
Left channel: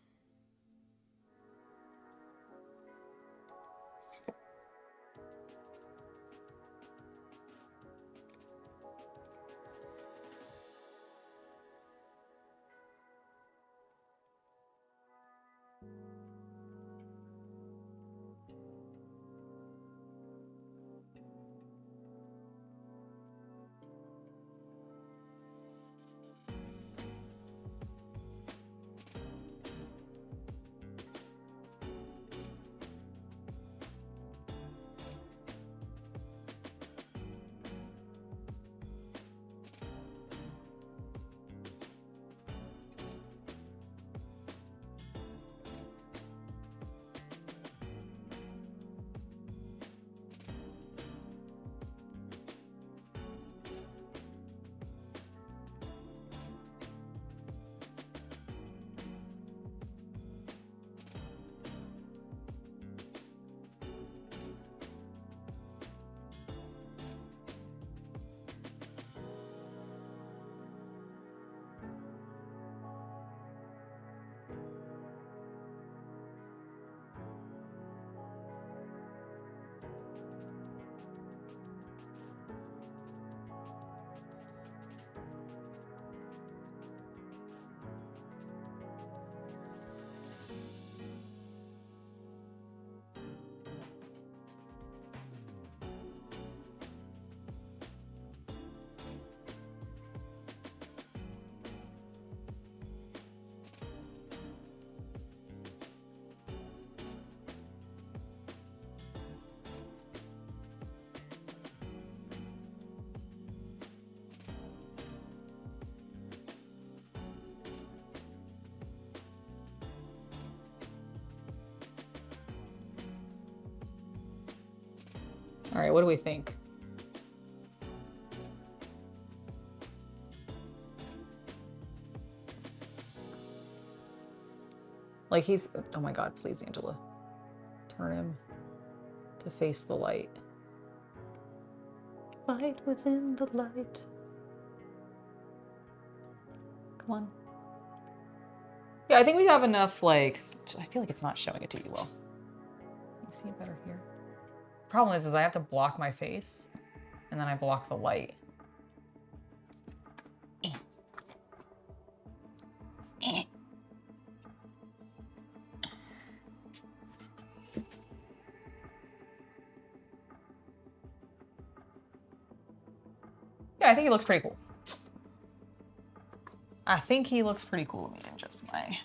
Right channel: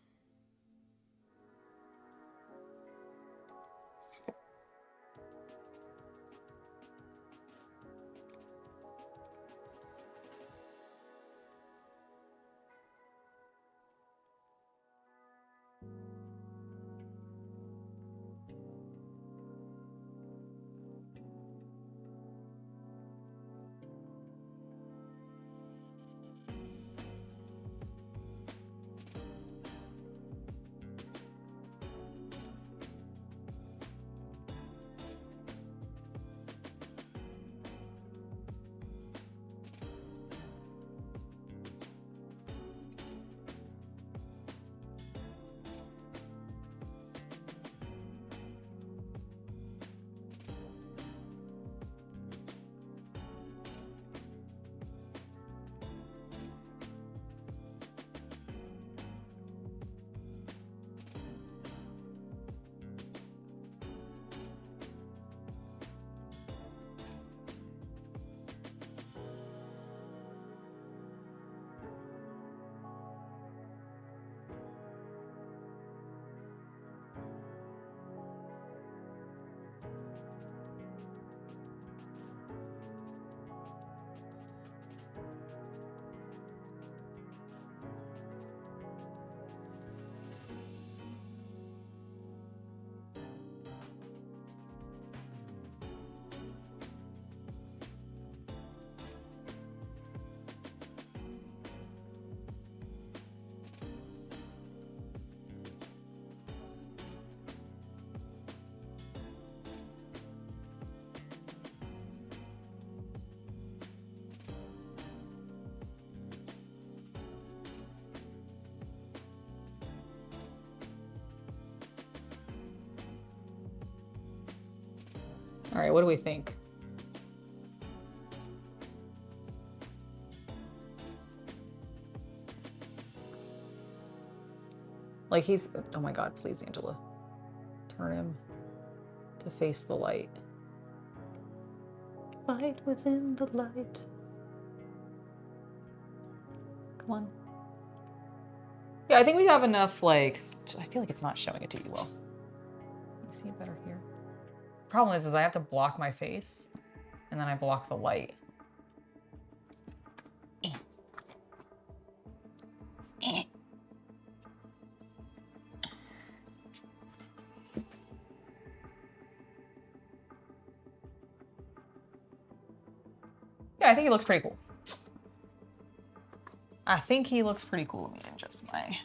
All right, what do we think? Like he's, oh my God, please, Angela. Turn him to face the light. Light within the light. Come on. Yeah, I think we have enough, like, I feel like it's not showing it to you well. Can you see it better here? Problem is I have to block my face and then I block the light. I think he looks pretty cool. I think he looks pretty cool. Let me adjust my...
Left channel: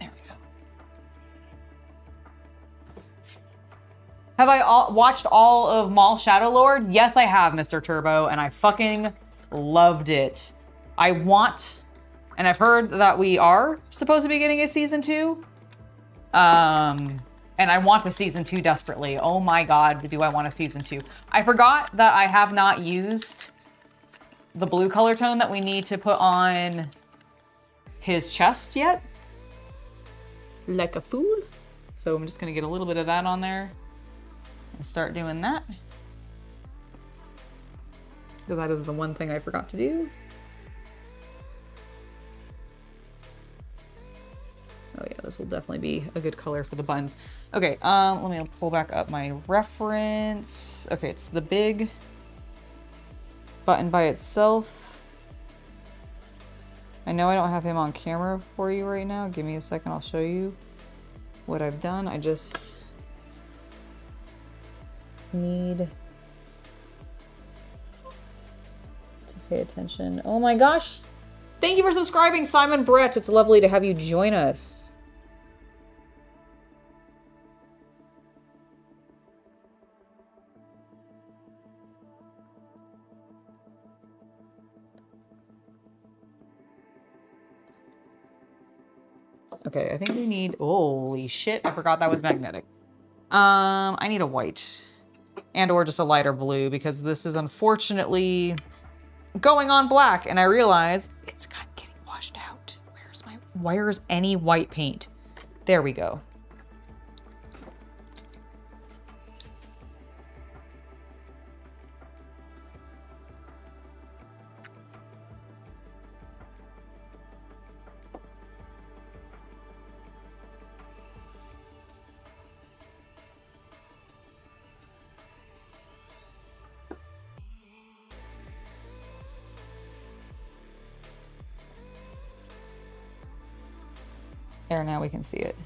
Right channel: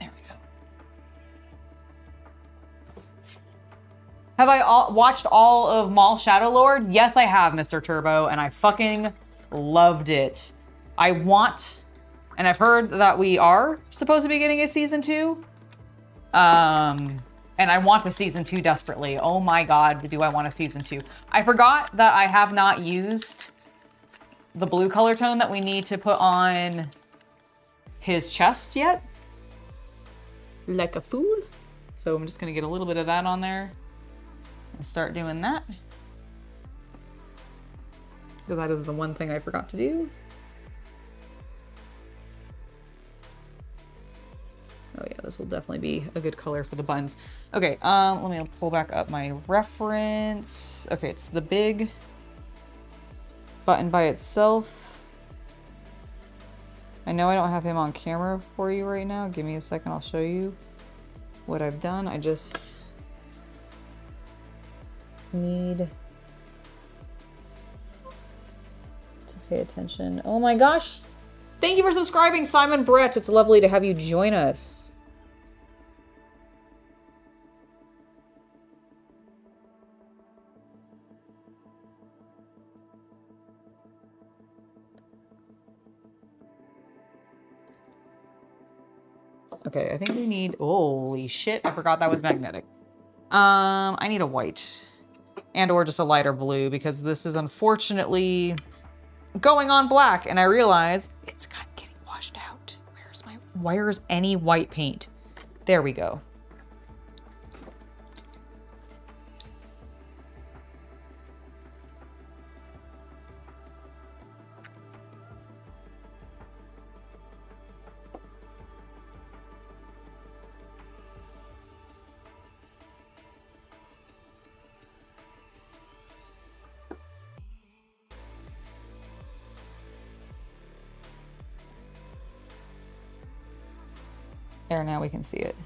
There we go. Have I watched all of Maul Shadow Lord? Yes, I have, Mr. Turbo, and I fucking loved it. I want, and I've heard that we are supposed to be getting a season 2. And I want the season 2 desperately. Oh my God, do I want a season 2? I forgot that I have not used the blue color tone that we need to put on his chest yet. Like a fool. So I'm just gonna get a little bit of that on there and start doing that. Because that is the one thing I forgot to do. Oh yeah, this will definitely be a good color for the buns. Okay, let me pull back up my reference. Okay, it's the big button by itself. I know I don't have him on camera for you right now. Give me a second, I'll show you what I've done. I just need to pay attention. Oh my gosh! Thank you for subscribing, Simon Brett. It's lovely to have you join us. Okay, I think we need, holy shit, I forgot that was magnetic. I need a white and or just a lighter blue because this is unfortunately going on black and I realize it's kind of getting washed out. Where's any white paint? There we go. There, now we can see it.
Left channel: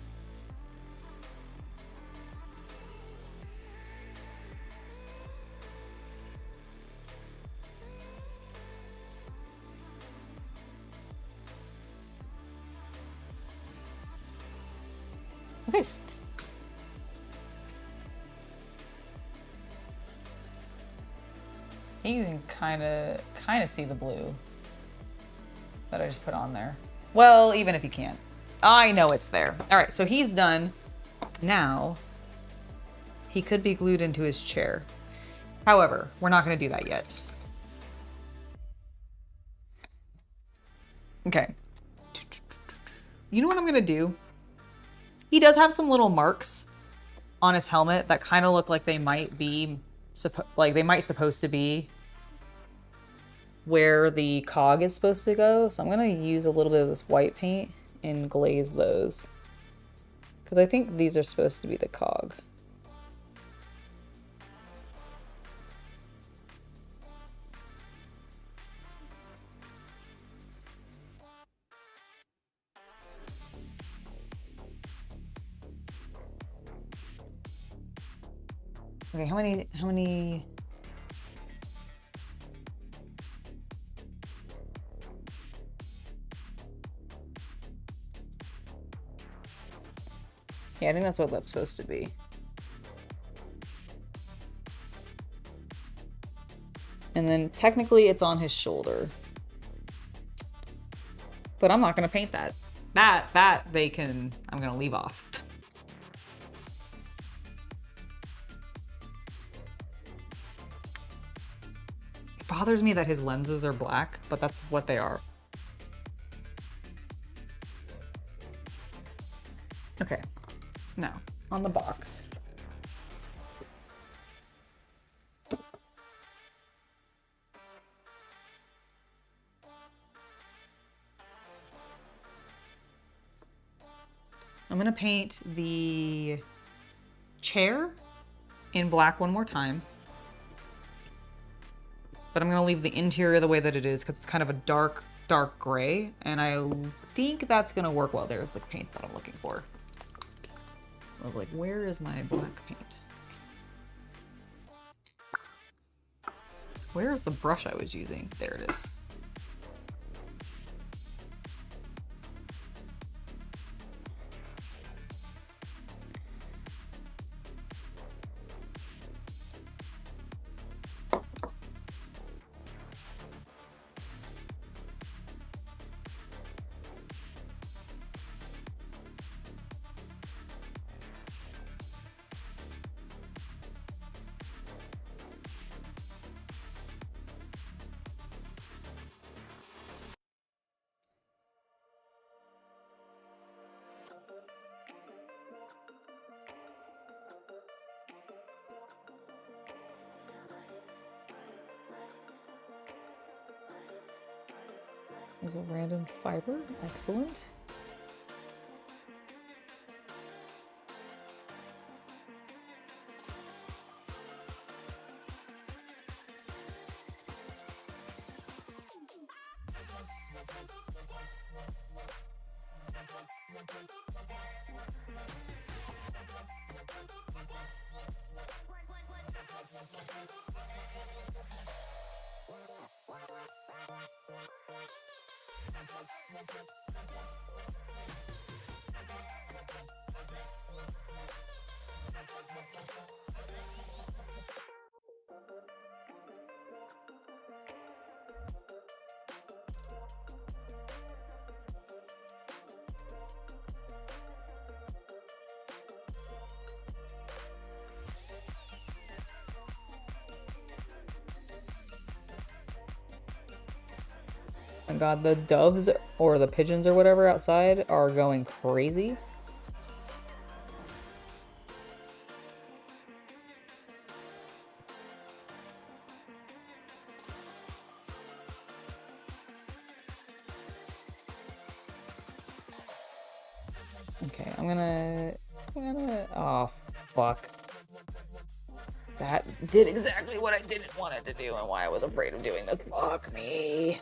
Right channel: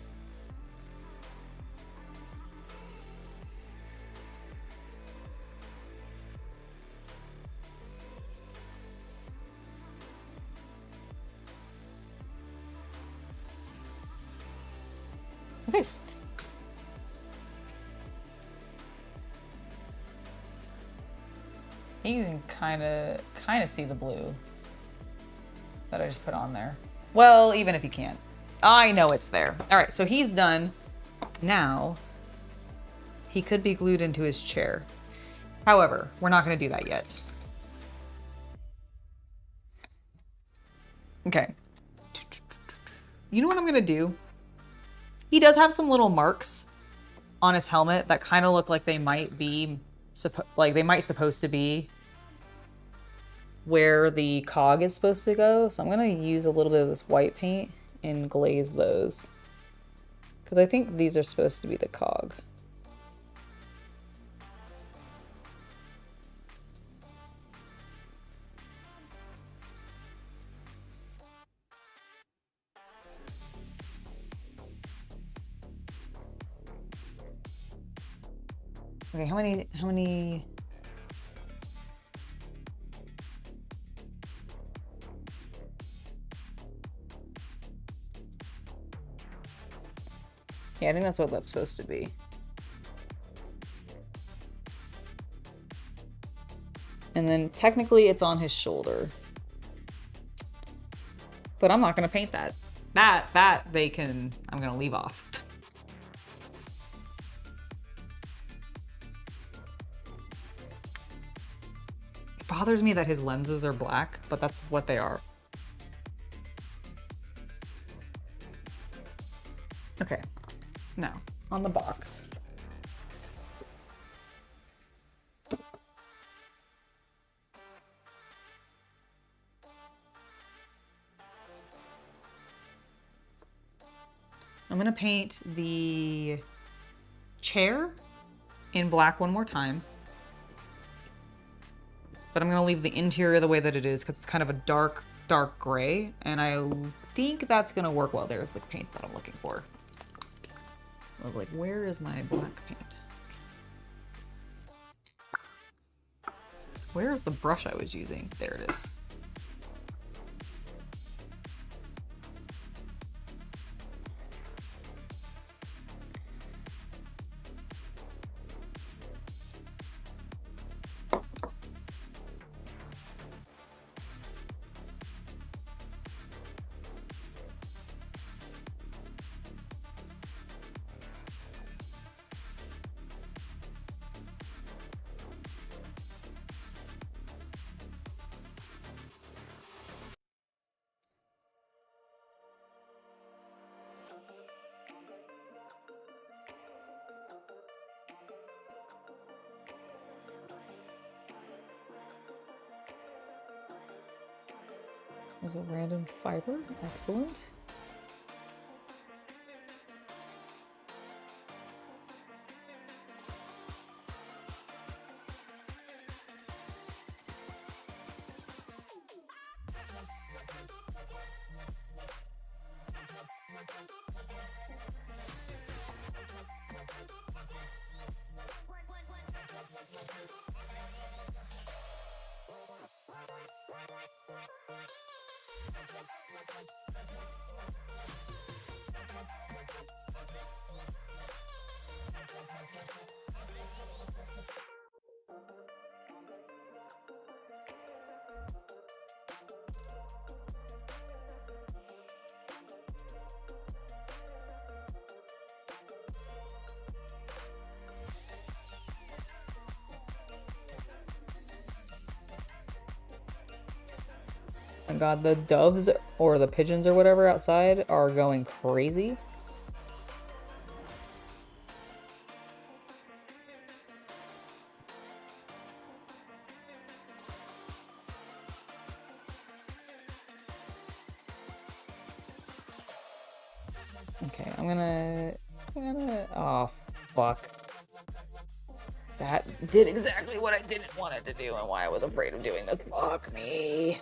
Okay. You can kind of see the blue that I just put on there. Well, even if you can't. I know it's there. All right, so he's done. Now, he could be glued into his chair. However, we're not going to do that yet. Okay. You know what I'm going to do? He does have some little marks on his helmet that kind of look like they might be, supposed to be where the cog is supposed to go. So I'm going to use a little bit of this white paint and glaze those because I think these are supposed to be the cog. Okay, how many Yeah, I think that's what that's supposed to be. And then technically it's on his shoulder. But I'm not gonna paint that. That I'm gonna leave off. It bothers me that his lenses are black, but that's what they are. Okay. Now, on the box. I'm gonna paint the chair in black one more time. But I'm gonna leave the interior the way that it is because it's kind of a dark gray. And I think that's gonna work well. There's the paint that I'm looking for. I was like, where is my black paint? Where's the brush I was using? There it is. There's a random fiber. Excellent. Oh my god, the doves or the pigeons or whatever outside are going crazy. Okay, I'm gonna, oh, fuck. That did exactly what I didn't want it to do and why I was afraid of doing this. Fuck me.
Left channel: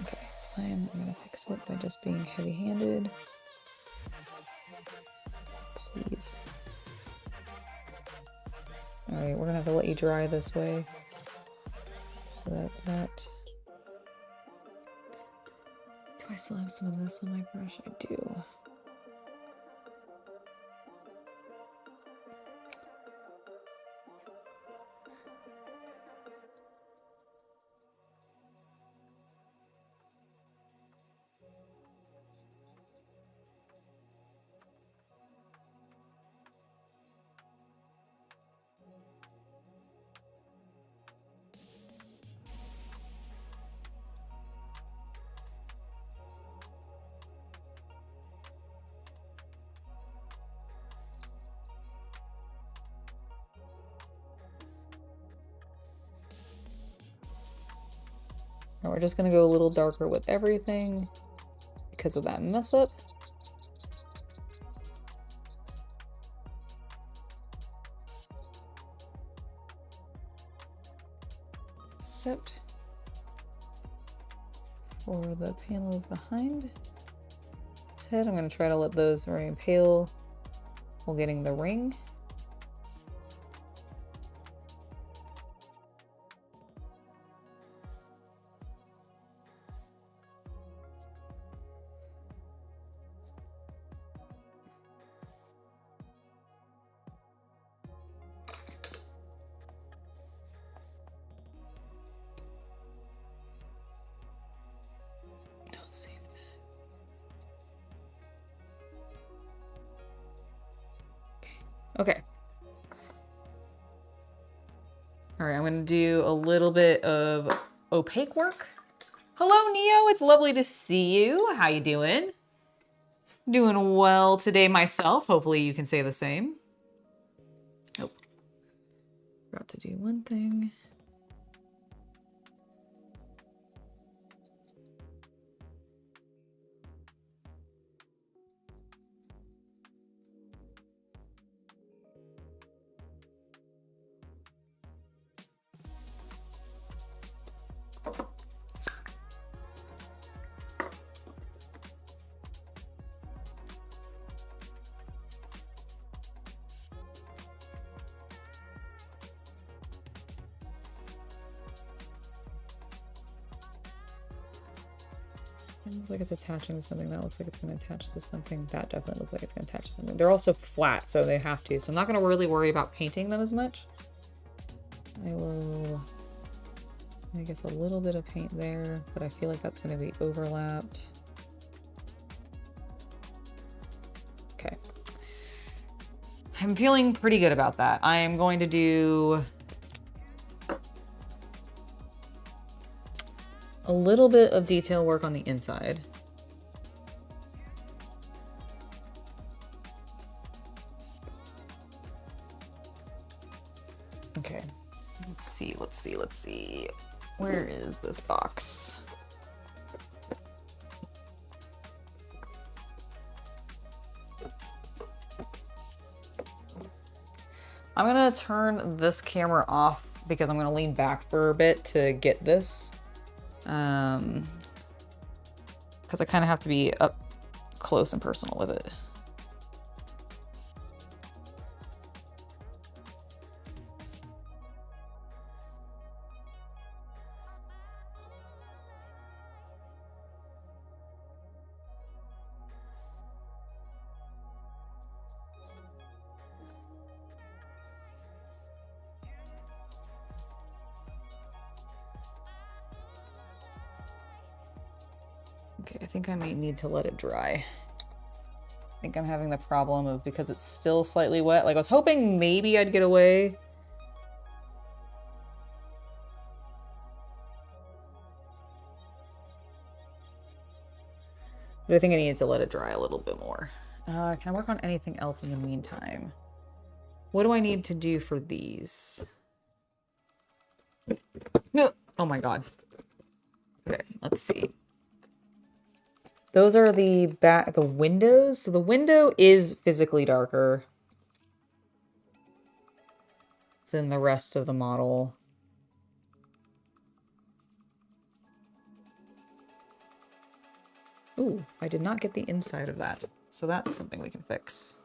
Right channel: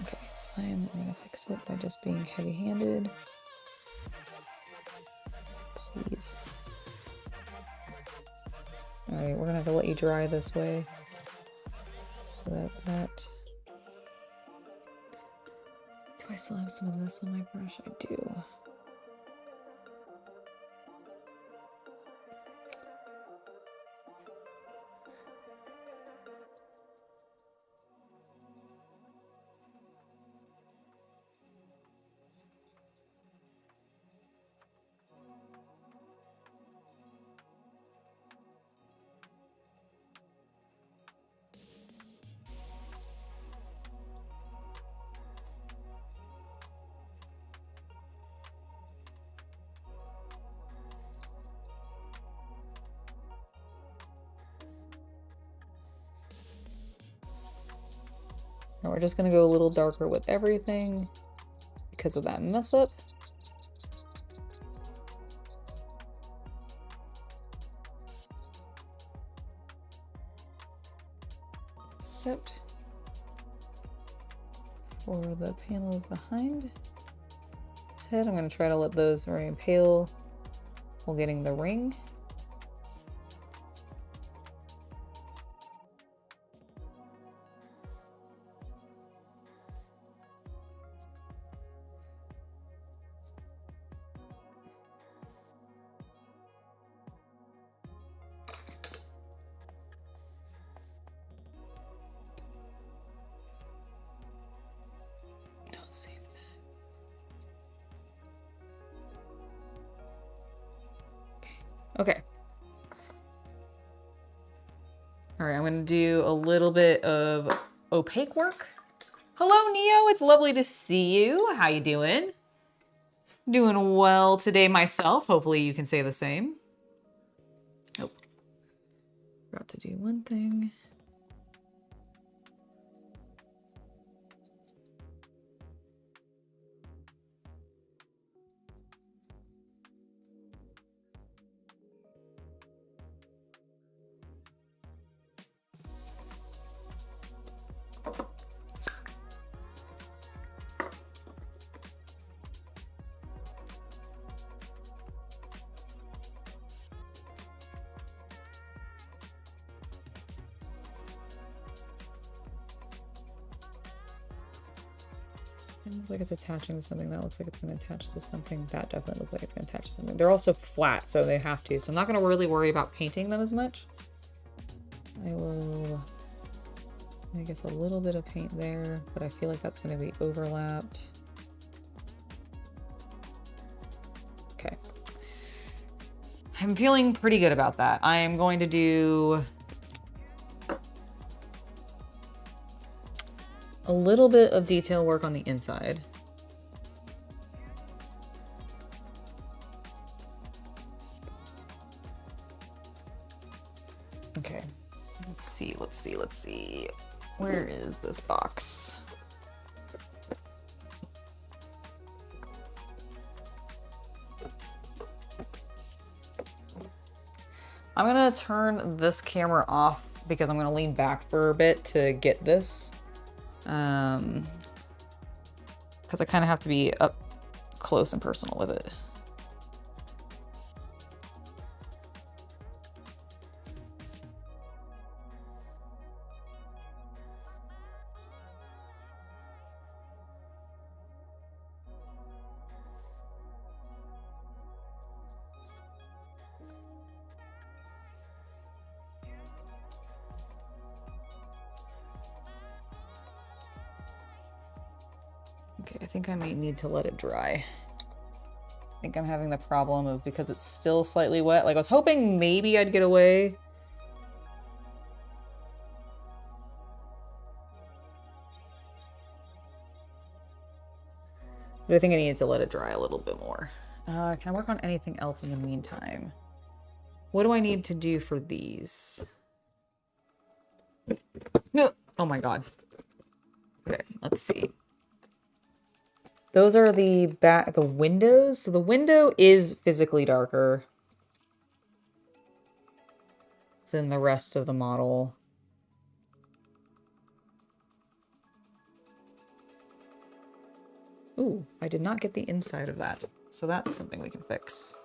Okay, it's fine. I'm gonna fix it by just being heavy-handed. Please. Alright, we're gonna have to let you dry this way. So that... Do I still have some of this on my brush? I do. And we're just gonna go a little darker with everything because of that mess up. Except for the panels behind his head. I'm gonna try to let those remain pale while getting the ring. I'll save that. Okay. All right, I'm gonna do a little bit of opaque work. Hello, Neo. It's lovely to see you. How you doing? Doing well today myself. Hopefully you can say the same. Oh, forgot to do one thing. It looks like it's attaching to something. That looks like it's going to attach to something. That definitely looks like it's going to attach to something. They're also flat, so they have to. So I'm not going to really worry about painting them as much. I will, I guess, a little bit of paint there, but I feel like that's going to be overlapped. Okay. I'm feeling pretty good about that. I am going to do a little bit of detail work on the inside. Okay, let's see. Where is this box? I'm gonna turn this camera off because I'm gonna lean back for a bit to get this. Because I kind of have to be up close and personal with it. Okay, I think I might need to let it dry. I think I'm having the problem of, because it's still slightly wet. Like, I was hoping maybe I'd get away. But I think I need to let it dry a little bit more. Can I work on anything else in the meantime? What do I need to do for these? No. Oh my god. Okay, let's see. Those are the windows. So the window is physically darker than the rest of the model. Ooh, I did not get the inside of that. So that's something we can fix.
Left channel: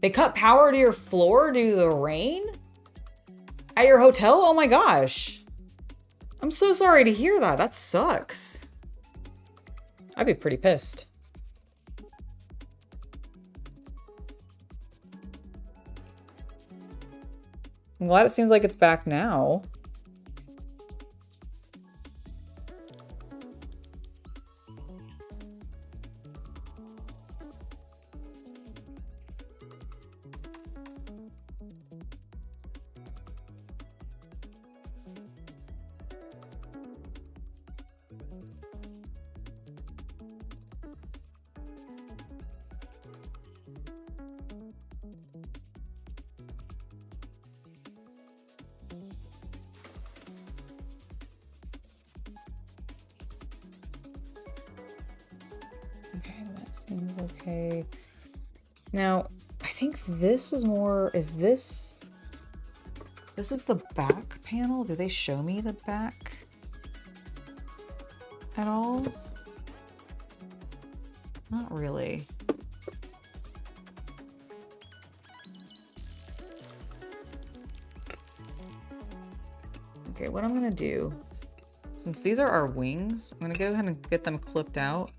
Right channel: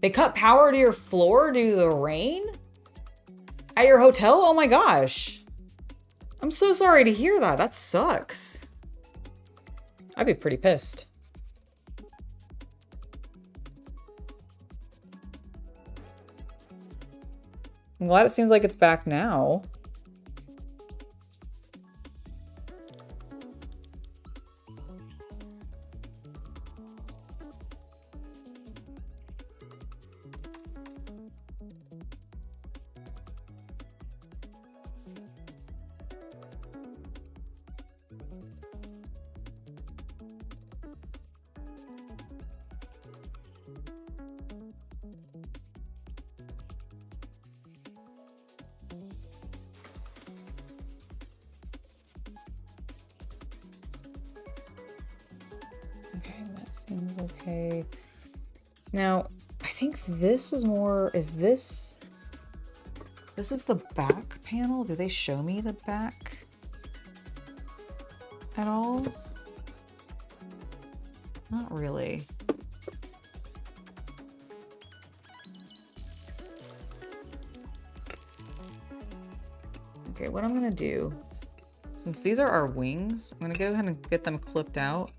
They cut power to your floor due to the rain? At your hotel? Oh my gosh. I'm so sorry to hear that. That sucks. I'd be pretty pissed. I'm glad it seems like it's back now. Seems okay. Now, I think this is more, this is the back panel? Do they show me the back at all? Not really. Okay, what I'm gonna do, since these are our wings, I'm gonna go ahead and get them clipped out.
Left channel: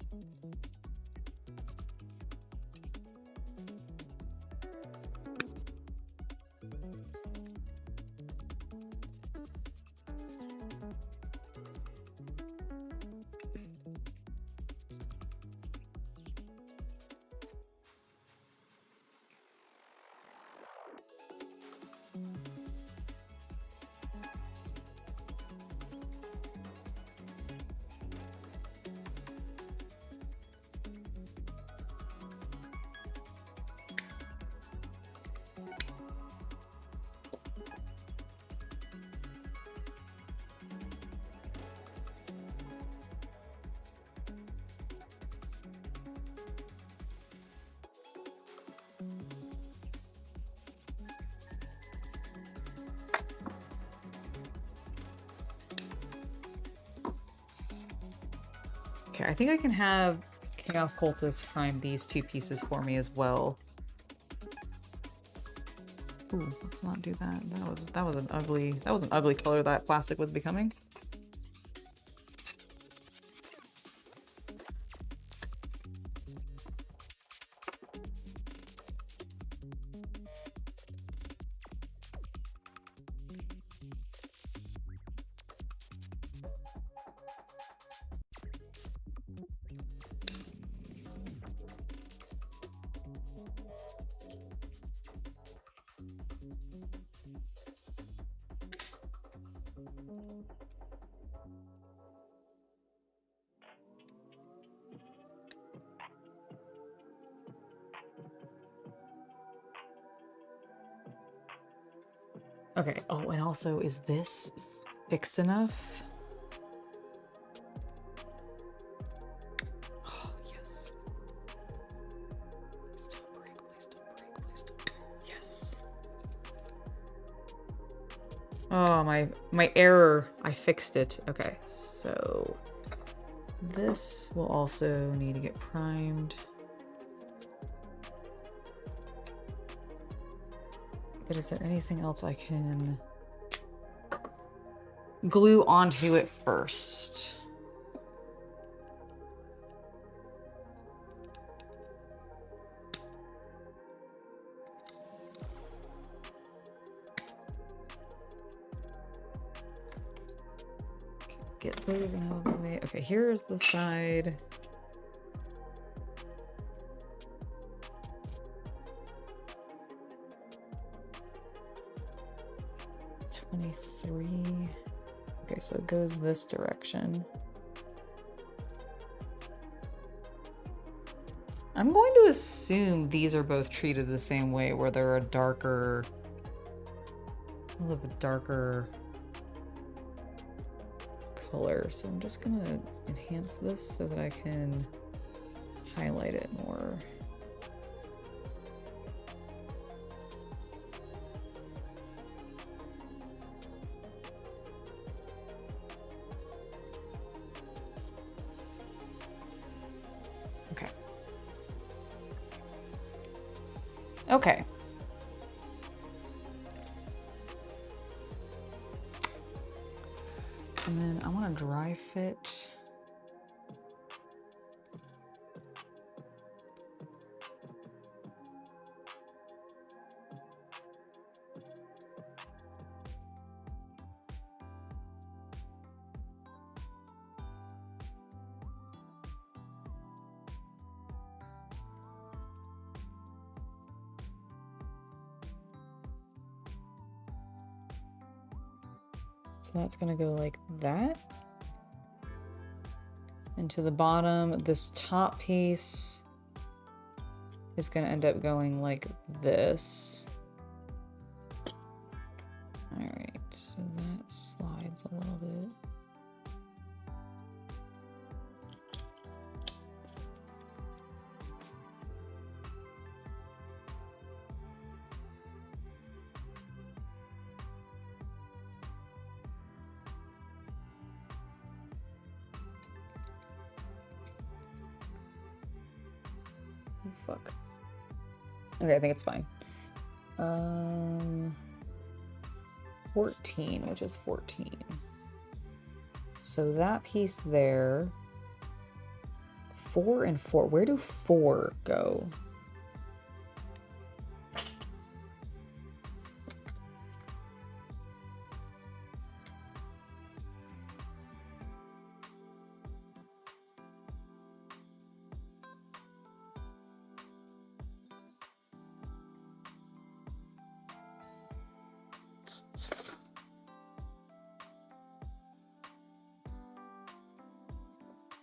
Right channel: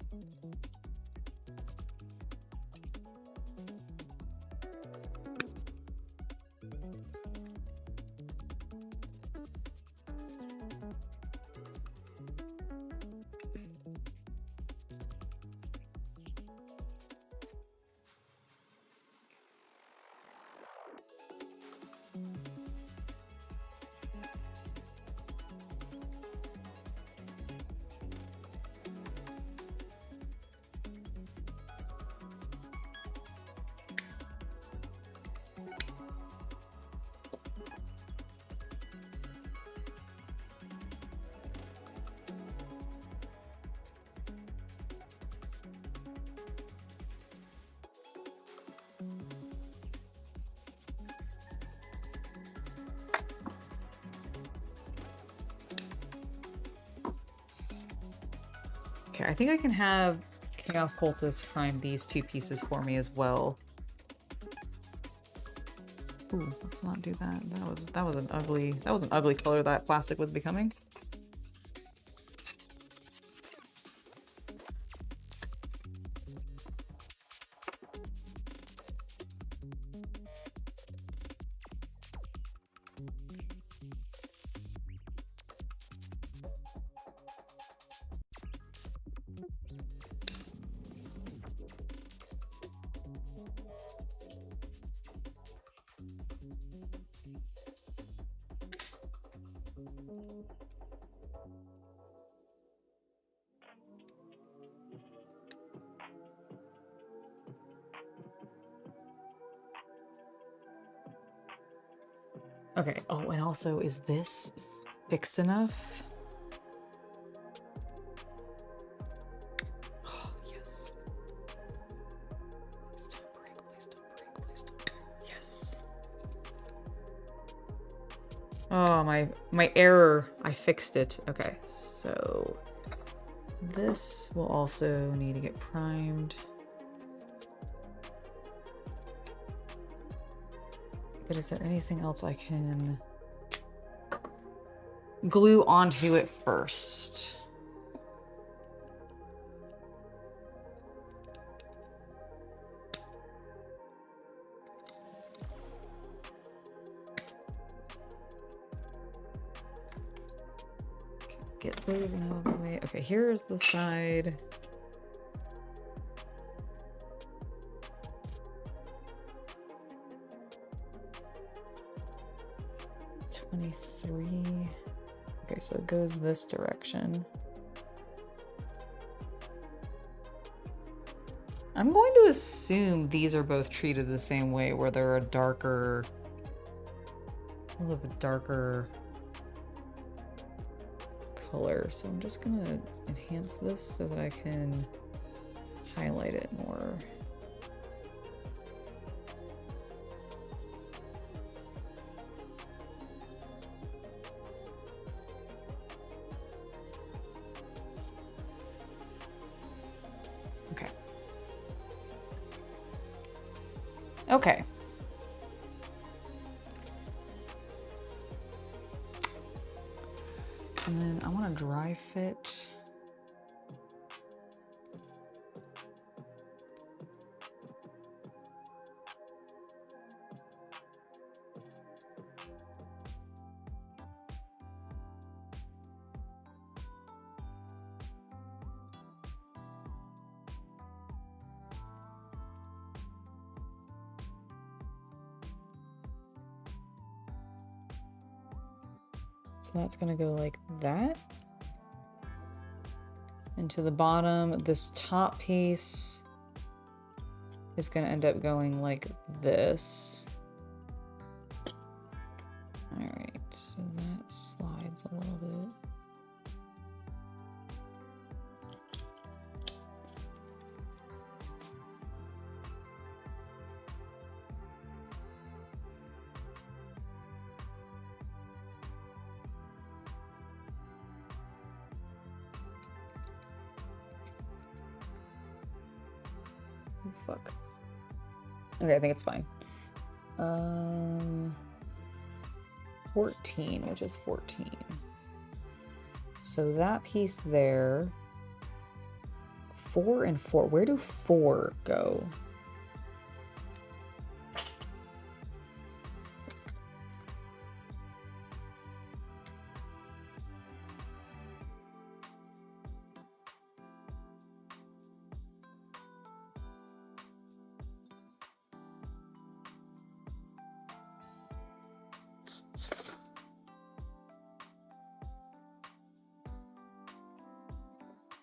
Okay, I think I can have Chaos Cultist find these two pieces for me as well. Ooh, let's not do that. That was an ugly color that plastic was becoming. Okay, oh, and also, is this fixed enough? Oh, yes. Please don't break, please don't break, please don't break. Yes. Oh, my error. I fixed it. Okay, so this will also need to get primed. But is there anything else I can glue onto it first? Okay, get those out of the way. Okay, here's the side. Okay, so it goes this direction. I'm going to assume these are both treated the same way, where they're a little bit darker color. So I'm just gonna enhance this so that I can highlight it more. Okay. And then I want to dry fit. So that's gonna go like that. And to the bottom, this top piece is gonna end up going like this. All right, so that slides a little bit. Oh, fuck. Okay, I think it's fine. 14, which is 14. So that piece there, 4 and 4. Where do 4 go?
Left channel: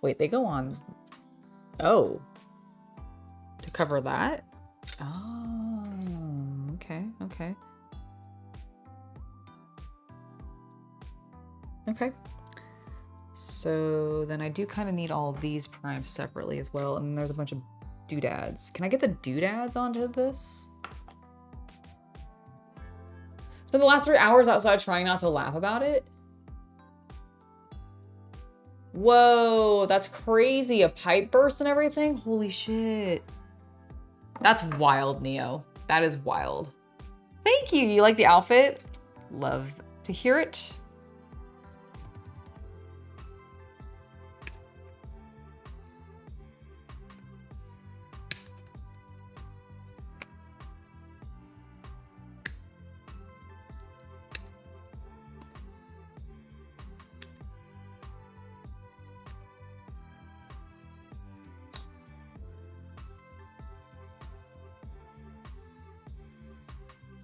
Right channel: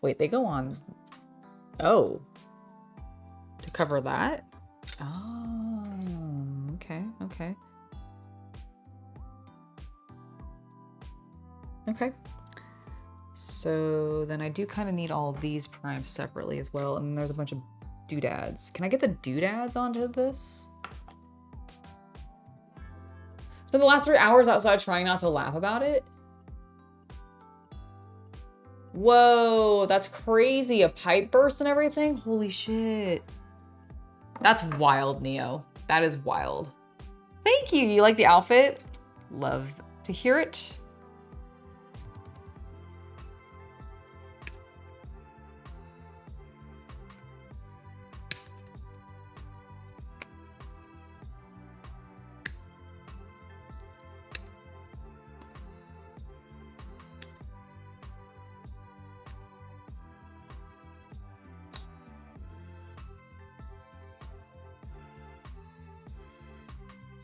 Wait, they go on. Oh. To cover that? Oh, okay, okay. Okay. So then I do kind of need all of these primed separately as well. And then there's a bunch of doodads. Can I get the doodads onto this? Spent the last 3 hours outside trying not to laugh about it. Whoa, that's crazy. A pipe burst and everything? Holy shit. That's wild, Neo. That is wild. Thank you. You like the outfit? Love to hear it.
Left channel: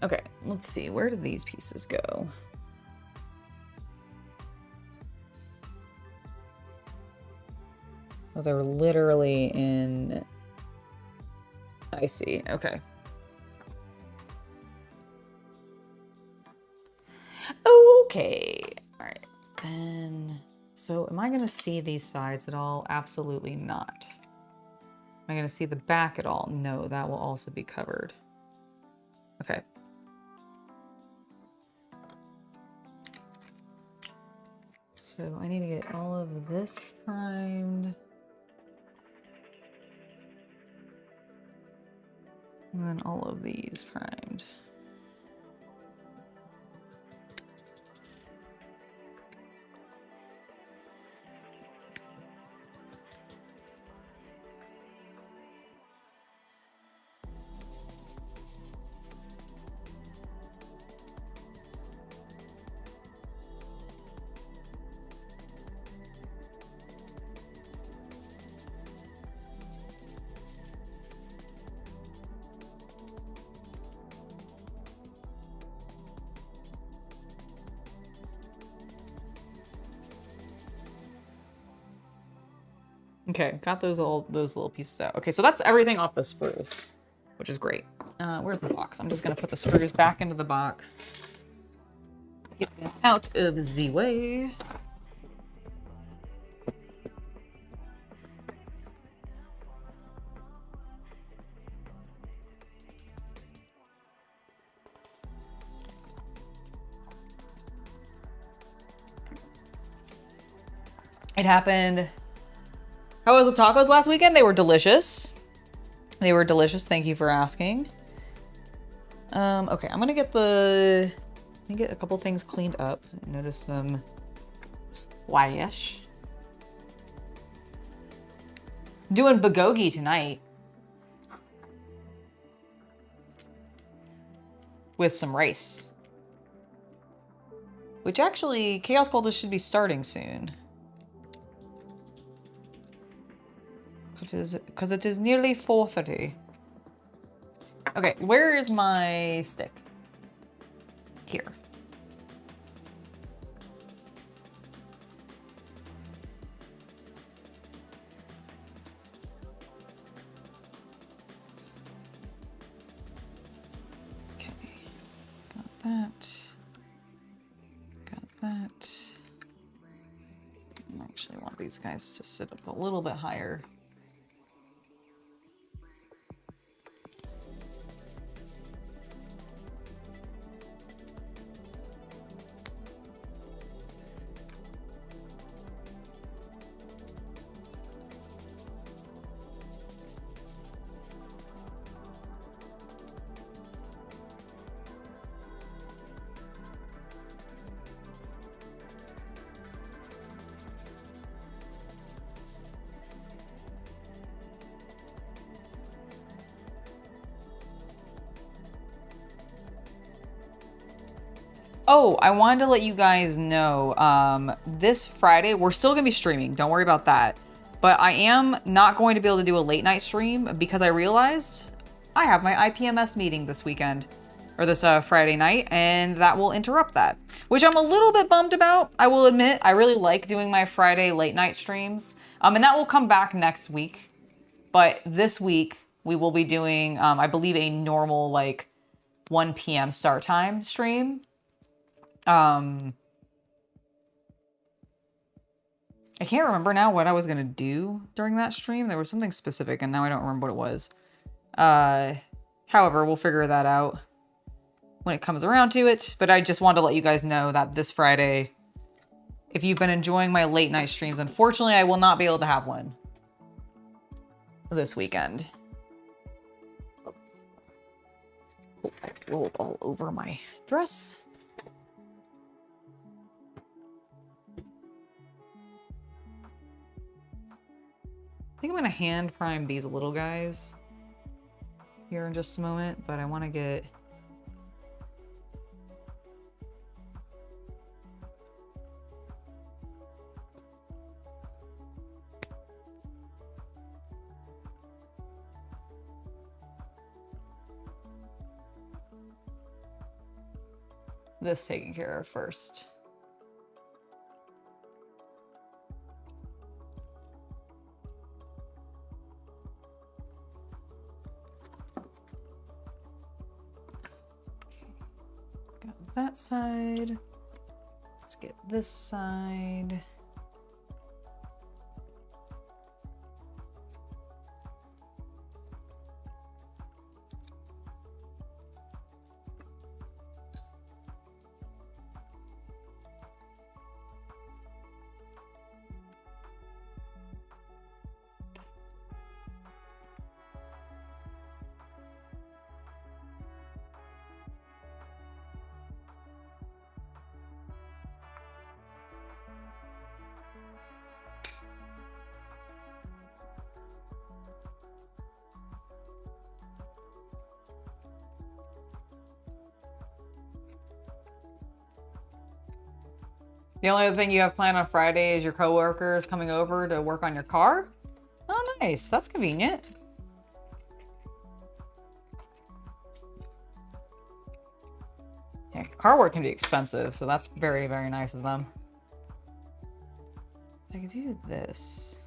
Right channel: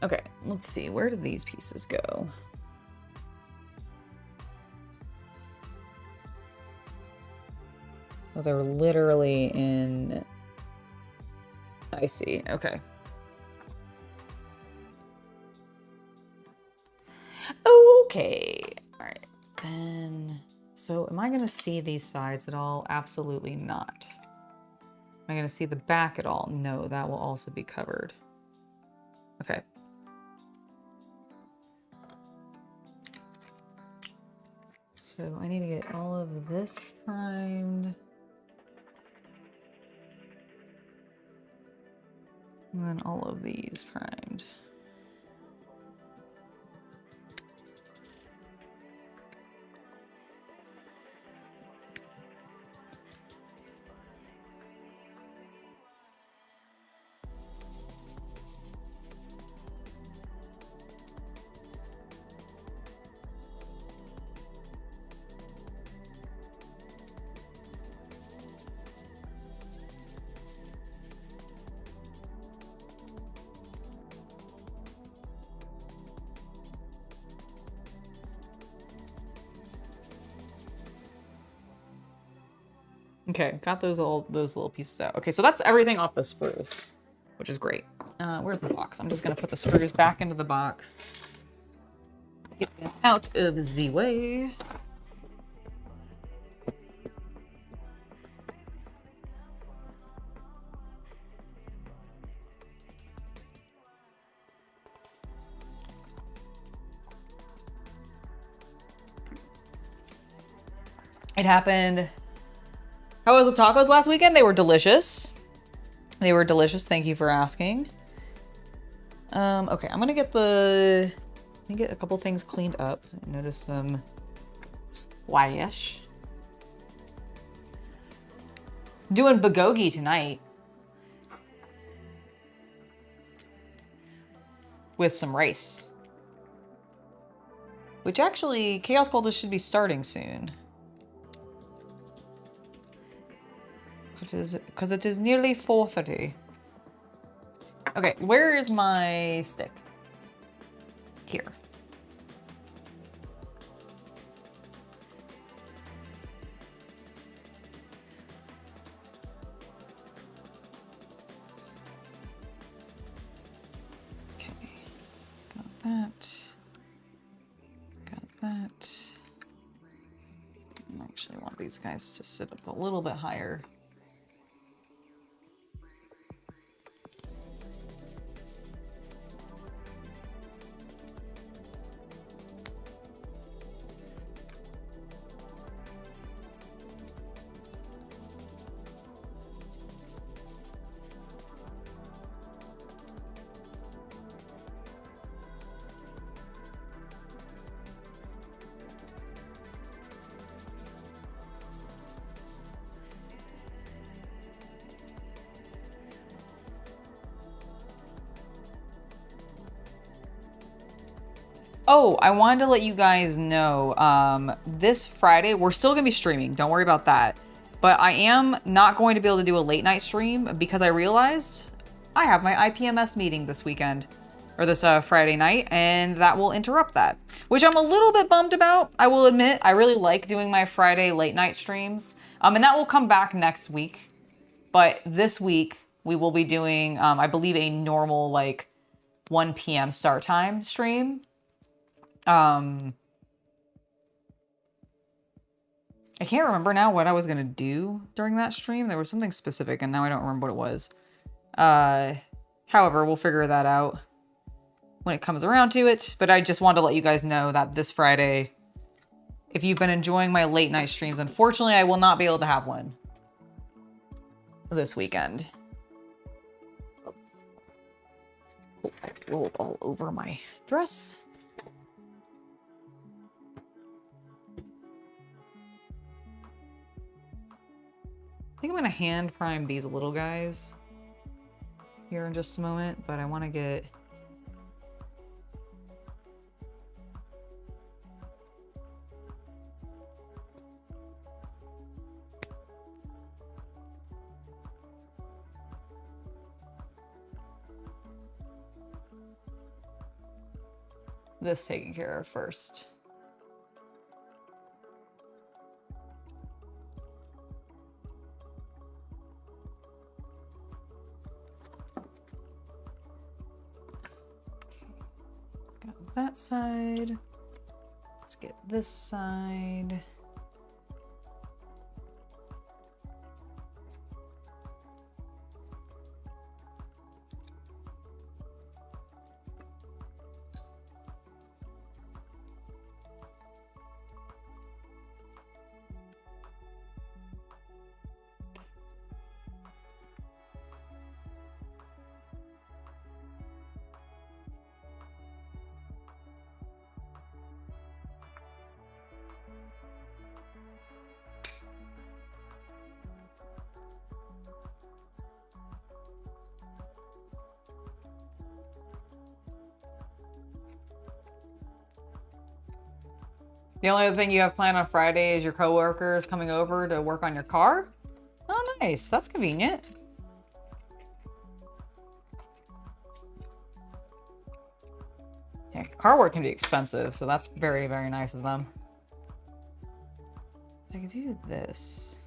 Okay, let's see. Where did these pieces go? Oh, they're literally in... I see. Okay. Okay. All right. Then... So, am I going to see these sides at all? Absolutely not. Am I going to see the back at all? No, that will also be covered. Okay. So I need to get all of this primed. And then all of these primed. Okay, got those little pieces out. Okay, so that's everything off the sprues, which is great. Where's the box? I'm just gonna put the sprues back into the box. Get them out of the way. It happened. How was the tacos last weekend? They were delicious. They were delicious. Thank you for asking. Okay, I'm gonna get a couple things cleaned up. Notice some splash. Doing bulgogi tonight with some rice, which actually Chaos Cultist should be starting soon. Because it is nearly 4:30. Okay, where is my stick? Here. Okay, got that. Got that. I actually want these guys to sit up a little bit higher. Oh, I wanted to let you guys know, this Friday, we're still gonna be streaming. Don't worry about that. But I am not going to be able to do a late night stream because I realized I have my IPMS meeting this weekend, or this Friday night, and that will interrupt that, which I'm a little bit bummed about. I will admit, I really like doing my Friday late night streams, and that will come back next week. But this week, we will be doing, I believe, a normal, like, 1 p.m. start time stream. I can't remember now what I was gonna do during that stream. There was something specific and now I don't remember what it was. However, we'll figure that out when it comes around to it. But I just wanted to let you guys know that this Friday, if you've been enjoying my late night streams, unfortunately, I will not be able to have one this weekend. rolled all over my dress. I think I'm gonna hand prime these little guys here in just a moment, but I want to get this taken care of first. That side. Let's get this side. The only other thing you have planned on Friday is your coworkers coming over to work on your car? Oh, nice. That's convenient. Yeah, car work can be expensive, so that's very, very nice of them. I could do this.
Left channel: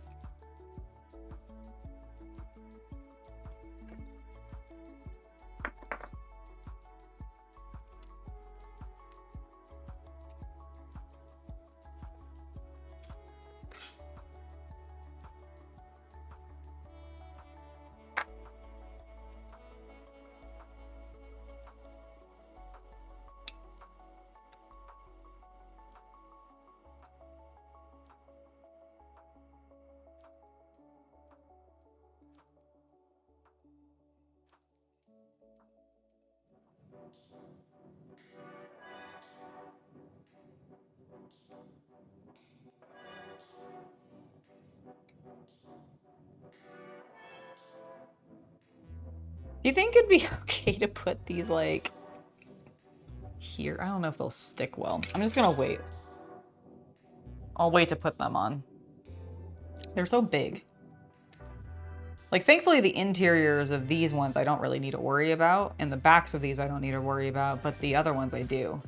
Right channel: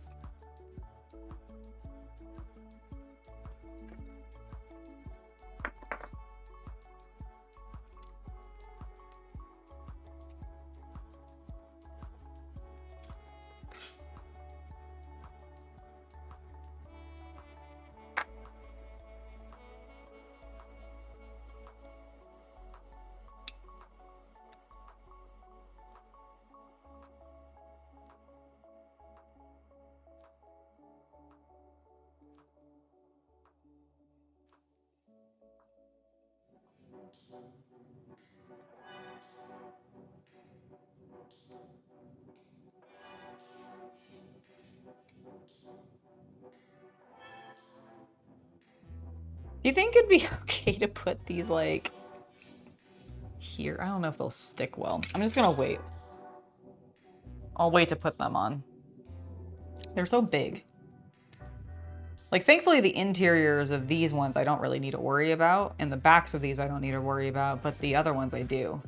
Do you think it'd be okay to put these like here? I don't know if they'll stick well. I'm just gonna wait. I'll wait to put them on. They're so big. Like, thankfully the interiors of these ones I don't really need to worry about, and the backs of these I don't need to worry about, but the other ones I do.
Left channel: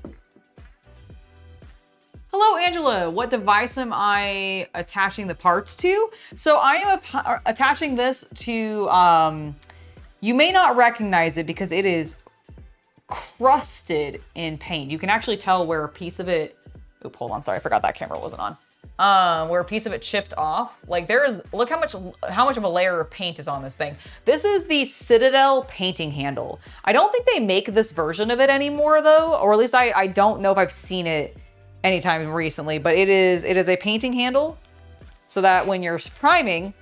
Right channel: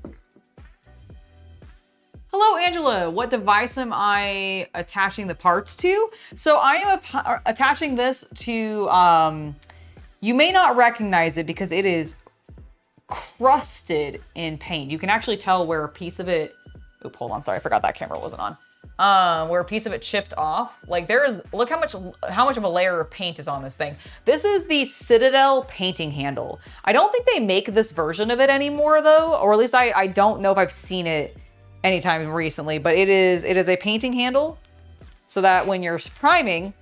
Hello, Angela. What device am I attaching the parts to? So I am attaching this to, you may not recognize it because it is crusted in paint. You can actually tell where a piece of it, oop, hold on, sorry, I forgot that camera wasn't on. Where a piece of it chipped off. Like look how much of a layer of paint is on this thing. This is the Citadel painting handle. I don't think they make this version of it anymore though, or at least I don't know if I've seen it anytime recently, but it is a painting handle so that when you're priming,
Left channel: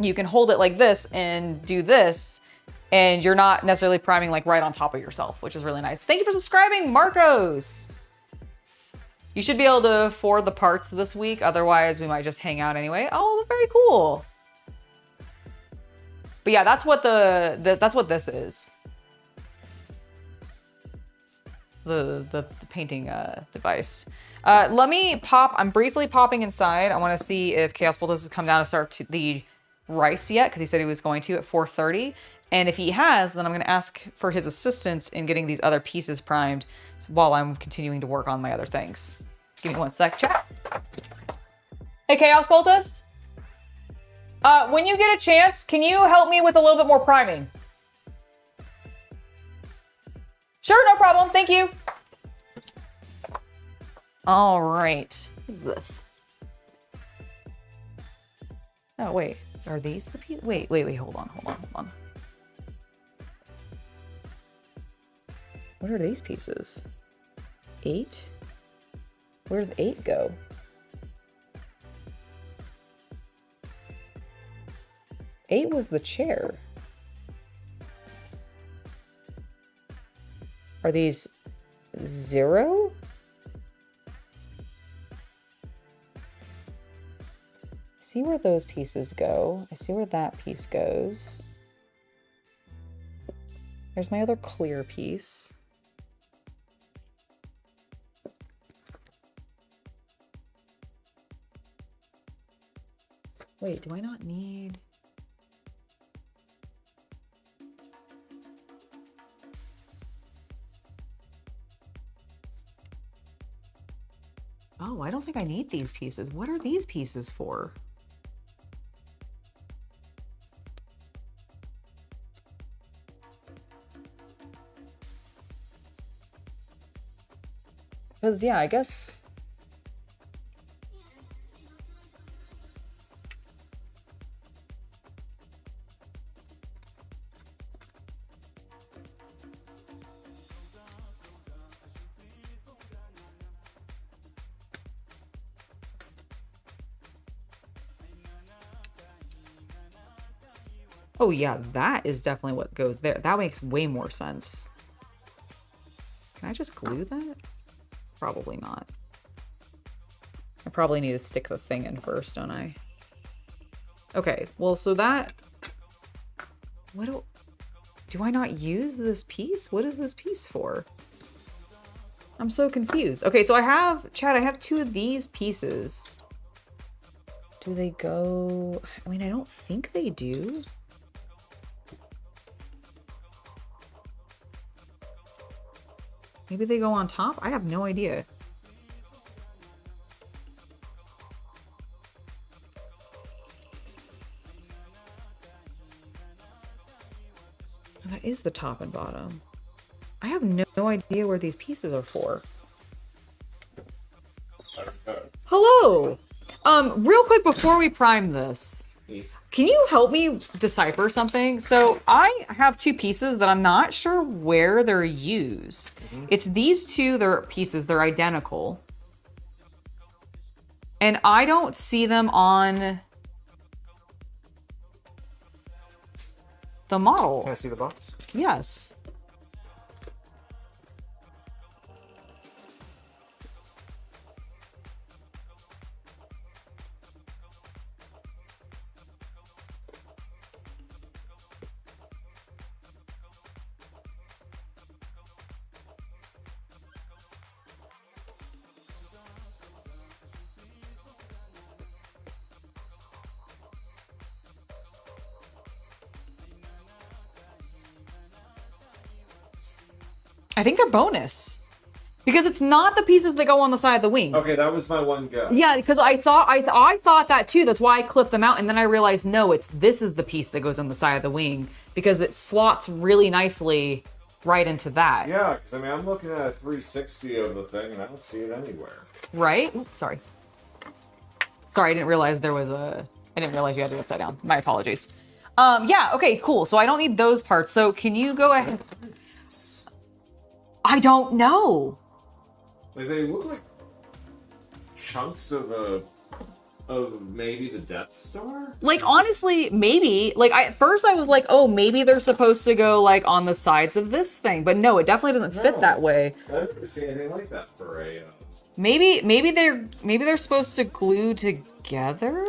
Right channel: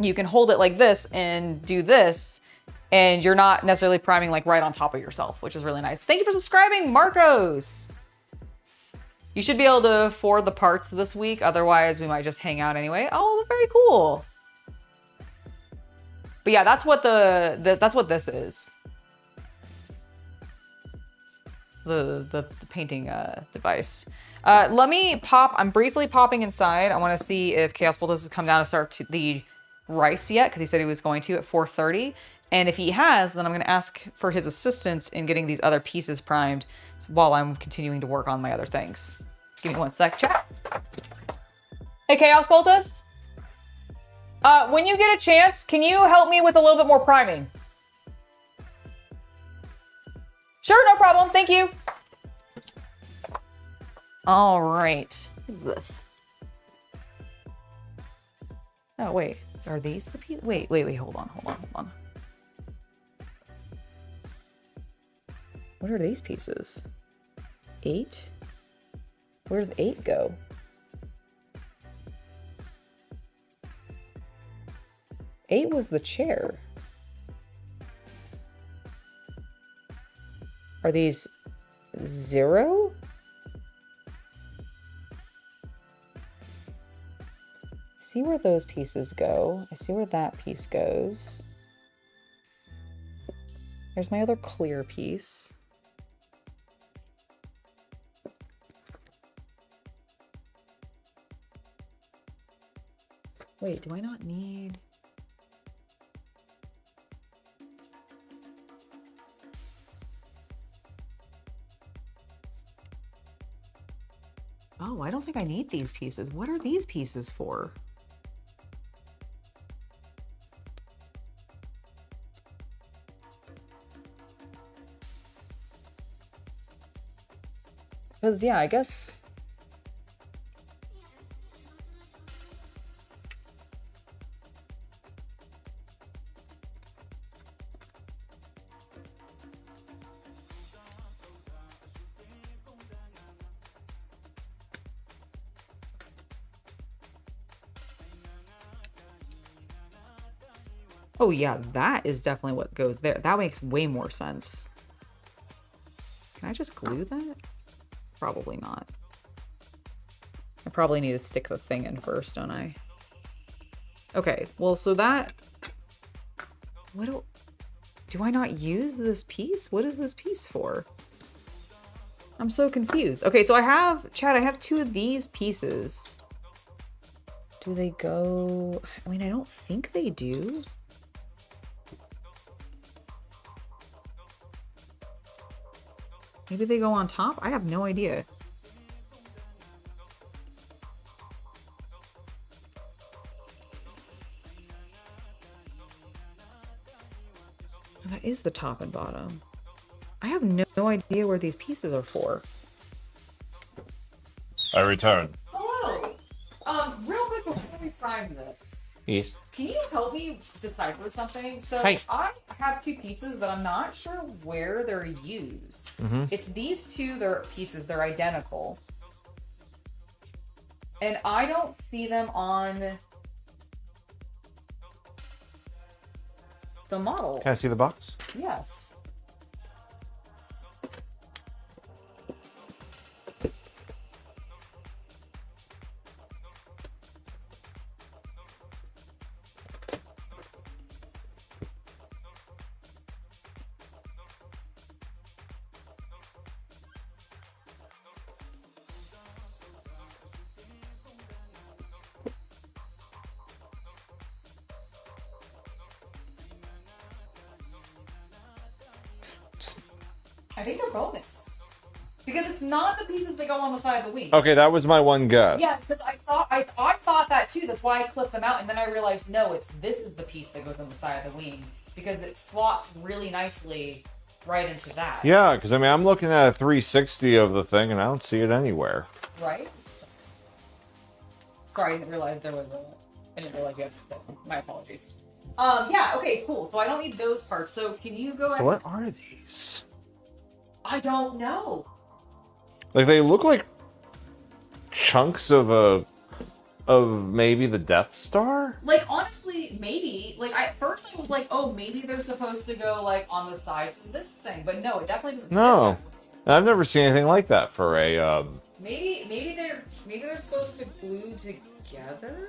you can hold it like this and do this, and you're not necessarily priming like right on top of yourself, which is really nice. Thank you for subscribing, Marcos. You should be able to afford the parts this week. Otherwise, we might just hang out anyway. Oh, very cool. But yeah, that's what that's what this is. The painting device. Let me pop. I'm briefly popping inside. I want to see if Chaos Cultist has come down to start the rice yet, because he said he was going to at 4:30. And if he has, then I'm going to ask for his assistance in getting these other pieces primed while I'm continuing to work on my other things. Give me one sec, chat. Hey, Chaos Cultist. When you get a chance, can you help me with a little bit more priming? Sure, no problem. Thank you. All right. What is this? Oh, wait. Are these the pieces? Wait. Hold on. What are these pieces? 8? Where's 8 go? Eight was the chair. Are these 0? See where those pieces go. I see where that piece goes. There's my other clear piece. Wait, do I not need... Oh, I don't think I need these pieces. What are these pieces for? Because, yeah, I guess... Oh yeah, that is definitely what goes there. That makes way more sense. Can I just glue that? Probably not. I probably need to stick the thing in first, don't I? Okay, well, so that... What do I not use this piece? What is this piece for? I'm so confused. Okay, so I have... Chad, I have 2 of these pieces. Do they go... I mean, I don't think they do. Maybe they go on top? I have no idea. Oh, that is the top and bottom. I have no idea where these pieces are for. I return. Hello! Real quick before we prime this. Yes. Can you help me decipher something? So Hey. I have 2 pieces that I'm not sure where they're used. It's these 2 pieces, they're identical. And I don't see them on the model. Can I see the box? Yes. I think they're bonus. Because it's not the pieces that go on the side of the wings. Okay, that was my one guess. Yeah, because I thought that too. That's why I clipped them out, and then I realized no, this is the piece that goes on the side of the wing because it slots really nicely right into that. Yeah, because I mean, I'm looking at a 360 of the thing, and I don't see it anywhere. Right? Oops, sorry. Sorry, I didn't realize there was a. I didn't realize you had to be upside down. My apologies. Yeah. Okay. Cool. So I don't need those parts. So can you go ahead? What are these? I don't know. Like they look like chunks of maybe the Death Star? Like, honestly, maybe. Like, at first I was like, oh, maybe they're supposed to go, like, on the sides of this thing. But no, it definitely doesn't fit that way. I've never seen anything like that for a, Maybe they're supposed to glue together?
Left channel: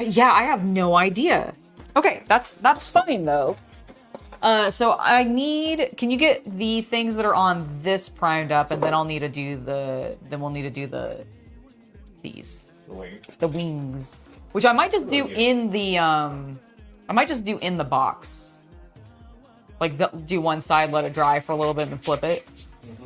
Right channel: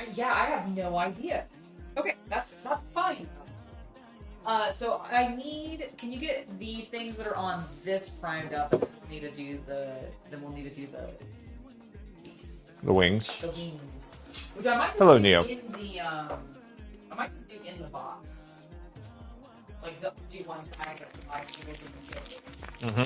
Yeah, I have no idea. Okay, that's fine, though. So I need, can you get the things that are on this primed up, and then we'll need to do these. the wings. The wings. Which I might just do Neo. in the, I might just do in the box. Like, do one side, let it dry for a little bit, and flip it. Mm-hmm.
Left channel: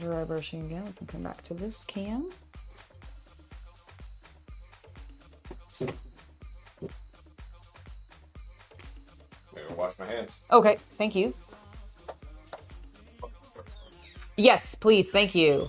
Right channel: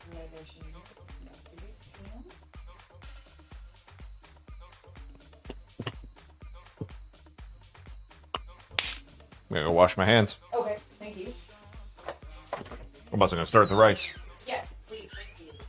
dry brushing again. We can come back to this cam. I'm gonna go wash my hands. Okay, thank you. I'm also gonna start the rice. Yes, please, thank you.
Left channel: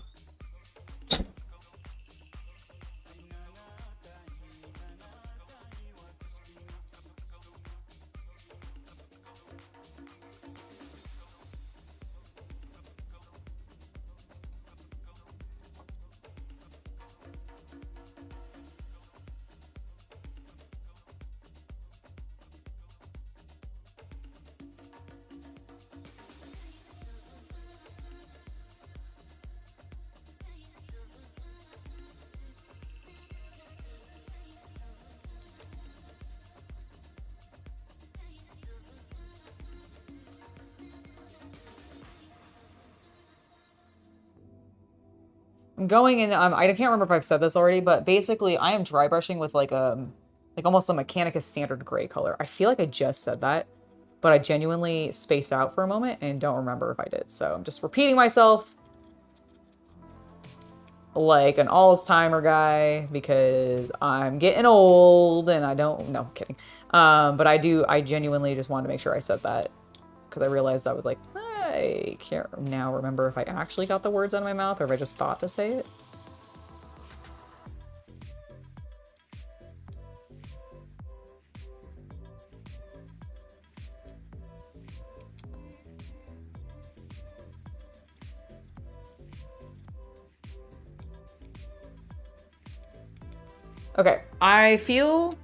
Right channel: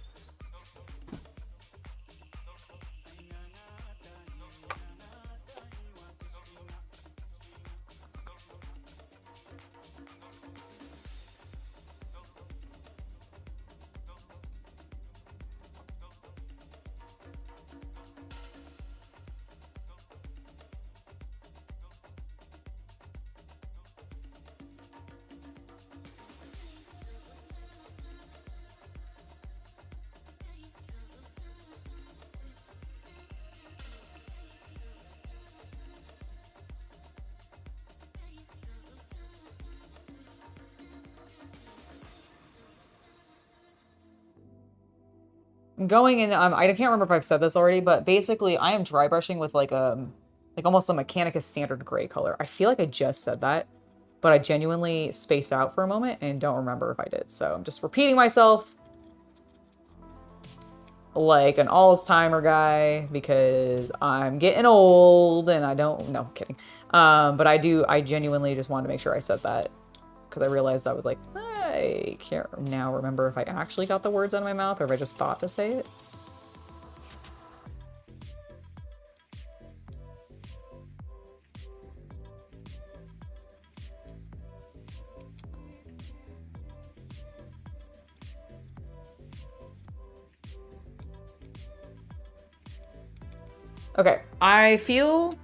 I'm going in, I can't remember if I've said this already, but basically I am dry brushing with like almost a Mechanicus standard gray color. I feel like I just said that, but I genuinely spaced out for a moment and don't remember if I did. So I'm just repeating myself like an Alzheimer guy because I'm getting old and I don't, no, I'm kidding. But I genuinely just wanted to make sure I said that because I realized I was like, I can't now remember if I actually got the words out of my mouth or if I just thought to say it. Okay, I feel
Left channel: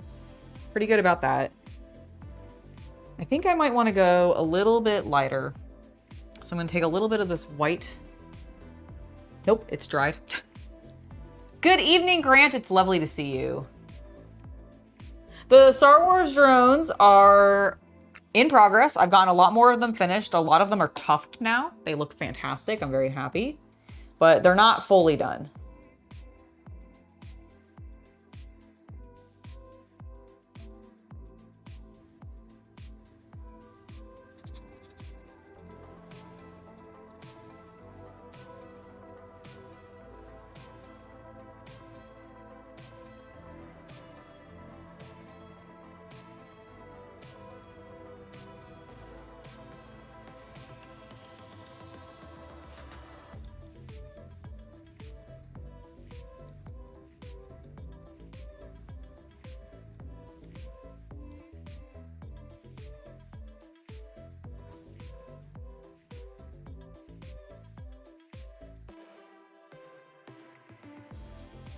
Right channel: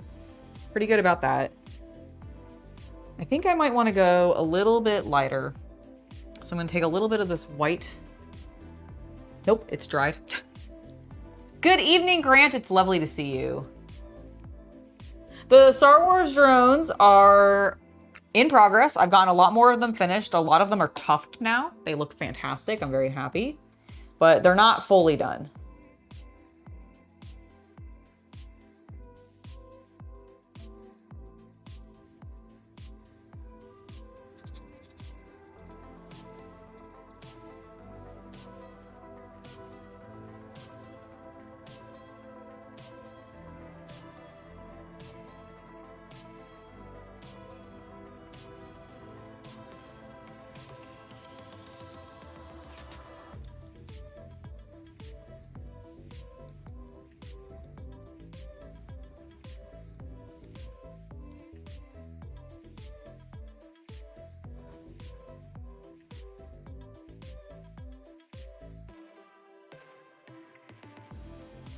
pretty good about that. I think I might want to go a little bit lighter. So I'm going to take a little bit of this white. Nope, it's dried. Good evening, Grant. It's lovely to see you. The Star Wars drones are in progress. I've gotten a lot more of them finished. A lot of them are tufted now. They look fantastic. I'm very happy. But they're not fully done.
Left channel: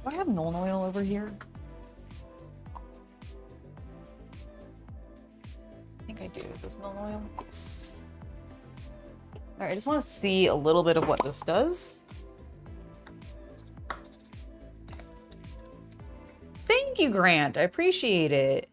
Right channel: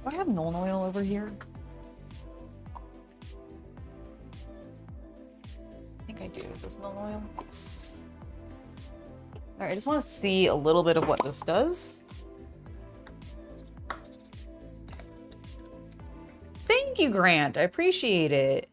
Do I have Nuln Oil over here? I think I do. Is this Nuln Oil? Yes. All right, I just want to see a little bit of what this does. Thank you, Grant. I appreciate it.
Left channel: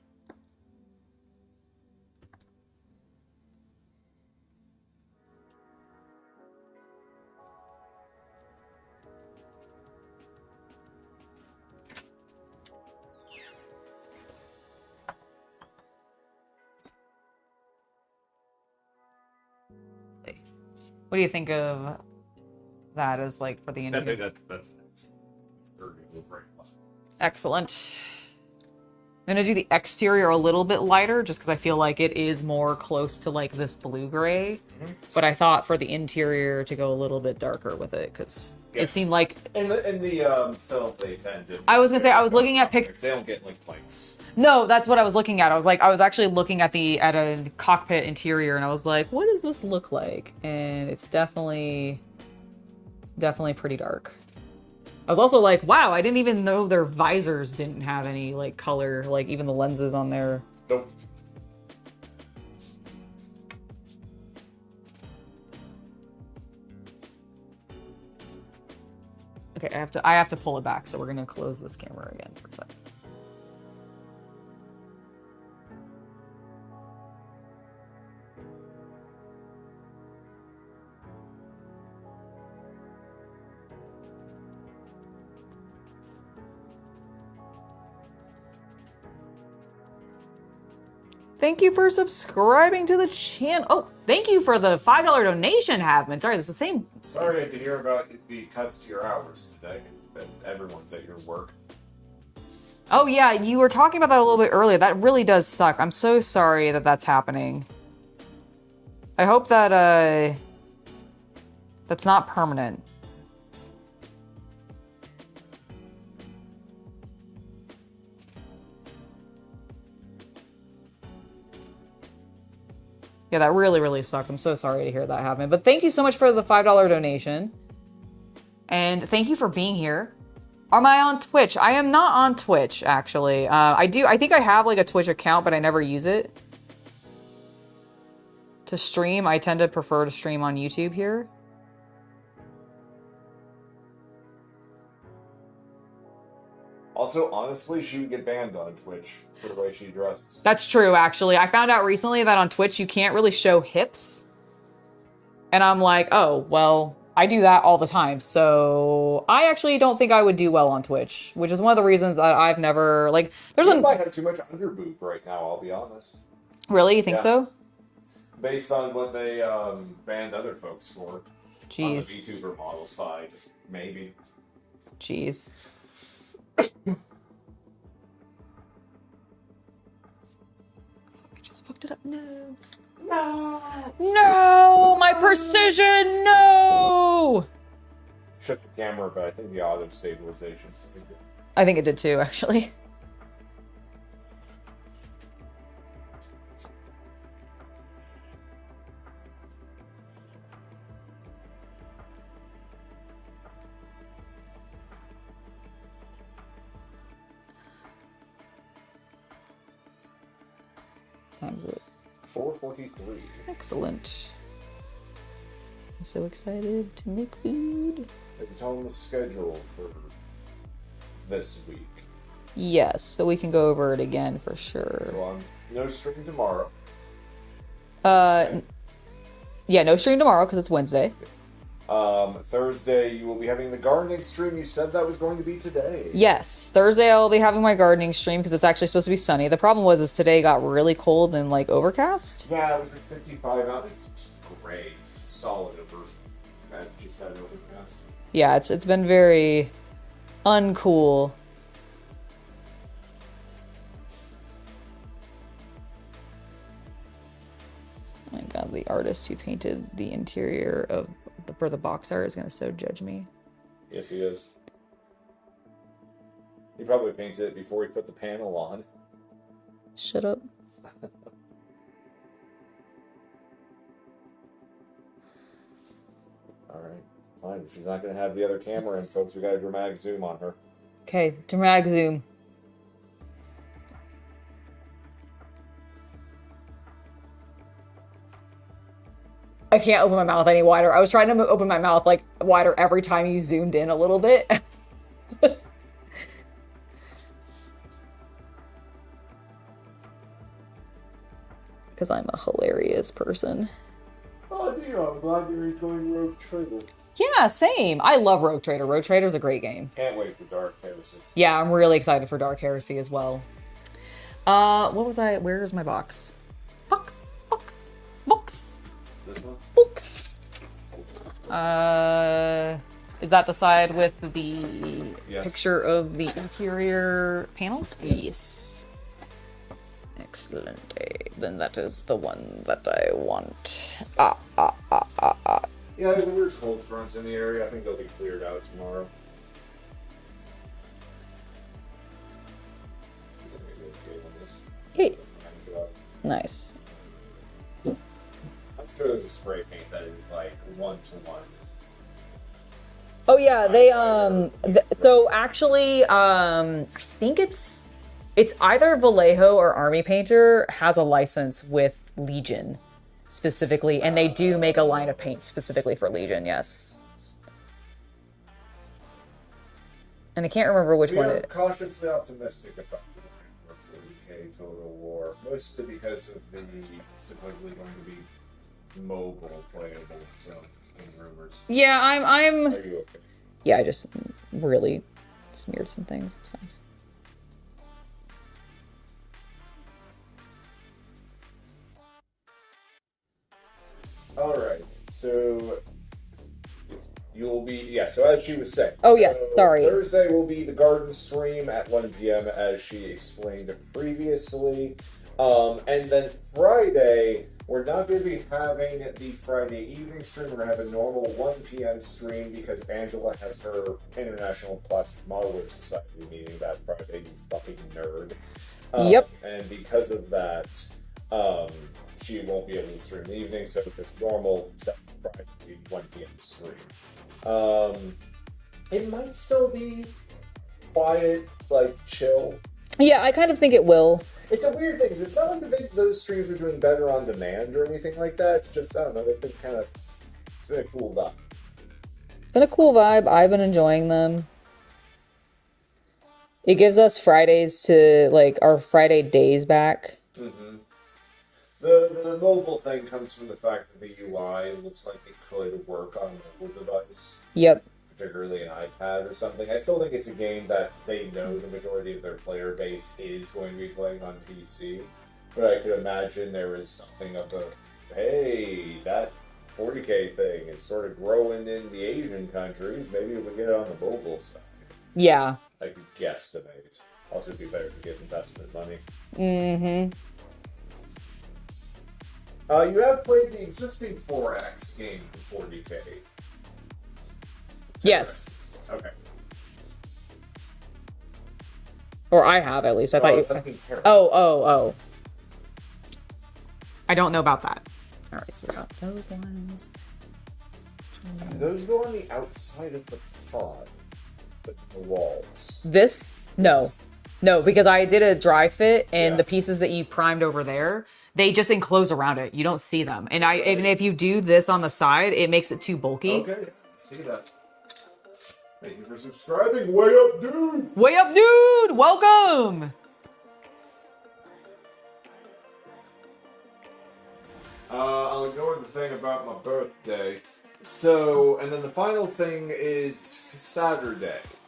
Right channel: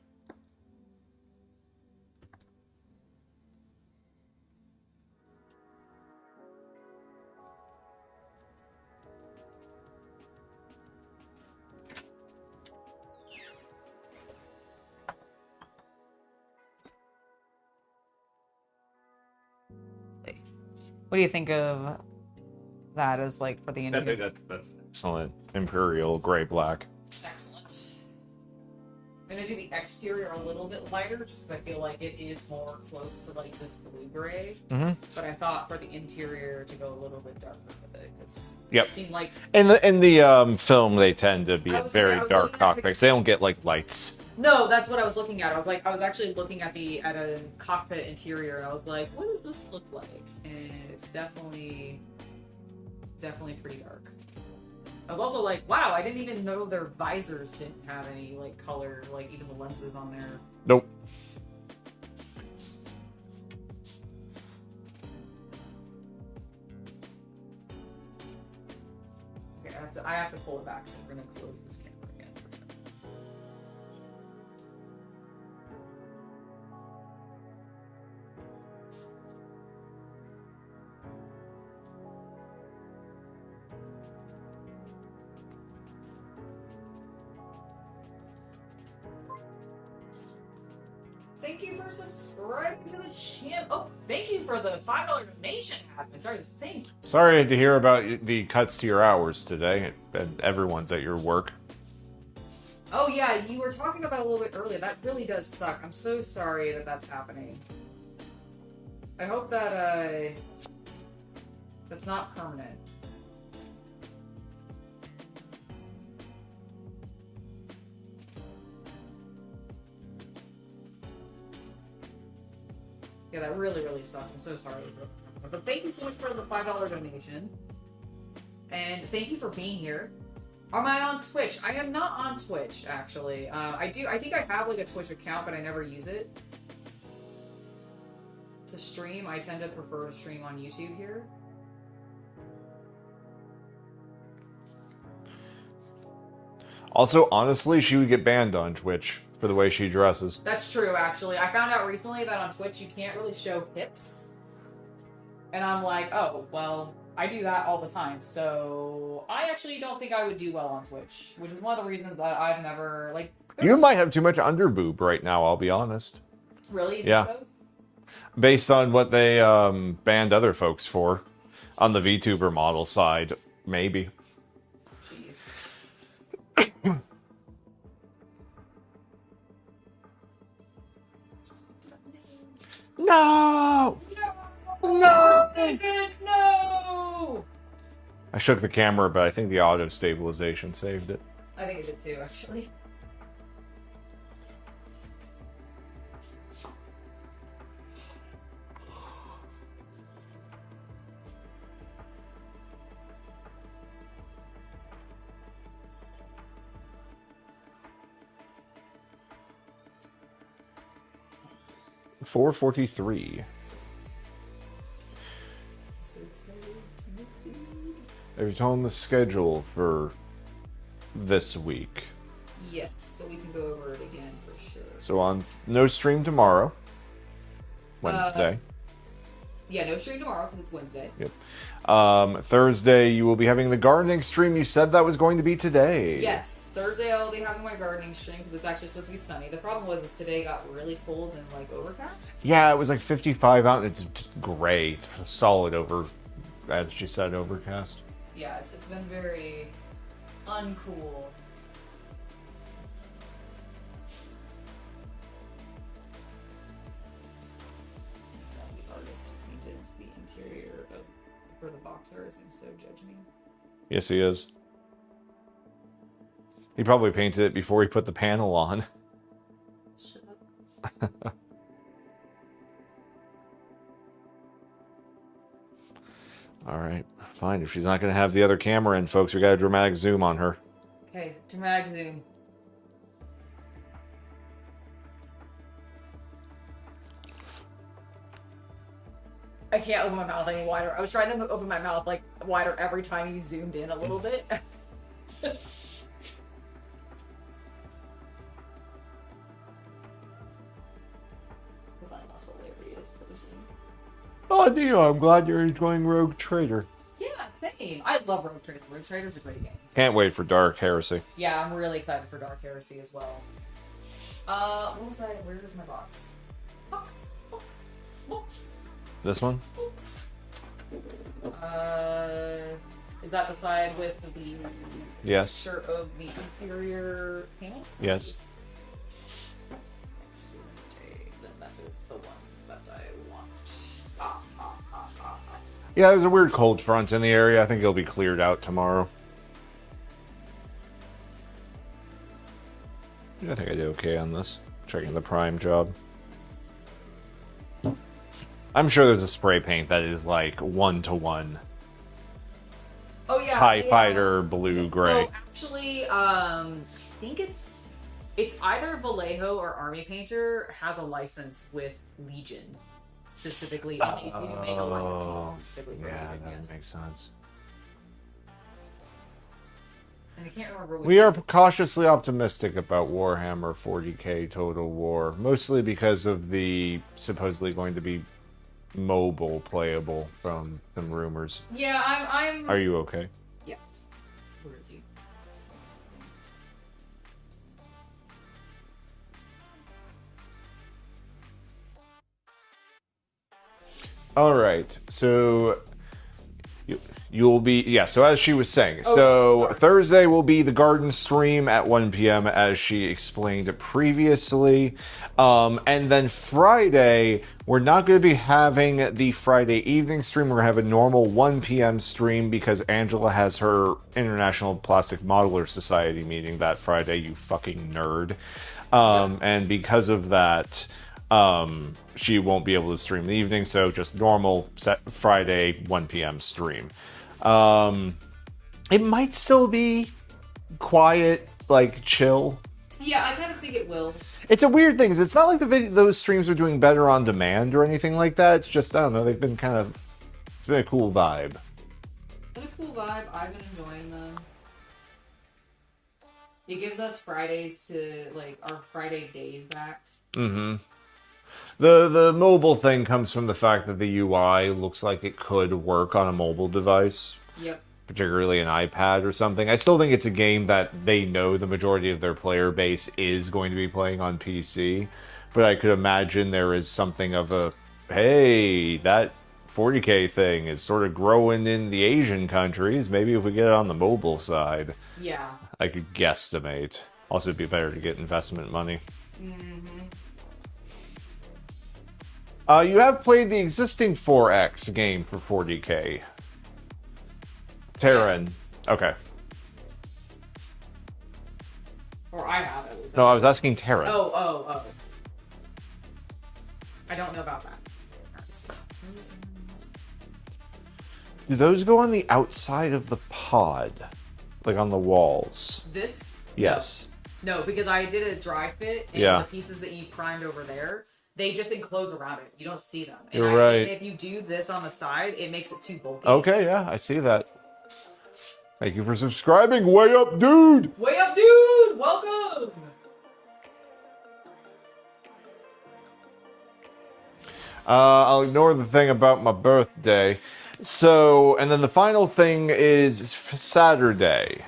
What do you think of that as like for the interior? That's excellent. Imperial gray black. Excellent. I'm gonna do the exterior a little bit lighter just because I feel like it is more close to like this blue gray. But I thought for the interior to go a little bit darker with it because it seemed like in the film they tend to be. I was gonna say I was looking at pictures. They don't get like lights. No, that's what I was looking at. I was actually looking at a cockpit interior and I was like, what does this look like? And it's definitely pretty dark. I was also like, wow, I didn't even know their visors didn't have any like color, like even the lenses on there. Nope. Okay, I have to pull it back, so we're gonna close this camera again for a second. Thank you for subscribing to the channel. Oh, Thank you for the $5 donation, Havman. Sorry, this is the same. Sorry to hear about the cuts to your hours today, and everyone's at your work. Oh yeah, you were talking about that a little bit earlier. That really does suck. I'm so sorry that that's happening. I hope that, that's not permanent. Yeah, that really, really sucks. I'm so sorry to hear that happen. But thank you so much for the $5 donation. And thank you for being here. Am I on Twitch? I am not on Twitch, actually. I think I have like a Twitch account, but I never use it. To stream, I tend to prefer to stream on YouTube here. Also, honestly, she would get banned on Twitch for the way she dresses. That's true, actually. I found out recently that on Twitch you can't really show hips. And I'm like, oh, well, I do that all the time. So I actually don't think I would do well on Twitch, which is one of the reasons that I've never, like, You might have too much underboob right now, I'll be honest. Really? You think so? Based on what they banned other folks for. Jeez. On the VTuber model side, maybe. Jeez. Fucked it up. No. No! My precision! No! I shook the camera, but I think the auto stabilization saved it. I think it did too, actually. Time's it? 4:43. Excellent. I'm so excited to make food. Have you told them the schedule for this week? Yes, but we can go over it again for sure. So on no stream tomorrow. Wednesday. Yeah, no stream tomorrow because it's Wednesday. Yep. Thursday, you will be having the gardening stream. You said that was going to be today. Yes, Thursday I'll be having my gardening stream because it's actually supposed to be sunny. The problem is today got really cold and like overcast. Yeah, it was like 55 out and it's just gray. It's solid over, as she said, overcast. Yeah, it's been very uncool. My God, the artist who painted the interior of for the box art is gonna so judge me. Yes, he is. He probably painted it before he put the panel on. Shut up. All right, fine. If she's not going to have the other camera in, folks, we got a dramatic zoom on her. Okay, dramatic zoom. I can't open my mouth any wider. I was trying to open my mouth like wider every time you zoomed in a little bit. Because I'm a hilarious person. Oh, Neo, I'm glad you're enjoying Rogue Trader. Yeah, same. I love Rogue Trader. Rogue Trader's a great game. Can't wait for Dark Heresy. Yeah, I'm really excited for Dark Heresy as well. What was I? Where is my box? Box. This one? Box. Is that the side with the picture of the interior panels? Yes. Excellent. Then that is the one that I want. Yeah, there's a weird cold front in the area. I think it'll be cleared out tomorrow. I think I did okay on this. Checking the prime job. Nice. I'm sure there's a spray paint that is like 1-to-1. Oh yeah, TIE Fighter blue gray. So actually, I think it's either Vallejo or Army Painter has a license with Legion specifically, and they do make a line of paint specifically for Legion. Yes, makes sense. And I can't remember which We one. are cautiously optimistic about Warhammer 40k Total War, mostly because of the supposedly going to be mobile playable from some rumors. Yeah, I'm. Are you okay? Yeah, I just really smeared some things. It's fine. All right. So you'll be, yeah, so as she was saying, Oh, so yes, sorry. Thursday will be the garden stream at 1 p.m. as she explained previously. And then Friday, we're not going to be having the Friday evening stream. We're going to have a normal 1 p.m. stream because Angela has her International Plastic Modeler Society meeting that Friday, you fucking nerd. Yep. And because of that, she won't be able to stream in the evening, so just normal set Friday 1 p.m. stream. It might still be quiet, like chill. Yeah, I kind of think it will. It's a weird thing, because it's not like those streams are doing better on demand or anything like that. It's just, I don't know, they've been it's been a cool vibe. It's been a cool vibe. I've been enjoying them. It gives us Fridays to, like, our Friday days back. Mm-hmm. The mobile thing comes from the fact that the UI looks like it could work on a mobile device. Yep. Particularly an iPad or something. I still think it's a game that they know the majority of their player base is going to be playing on PC. But I could imagine there is something of a, hey, that 40K thing is sort of growing in the Asian countries. Maybe if we get it on the mobile side. Yeah. I could guesstimate. Also, it'd be better to get investment money. Mm-hmm. You have played the existing 4X game for 40K. Terran. Yes. Okay. Or I have, at least. No, I was asking Terran. Oh. I don't know about that. All right, so we got those ones. Do those go on the outside of the pod? Like on the walls? This? Yes. No, because I did a dry fit, and Yeah. the pieces that you Primed over there, they just enclose around it. You don't see them. And Right. and if you do this on the side, it makes it too bulky. Okay, yeah, I see that. Thank you for subscribing. Way up, dude! Way up, dude! Welcome! I'll ignore the thing about my birthday. So, and then the final thing is Saturday.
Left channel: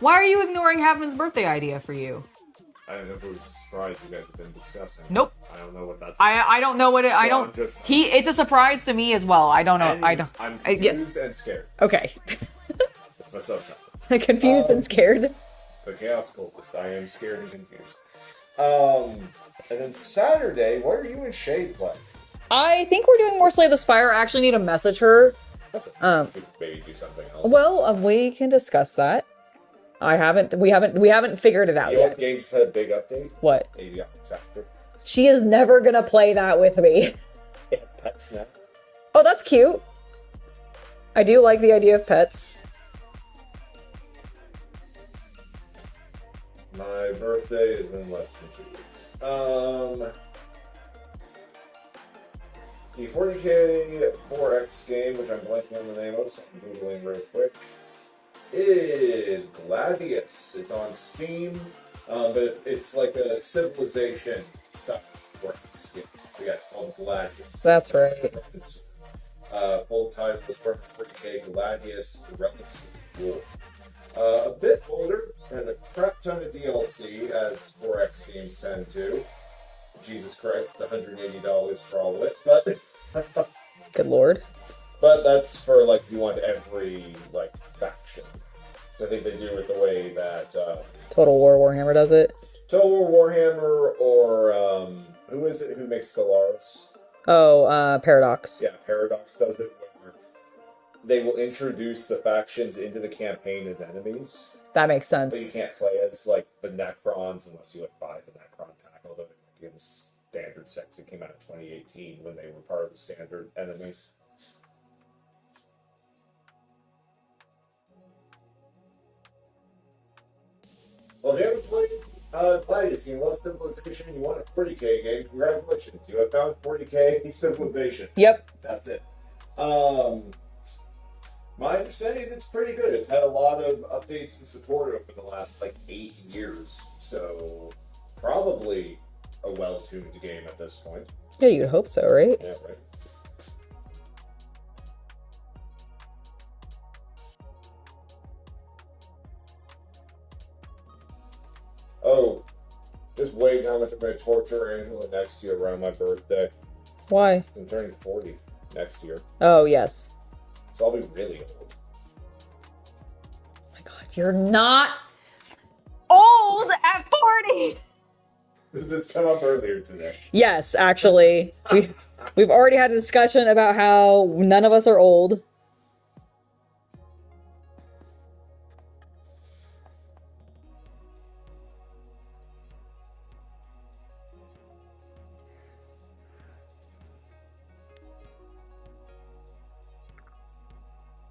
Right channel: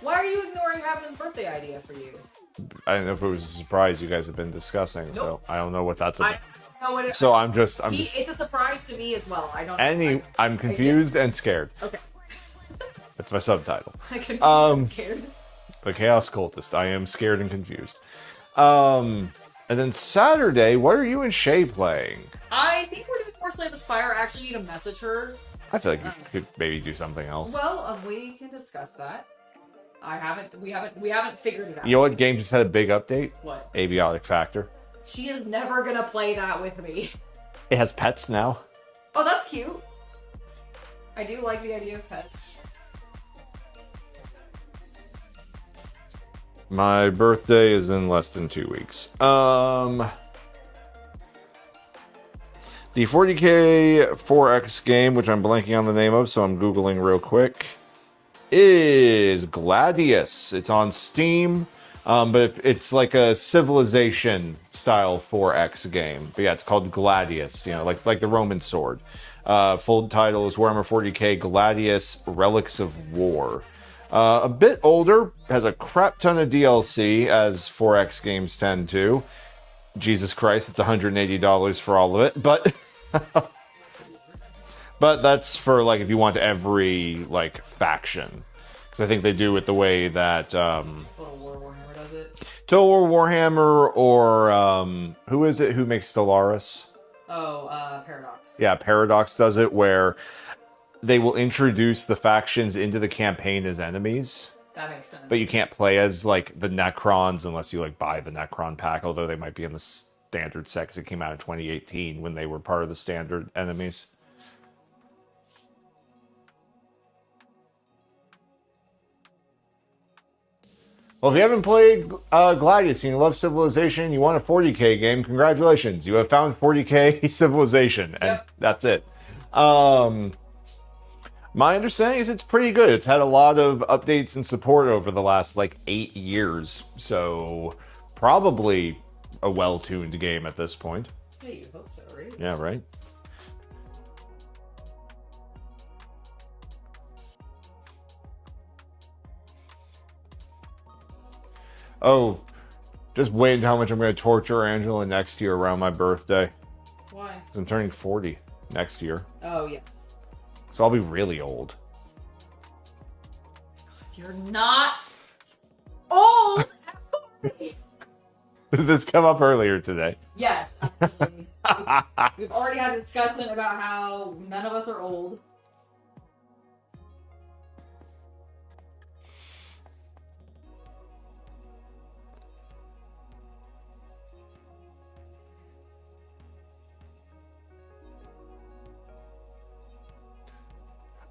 Why are you ignoring Haven's birthday idea for you? I don't know if it was a surprise you guys have been discussing. Nope. So I don't know what that's about. I don't know what it. So I don't. I'm just- It's a surprise to me as well. I don't know. I'm confused and scared. Okay. That's my subtitle. Confused and scared. The Chaos Cultist. I am scared and confused. And then Saturday, what are you and Shay playing? I think we're doing more Slay the Spire. I actually need to message her. I feel like we could maybe do something else. Well, we can discuss that. We haven't figured it out. You know yet. what game just had a big update? What? Abiotic Factor. She is never gonna play that with me. It has pets now. Oh, that's cute. I do like the idea of pets. My birthday is in less than 2 weeks. The 40K 4X game, which I'm blanking on the name of, so I'm Googling real quick, is Gladius. It's on Steam, but it's like a Civilization style 4X game. But yeah, it's called Gladius, That's very like the Roman sword. Full title is Warhammer 40K Gladius Relics of War. A bit older, has a crap ton of DLC, as 4X games tend to. Jesus Christ, it's $180 for all of it, but... Good lord. But that's for, like, if you want every, like, faction. Because I think they do it the way that... Total War Warhammer does it. Total War Warhammer, or... who is it who makes Stellaris? Oh, Paradox. Yeah, Paradox does it, where they will introduce the factions into the campaign as enemies. That makes sense. But you can't play as, like, the Necrons unless you, like, buy the Necron pack, although they might be in the standard set, because it came out in 2018 when they were part of the standard enemies. Well, if you haven't played Gladius and you love Civilization, you want a 40K game, congratulations. You have found 40K Civilization. Yep. And that's it. My understanding is it's pretty good. It's had a lot of updates and support over the last, like, 8 years. So, probably a well-tuned game at this point. Yeah, you'd hope so, right? Yeah, right? Oh, just wait how much I'm going to torture Angela next year around my birthday. Why? Because I'm turning 40 next year. Oh, yes. So I'll be really old. Oh my God, you're not Old at 40. Did this come up earlier today? Yes, actually. We've already had a discussion about how none of us are old.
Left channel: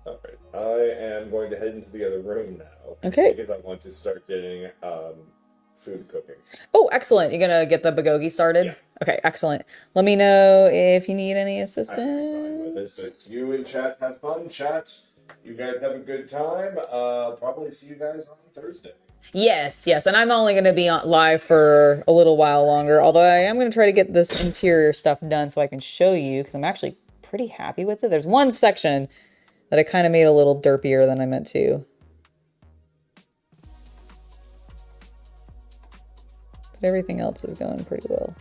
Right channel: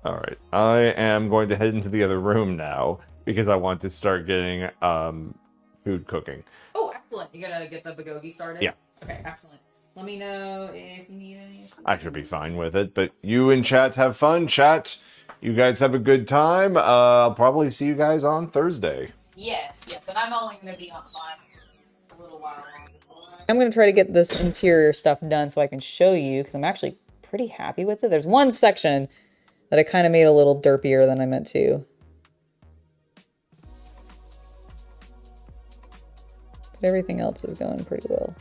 All right. I am going to head into the other room now. Okay. Because I want to start getting food cooking. Oh, excellent. You're going to get the bagogi started? Yeah. Okay, excellent. Let me know if you need any assistance. I should be fine with it. But you and chat have fun. Chat, you guys have a good time. I'll probably see you guys on Thursday. Yes, yes. And I'm only going to be on live for a little while longer. Although I am going to try to get this interior stuff done so I can show you. Because I'm actually pretty happy with it. There's one section that I kind of made a little derpier than I meant to. But everything else is going pretty well.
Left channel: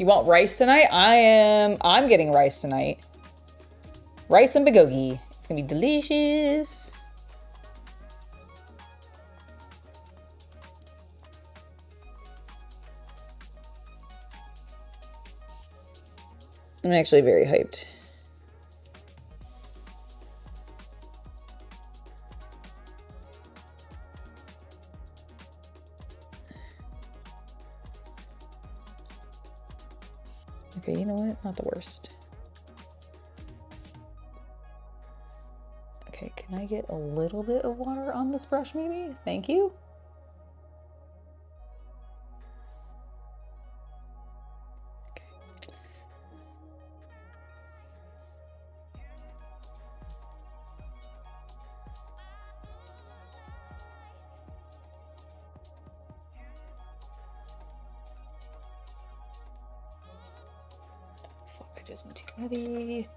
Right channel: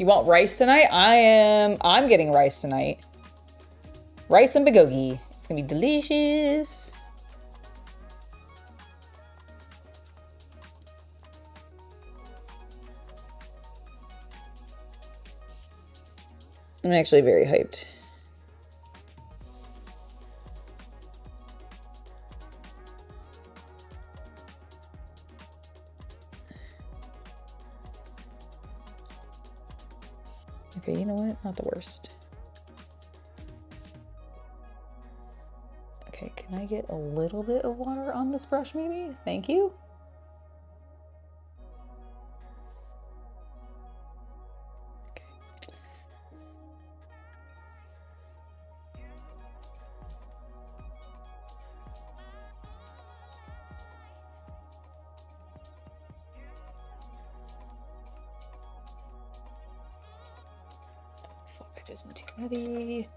You want rice tonight? I'm getting rice tonight. Rice and bagogi. It's gonna be delicious. I'm actually very hyped. Okay, you know what? Not the worst. Okay, can I get a little bit of water on this brush maybe? Thank you. Okay. I just went too heavy.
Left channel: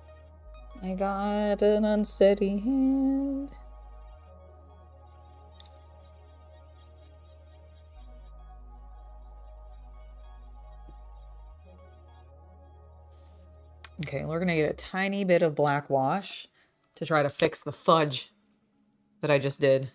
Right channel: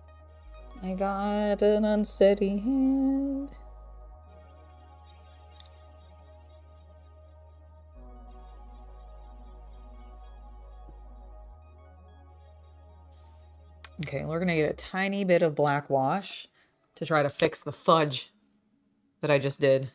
I got an unsteady hand. Okay, we're gonna get a tiny bit of black wash to try to fix the fudge that I just did.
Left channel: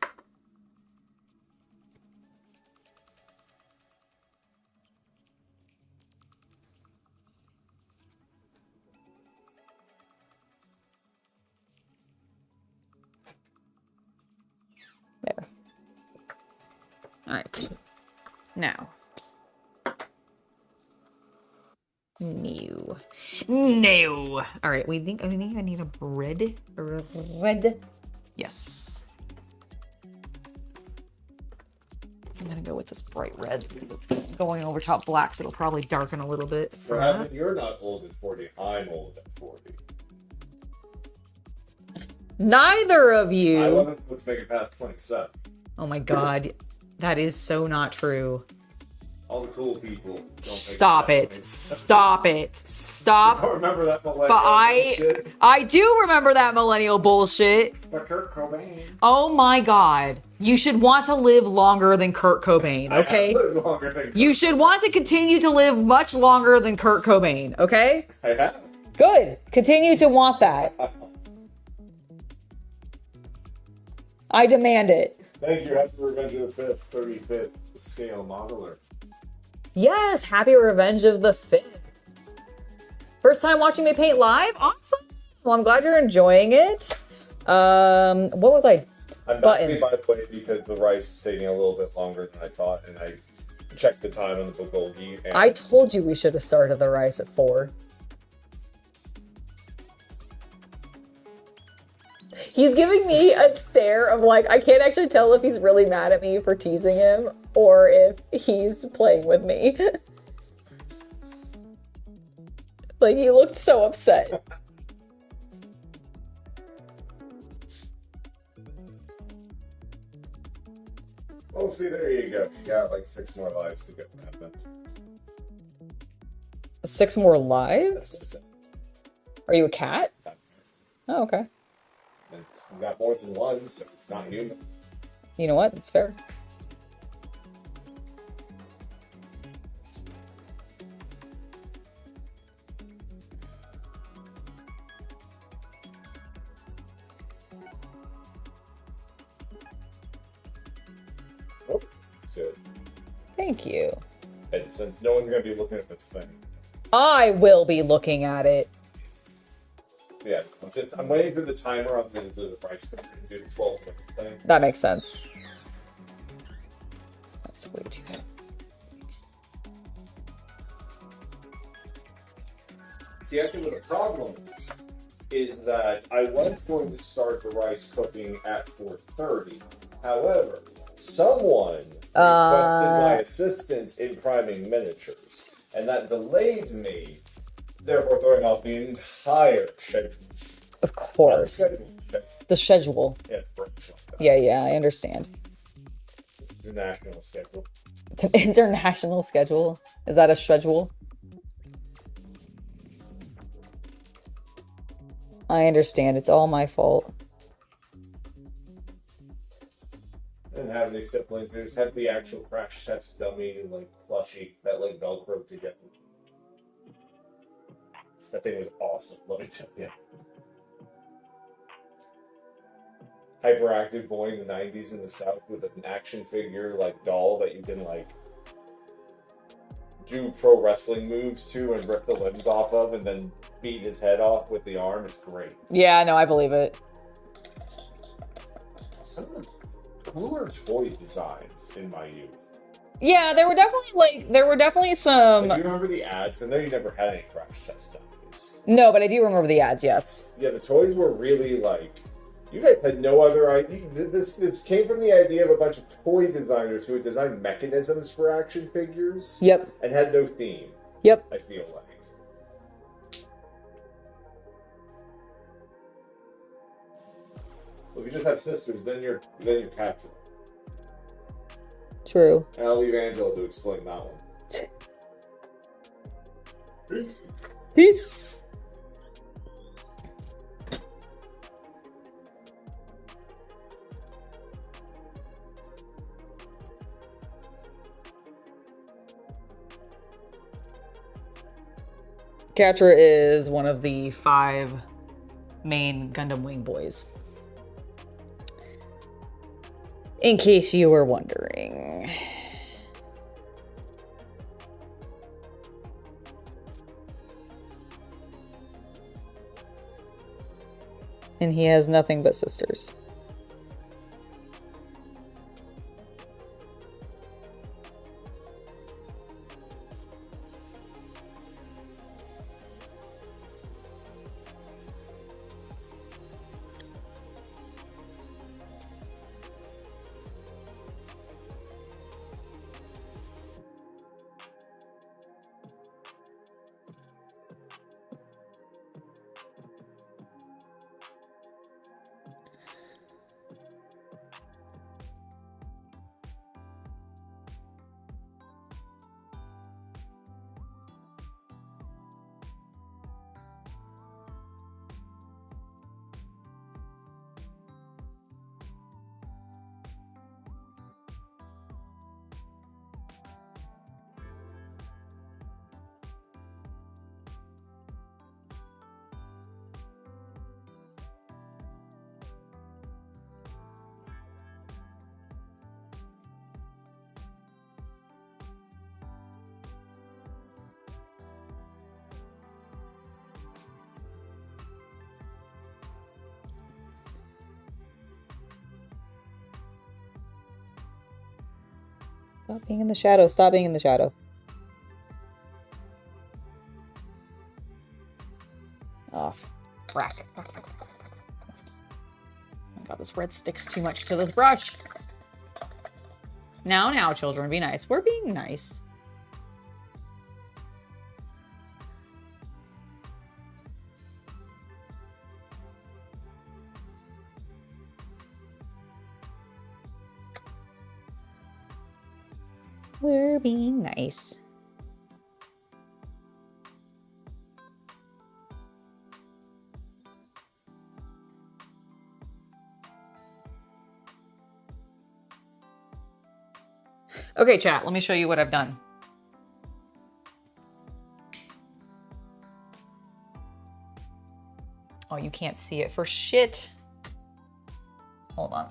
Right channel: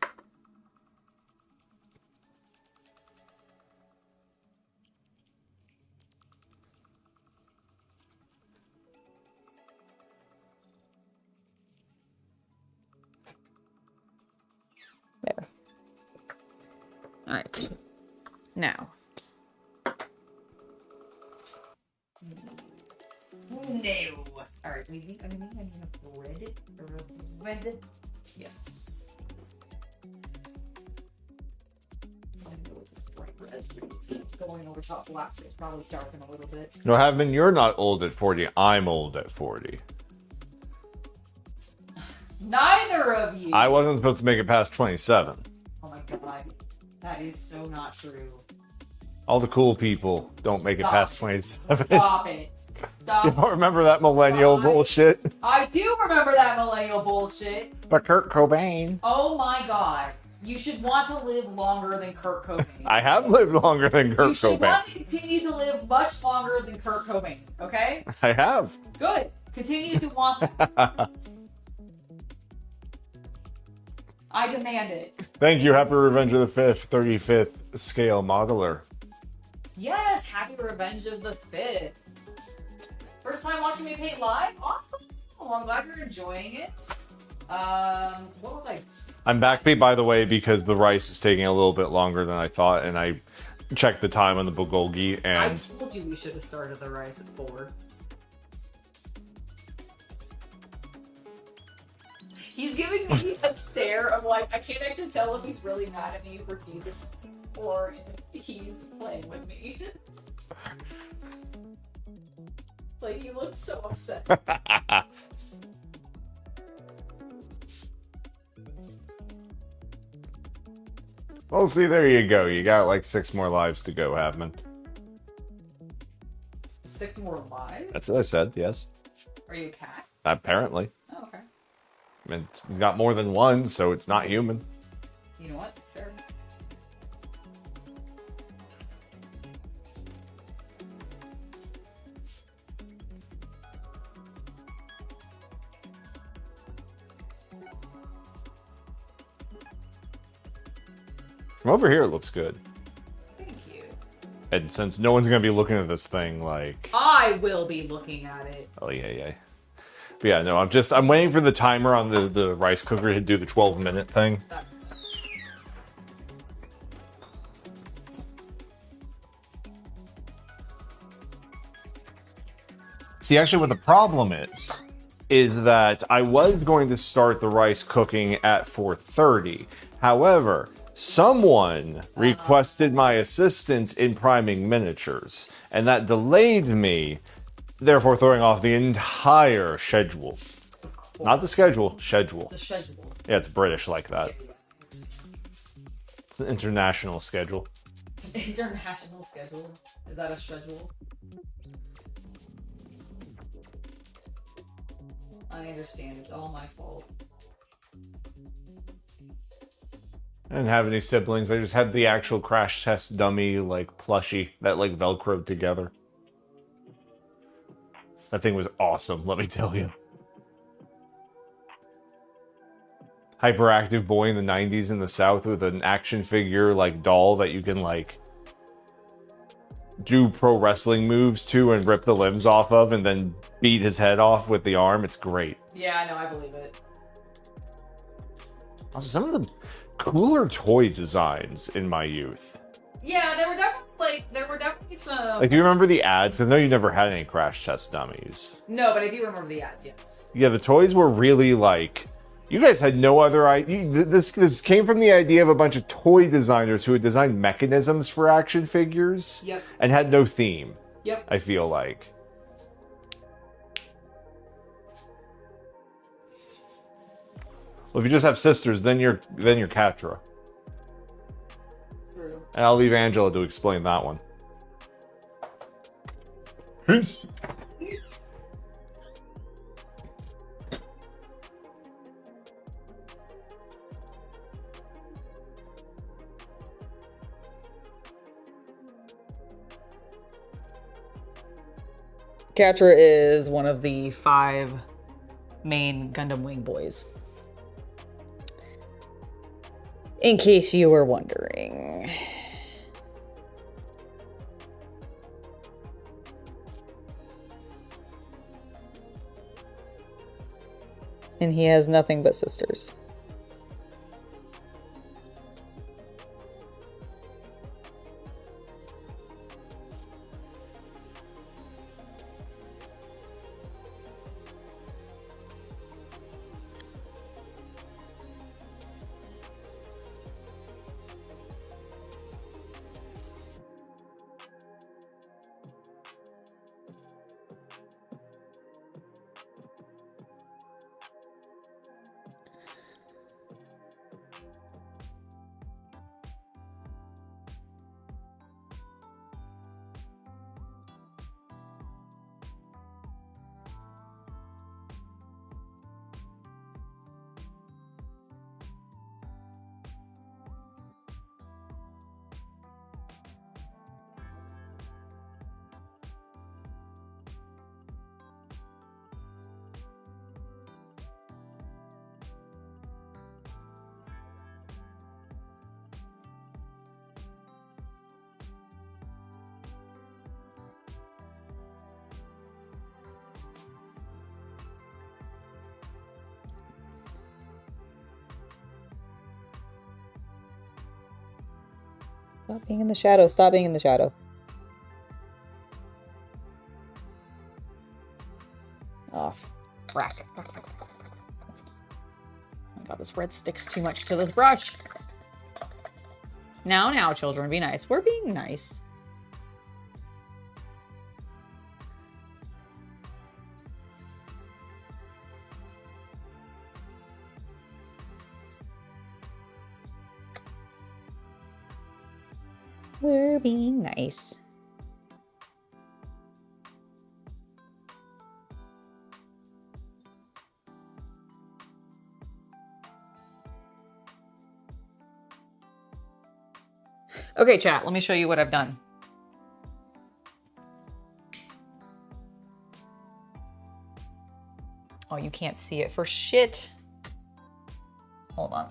There. All right. Now. No. No. All right. I think I need a bread. Red. Yes. I'm gonna go with this bright red. It's going over top black, so it'll probably darken a little bit. No, Heaven, you're not old at 40. I'm old at 40. Neither of you. I wasn't supposed to make it past 27. Oh my god. That is so not true. All the cool people don't make Stop it it. past 27. Stop it. Stop. You don't remember that millennial bullshit? I do remember that millennial bullshit. But Kurt Cobain. Oh my god. You should want to live longer than Kurt Cobain, okay? I have lived longer than Kurt Cobain. You should want to continue to live much longer than Kurt Cobain, okay? I have. Good. Continue to want that. I demand it. Thank you, Happy Revenge of the 5th, 35th scale modeler. Yes, happy Revenge of the 5th. First time watching me paint live? Awesome. Well, I'm glad you're enjoying it. What was I? I'm backbeat, by the way, because the rice is taking a little bit longer than I thought, and I checked the time on the bulgogi, and I told you we should have started the rice at 4. He's giving me a stare of like, I can't actually tell if he's really mad at me for teasing him or if he's playing with me. Like, he looked so upset. Well, see, there you go. You got like 6 more lives to go, Havman. 6 more lives? That's what I said, yes. Are you a cat? Apparently. Oh, okay. I mean, he's got more than one, so it's not human. You know what? It's fair. From over here, it looks good. Thank you. And since no one's going to be looking at this thing, like... I will be looking at it. Oh, yeah. But yeah, no, I'm waiting for the timer on the rice cooker to do the 12-minute thing. That makes sense. That's way too bad. See, actually, what the problem is that I was going to start the rice cooking at 4:30. However, someone requested my assistance in priming miniatures, and that delayed me, therefore throwing off the entire schedule. Of course. Not the schedule, schedule. The schedule. Yeah, it's British like that. Yeah, I understand. It's an international schedule. The international schedule? Is that a schedule? I understand. It's all my fault. I didn't have any siblings. I just had the actual crash test dummy, like, plushie that, like, Velcroed together. That thing was awesome, let me tell you. Hyperactive boy in the 90s in the South with an action figure, like, doll that you can, like, do pro wrestling moves to and rip the limbs off of and then beat his head off with the arm. It's great. Yeah, no, I believe it. Also, some of the cooler toy designs in my youth. Yeah, there were definitely some... Like, do you remember the ads? I know you never had any crash test dummies. No, but I do remember the ads, yes. Yeah, the toys were really like... You guys had no other idea. This came from the idea of a bunch of toy designers who had designed mechanisms for action figures. Yep. And had no theme. Yep. I feel like. Well, if you just have sisters, then you're Catra. True. And I'll leave Angela to explain that one. Peace. Peace. Catra is one of the 5 main Gundam Wing boys. In case you were wondering. And he has nothing but sisters. Stop being in the shadow. Stop being in the shadow. Oh, frack. Oh my god, this red sticks too much to this brush. Now, children, be nice. We're being nice. We're being nice. Okay, chat, let me show you what I've done. Oh, you can't see it for shit. Hold on.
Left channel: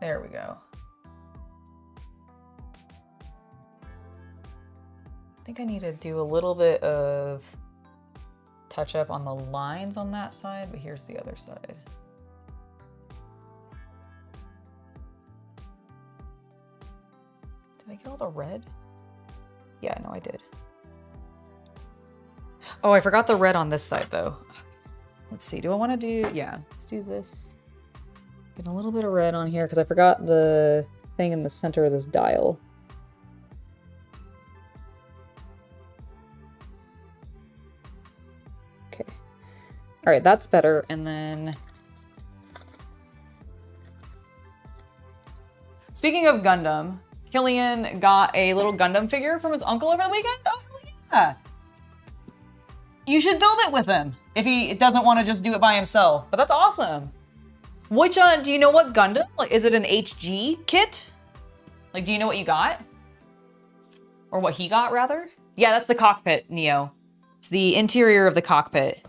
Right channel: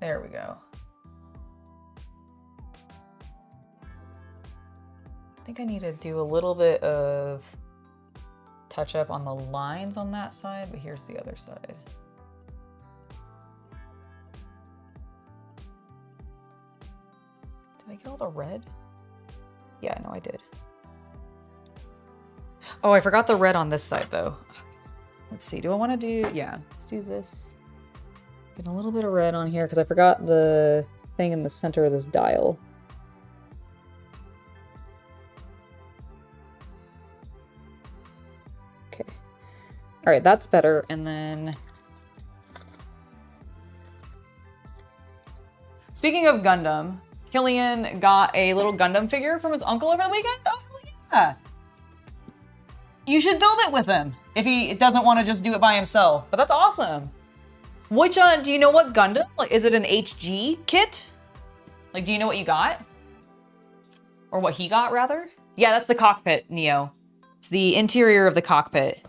There we go. I think I need to do a little bit of touch up on the lines on that side, but here's the other side. Did I get all the red? Yeah, no, I did. Oh, I forgot the red on this side though. Let's see, do I want to do, yeah, let's do this. Get a little bit of red on here because I forgot the thing in the center of this dial. Okay. All right, that's better. And then, speaking of Gundam, Killian got a little Gundam figure from his uncle over the weekend. Oh, yeah. You should build it with him if he doesn't want to just do it by himself. But that's awesome. Which, do you know what Gundam? Like, is it an HG kit? Like, do you know what you got? Or what he got, rather? Yeah, that's the cockpit, Neo. It's the interior of the cockpit.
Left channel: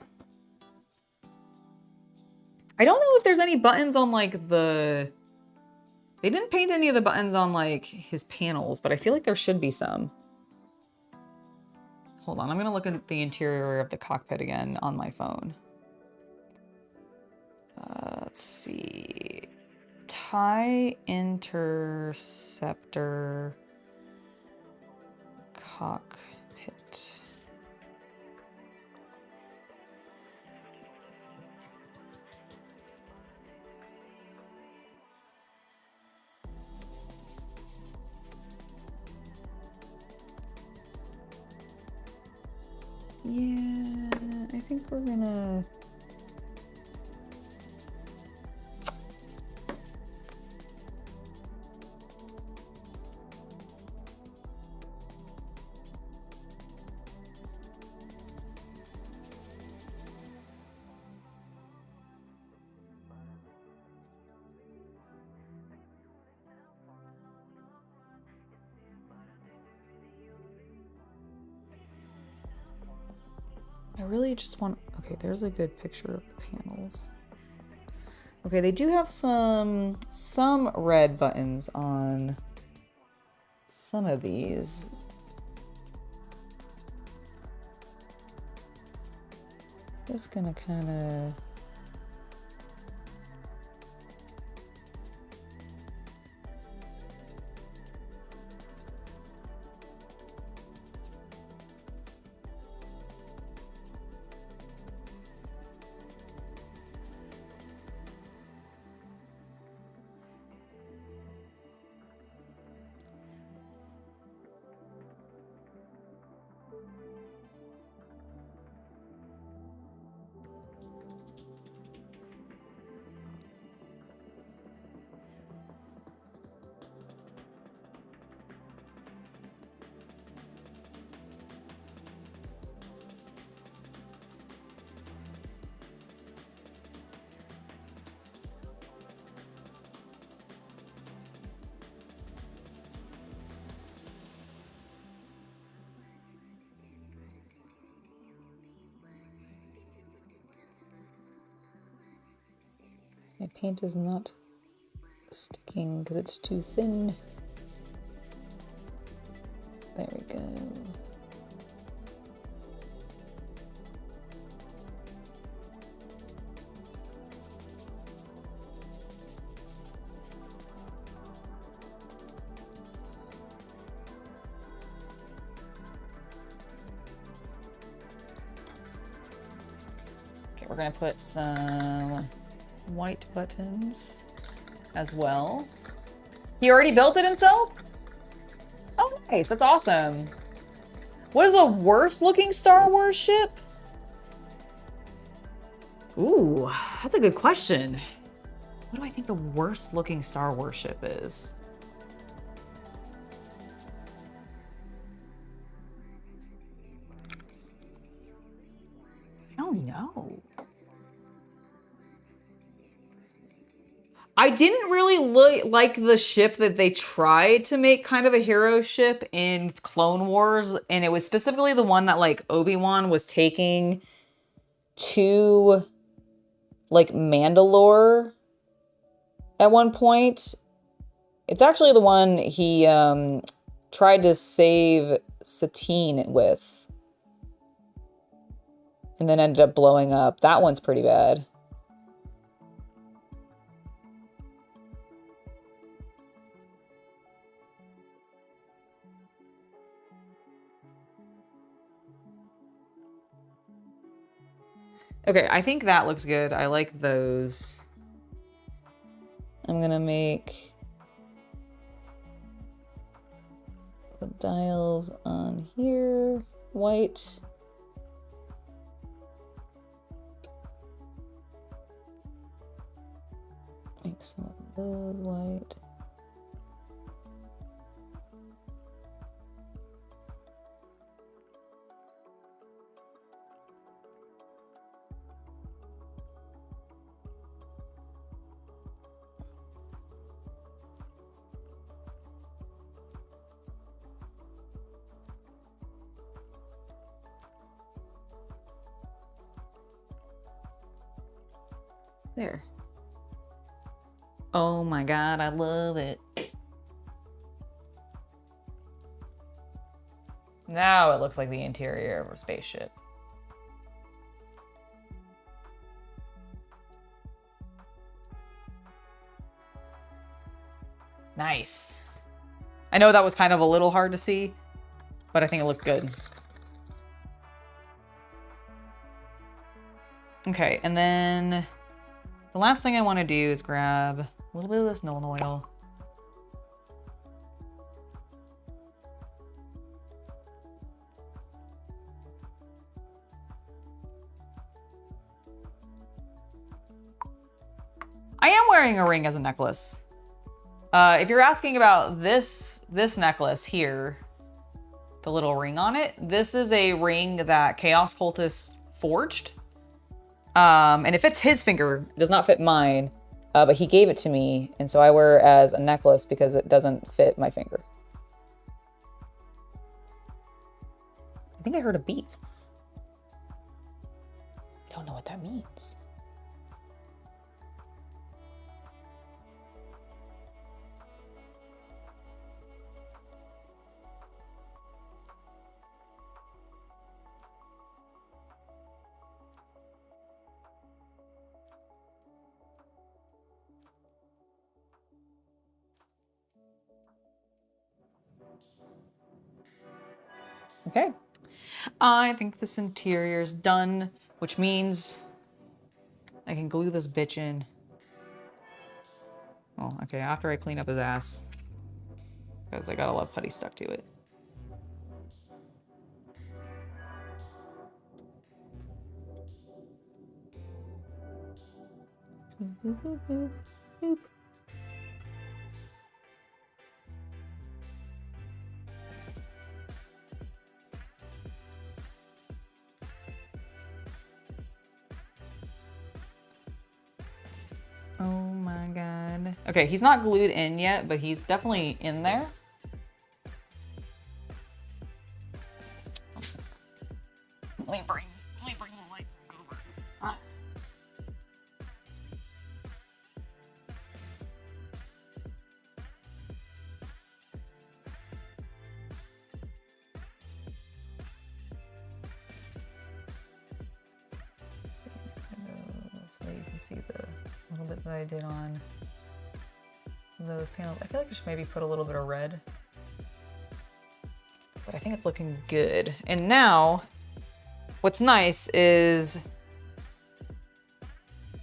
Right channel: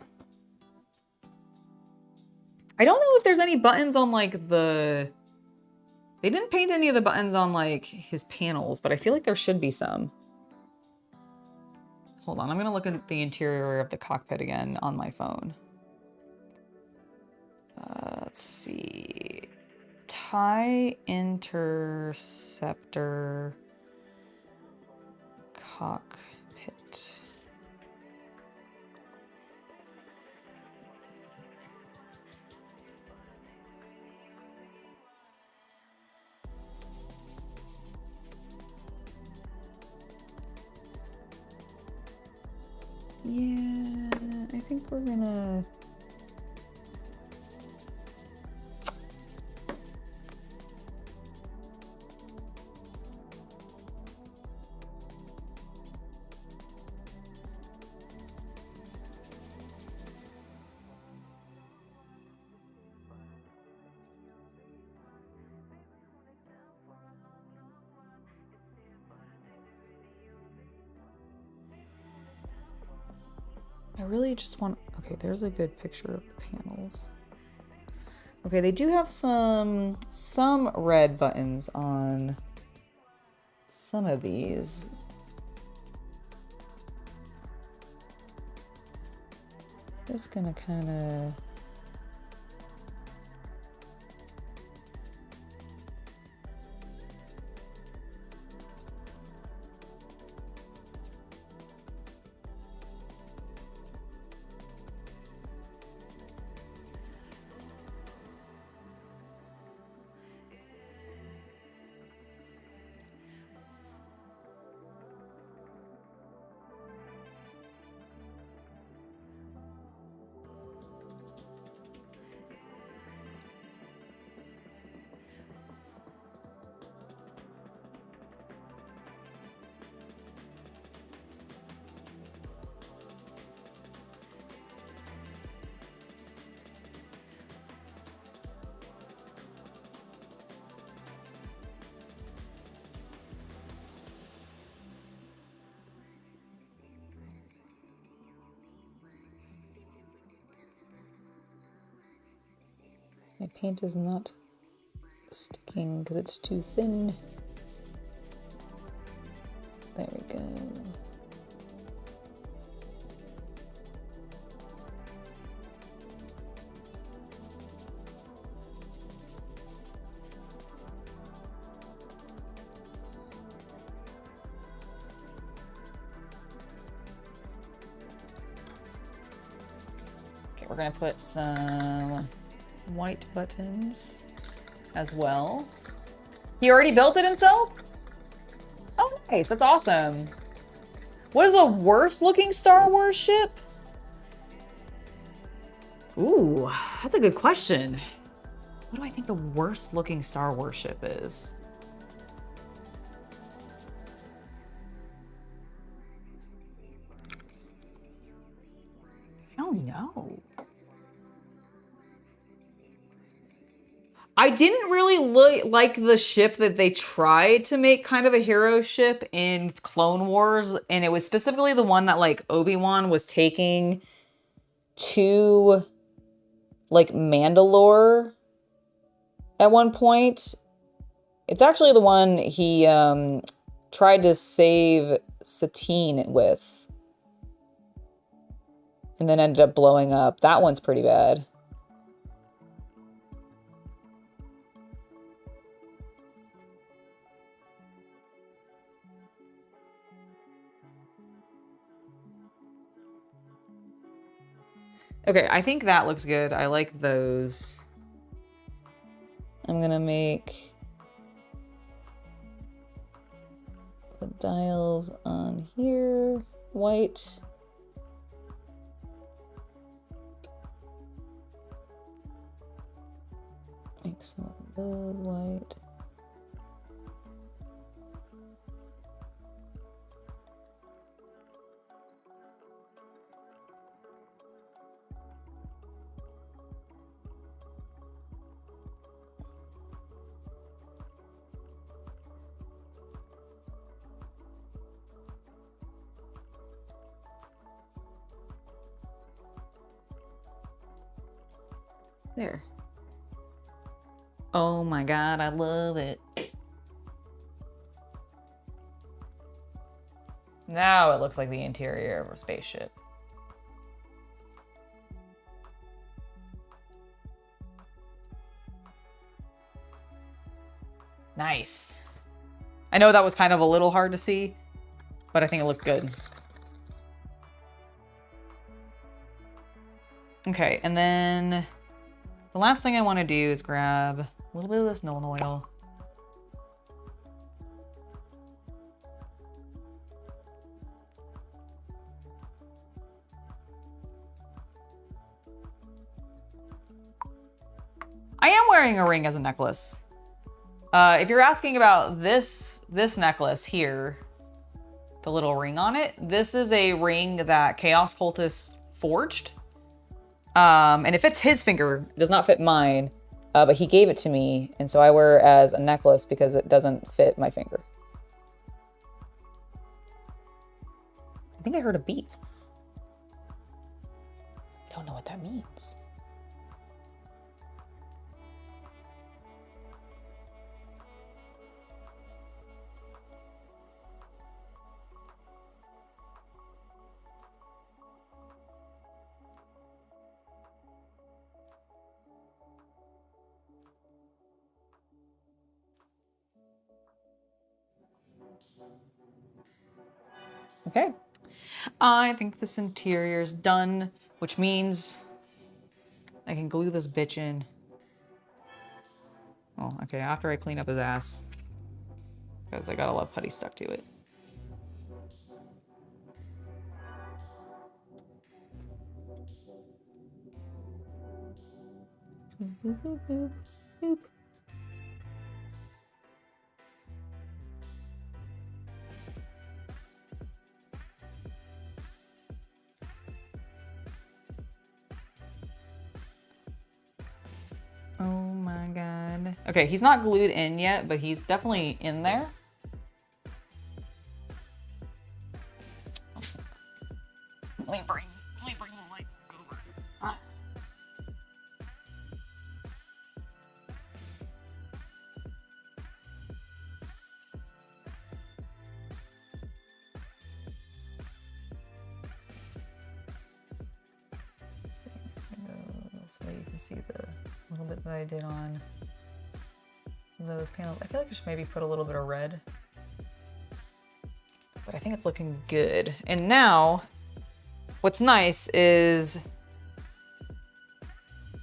I don't know if there's any buttons on, like, the... They didn't paint any of the buttons on, like, his panels, but I feel like there should be some. Hold on, I'm gonna look at the interior of the cockpit again on my phone. Let's see. TIE Interceptor cockpit. Yeah, I think we're gonna... I really just want, okay, there's a good picture of the panels. Okay, they do have some red buttons on some of these. Just gonna kind of... My paint is not sticking because it's too thin. There we go. Okay, we're gonna put some white buttons as well. He already built it himself? Oh, nice. That's awesome. What is the worst looking Star Wars ship? Ooh, that's a good question. What do I think the worst looking Star Wars ship is? I don't know. I didn't really like the ship that they tried to make kind of a hero ship in Clone Wars, and it was specifically the one that like Obi-Wan was taking to like Mandalore at one point. It's actually the one he tried to save Satine with and then ended up blowing up. That one's pretty bad. Okay, I think that looks good. I like those. I'm gonna make the dials on here white. Make some of those white. There. Oh my God, I love it. Now it looks like the interior of a spaceship. Nice. I know that was kind of a little hard to see, but I think it looked good. Okay, and then the last thing I want to do is grab a little bit of this Nuln Oil. I am wearing a ring as a necklace. If you're asking about this necklace here, the little ring on it, this is a ring that Chaos Cultist forged. And it fits his finger. It does not fit mine, but he gave it to me, and so I wear it as a necklace because it doesn't fit my finger. I think I heard a beep. I don't know what that means. Okay, I think this interior is done, which means I can glue this bitch in. Oh, okay, after I clean up his ass, because I got a lot of putty stuck to it. Boop, boop, boop, boop, boop. Oh my God. Okay, he's not glued in yet, but he's definitely in there. Let me bring the light back over. Ah. So this way you can see the little bit that I did on those panels. I feel like I should maybe put a little bit of red, but I think it's looking good. And now what's nice is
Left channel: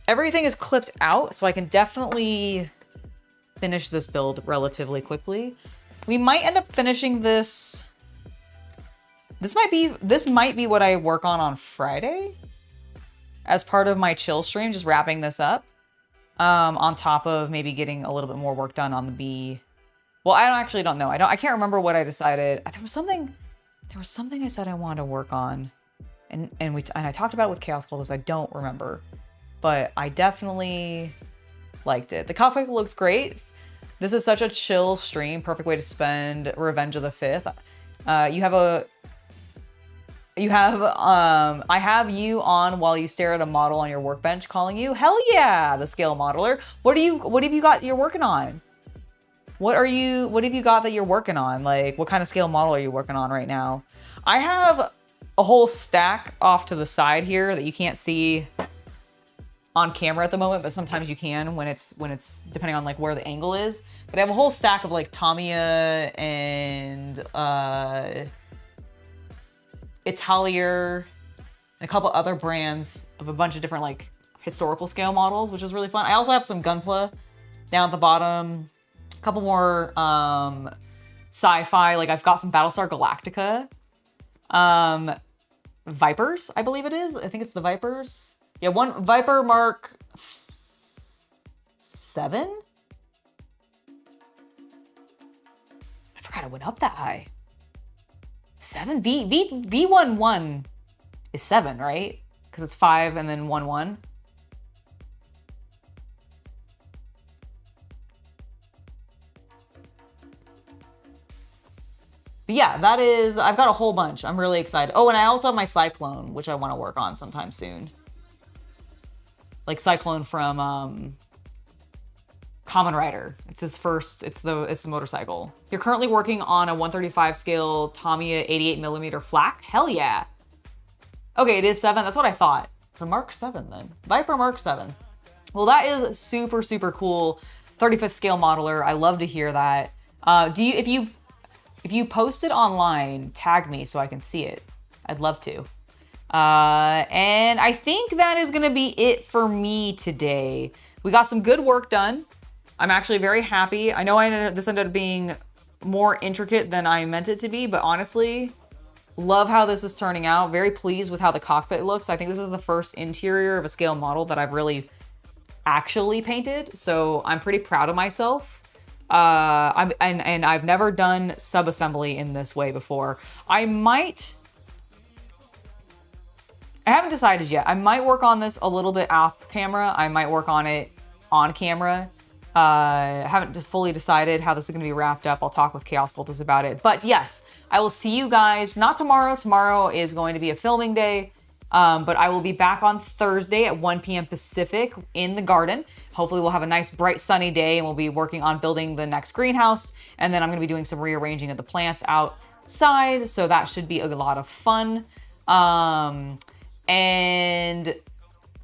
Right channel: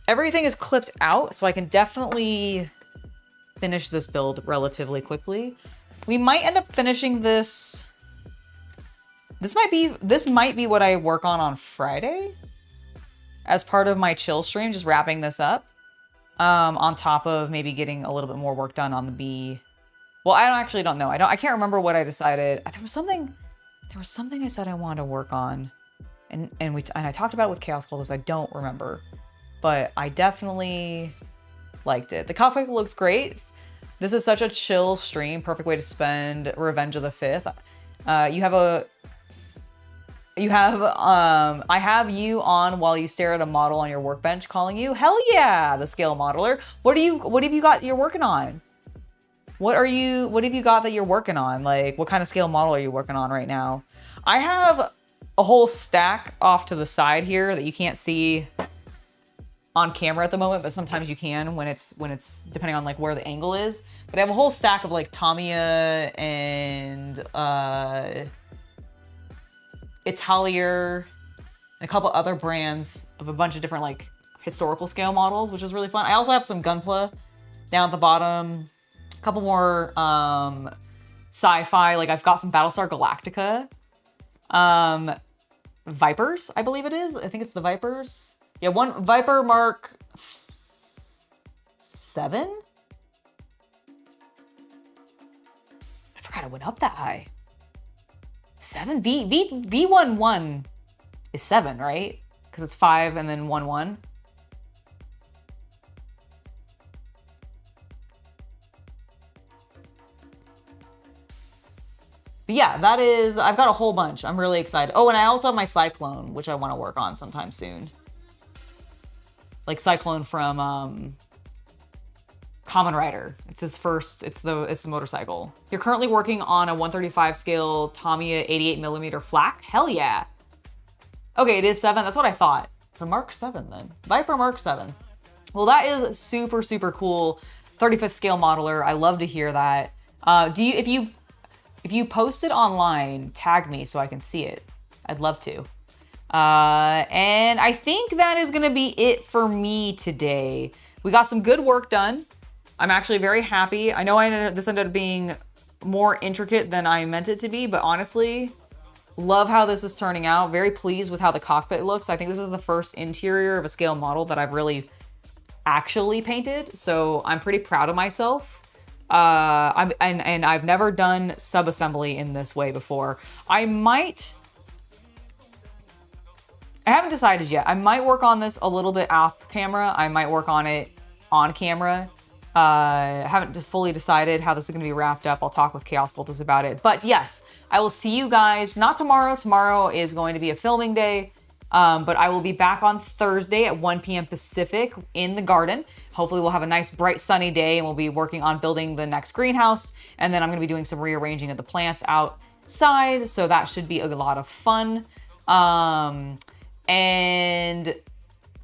everything is clipped out, so I can definitely finish this build relatively quickly. We might end up finishing this. This might be what I work on Friday as part of my chill stream, just wrapping this up. On top of maybe getting a little bit more work done on the B. Well, I don't know. I can't remember what I decided. There was something I said I wanted to work on. And I talked about it with Chaos Cultist. I don't remember. But I definitely liked it. The cockpit looks great. This is such a chill stream. Perfect way to spend Revenge of the Fifth. I have you on while you stare at a model on your workbench calling you. Hell yeah, the scale modeler. What have you got you're working on? What have you got that you're working on? Like, what kind of scale model are you working on right now? I have a whole stack off to the side here that you can't see on camera at the moment, but sometimes you can when it's depending on like where the angle is. But I have a whole stack of like Tamiya and Italier and a couple other brands of a bunch of different like historical scale models, which is really fun. I also have some Gunpla down at the bottom, a couple more sci-fi, like I've got some Battlestar Galactica Vipers, I believe it is. I think it's the Vipers. Yeah, one Viper Mark 7. I forgot it went up that high. 7 V11 is 7, right? Because it's 5 and then 1. But yeah, that is, I've got a whole bunch. I'm really excited. Oh, and I also have my Cyclone, which I want to work on sometime soon. Like Cyclone from Kamen Rider. It's his first, it's the motorcycle. You're currently working on a 135 scale Tamiya 88mm flak? Hell yeah. Okay, it is 7, that's what I thought. It's a Mark 7 then. Viper Mark 7. Well, that is super, super cool. 35th scale modeler, I love to hear that. If you post it online, tag me so I can see it. I'd love to. And I think that is gonna be it for me today. We got some good work done. I'm actually very happy. I know this ended up being more intricate than I meant it to be, but honestly, love how this is turning out. Very pleased with how the cockpit looks. I think this is the first interior of a scale model that I've really actually painted, so I'm pretty proud of myself. I've never done sub-assembly in this way before. I haven't decided yet. I might work on this a little bit off camera. I might work on it on camera. I haven't fully decided how this is going to be wrapped up. I'll talk with Chaos Cultist about it. But yes, I will see you guys, not tomorrow. Tomorrow is going to be a filming day. But I will be back on Thursday at 1 p.m. Pacific in the garden. Hopefully we'll have a nice bright sunny day and we'll be working on building the next greenhouse. And then I'm going to be doing some rearranging of the plants outside. So that should be a lot of fun. And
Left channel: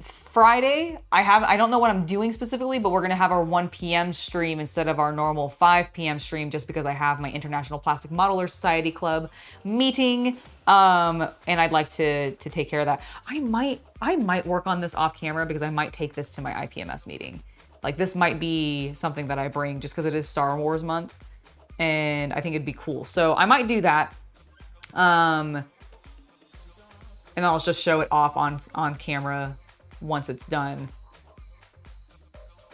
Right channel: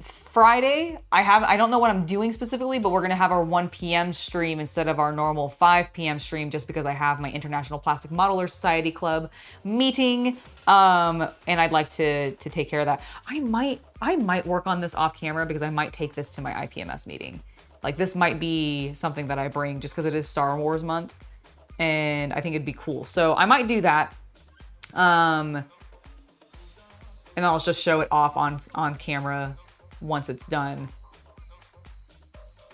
Friday, I don't know what I'm doing specifically, but we're going to have our 1 p.m. stream instead of our normal 5 p.m. stream just because I have my International Plastic Modeler Society Club meeting. And I'd like to take care of that. I might work on this off camera because I might take this to my IPMS meeting. Like this might be something that I bring just because it is Star Wars month and I think it'd be cool. So I might do that. And I'll just show it off on camera once it's done.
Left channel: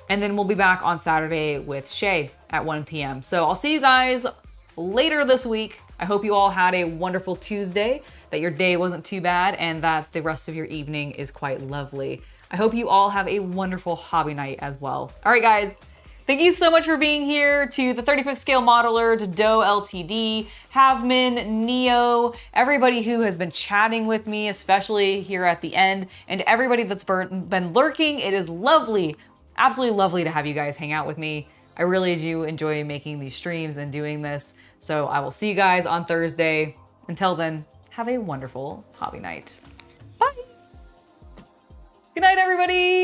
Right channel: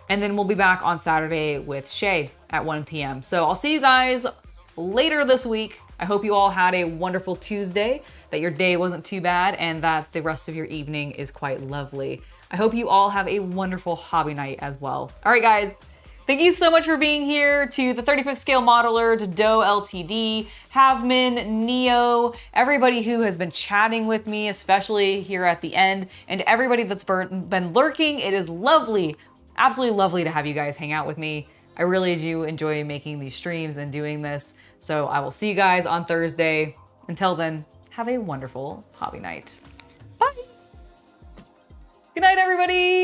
And then we'll be back on Saturday with Shay at 1 p.m. So I'll see you guys later this week. I hope you all had a wonderful Tuesday, that your day wasn't too bad, and that the rest of your evening is quite lovely. I hope you all have a wonderful hobby night as well. All right, guys. Thank you so much for being here, to the 35th Scale Modeler, to Doe LTD, Havman, Neo, everybody who has been chatting with me, especially here at the end, and everybody that's been lurking. It is lovely, absolutely lovely to have you guys hang out with me. I really do enjoy making these streams and doing this. So I will see you guys on Thursday. Until then, have a wonderful hobby night. Bye. Good night, everybody.